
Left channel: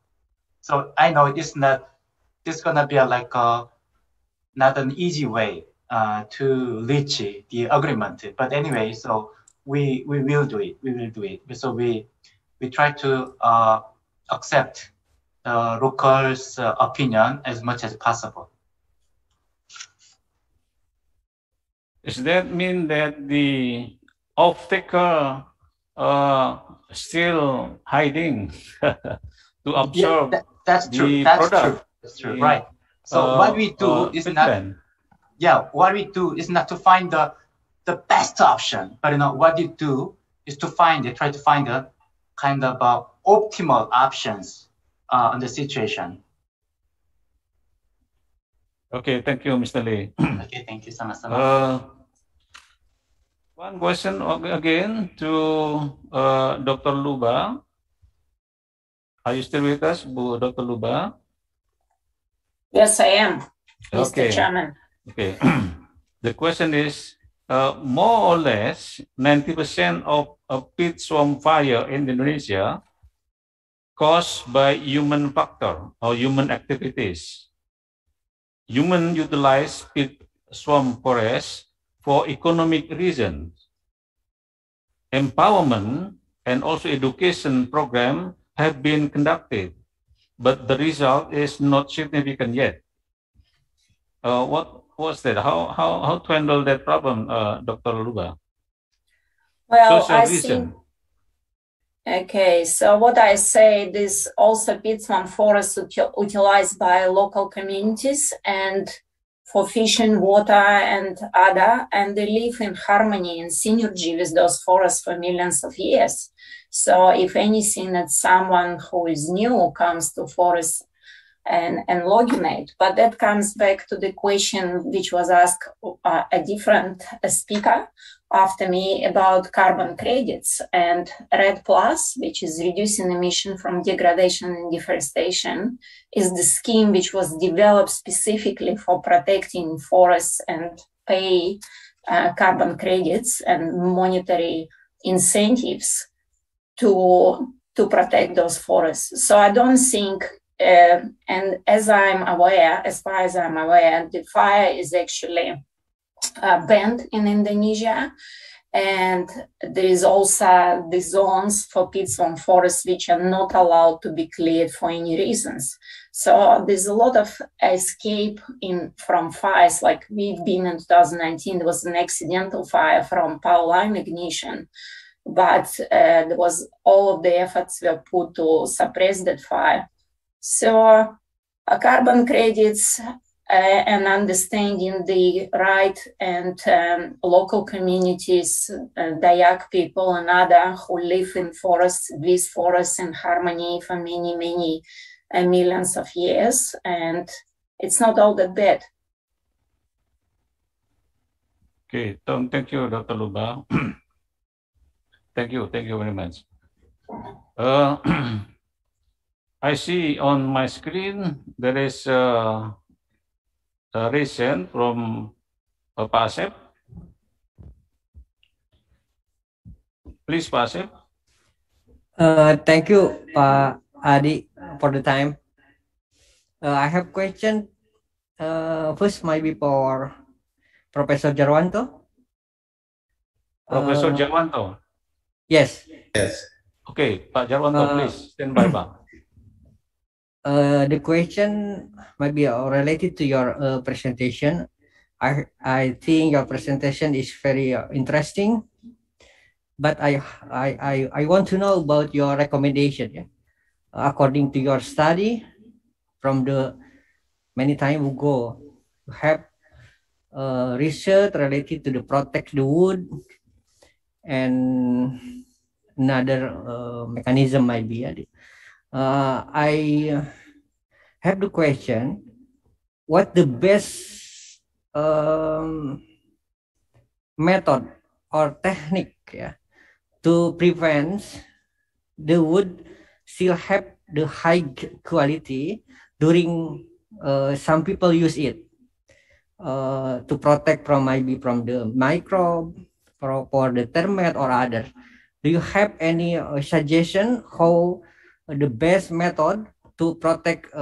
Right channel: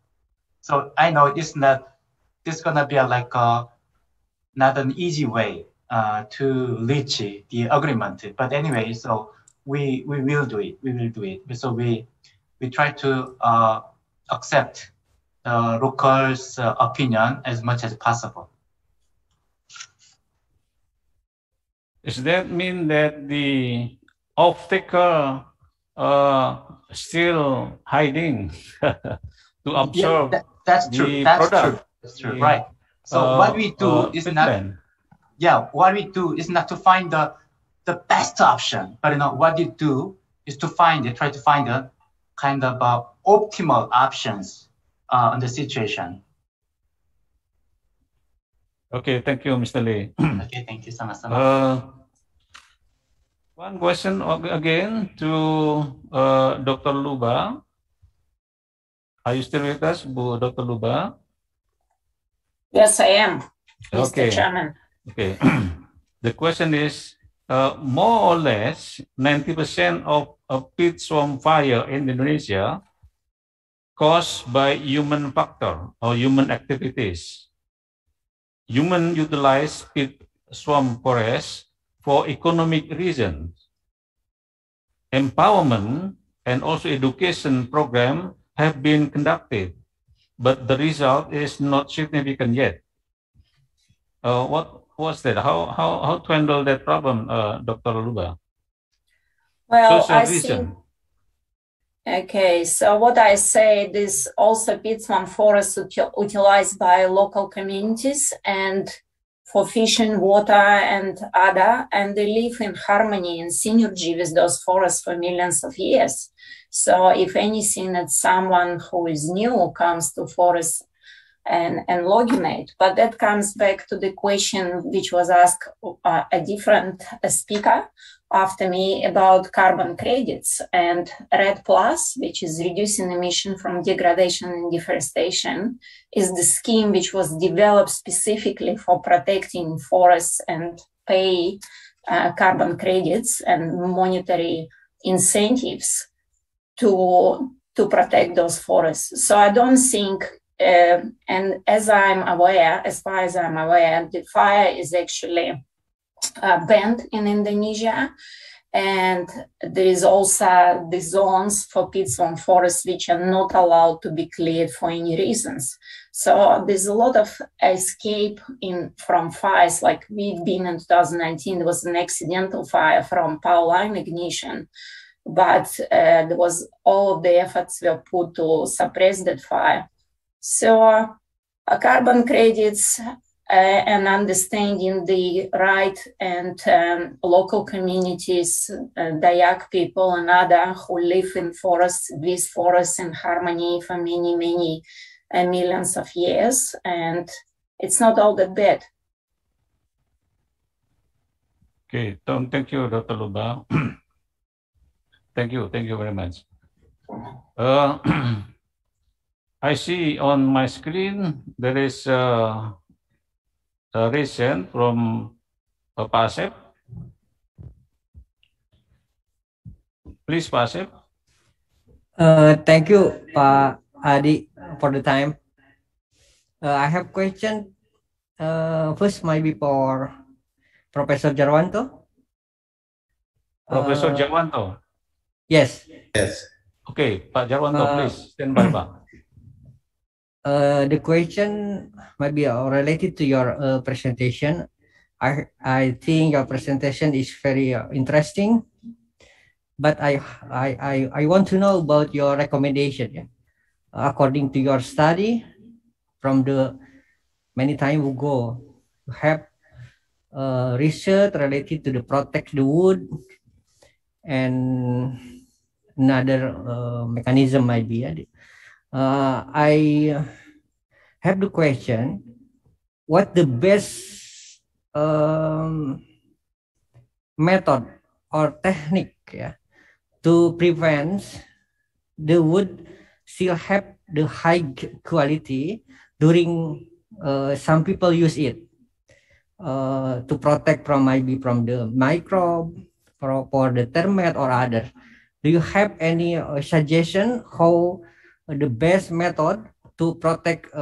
So I know it's gonna be not an easy way to reach the agreement. But anyway, so we will do it. We will do it. So we try to accept the locals' opinion as much as possible. Does that mean that the off-taker still hiding to observe that's true. That's true. Right. So what we do is what we do is not to find the best option, but what you do is to try to find a kind of optimal options on the situation. Okay, thank you, Mr. Lee. Okay, thank you, sama-sama. One question again to Dr. Luba. Are you still with us, Dr. Luba? Yes, I am, Okay. Mr. Chairman. Okay. The question is, more or less 90% of peat swamp fire in Indonesia caused by human factor or human activities. Human utilize peat swamp forests for economic reasons. Empowerment and also education program have been conducted, but the result is not significant yet. What was that? How to handle that problem, Dr. Luba? Well, Social reason. Okay, so what I said is also peatland forests utilized by local communities and for fishing, water, and other, and they live in harmony and synergy with those forests for millions of years. So if anything, it's someone who is new comes to forests and logging it. But that comes back to the question which was asked a different speaker after me about carbon credits and RED Plus, which is reducing emission from degradation and deforestation, is the scheme which was developed specifically for protecting forests and pay carbon credits and monetary incentives to protect those forests. So I don't think, and as far as I'm aware, the fire is actually banned in Indonesia, and there is also the zones for peatland forests which are not allowed to be cleared for any reasons. So there's a lot of escape from fires. Like we've been in 2019, there was an accidental fire from power line ignition, but there was all of the efforts were put to suppress that fire. So carbon credits and understanding the right and local communities, Dayak people and other who live in forests, with forests in harmony for many, many millions of years. And it's not all that bad. Okay, thank you, Dr. Luba. Thank you very much. I see on my screen there is a recent from Pak Asep. Please, Pak Asep. Thank you, Pak Adi, for the time. I have question. First, maybe for Professor Jarwanto. Professor Jarwanto. Yes. Yes. Okay, Pak Jarwanto, please stand by, Pak. The question might be related to your presentation. I think your presentation is very interesting, but I want to know about your recommendation. Yeah? According to your study, from the many time ago, you have research related to the protect the wood and another mechanism might be. I have the question, what the best method or technique to prevent the wood still have the high quality during some people use it to protect from maybe from the microbe, for the termite or other. Do you have any suggestion how the best method to protect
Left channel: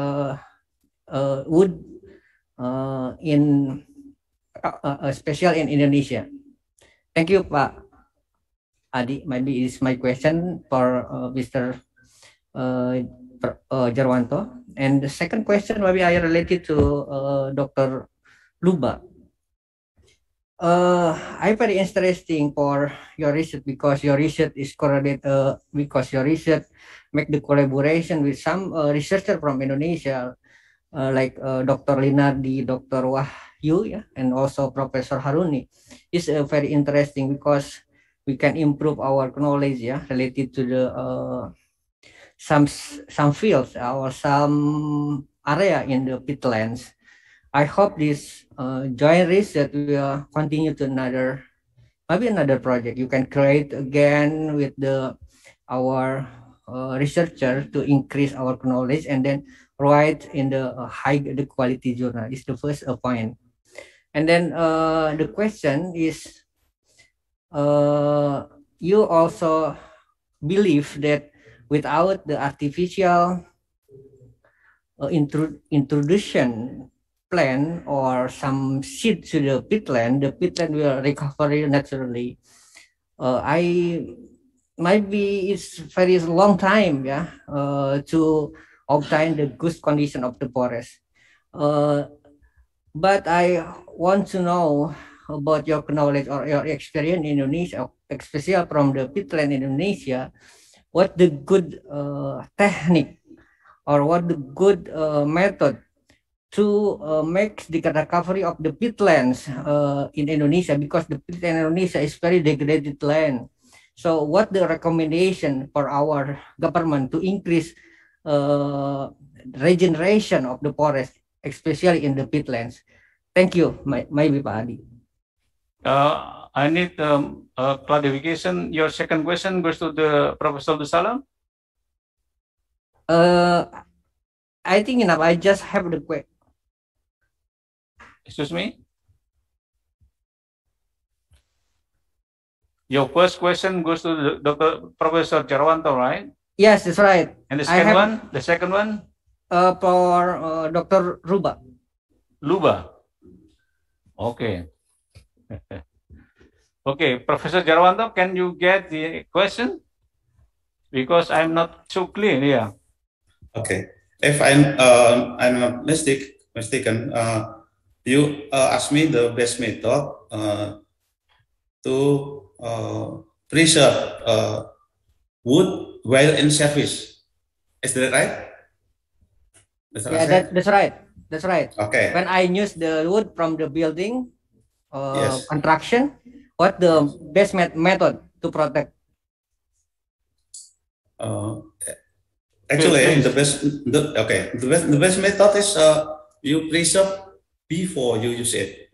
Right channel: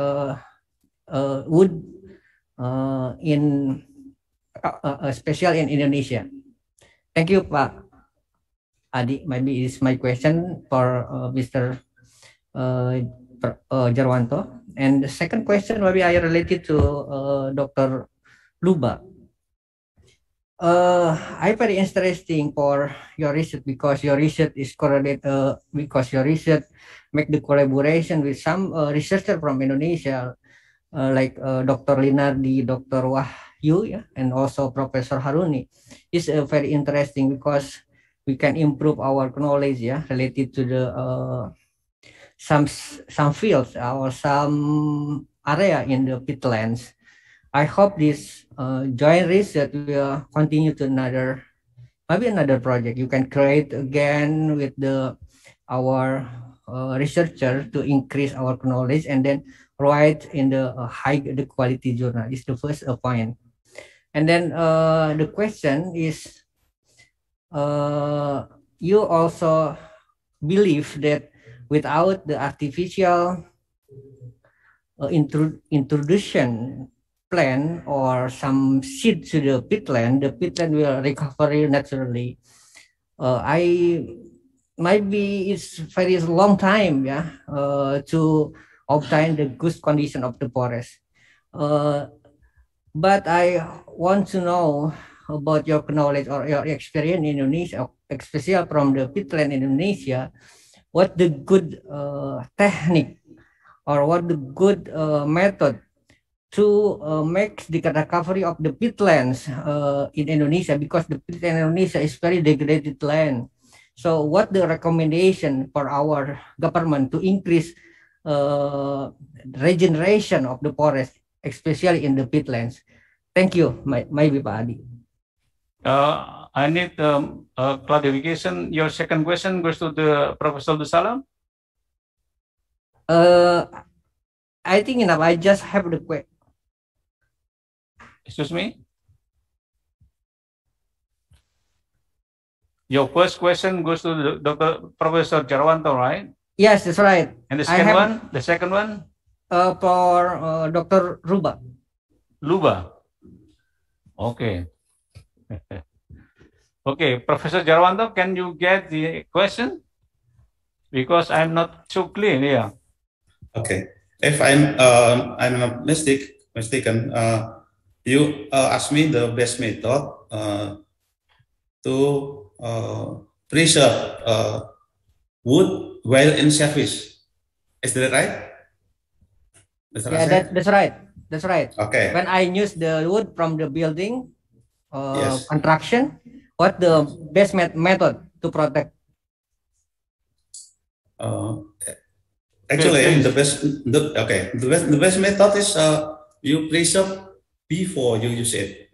wood in especially in Indonesia? Thank you, Pak Adi. Maybe it's my question for Mr. Jarwanto. And the second question maybe I related to Dr. Luba. I'm very interesting for your research because your research is correlated because your research make the collaboration with some researcher from Indonesia like Dr. Linardi, Dr. Wahyu, and also Professor Haruni. It's very interesting because we can improve our knowledge related to the some fields or some area in the peatlands. I hope this joint research will continue to another project. You can create again with our researcher to increase our knowledge and then write in the high quality journal. Is the first point. And then the question is, you also believe that without the artificial introduction plant or some seed to the peatland, the peatland will recover naturally. Maybe it's very long time, to obtain the good condition of the forest. But I want to know about your knowledge or your experience in Indonesia, especially from the peatland in Indonesia. What the good technique or what the good method to make the recovery of the peatlands in Indonesia, because the peatland in Indonesia is very degraded land. So what the recommendation for our government to increase regeneration of the forest, especially in the peatlands? Thank you, maybe Pak Adi. I need clarification. Your second question goes to the Professor Dusalam. I think enough. I just have the question. Excuse me? Your first question goes to Dr. Professor Jarwanto, right? Yes, that's right. And the second one? The second one? For Dr. Ruba. Luba. Okay. Okay, Professor Jarwanto, can you get the question? Because I'm not so clear here. Okay. If I'm not mistaken, you asked me the best method to preserve wood while in service. Is that right? That's right. That's right. Okay. When I use the wood from the building construction, what the best method to protect? Actually, the best method is you preserve before you use it,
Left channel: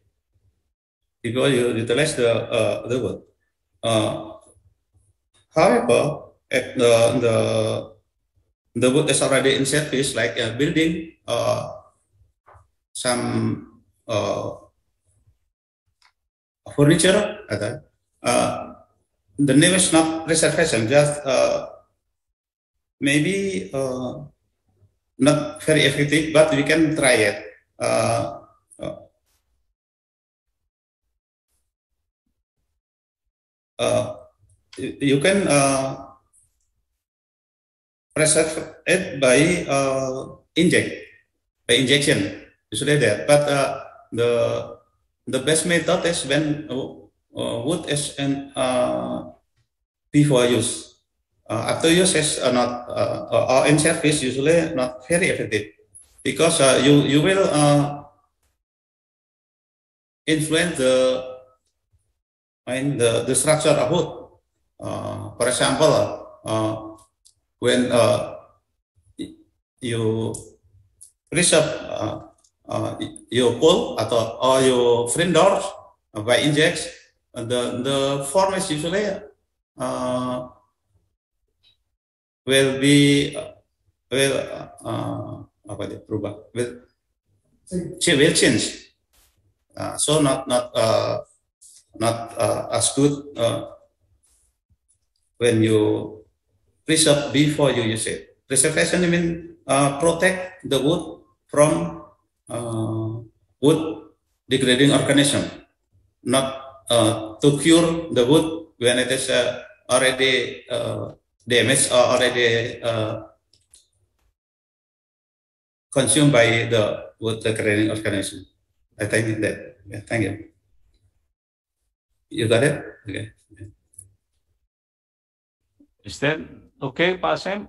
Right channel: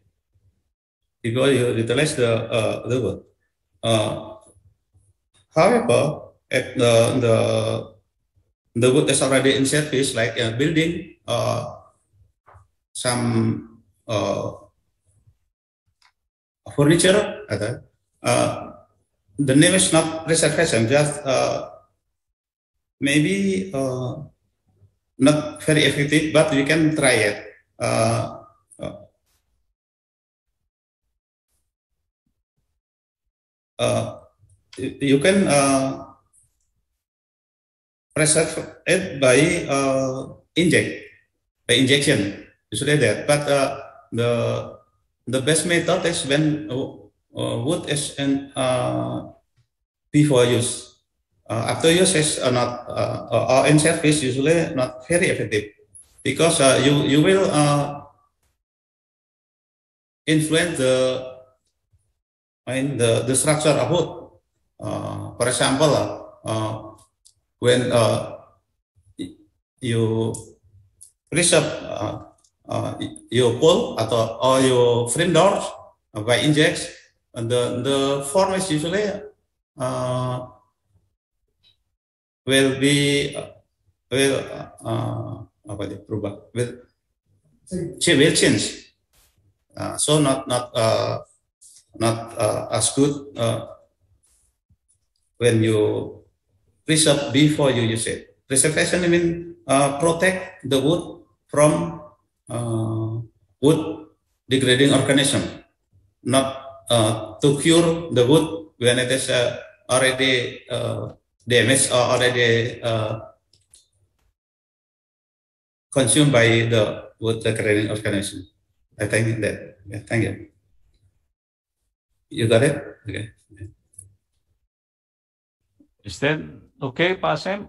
because you utilize the wood. However, if the wood is already in service, like a building, some furniture, the name is not preservation, just maybe not very effective, but we can try it. You can preserve it by injection. Usually that, but the best method is when wood is in before use. After use is not or in service, usually not very effective, because you will influence the structure of wood. For example, when you preserve your pole or your frame doors by injects, the form is usually will be will change. So not as good when you preserve before you use it. Preservation means protect the wood from wood degrading organism, not to cure the wood when it is already damaged or already consumed by the wood degrading organism. I think that. Yeah, thank you. You got it? Okay. Is that okay, Pak Sam?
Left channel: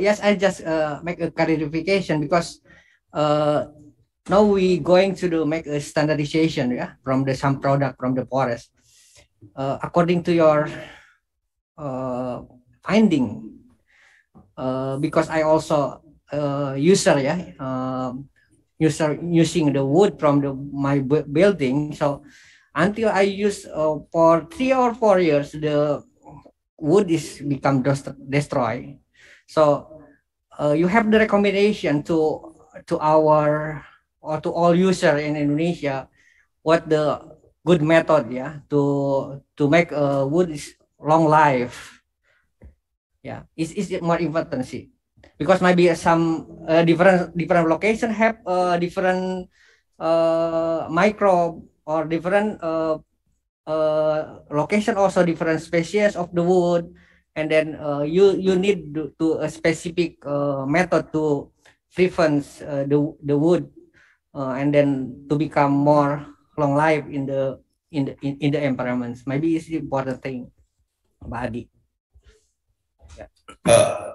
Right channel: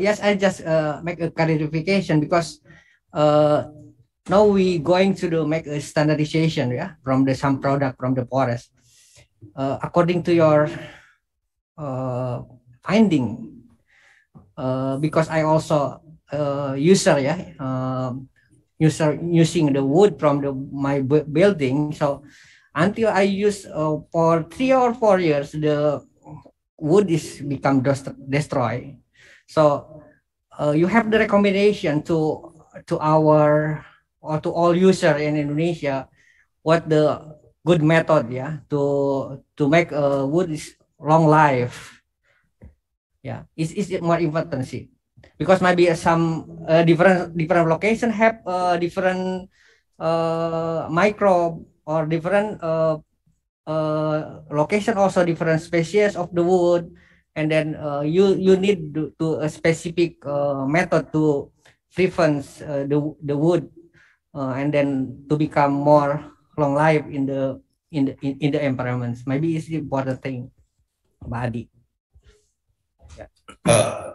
Yes, I just make a clarification, because now we going to make a standardization, from some product from the forest. According to your finding, because I also user using the wood from my building. So until I use for 3 or 4 years, the wood is become destroyed. So you have the recommendation to our or to all user in Indonesia, what the good method to make wood is long life. Is it more important? See? because maybe some different location have different microbe or different location, also different species of the wood, and then you need to a specific method to prevent the wood and then to become more long life in the environments. Maybe it's the important thing, Badi.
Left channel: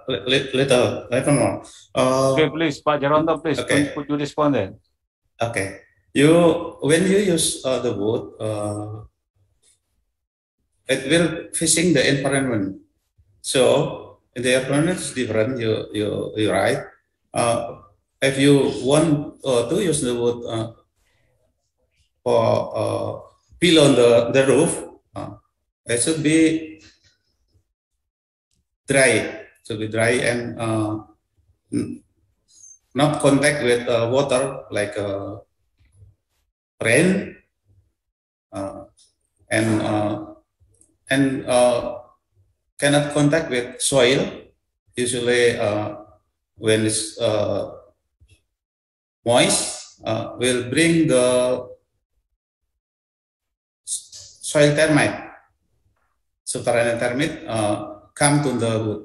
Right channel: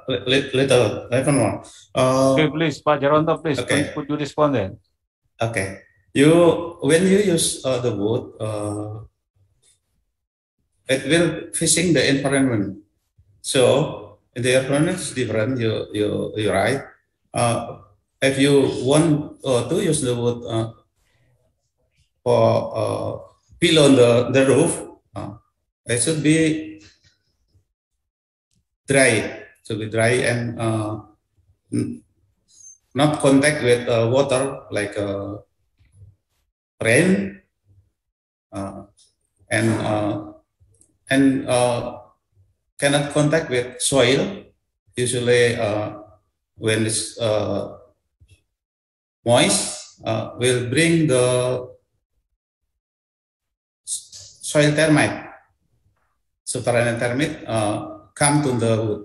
Little more. Okay, please, Pak Jarwanto, please. Okay. Could you respond then? Okay. When you use the wood, it will facing the environment. So the environment is different. You right. If you want to use the wood for below the roof, it should be dry. Should be dry and not contact with water like rain and cannot contact with soil. Usually, when it's moist, will bring the soil termite. Subterranean termite come to the wood.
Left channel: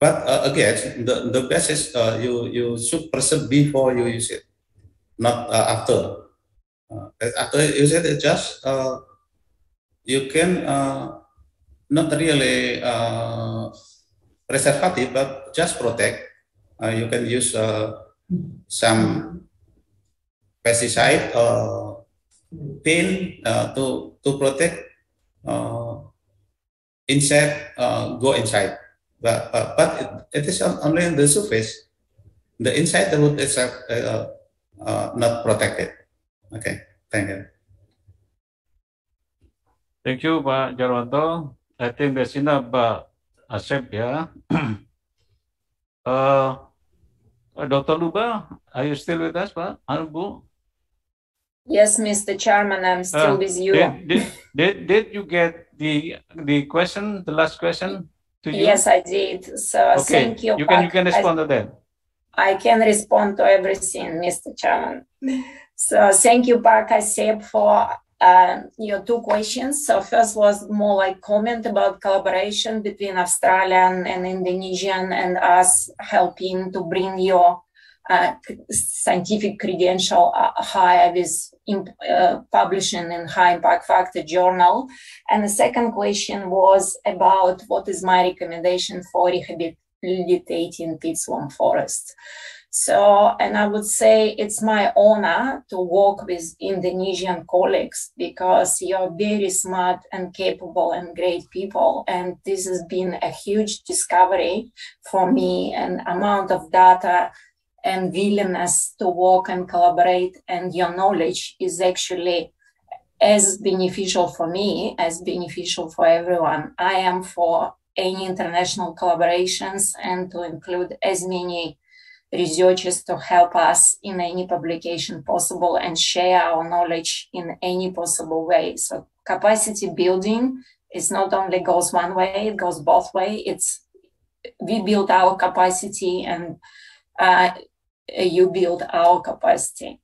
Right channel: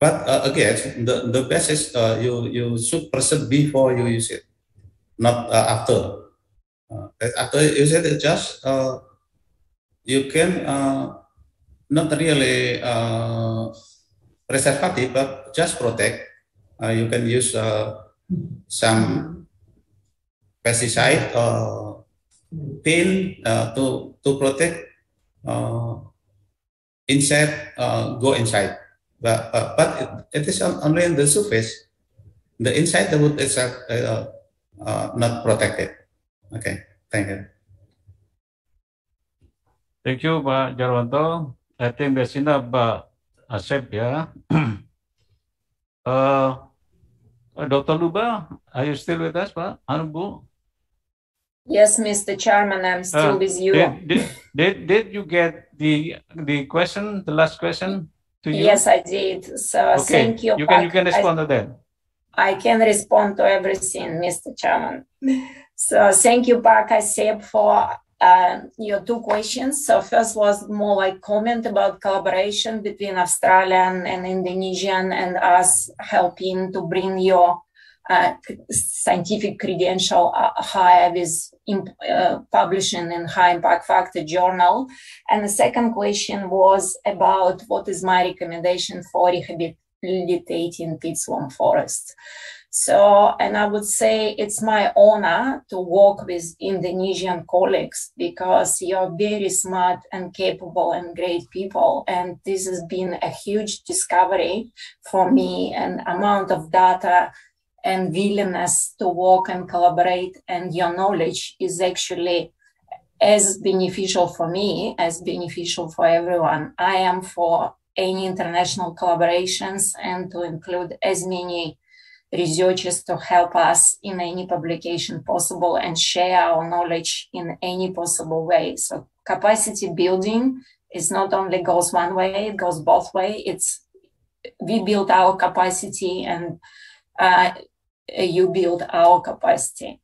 But again, the best is you should preserve before you use it, not after. After you use it, just you can not really preservative, but just protect. You can use some pesticide or paint to protect insect go inside. But it is only on the surface. The inside the wood is not protected. Okay, thank you. Thank you, Pak Jarwanto. I think that's enough, Asep, yeah. Dr. Luba, are you still with us, Pak? Anubu? Yes, Mr. Chairman, I'm still with you. Did you get the question, the last question to you? Yes, I did. So okay. Thank you. You can respond to that. I can respond to everything, Mr. Chairman. So thank you, Pak Asep, for your two questions. So first was more like comment about collaboration between Australian and Indonesian and us helping to bring your scientific credential higher with publishing in high impact factor journal. And the second question was about what is my recommendation for rehabilitating peatslum forests. So, and I would say it's my honor to work with Indonesian colleagues because you're very smart and capable and great people. And this has been a huge discovery for me, and amount of data and willingness to work and collaborate, and your knowledge is actually as beneficial for me as beneficial for everyone. I am for any international collaborations and to include as many researchers to help us in any publication possible and share our knowledge in any possible way. So capacity building is not only goes one way, it goes both ways. It's we build our capacity and you build our capacity.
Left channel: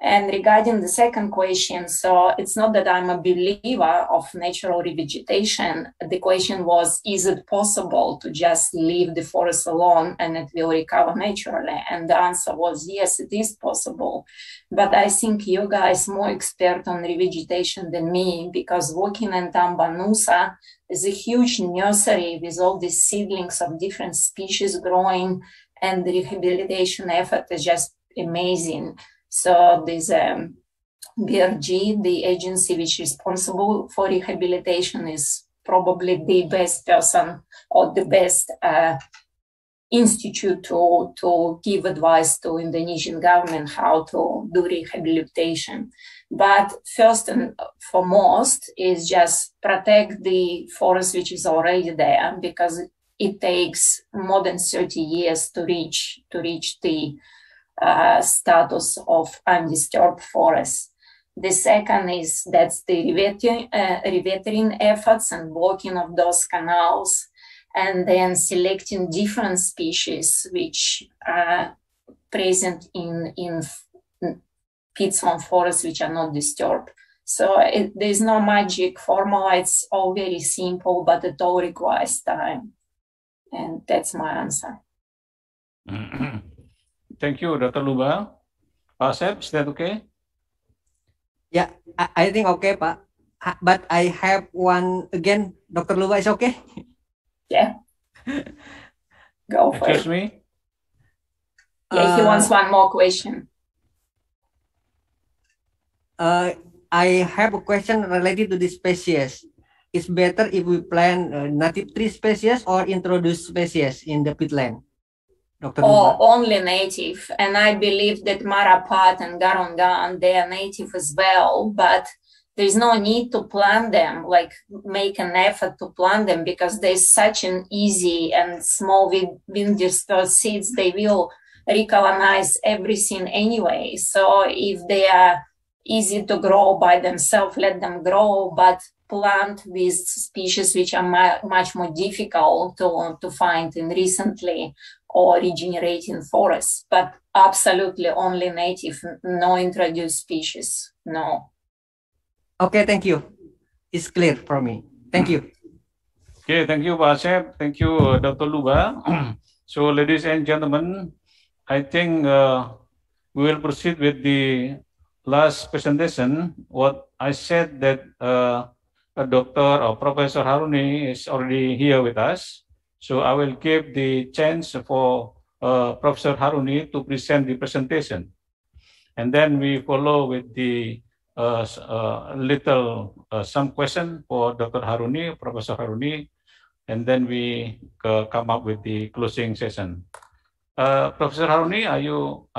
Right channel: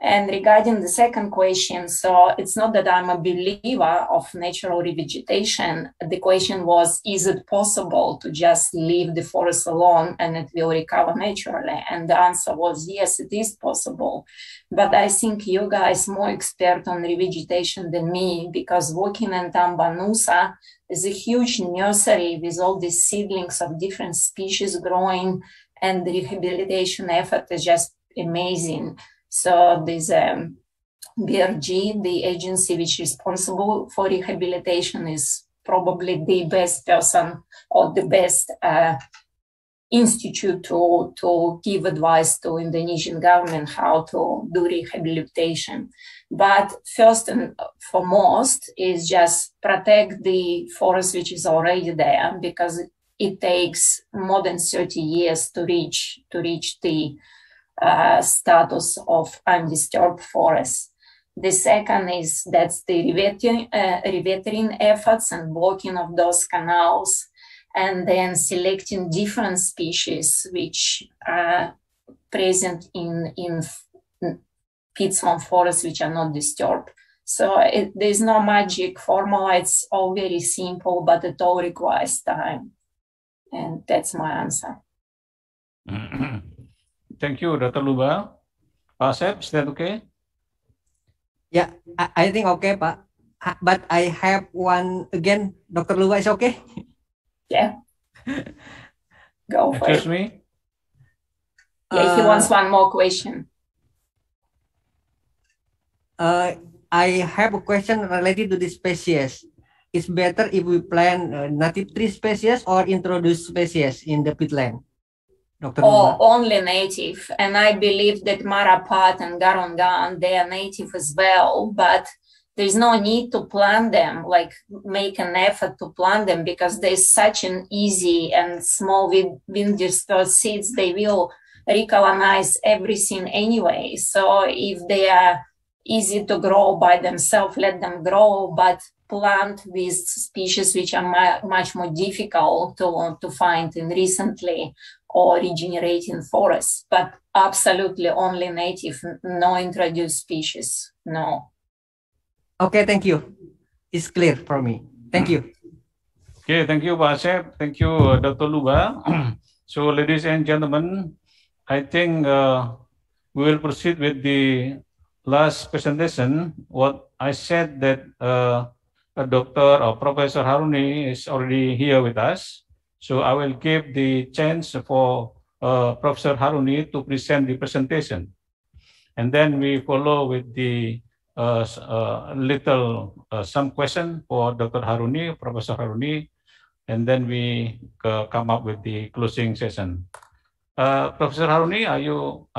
And regarding the second question, so it's not that I'm a believer of natural revegetation. The question was, is it possible to just leave the forest alone and it will recover naturally? And the answer was, yes, it is possible. But I think you guys are more expert on revegetation than me, because working in Tambanusa is a huge nursery with all these seedlings of different species growing, and the rehabilitation effort is just amazing. So this BRG, the agency which is responsible for rehabilitation, is probably the best person or the best institute to give advice to Indonesian government how to do rehabilitation. But first and foremost is just protect the forest which is already there, because it takes more than 30 years to reach the status of undisturbed forest. The second is that's the revetering efforts and blocking of those canals. and then selecting different species which are present in peatland forests which are not disturbed. So there's no magic formula, it's all very simple, but it all requires time. And that's my answer. Thank you, Dr. Luba. Pak Asep, is that okay? Yeah, I think okay, Pak. But I have one again. Dr. Luba is okay? Yeah. Go for Excuse it. me? Yeah, he wants one more question. I have a question related to this species. It's better if we plant native tree species or introduce species in the peatland? Dr. Or Luba? only native, and I believe that Marapat and Garungan, they are native as well, but there's no need to plant them, like make an effort to plant them, because there's such an easy and small wind dispersed seeds, they will recolonize everything anyway. So if they are easy to grow by themselves, let them grow, but plant these species which are much more difficult to find in recently or regenerating forests, but absolutely only native, no introduced species, no. Okay, thank you. It's clear for me. Thank you. Okay, thank you, Pak Asep. Thank you, Dr. Luba. So, ladies and gentlemen, I think we will proceed with the last presentation. What I said that Dr. or Professor Haruni is already here with us. So I will give the chance for Professor Haruni to present the presentation. And then we follow with the some question for Dr. Haruni, Professor Haruni, and then we come up with the closing session. Professor Haruni, are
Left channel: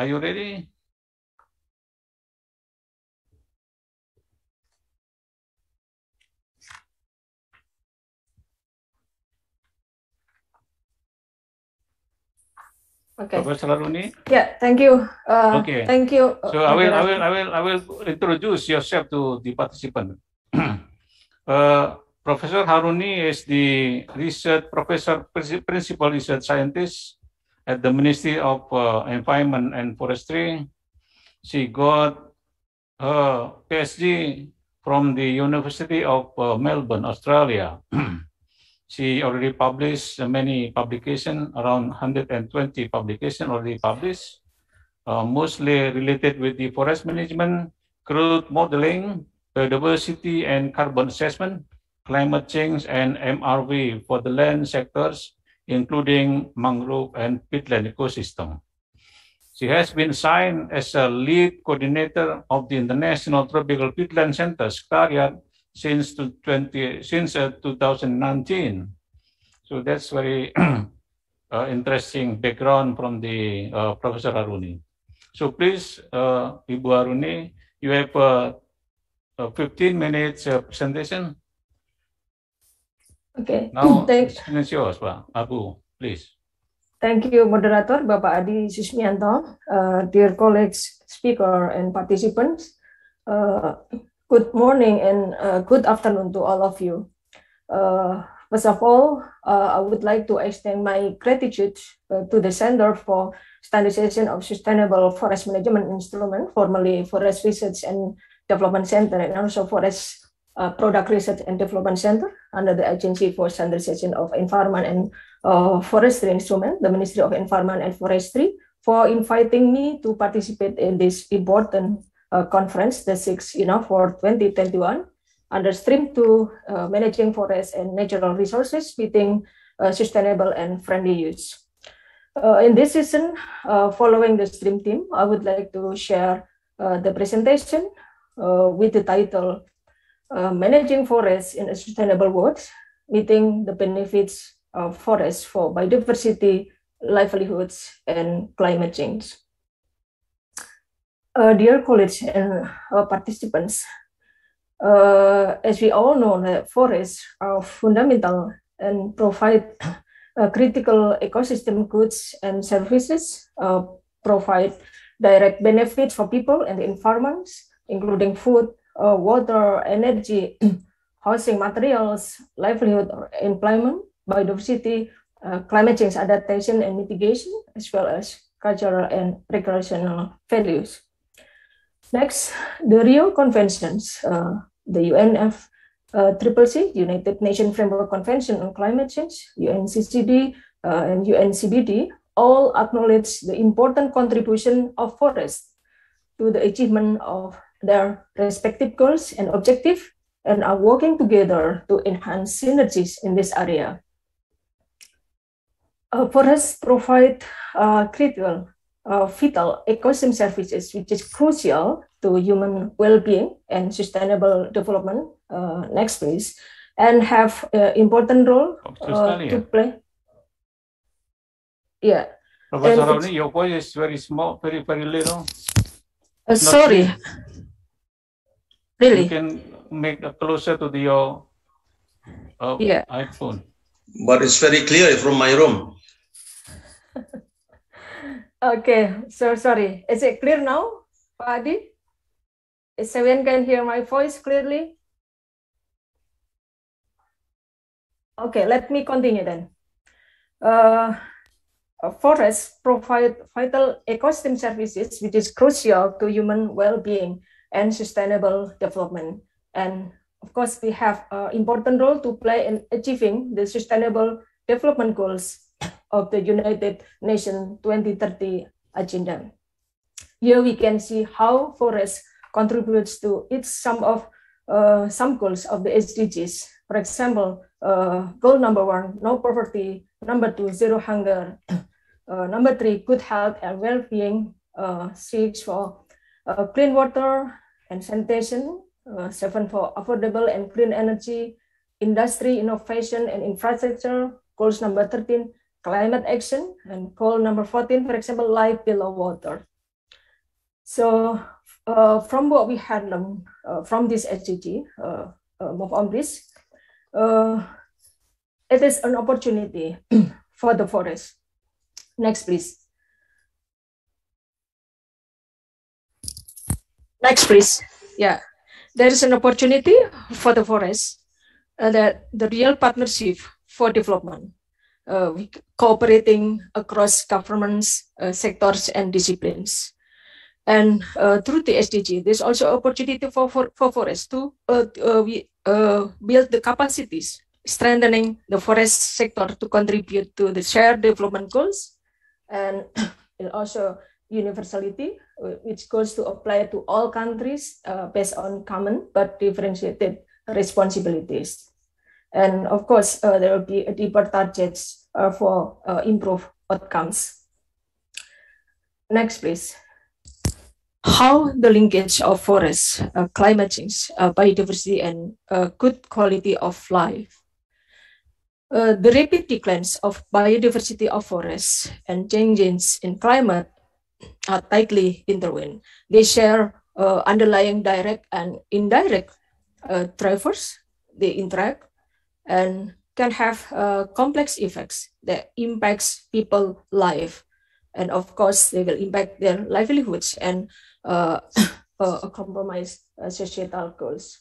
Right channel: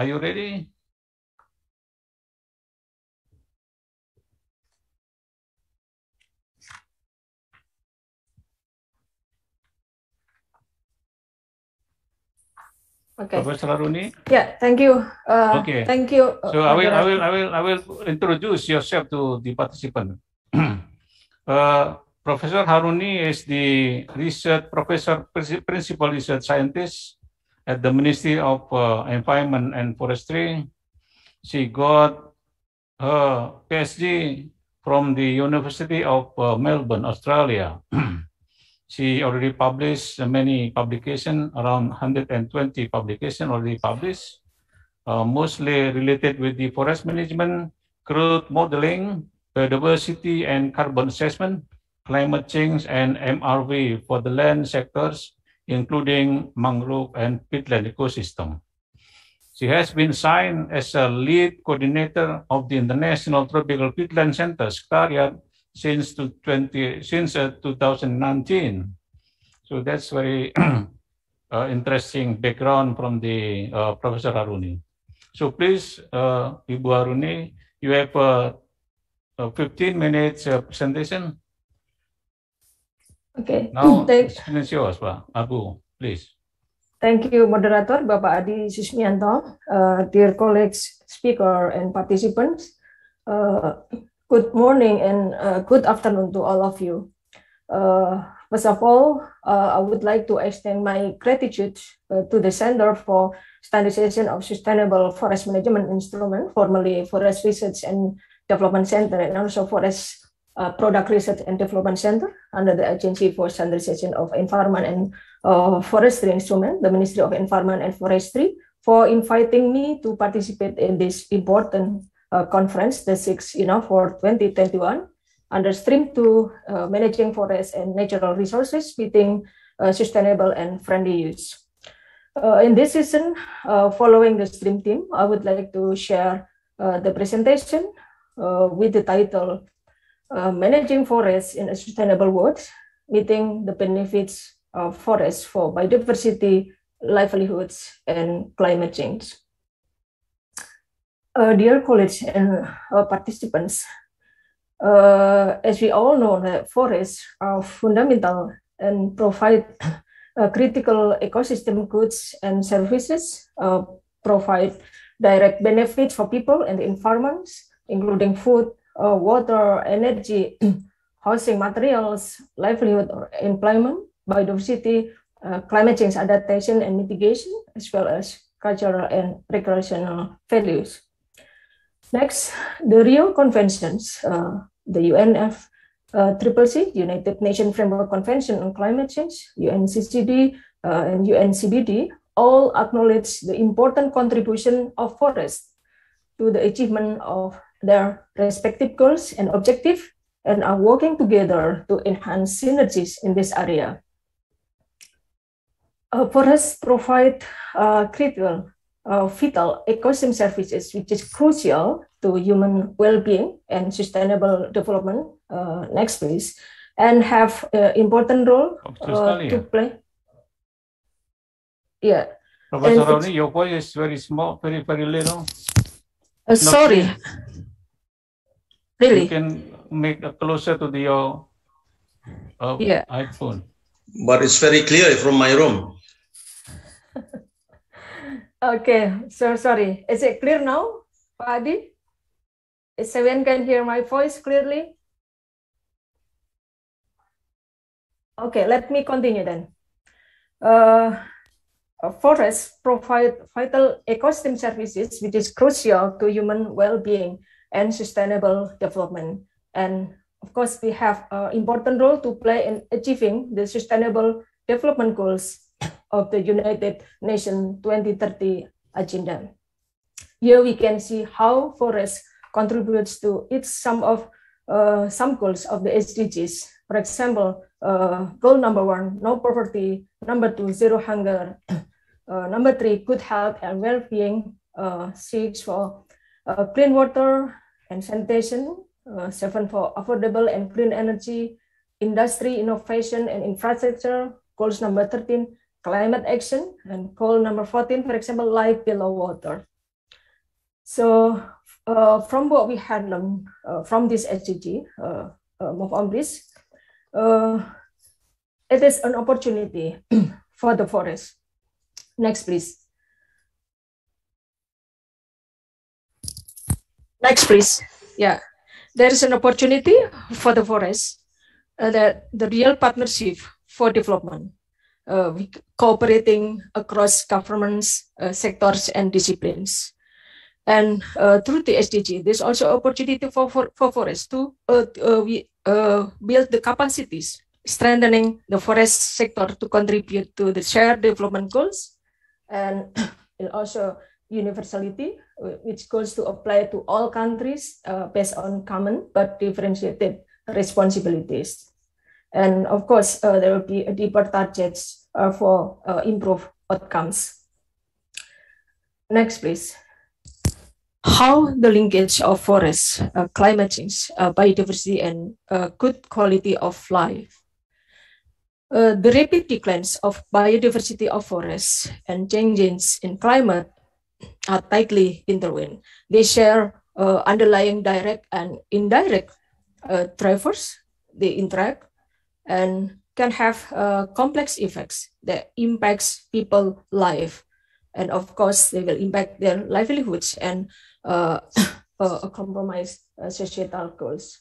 you ready? Okay. Professor Haruni? Yeah, thank you. Okay. Thank you. So I will introduce yourself to the participant. Professor Haruni is the principal research scientist at the Ministry of Environment and Forestry. She got her PhD from the University of Melbourne, Australia. She already published many publications, around 120 publications already published, mostly related with the forest management, growth modeling, biodiversity and carbon assessment, climate change, and MRV for the land sectors, including mangrove and peatland ecosystem. She has been assigned as a lead coordinator of the International Tropical Peatland Center, SCARIAT, since 2019. So that's very interesting background from the Professor Haruni. So please, Ibu Haruni, you have a 15 minutes presentation. Okay. Now, it's yours, Pak Abu, please. Thank you, Moderator, Bapak Adi Susmianto, dear colleagues, speaker, and participants. Good morning and good afternoon to all of you. First of all, I would like to extend my gratitude to the Center for Standardization of Sustainable Forest Management Instrument, formerly Forest Research and Development Center, and also Forest Product Research and Development Center under the Agency for Standardization of Environment and Forestry Instrument, the Ministry of Environment and Forestry, for inviting me to participate in this important conference, the 6th INAFOR 2021, under Stream 2, Managing Forests and Natural Resources, meeting sustainable and friendly use. In this session, following the Stream team, I would like to share the presentation with the title, Managing Forests in a Sustainable World, Meeting the Benefits of Forests for Biodiversity, Livelihoods, and Climate Change. Dear colleagues and participants, as we all know, that forests are fundamental and provide critical ecosystem goods and services, provide direct benefits for people and the environment, including food, water, energy, housing materials, livelihood, or employment, biodiversity, climate change adaptation and mitigation, as well as cultural and recreational values. Next, the Rio Conventions, the UNFCCC, United Nations Framework Convention on Climate Change, UNCCD, and UNCBD, all acknowledge the important contribution of forests to the achievement of their respective goals and objectives, and are working together to enhance synergies in this area. Forests provide critical, vital ecosystem services, which is crucial to human well-being and sustainable development. Next, please, and have important role to play. Yeah. Professor Roni, your voice is very small, very little. Sorry. Really? You can make it closer to your iPhone. But it's very clear from my room. Okay, so sorry. Is it clear now, Pak Adi? Is everyone can hear my voice clearly? Okay, let me continue then. Forests provide vital ecosystem services, which is crucial to human well-being and sustainable development. And of course, we have an important role to play in achieving the sustainable development goals of the United Nations 2030 agenda. Here we can see how forests contributes to some goals of the SDGs. For example, goal number 1, no poverty. Number 2, zero hunger. Number 3, good health and well-being. 6 for clean water and sanitation. 7 for affordable and clean energy, industry, innovation, and infrastructure. Goals number 13, climate action. And goal number 14, for example, life below water. So from what we had learned from this SDG, move on please. It is an opportunity for the forest. Next, please. Next, please. Yeah, there is an opportunity for the forest that the real partnership for development, cooperating across governments, sectors, and disciplines. And through the SDG, there's also opportunity for forests to build the capacities, strengthening the forest sector to contribute to the shared development goals, and also universality, which goes to apply to all countries based on common but differentiated responsibilities. And of course, there will be a deeper targets for improved outcomes. Next, please. How the linkage of forests, climate change, biodiversity, and good quality of life. The rapid declines of biodiversity of forests and changes in climate are tightly intertwined. They share underlying direct and indirect drivers. They interact and can have complex effects that impacts people's life. And of course, they will impact their livelihoods and compromise societal goals.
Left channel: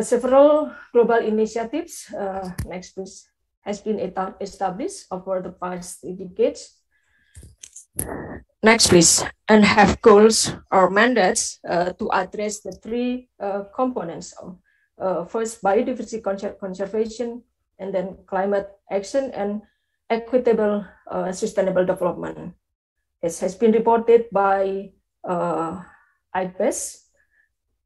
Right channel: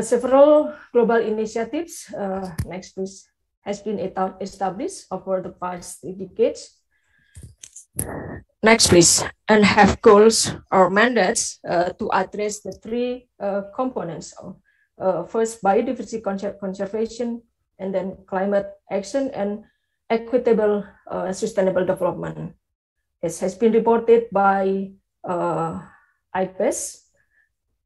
Several global initiatives, next please, has been established over the past decades. Next please, and have goals or mandates to address the 3 components of first, biodiversity conservation, and then climate action and equitable sustainable development. It has been reported by IPES,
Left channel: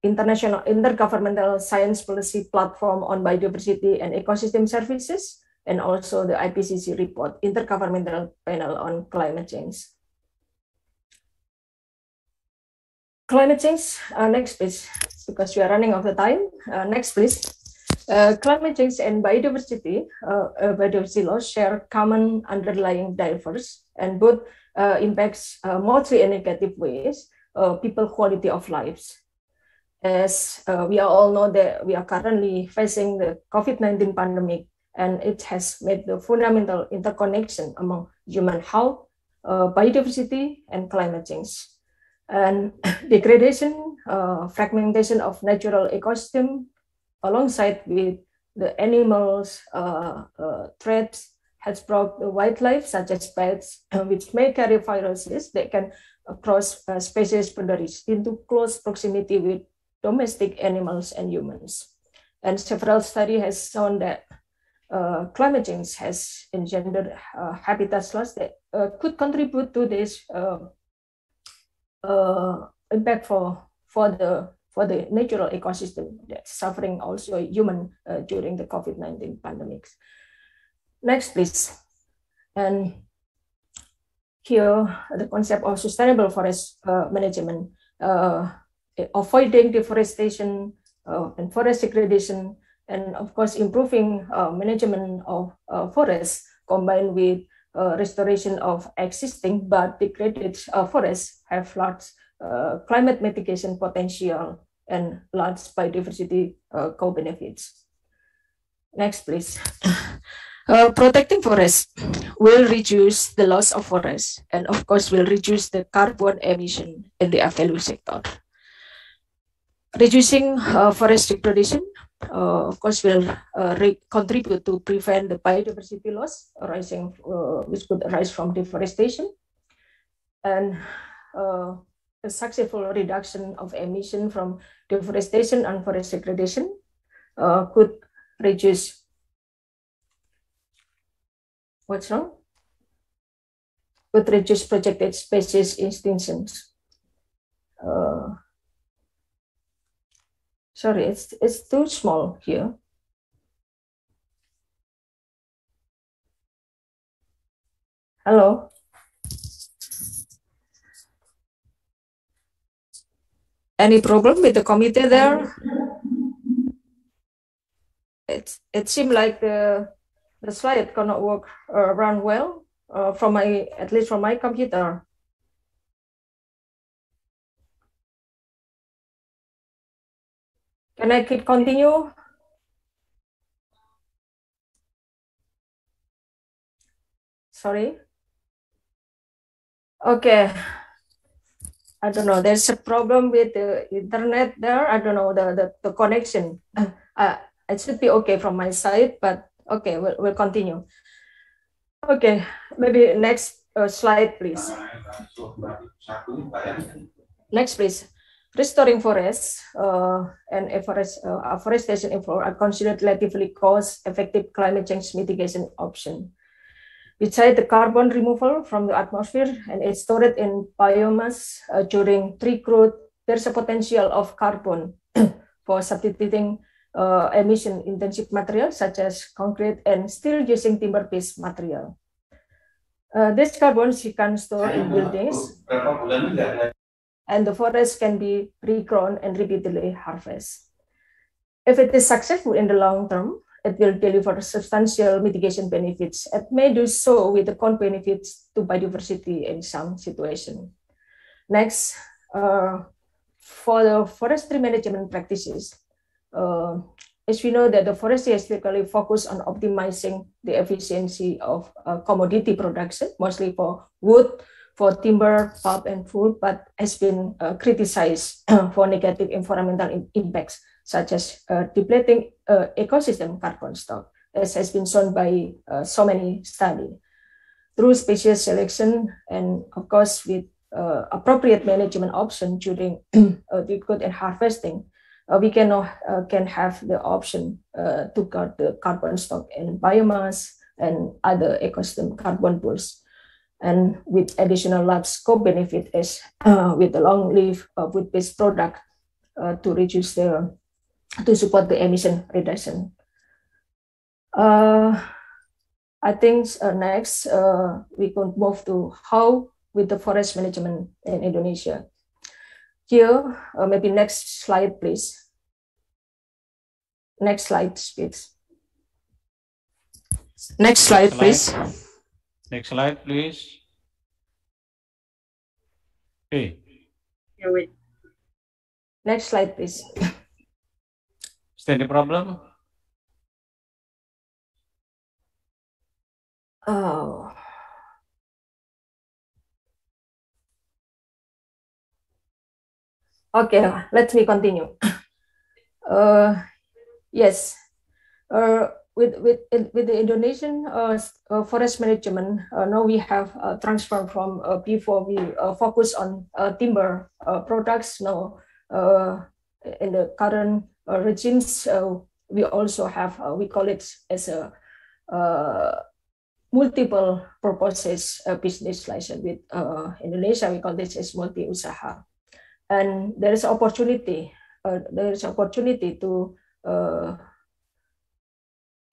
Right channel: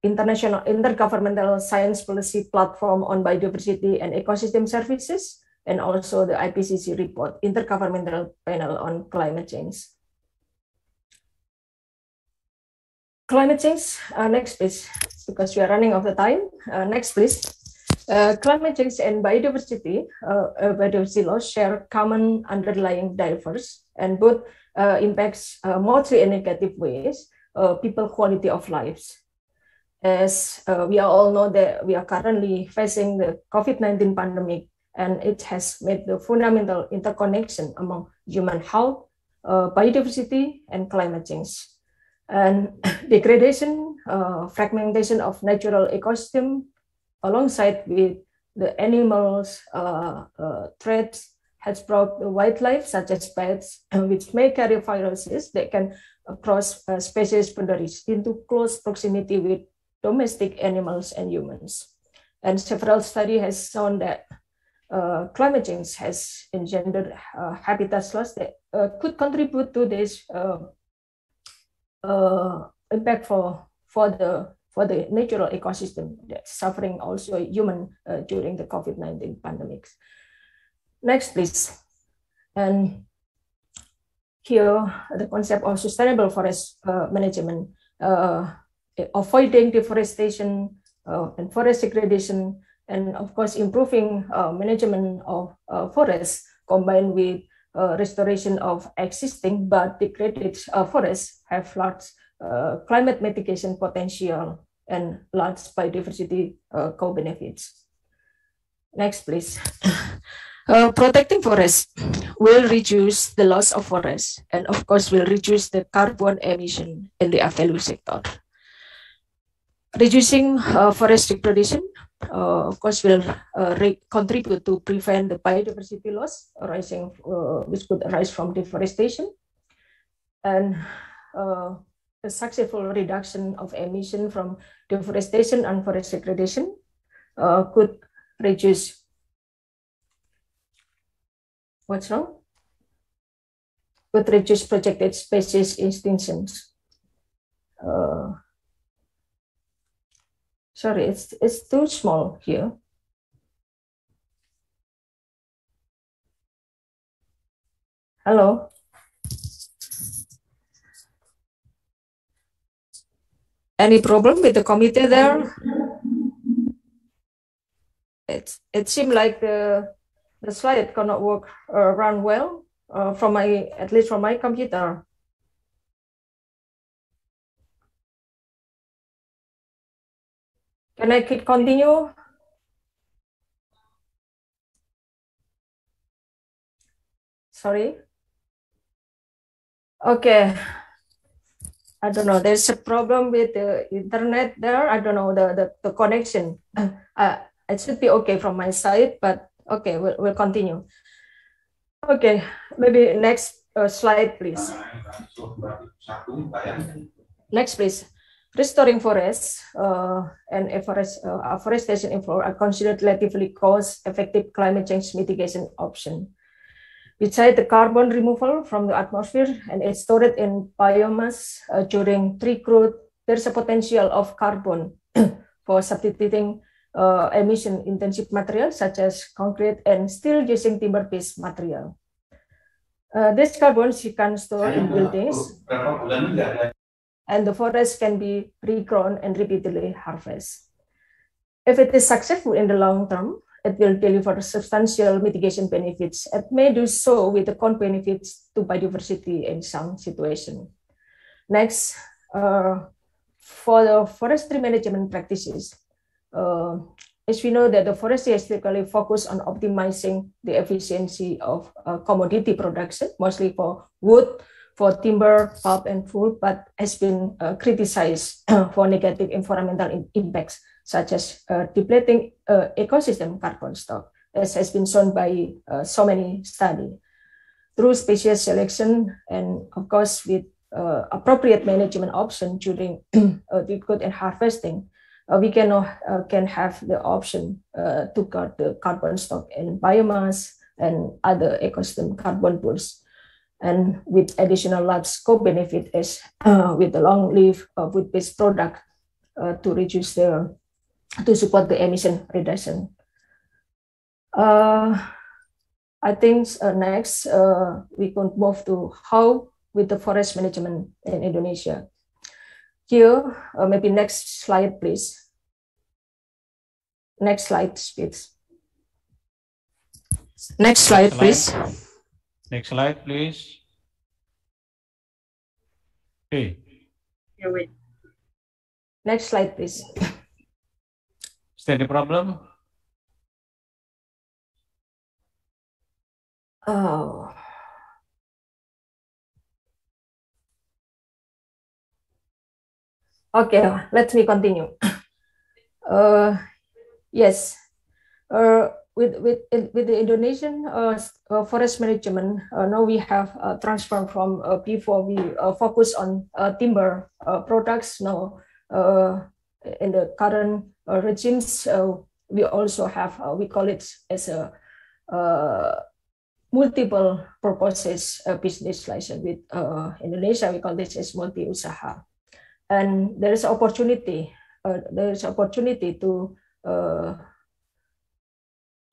International Intergovernmental Science Policy Platform on Biodiversity and Ecosystem Services, and also the IPCC report, Intergovernmental Panel on Climate Change. Climate change, next please, because we are running out of time. Next please. Climate change and biodiversity, biodiversity loss share common underlying drivers, and both impacts mostly in negative ways people quality of lives. As we all know that we are currently facing the COVID-19 pandemic, and it has made the fundamental interconnection among human health, biodiversity, and climate change. And degradation, fragmentation of natural ecosystem, alongside with the animals, threats has brought the wildlife such as pets, which may carry viruses that can cross species boundaries into close proximity with domestic animals and humans. And several studies has shown that climate change has engendered habitat loss that could contribute to this impact for the natural ecosystem that's suffering also human during the COVID-19 pandemics. Next, please. And here, the concept of sustainable forest management, avoiding deforestation and forest degradation, and of course, improving management of forests combined with restoration of existing but degraded forests have large climate mitigation potential and large biodiversity co-benefits. Next, please. Protecting forests will reduce the loss of forests and of course will reduce the carbon emission in the value sector. Reducing forest degradation of course will contribute to prevent the biodiversity loss arising, which could arise from deforestation, and a successful reduction of emission from deforestation and forest degradation could reduce what's wrong? Could reduce projected species extinctions. Sorry, it's too small here. Hello. Any problem with the committee there? It seemed like the slide cannot work run well from at least from my computer. Can I continue? Sorry. Okay. I don't know. There's a problem with the internet there. I don't know the connection. It should be okay from my side, but okay, we'll continue. Okay, maybe next slide, please. Next, please. Restoring forests and afforestation are considered relatively cost-effective climate change mitigation option. Besides the carbon removal from the atmosphere and it's stored in biomass during tree growth, there's a potential of carbon for substituting emission-intensive materials such as concrete and still using timber-based material. This carbon you can store in buildings, and the forest can be regrown and repeatedly harvested. If it is successful in the long term, it will deliver substantial mitigation benefits. It may do so with the benefits to biodiversity in some situation. Next, for the forestry management practices, as we know that the forestry is typically focused on optimizing the efficiency of commodity production, mostly for wood, for timber, pulp, and food, but has been criticized for negative environmental impacts, such as depleting ecosystem carbon stock, as has been shown by so many studies. Through species selection and, of course, with appropriate management option during the good and harvesting, we can have the option to cut the carbon stock in biomass and other ecosystem carbon pools. And with additional large scope benefit is with the long-lived wood-based product to support the emission reduction. I think next we can move to how with the forest management in Indonesia. Here, maybe next slide, please. Next slide, please. Next slide, please. Next slide, please. Okay. Yeah, wait. Next slide, please. Is there any problem? Oh. Okay, let me continue. Yes, With the Indonesian forest management, now we have transformed from before we focus on timber products. Now in the current regimes, we also have we call it as a multiple purposes business license. With Indonesia, we call this as multi-usaha, and there is opportunity. There is opportunity to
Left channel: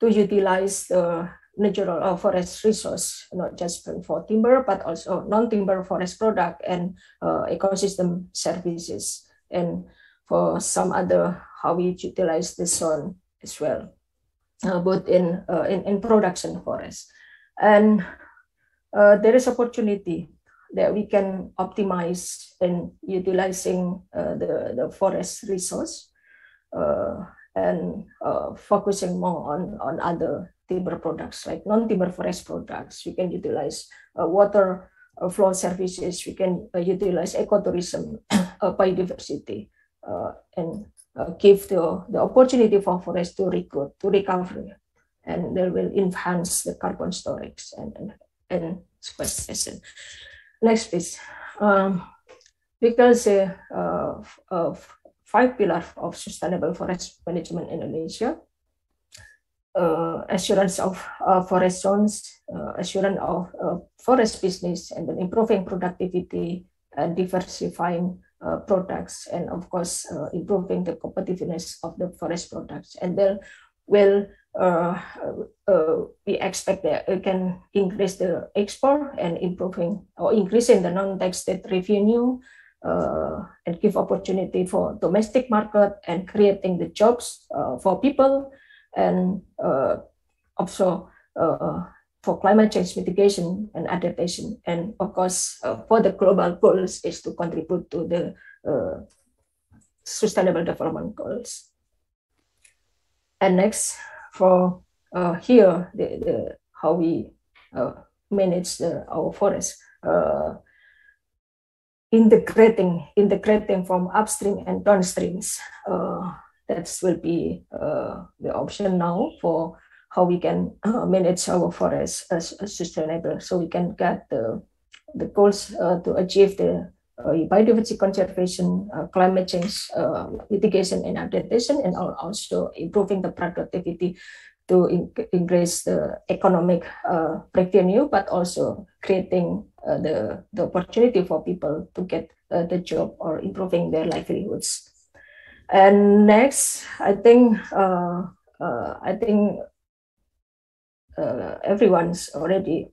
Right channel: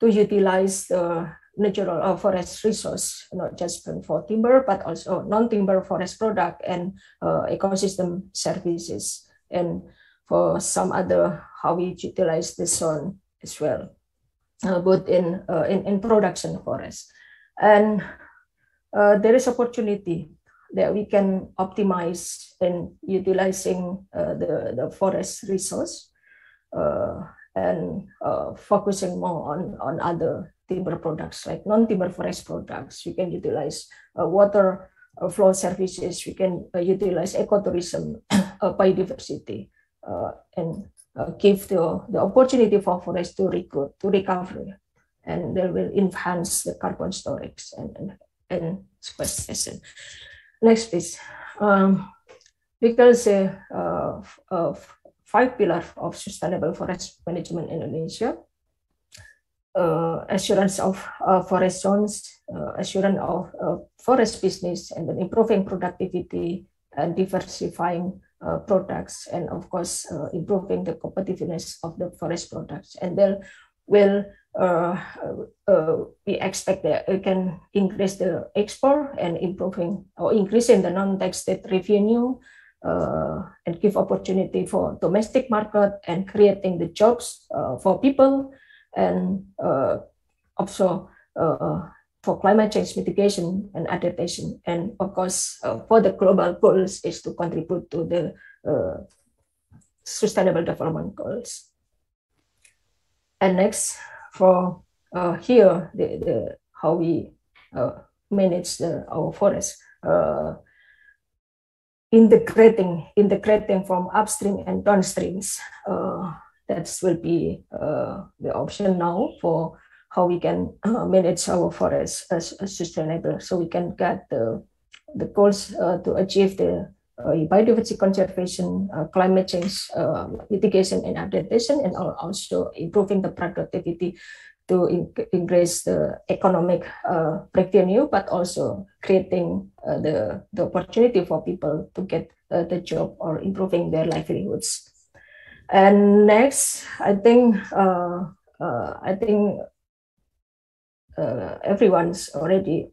utilize the natural forest resource, not just for timber, but also non-timber forest product and ecosystem services, and for some other how we utilize the zone as well, both in production forest. And there is opportunity that we can optimize in utilizing the forest resource and focusing more on other timber products like non-timber forest products. We can utilize water flow services. We can utilize ecotourism, biodiversity, and give the opportunity for forest to recover, and they will enhance the carbon storage and sequestration. Next, please. Because 5 pillars of sustainable forest management in Indonesia: assurance of forest zones, assurance of forest business, and then improving productivity and diversifying products, and of course improving the competitiveness of the forest products. And then will we expect that it can increase the export and improving or increasing the non-tax state revenue, and give opportunity for domestic market and creating the jobs for people, and also for climate change mitigation and adaptation, and of course for the global goals is to contribute to the sustainable development goals. And next, for here the how we manage our forest, integrating from upstream and downstreams. That will be the option now for how we can manage our forest as sustainable, so we can get the goals to achieve the biodiversity conservation, climate change mitigation and adaptation, and also improving the productivity to increase the economic revenue, but also creating the opportunity for people to get the job or improving their livelihoods. And next, I think everyone's already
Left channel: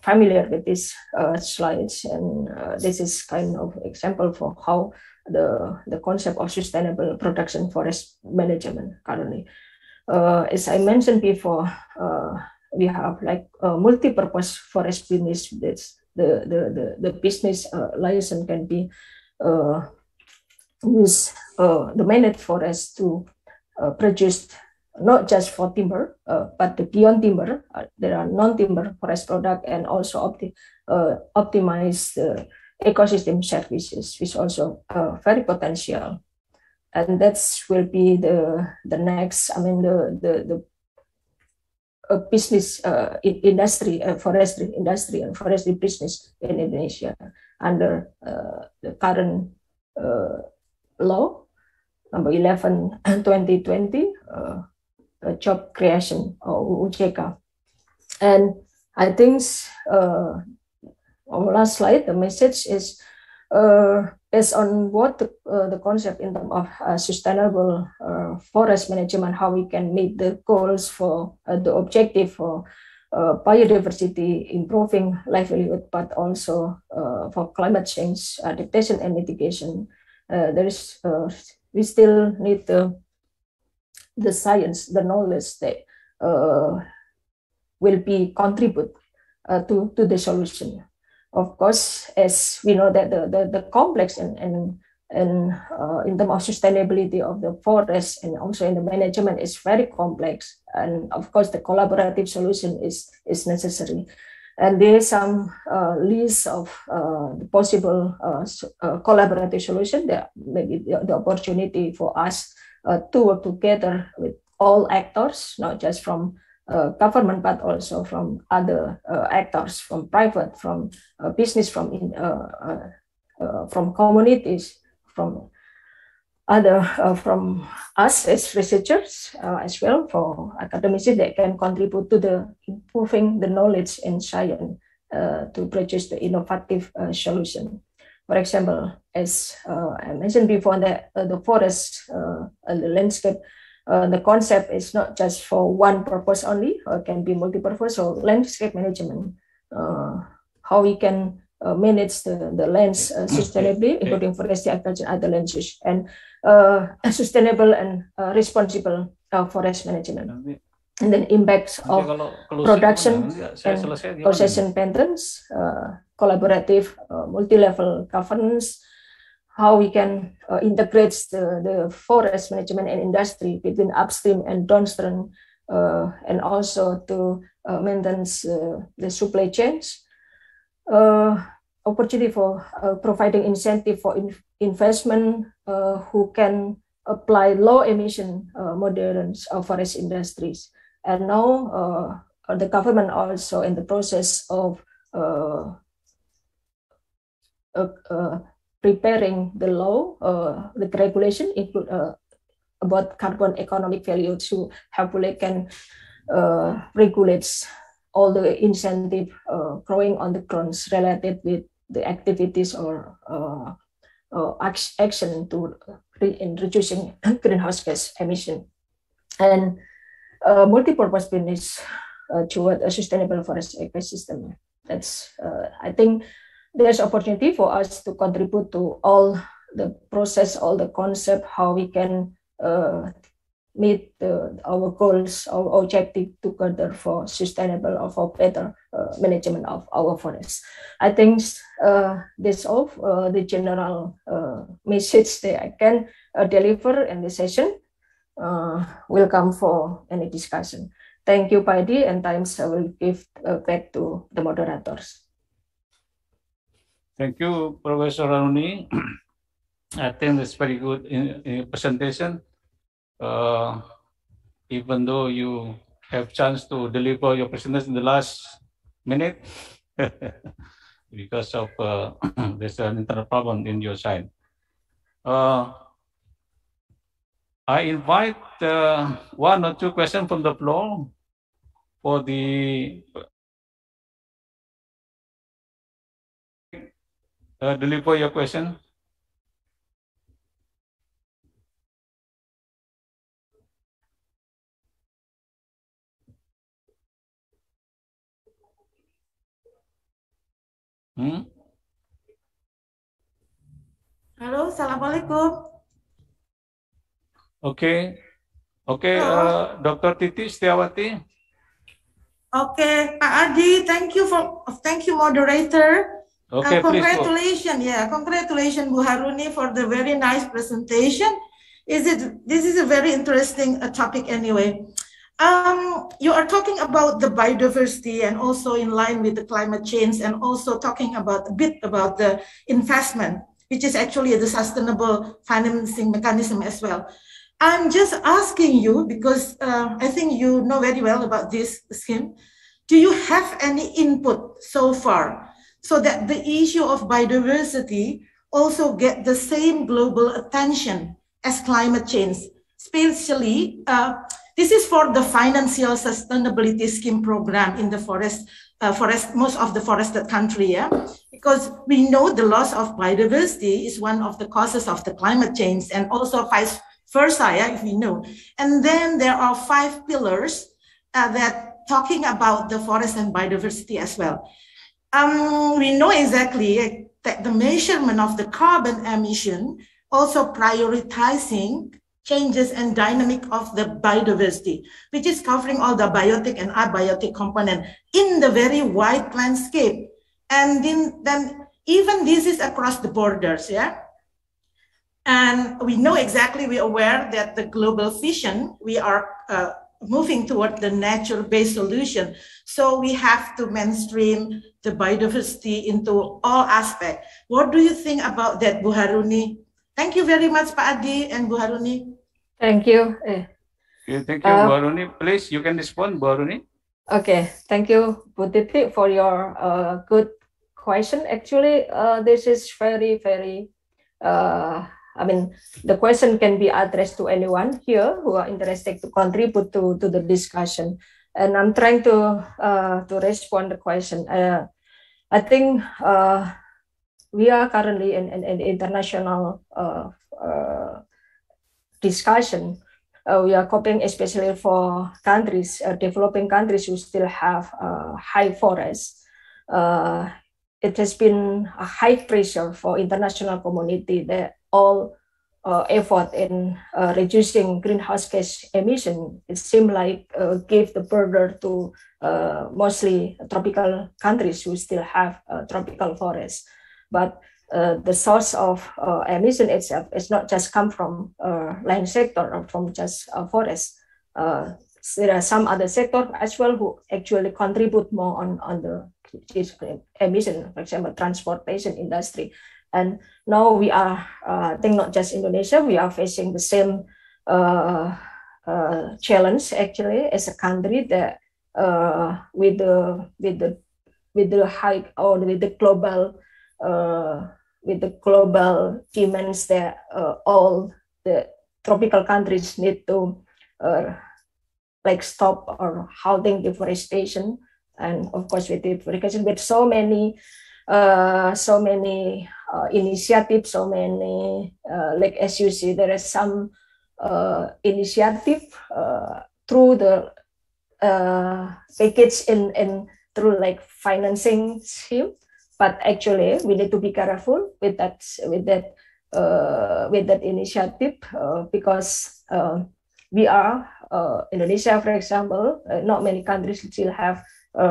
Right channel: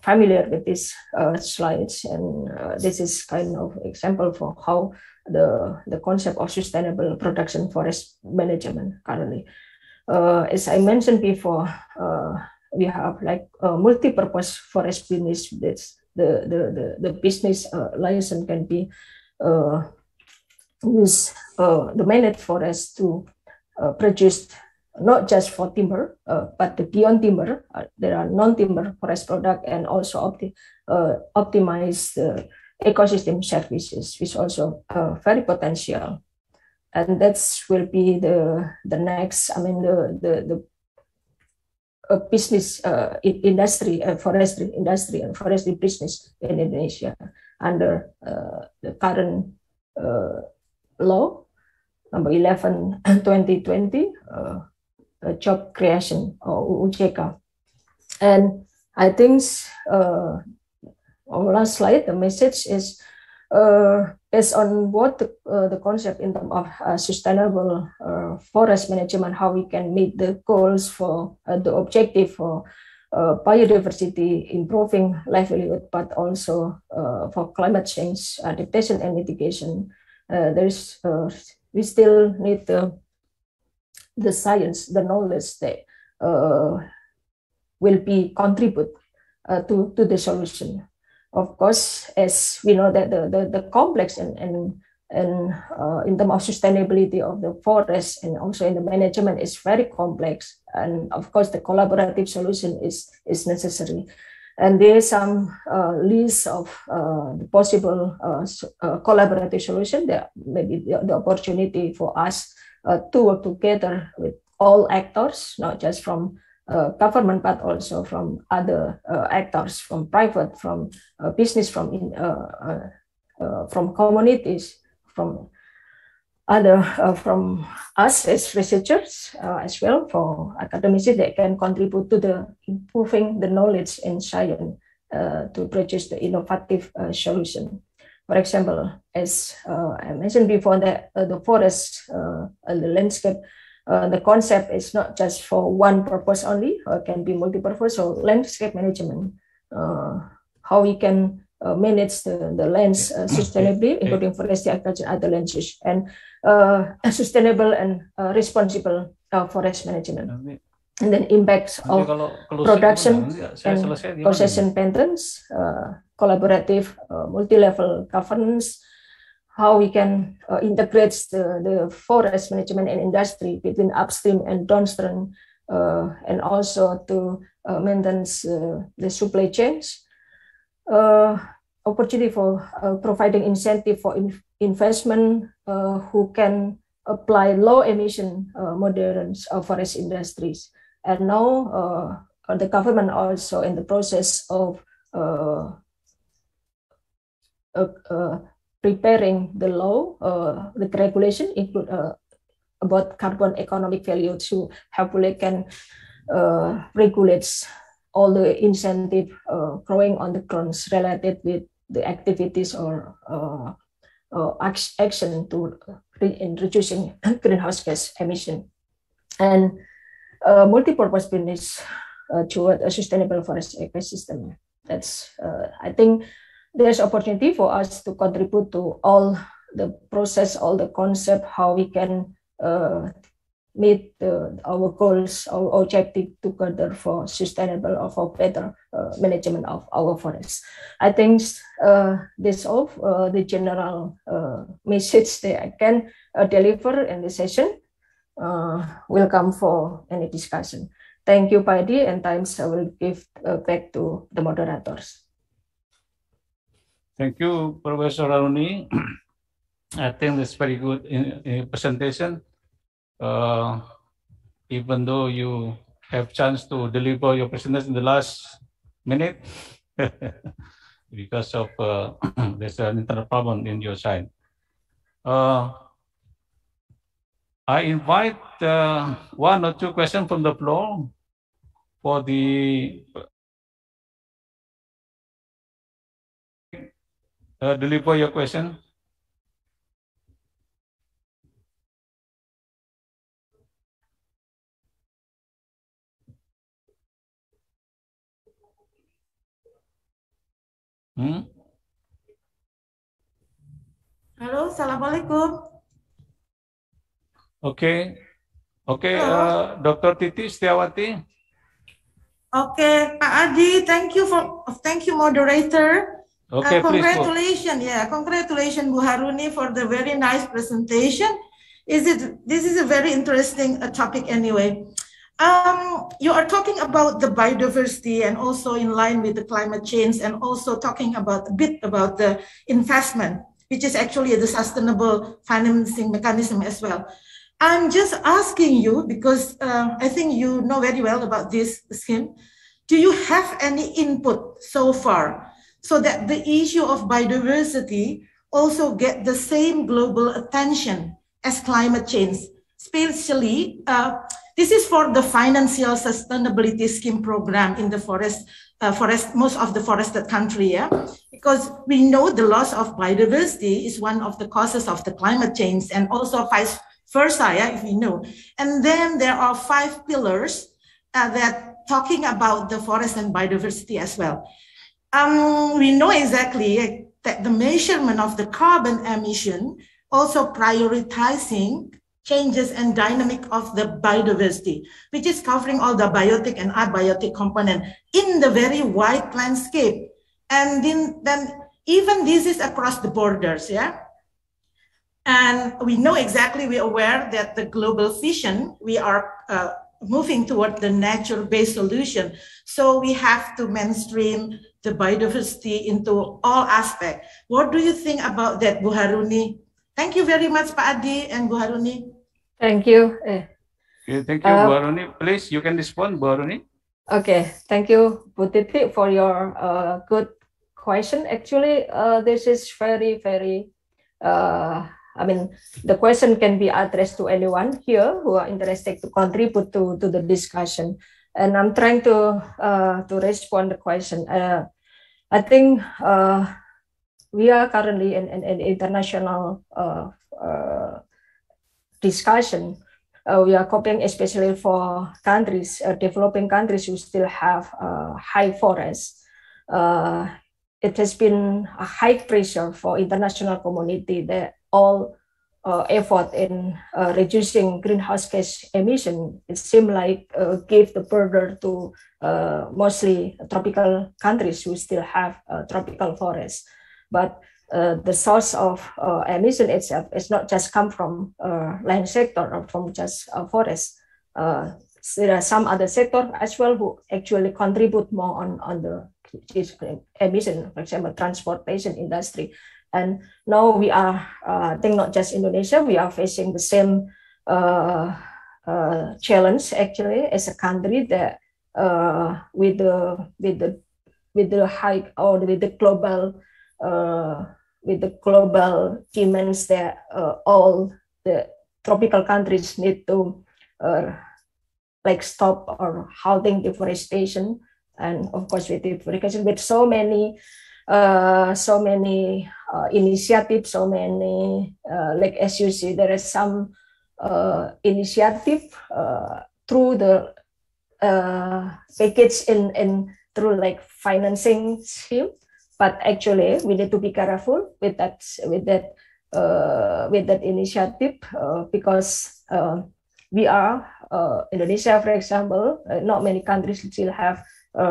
familiar with these slides, and this is kind of example for how the concept of sustainable production forest management currently. As I mentioned before, we have like multi-purpose forest business. The business license can be used the managed forest to produce not just for timber, but beyond timber. There are non-timber forest product, and also optimize the ecosystem services, which also very potential. And that will be the next. I mean the business industry, forestry industry and forestry business in Indonesia under the current law number 11 2020, job creation or UJK. And I think our last slide, the message is based on what the concept in terms of sustainable forest management, how we can meet the goals for the objective for biodiversity, improving livelihood, but also for climate change adaptation and mitigation. We still need the science, the knowledge that will be contribute to the solution. Of course, as we know that the complex and in terms of sustainability of the forest and also in the management is very complex, and of course the collaborative solution is necessary. And there is some list of the possible collaborative solution. There may be the opportunity for us to work together with all actors, not just from government, but also from other actors, from private, from business, from communities, from other from us as researchers as well, for academics that can contribute to the improving the knowledge in science to produce the innovative solution. For example, as I mentioned before, that the forest, the landscape, the concept is not just for one purpose only, can be multi-purpose. So landscape management, how we can manage the lands sustainably, including forestry, agriculture, other land use, and sustainable and responsible forest management. And then impacts of production and possession patterns, collaborative multi-level governance, how we can integrate the forest management and industry between upstream and downstream, and also to maintain the supply chains. Opportunity for providing incentive for investment who can apply low emission modern forest industries. And now the government also in the process of preparing the law, the regulation include about carbon economic value to hopefully can regulate all the incentive growing on the grounds related with the activities or action to in reducing greenhouse gas emission. And multi-purpose business toward a sustainable forest ecosystem. That's I think there's opportunity for us to contribute to all the process, all the concept, how we can meet our goals, our objective together for sustainable or for better management of our forests. I think this all the general message that I can deliver in the session. Welcome for any discussion. Thank you, Paidi, and times I will give back to the moderators. Thank you, Professor Aruni. I think that's very good in presentation. Even though you have chance to deliver your presentation in the last minute because of there's an internal problem in your side. I invite one or two questions from the floor for the deliver your question. Halo, Assalamualaikum. Okay, Dr. Titi Setiawati. Okay, Pak Adi, thank you moderator. Okay, congratulations, congratulations Bu Haruni for the very nice presentation. This is a very interesting topic anyway. You are talking about the biodiversity and also in line with the climate change, and also talking about a bit about the investment, which is actually the sustainable financing mechanism as well. I'm just asking you, because I think you know very well about this scheme. Do you have any input so far so that the issue of biodiversity also get the same global attention as climate change? Especially, this is for the financial sustainability scheme program in the most of the forested country, because we know the loss of biodiversity is one of the causes of the climate change, and also vice versa, if we know. And then there are 5 pillars that talking about the forest and biodiversity as well. We know exactly that the measurement of the carbon emission also prioritizing changes and dynamic of the biodiversity, which is covering all the biotic and abiotic component in the very wide landscape. And then even this is across the borders, And we know exactly, we're aware that the global vision, we are moving toward the nature-based solution. So we have to mainstream the biodiversity into all aspects. What do you think about that, Bu Haruni? Thank you very much, Pak Adi and Bu Haruni. Thank you. Okay, thank you, Bu Aruni. Please, you can respond, Bu Aruni. Okay, thank you, Bu Titi, for your good question. Actually, this is very, very, I mean, the question can be addressed to anyone here who are interested to contribute to the discussion. And I'm trying to respond the question. I think we are currently in an international discussion. We are coping, especially for countries, developing countries who still have high forests. It has been a high pressure for international community that all effort in reducing greenhouse gas emission, it seems like gave the burden to mostly tropical countries who still have tropical forests. But the source of emission itself is not just come from land sector or from just forest. There are some other sector as well who actually contribute more on the emission, for example, transportation industry. And now we are, I think not just Indonesia, we are facing the same challenge actually as a country that with the high or with the global demands that all the tropical countries need to like stop or halting deforestation, and of course with deforestation, with so many initiatives, so many like as you see, there is some initiative through the package in through like financing scheme. But actually, we need to be careful with that initiative because we are Indonesia, for example. Not many countries still have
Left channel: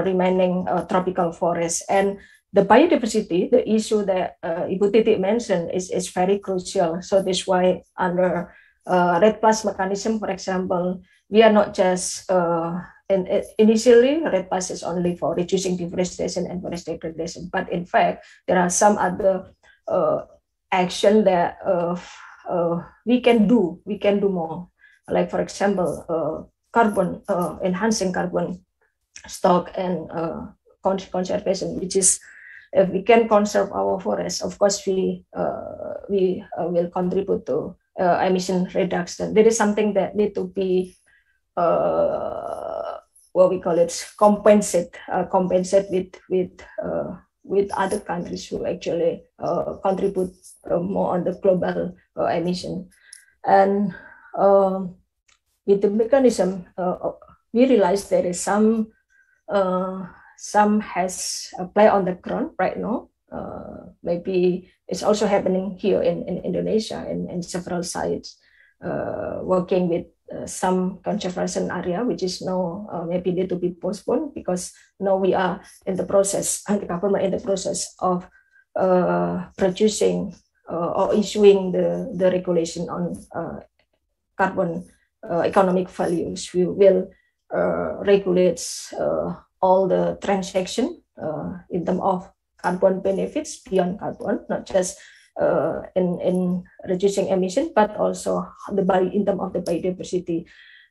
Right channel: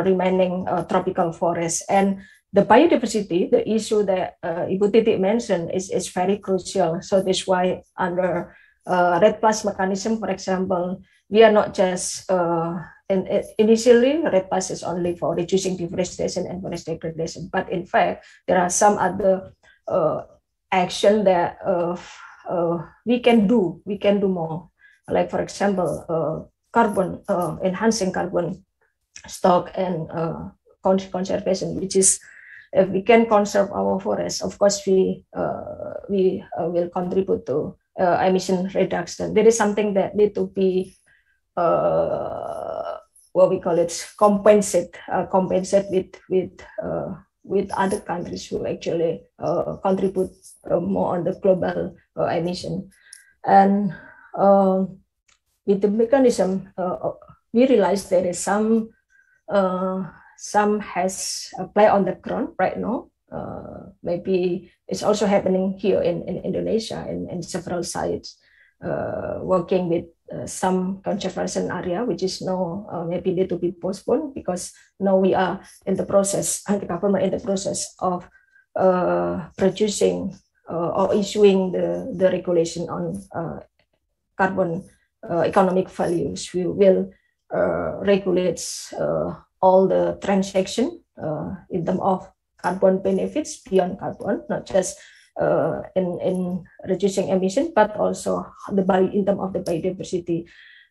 remaining tropical forests, and the biodiversity, the issue that Ibu Titi mentioned, is very crucial. So that's why under REDD+ mechanism, for example, we are not just initially, REDD+ is only for reducing deforestation and forest degradation. But in fact, there are some other action that we can do. We can do more. Like for example, carbon enhancing carbon stock and conservation, which is if we can conserve our forests, of course we will contribute to emission reduction. There is something that need to be what we call it, compensate with other countries who actually contribute more on the global emission. And with the mechanism, we realize there is some has a play on the ground right now. Maybe it's also happening here in Indonesia in several sites, working with some conservation area, which is now maybe need to be postponed because now we are in the process, and the government in the process of producing or issuing the regulation on carbon economic values. We will regulate all the transaction in terms of carbon benefits beyond carbon, not just in reducing emission, but also in terms of the biodiversity.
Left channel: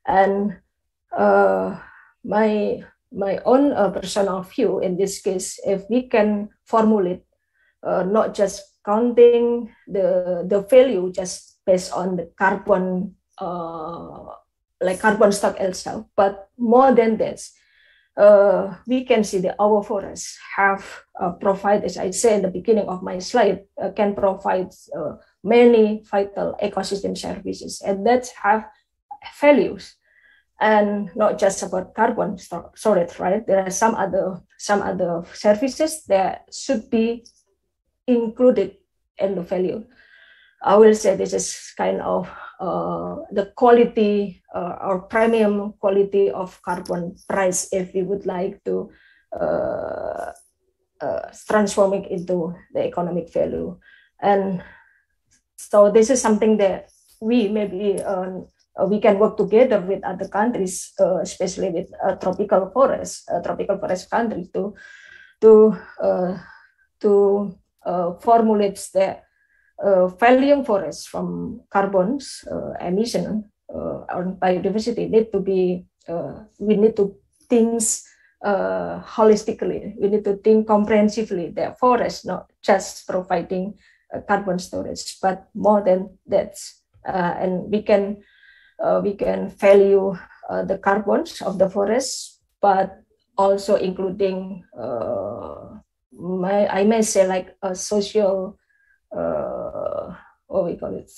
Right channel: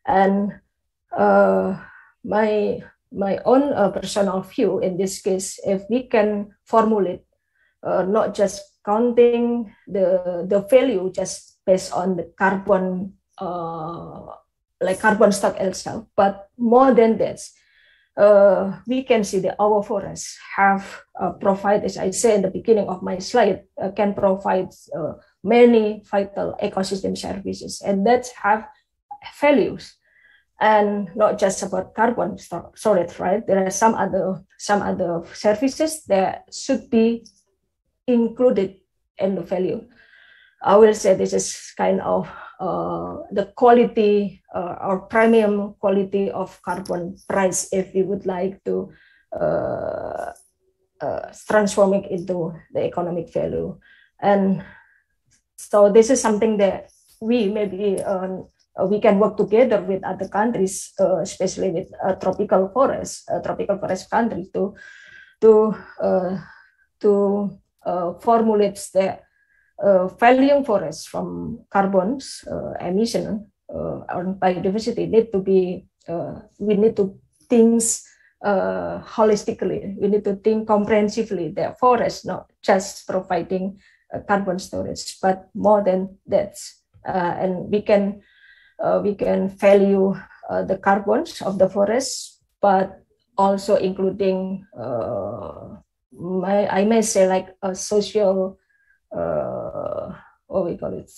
And my own personal view in this case, if we can formulate not just counting the value just based on the carbon like carbon stock itself, but more than this, we can see that our forests have provide, as I said in the beginning of my slide, can provide many vital ecosystem services, and that have values, and not just about carbon storage, right? There are some other services that should be included in the value. I will say this is kind of the quality or premium quality of carbon price if we would like to transform it into the economic value. And so this is something that we maybe we can work together with other countries, especially with tropical forest countries, to formulate the valuing forests from carbon's emission on biodiversity need to be, we need to think holistically. We need to think comprehensively. The forest not just providing carbon storage, but more than that. And we can value the carbons of the forest, but also including I may say like a social, what we call it,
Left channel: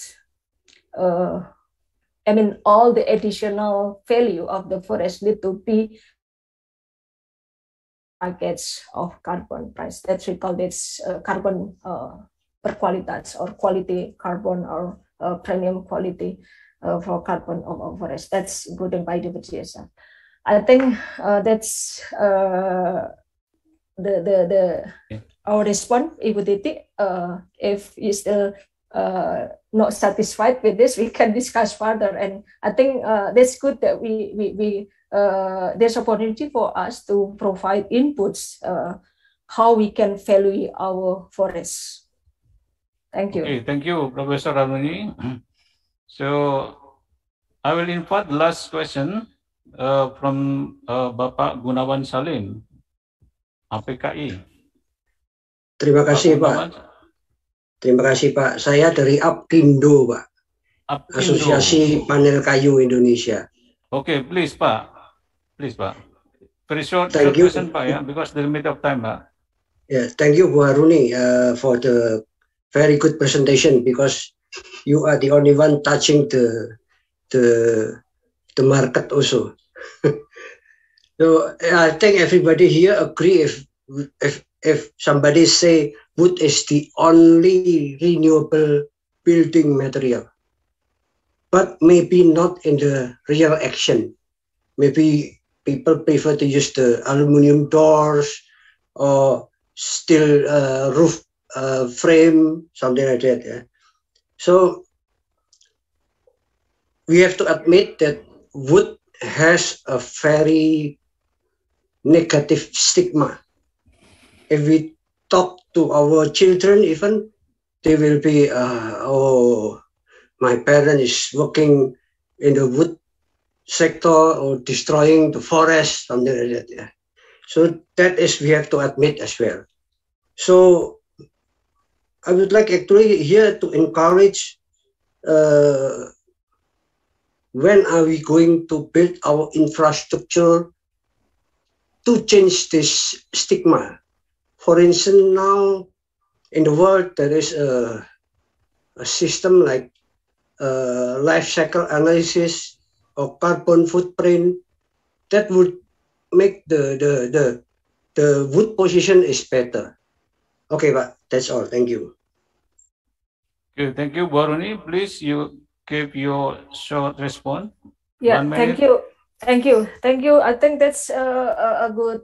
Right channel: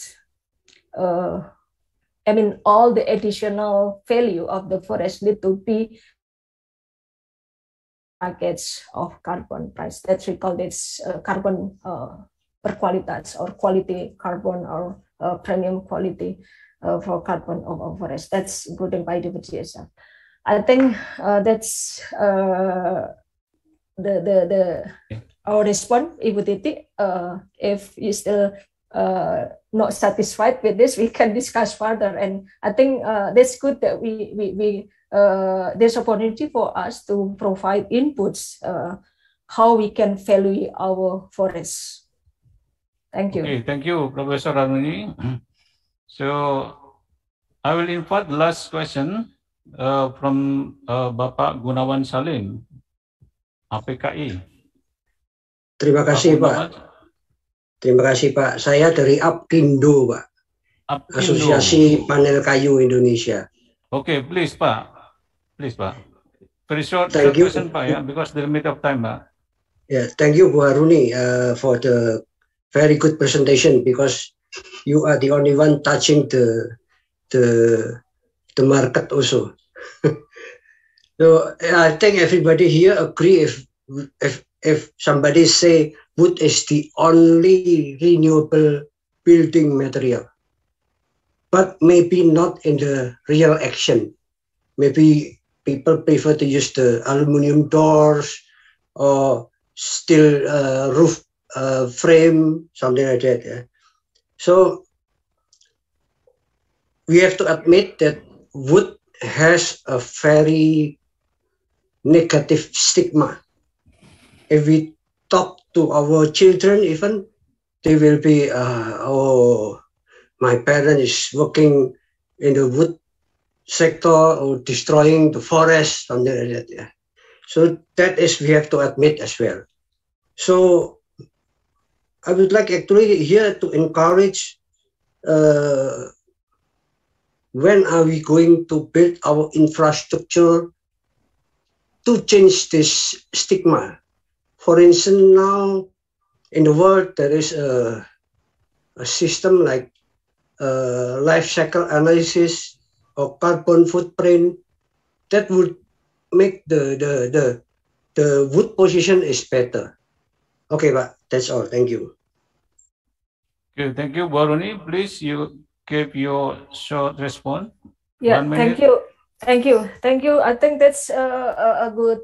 I mean, all the additional value of the forest need to be package of carbon price. That's we call this carbon per qualitas, or quality carbon, or premium quality for carbon of forest. That's including biodiversity as well. I think that's our response, Ibu Titi. If you still not satisfied with this, we can discuss further. And I think that's good that we there's opportunity for us to provide inputs how we can value our forests. Thank you. Okay, thank you, Professor Ramani. So I will invite the last question from Bapak Gunawan Salim, APKI. Terima kasih Pak. Terima kasih Pak. Saya dari APKINDO Pak. Asosiasi Panel Kayu Indonesia. Okay, please Pak. Please Pak. Very short Thank you. question Pak, ya, because the limit of time Pak. Yeah, thank you Bu Haruni for the very good presentation, because you are the only one touching the market also. So I think everybody here agree if somebody say wood is the only renewable building material, but maybe not in the real action. Maybe people prefer to use the aluminum doors or steel roof frame, something like that. Yeah. So we have to admit that wood has a very negative stigma. If we talk to our children, even they will be, oh, my parent is working in the wood sector or destroying the forest, something like that. Yeah. So that is, we have to admit as well. So I would like actually here to encourage, when are we going to build our infrastructure to change this stigma? For instance, now in the world there is a system like life cycle analysis or carbon footprint that would make the wood position is better. Okay, but that's all. Thank you. Okay, thank you, Baruni. Please, you give your short response. Yeah, 1 minute. thank you. Thank you. Thank you. I think that's a good,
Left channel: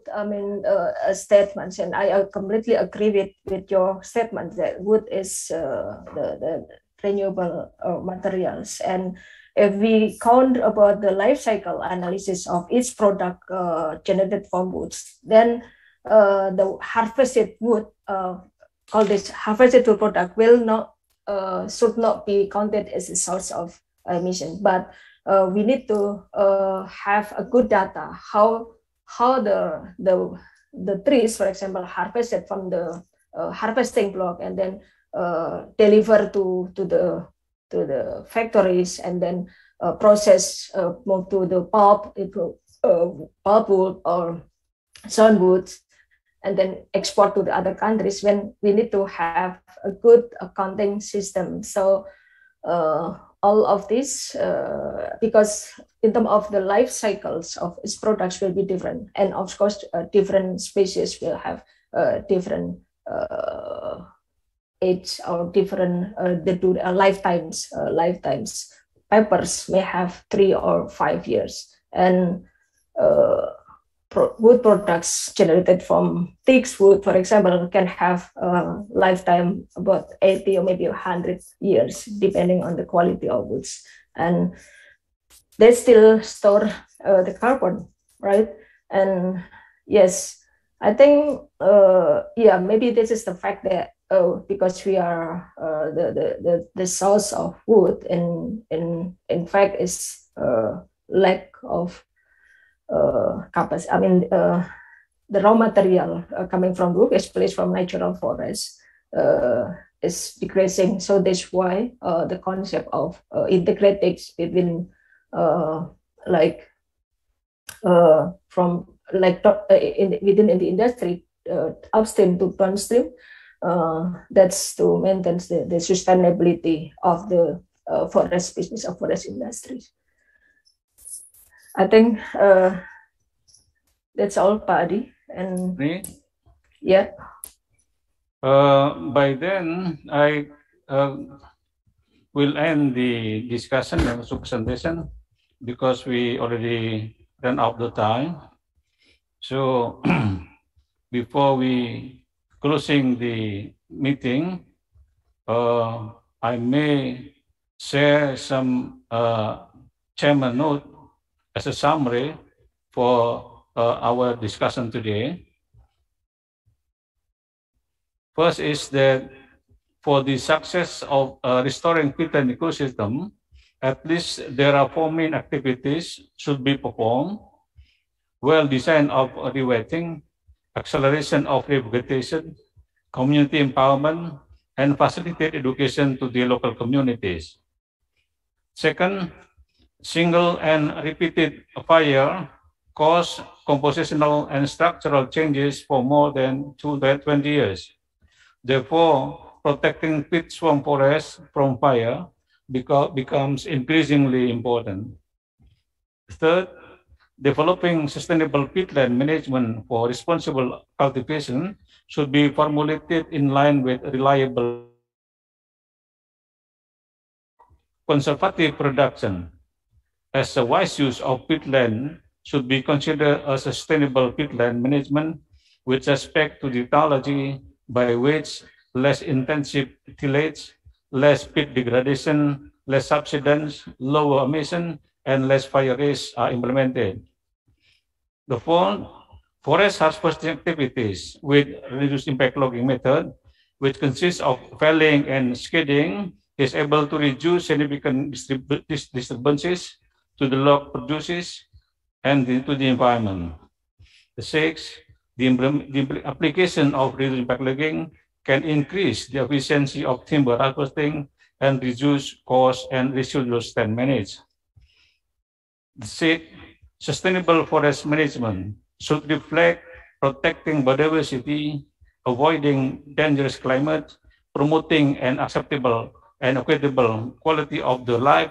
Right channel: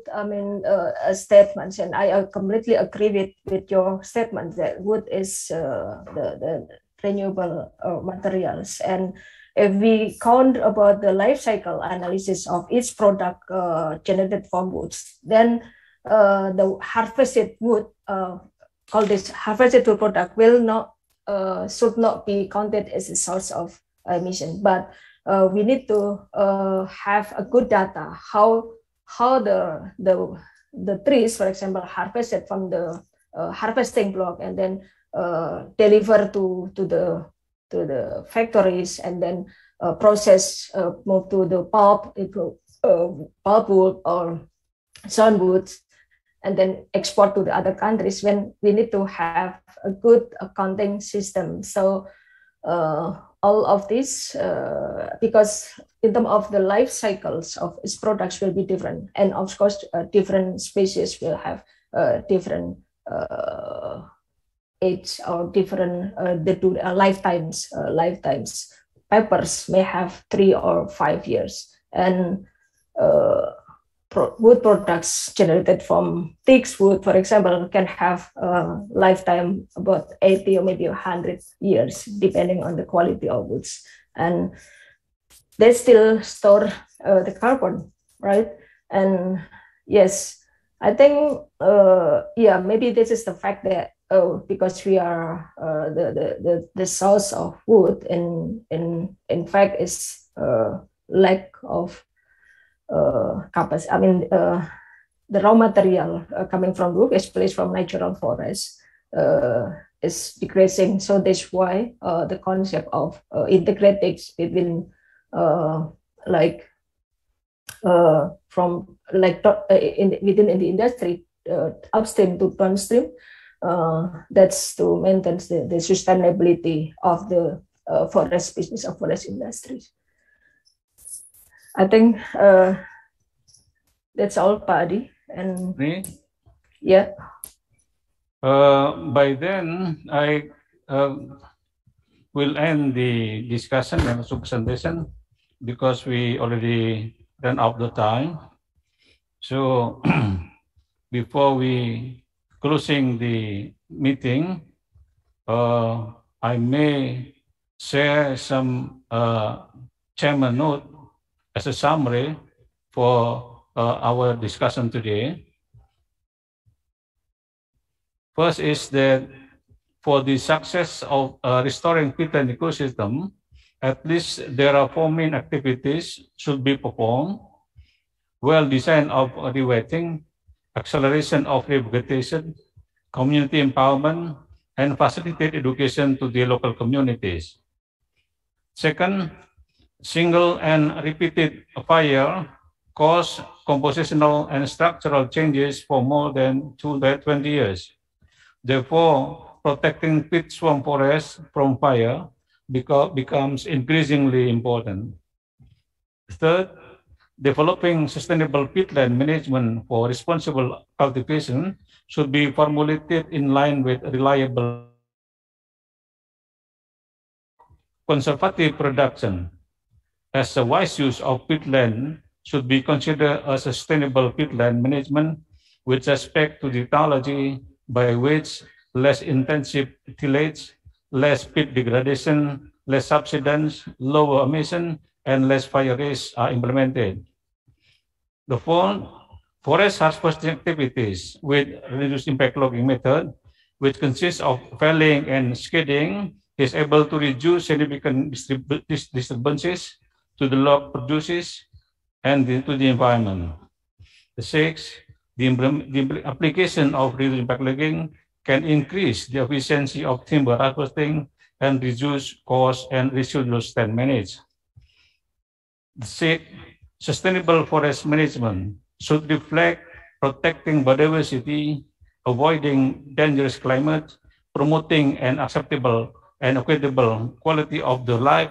statement, and I completely agree with your statement that wood is the renewable materials. And if we count about the life cycle analysis of each product generated from woods, then the harvested wood, called this harvested wood product, will not should not be counted as a source of emission, but we need to have a good data how the trees, for example, harvested from the harvesting block and then deliver to the factories, and then process move to the pulpwood or soundwood, and then export to the other countries. When we need to have a good accounting system. So all of this, because in terms of the life cycles of its products will be different, and of course different species will have different age or different lifetimes. Peppers may have 3 or 5 years, and wood products generated from teak wood, for example, can have a lifetime about 80 or maybe 100 years, depending on the quality of woods. And they still store the carbon, right? And yes, I think, maybe this is the fact that because we are the source of wood in fact is lack of capacity. I mean, the raw material coming from wood, especially from natural forests, is decreasing. So that's why the concept of integrating between from within the industry, upstream to downstream, that's to maintain the sustainability of the forest business of forest industries. I think that's all, Pak Adi. And yeah. By then, I will end the discussion and also presentation because we already ran out the time. So before we closing the meeting, I may share some chairman note as a summary for our discussion today. First is that for the success of restoring peatland ecosystem, at least there are 4 main activities should be performed: well design of rewetting, acceleration of revegetation, community empowerment, and facilitate education to the local communities. Second, single and repeated fire cause compositional and structural changes for more than 20 years. Therefore, protecting peat swamp forests from fire becomes increasingly important. Third, developing sustainable peatland management for responsible cultivation should be formulated in line with reliable conservative production, as a wise use of peatland should be considered a sustainable peatland management with respect to the technology by which less intensive tillage, less peat degradation, less subsidence, lower emission, and less fire risk are implemented. The fourth, forest harvesting activities with reduced impact logging method, which consists of felling and skidding, is able to reduce significant disturbances to the log produces and to the environment. The sixth, the application of reduced impact logging can increase the efficiency of timber harvesting and reduce cost and residual stand management. The sixth, sustainable forest management should reflect protecting biodiversity, avoiding dangerous climate, promoting an acceptable and equitable quality of the life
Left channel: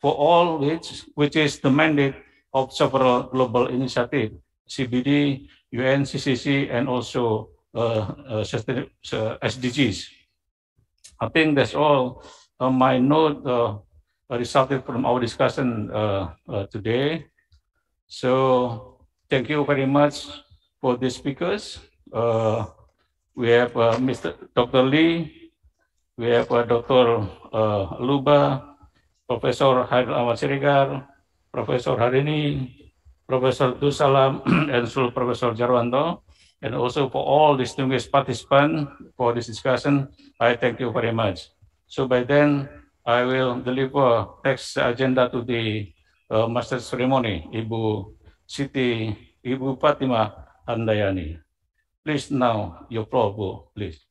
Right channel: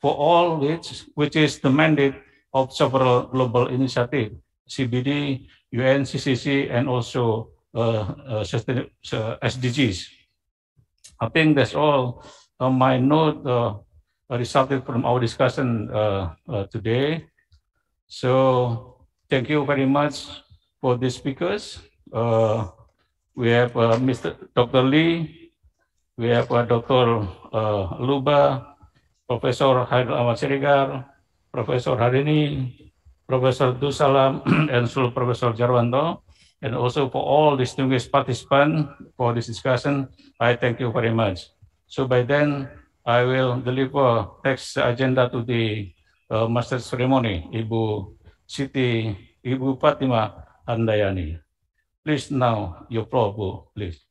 for all, which is the mandate of several global initiatives, CBD, UNCCC, and also SDGs. I think that's all my note resulted from our discussion today. So thank you very much for the speakers. We have Mr. Dr. Lee, we have Dr. Luba, Professor Haidar Ahmad Siregar, Professor Harini, Professor Dusalam, and also Professor Jarwanto, and also for all distinguished participants for this discussion, I thank you very much. So by then, I will deliver next agenda to the Master Ceremony, Ibu Fatima Handayani. Please now, your floor, Bu, please.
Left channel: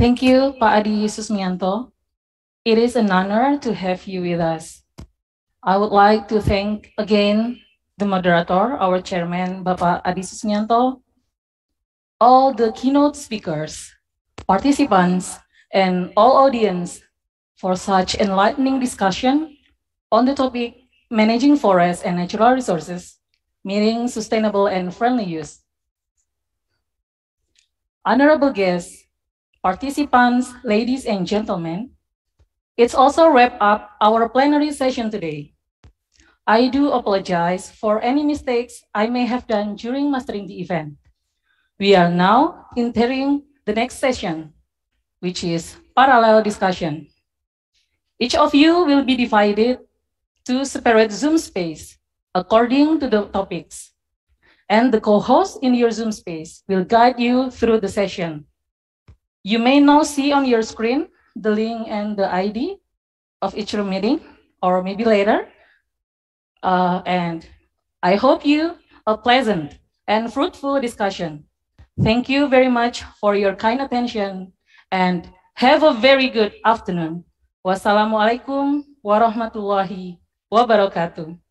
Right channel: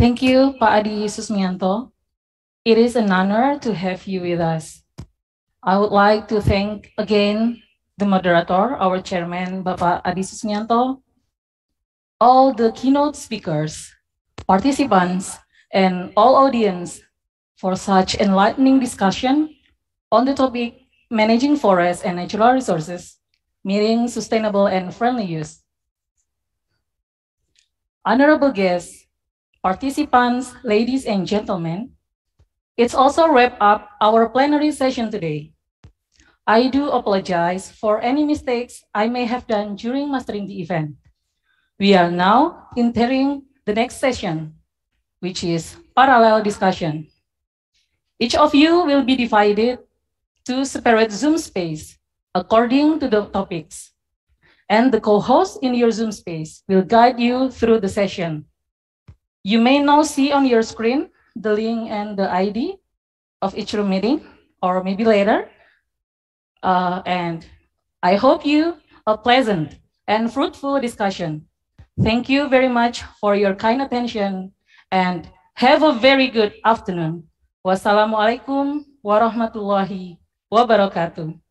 Thank you, Pak Adi Susmianto. It is an honor to have you with us. I would like to thank again the moderator, our chairman, Bapak Adi Susmianto, all the keynote speakers, participants, and all audience for such enlightening discussion on the topic managing forests and natural resources, meeting sustainable and friendly use. Honorable guests, participants, ladies and gentlemen, it's also wrap up our plenary session today. I do apologize for any mistakes I may have done during mastering the event. We are now entering the next session, which is parallel discussion. Each of you will be divided to separate Zoom space according to the topics. And the co-host in your Zoom space will guide you through the session. You may now see on your screen the link and the ID of each room meeting, or maybe later. And I hope you a pleasant and fruitful discussion. Thank you very much for your kind attention and have a very good afternoon. Wassalamualaikum warahmatullahi wabarakatuh.